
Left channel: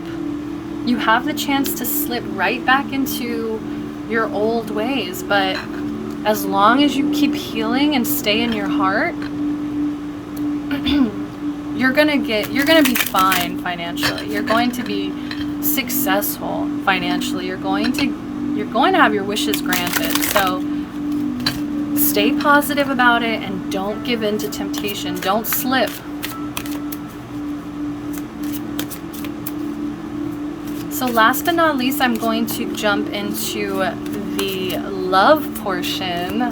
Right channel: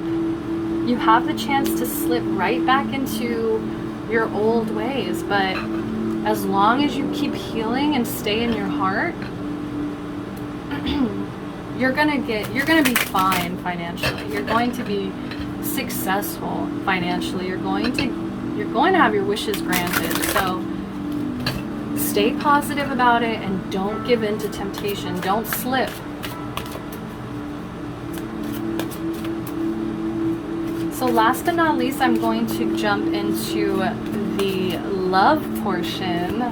You have the chance to slip right back into your old ways, but as long as you keep healing and stay in your heart, you're gonna be fine financially. You're going to be successful financially. You're going to have your wishes granted. So stay positive about it and don't give in to temptation. Don't slip. So last but not least, I'm going to jump into the love portion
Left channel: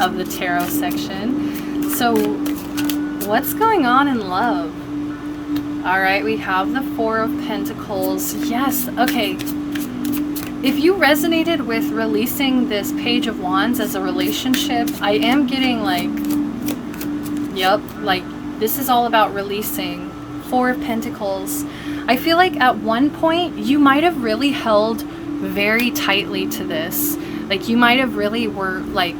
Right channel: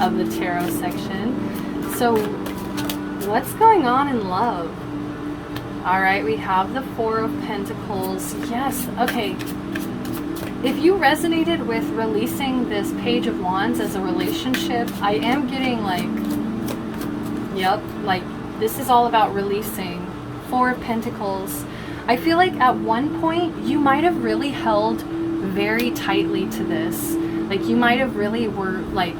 of the tarot section. So what's going on in love? All right, we have the 4 of Pentacles. Yes, okay. If you resonated with releasing this Page of Wands as a relationship, I am getting like, yep, like this is all about releasing. 4 of Pentacles. I feel like at one point you might have really held very tightly to this. Like you might have really were like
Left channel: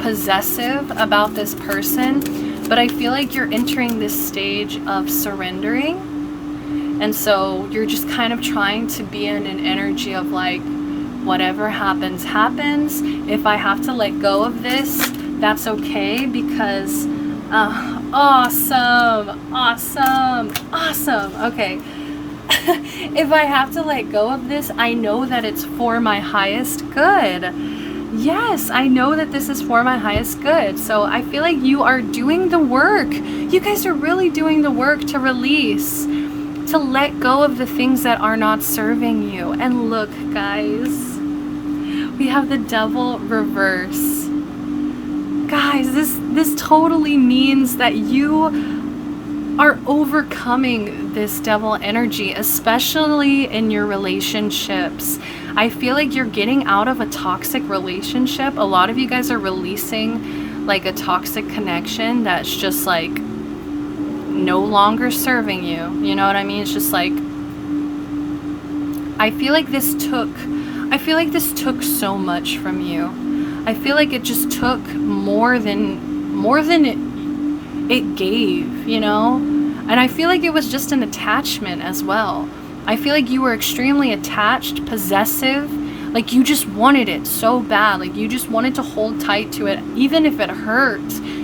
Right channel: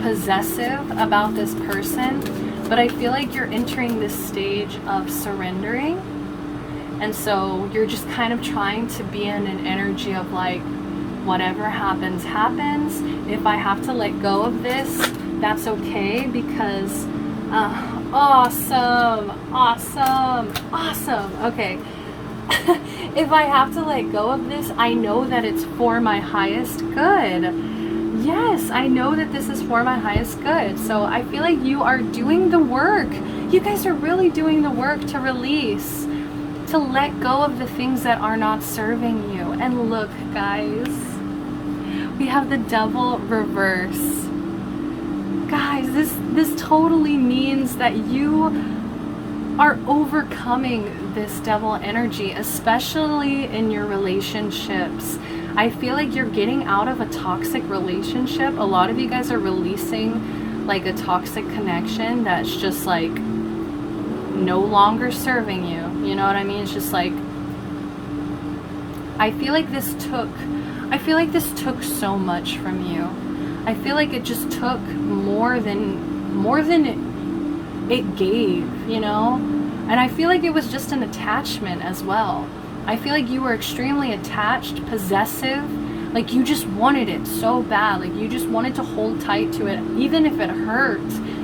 possessive about this person. But I feel like you're entering this stage of surrendering. And so you're just kind of trying to be in an energy of like, whatever happens, happens. If I have to let go of this, that's okay, because awesome. Okay. if I have to let go of this, I know that it's for my highest good. Yes, I know that this is for my highest good. So I feel like you are doing the work. You guys are really doing the work to release, to let go of the things that are not serving you. And look, guys, we have the Devil reverse. Guys, this totally means that you are overcoming this devil energy, especially in your relationships. I feel like you're getting out of a toxic relationship. A lot of you guys are releasing like a toxic connection that's just like no longer serving you. You know what I mean? It's just like, I feel like this took so much from you. I feel like it just took more than it gave, you know? And I feel like it was just an attachment as well. I feel like you were extremely attached, possessive, like you just wanted it so bad, like you just wanted to hold tight to it. Even if it hurt,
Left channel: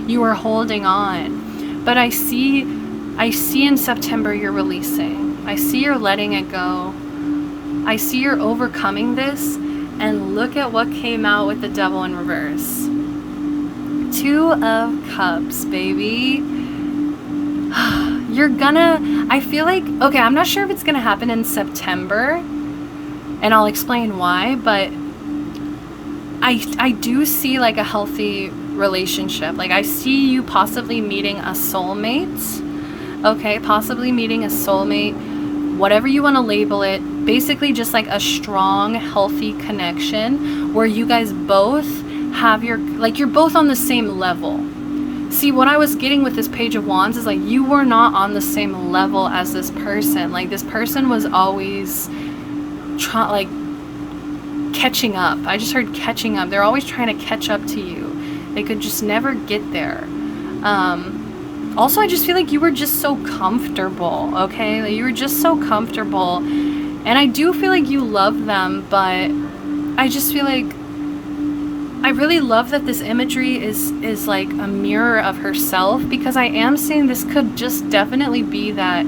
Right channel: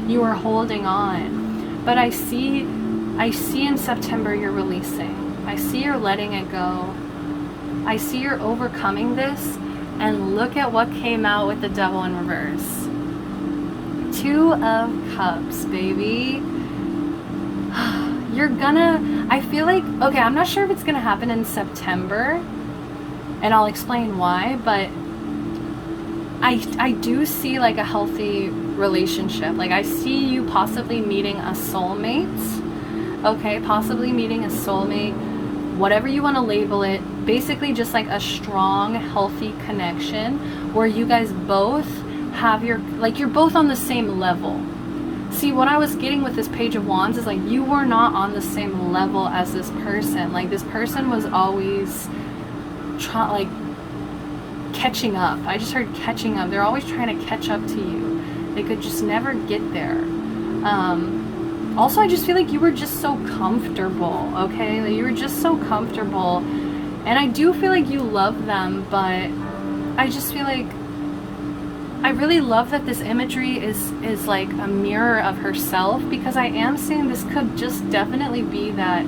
you were holding on. But I see in September you're releasing. I see you're letting it go. I see you're overcoming this. And look at what came out with the Devil in reverse. 2 of Cups, baby. You're gonna, I feel like, okay, I'm not sure if it's gonna happen in September, and I'll explain why, but I do see like a healthy relationship. Like I see you possibly meeting a soulmate, okay, possibly meeting a soulmate, whatever you want to label it, basically just like a strong, healthy connection where you guys both have you're both on the same level. See, what I was getting with this Page of Wands is like you were not on the same level as this person. Like this person was always catching up. I just heard catching up. They're always trying to catch up to you. They could just never get there. Also, I just feel like you were just so comfortable, okay? Like, you were just so comfortable. And I do feel like you love them, but I just feel like I really love that this imagery is like a mirror of herself, because I am saying this could just definitely be that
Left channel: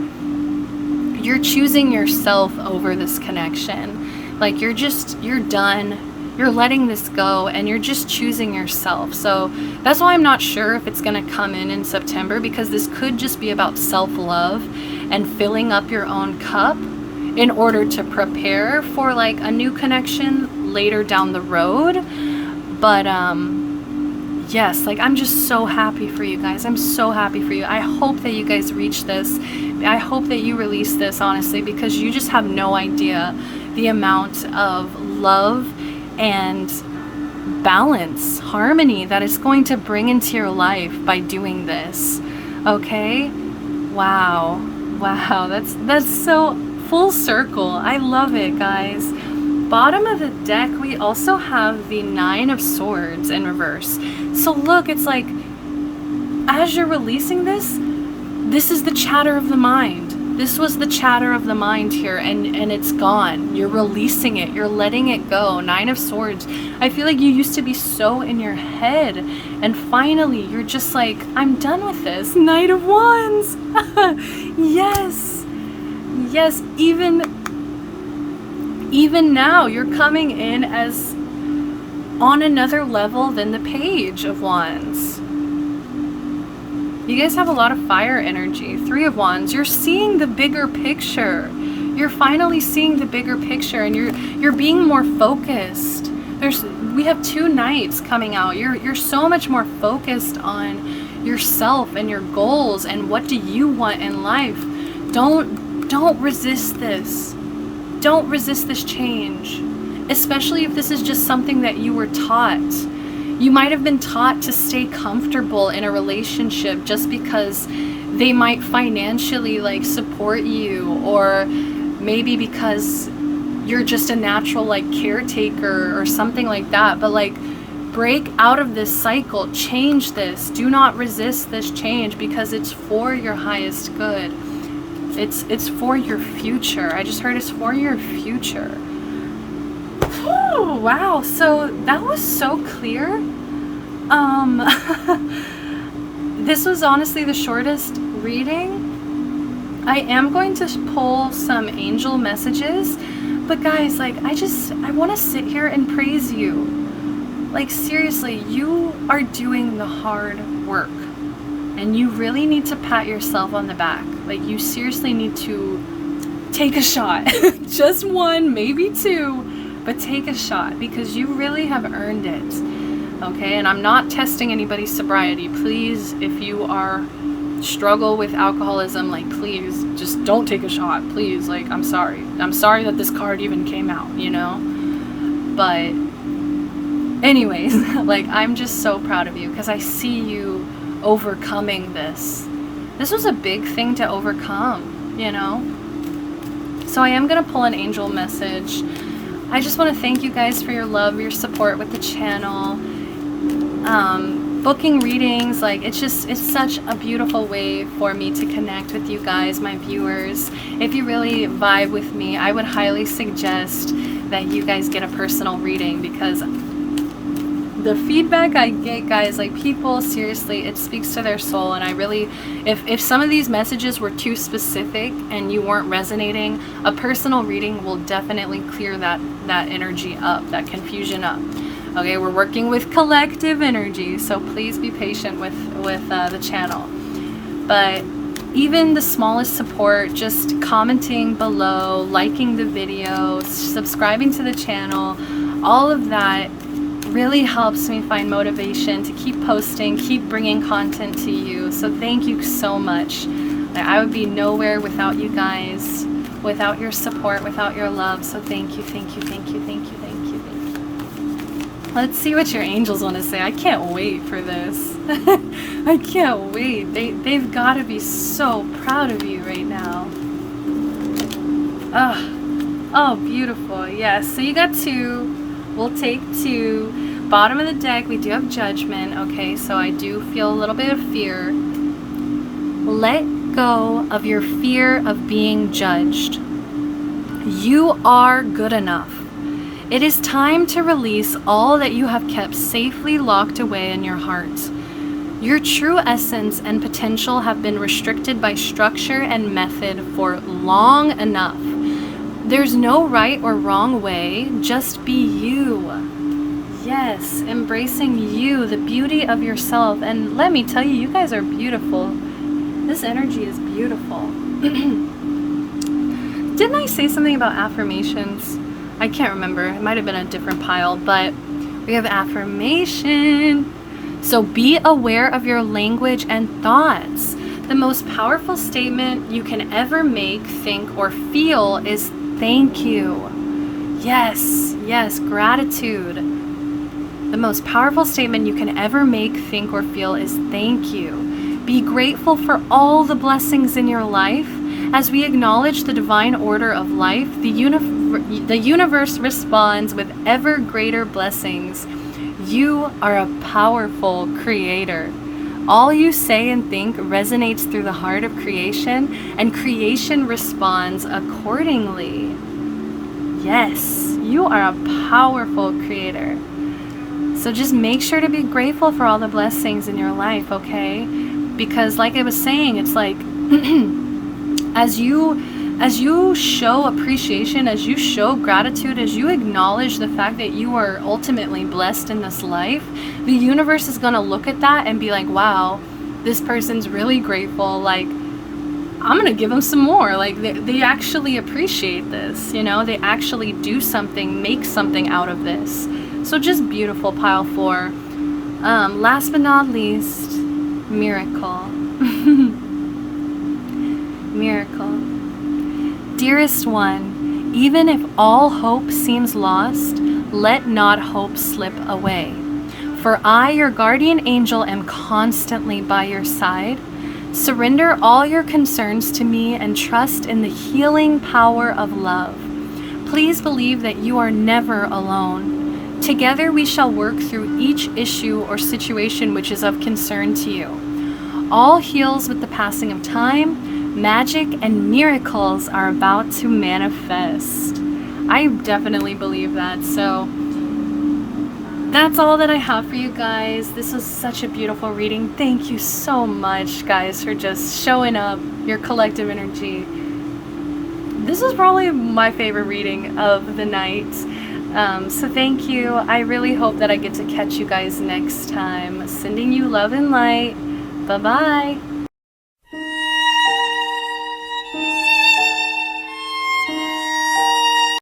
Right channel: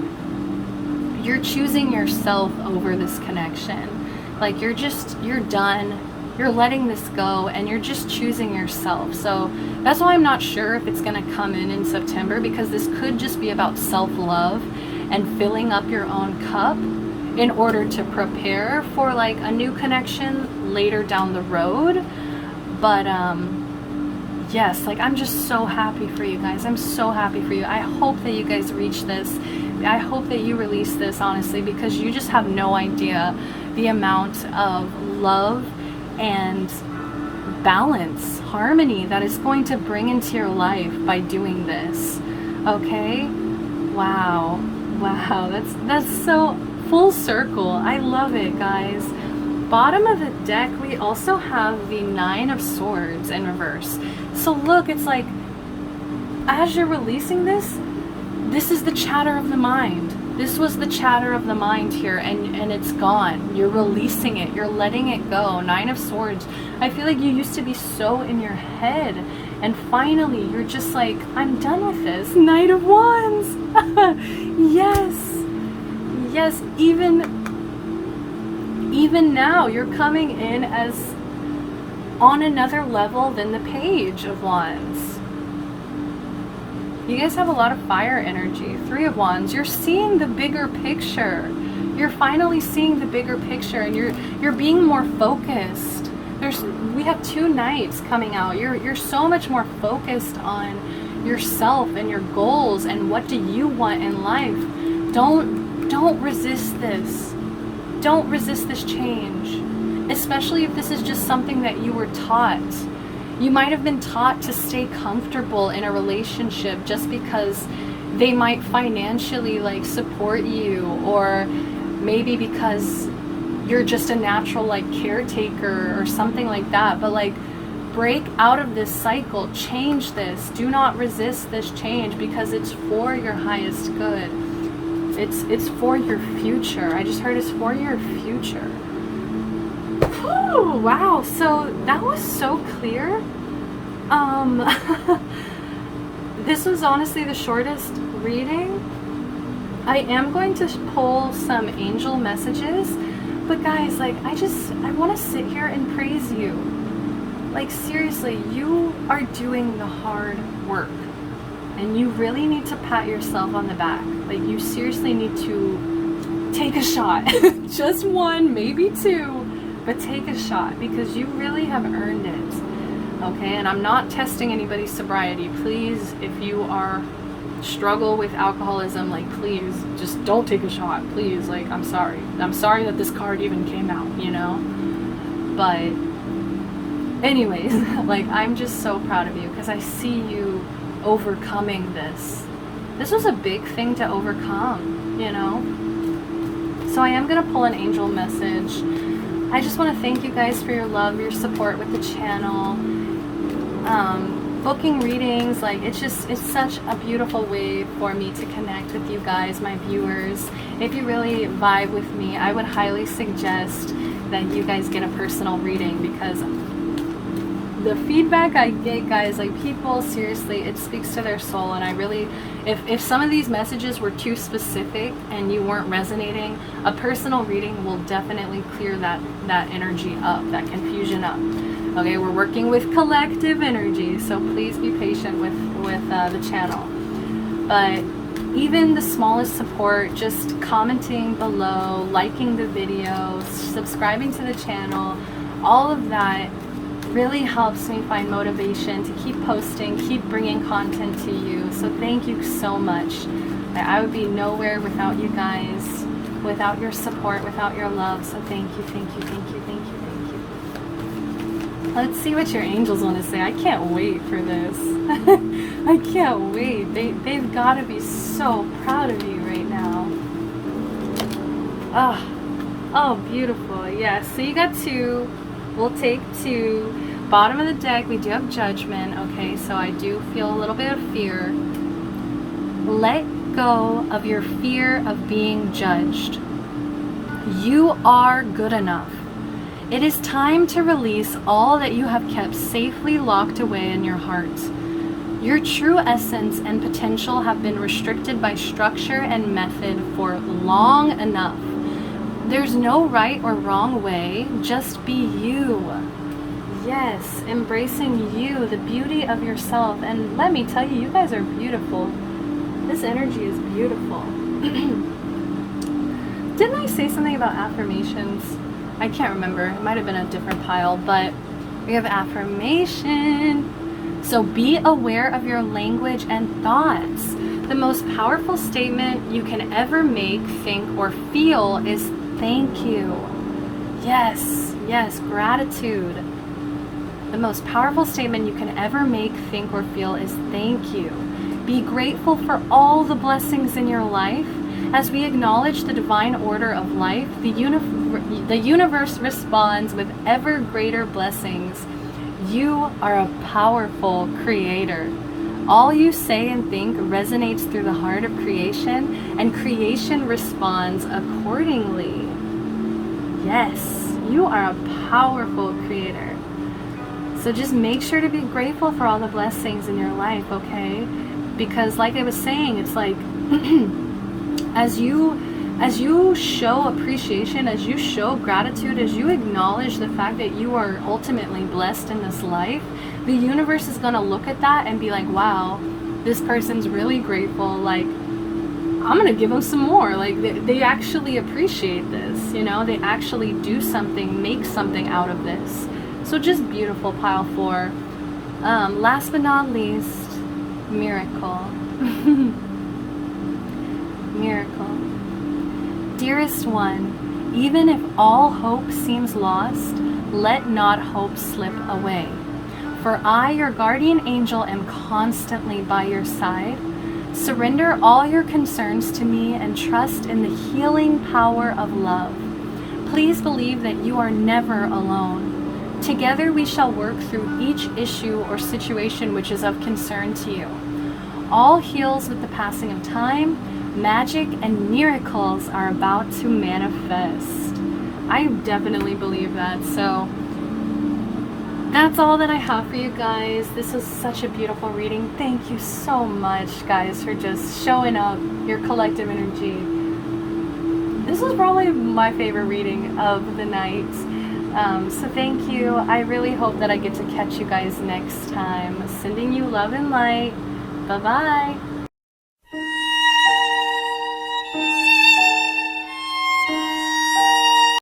you're choosing yourself over this connection. Like you're done. You're letting this go and you're just choosing yourself. So that's why I'm not sure if it's going to come in September, because this could just be about self-love and filling up your own cup in order to prepare for like a new connection later down the road. But yes, like I'm just so happy for you guys. I'm so happy for you. I hope that you guys reach this. I hope that you release this, honestly, because you just have no idea the amount of love and balance, harmony that it's going to bring into your life by doing this. Okay? Wow. That's so full circle. I love it, guys. Bottom of the deck, we also have the 9 of Swords in reverse. So look, it's like as you're releasing this is the chatter of the mind. This was the chatter of the mind here, and it's gone. You're releasing it. You're letting it go. 9 of Swords. I feel like you used to be so in your head, and finally you're just like, I'm done with this. Knight of Wands. Yes. Even now, you're coming in as on another level than the Page of Wands. You guys have a lot of fire energy. 3 of Wands. You're seeing the bigger picture. You're finally seeing the bigger picture, and you're being more focused. We have 2 Knights coming out. You're so much more focused on yourself and your goals and what do you want in life. Don't resist this. Don't resist this change, especially if this is just something that you were taught. You might have been taught to stay comfortable in a relationship just because they might financially like support you, or maybe because you're just a natural like caretaker or something like that. But like, break out of this cycle, change this. Do not resist this change, because it's for your highest good. It's for your future. I just heard it's for your future. Whew, wow, so that was so clear. This was honestly the shortest reading. I am going to pull some angel messages, but guys, like, I want to sit here and praise you. Like, seriously, you are doing the hard work, and you really need to pat yourself on the back. Like, you seriously need to take a shot. Just one, maybe two, but take a shot, because you really have earned it. Okay, and I'm not testing anybody's sobriety. Please, if you are struggle with alcoholism, like, please just don't take a shot, please. Like, I'm sorry that this card even came out, you know. But anyways, like, I'm just so proud of you, because I see you overcoming this. This was a big thing to overcome, you know. So I am gonna pull an angel message. I just want to thank you guys for your love, your support with the channel. Booking readings, like, it's such a beautiful way for me to connect with you guys, my viewers. If you really vibe with me, I would highly suggest that you guys get a personal reading, because the feedback I get, guys, like, people, seriously, it speaks to their soul. And I really, if some of these messages were too specific and you weren't resonating, a personal reading will definitely clear that energy up, that confusion up. Okay, we're working with collective energy, so please be patient with the channel. But even the smallest support, just commenting below, liking the video, subscribing to the channel, all of that really helps me find motivation to keep posting, keep bringing content to you. So thank you so much. I would be nowhere without you guys, without your support, without your love. So thank you, thank you, thank you, thank you, thank you. Let's see what your angels want to say. I can't wait for this. I can't wait. They've got to be so proud of you right now. Oh, beautiful. Yeah, so you got two. We'll take two. Bottom of the deck, we do have Judgment. Okay, so I do feel a little bit of fear. Let go of your fear of being judged. You are good enough. It is time to release all that you have kept safely locked away in your heart. Your true essence and potential have been restricted by structure and method for long enough. There's no right or wrong way, just be you. Yes, embracing you, the beauty of yourself. And let me tell you, you guys are beautiful. This energy is beautiful. Didn't I say something about affirmations? I can't remember. It might have been a different pile, but we have affirmation. So be aware of your language and thoughts. The most powerful statement you can ever make, think, or feel is thank you. Yes, yes, gratitude. The most powerful statement you can ever make, think, or feel is thank you. Be grateful for all the blessings in your life. As we acknowledge the divine order of life, the universe responds with ever greater blessings. You are a powerful creator. All you say and think resonates through the heart of creation, and creation responds accordingly. Yes, you are a powerful creator. So just make sure to be grateful for all the blessings in your life, okay? Because like I was saying, it's like as you show appreciation, as you show gratitude, as you acknowledge the fact that you are ultimately blessed in this life, the universe is going to look at that and be like, wow, this person's really grateful. Like, I'm going to give them some more. Like, they actually appreciate this, you know, they actually do something, make something out of this. So just beautiful, pile 4. Last but not least, miracle. Miracle. Dearest one, even if all hope seems lost, let not hope slip away. For I, your guardian angel, am constantly by your side. Surrender all your concerns to me and trust in the healing power of love. Please believe that you are never alone. Together we shall work through each issue or situation which is of concern to you. All heals with the passing of time. Magic and miracles are about to manifest. I definitely believe that. So that's all that I have for you guys. This was such a beautiful reading. Thank you so much, guys, for just showing up, your collective energy. This was probably my favorite reading of the night. So thank you. I really hope that I get to catch you guys next time. Sending you love and light. Bye-bye.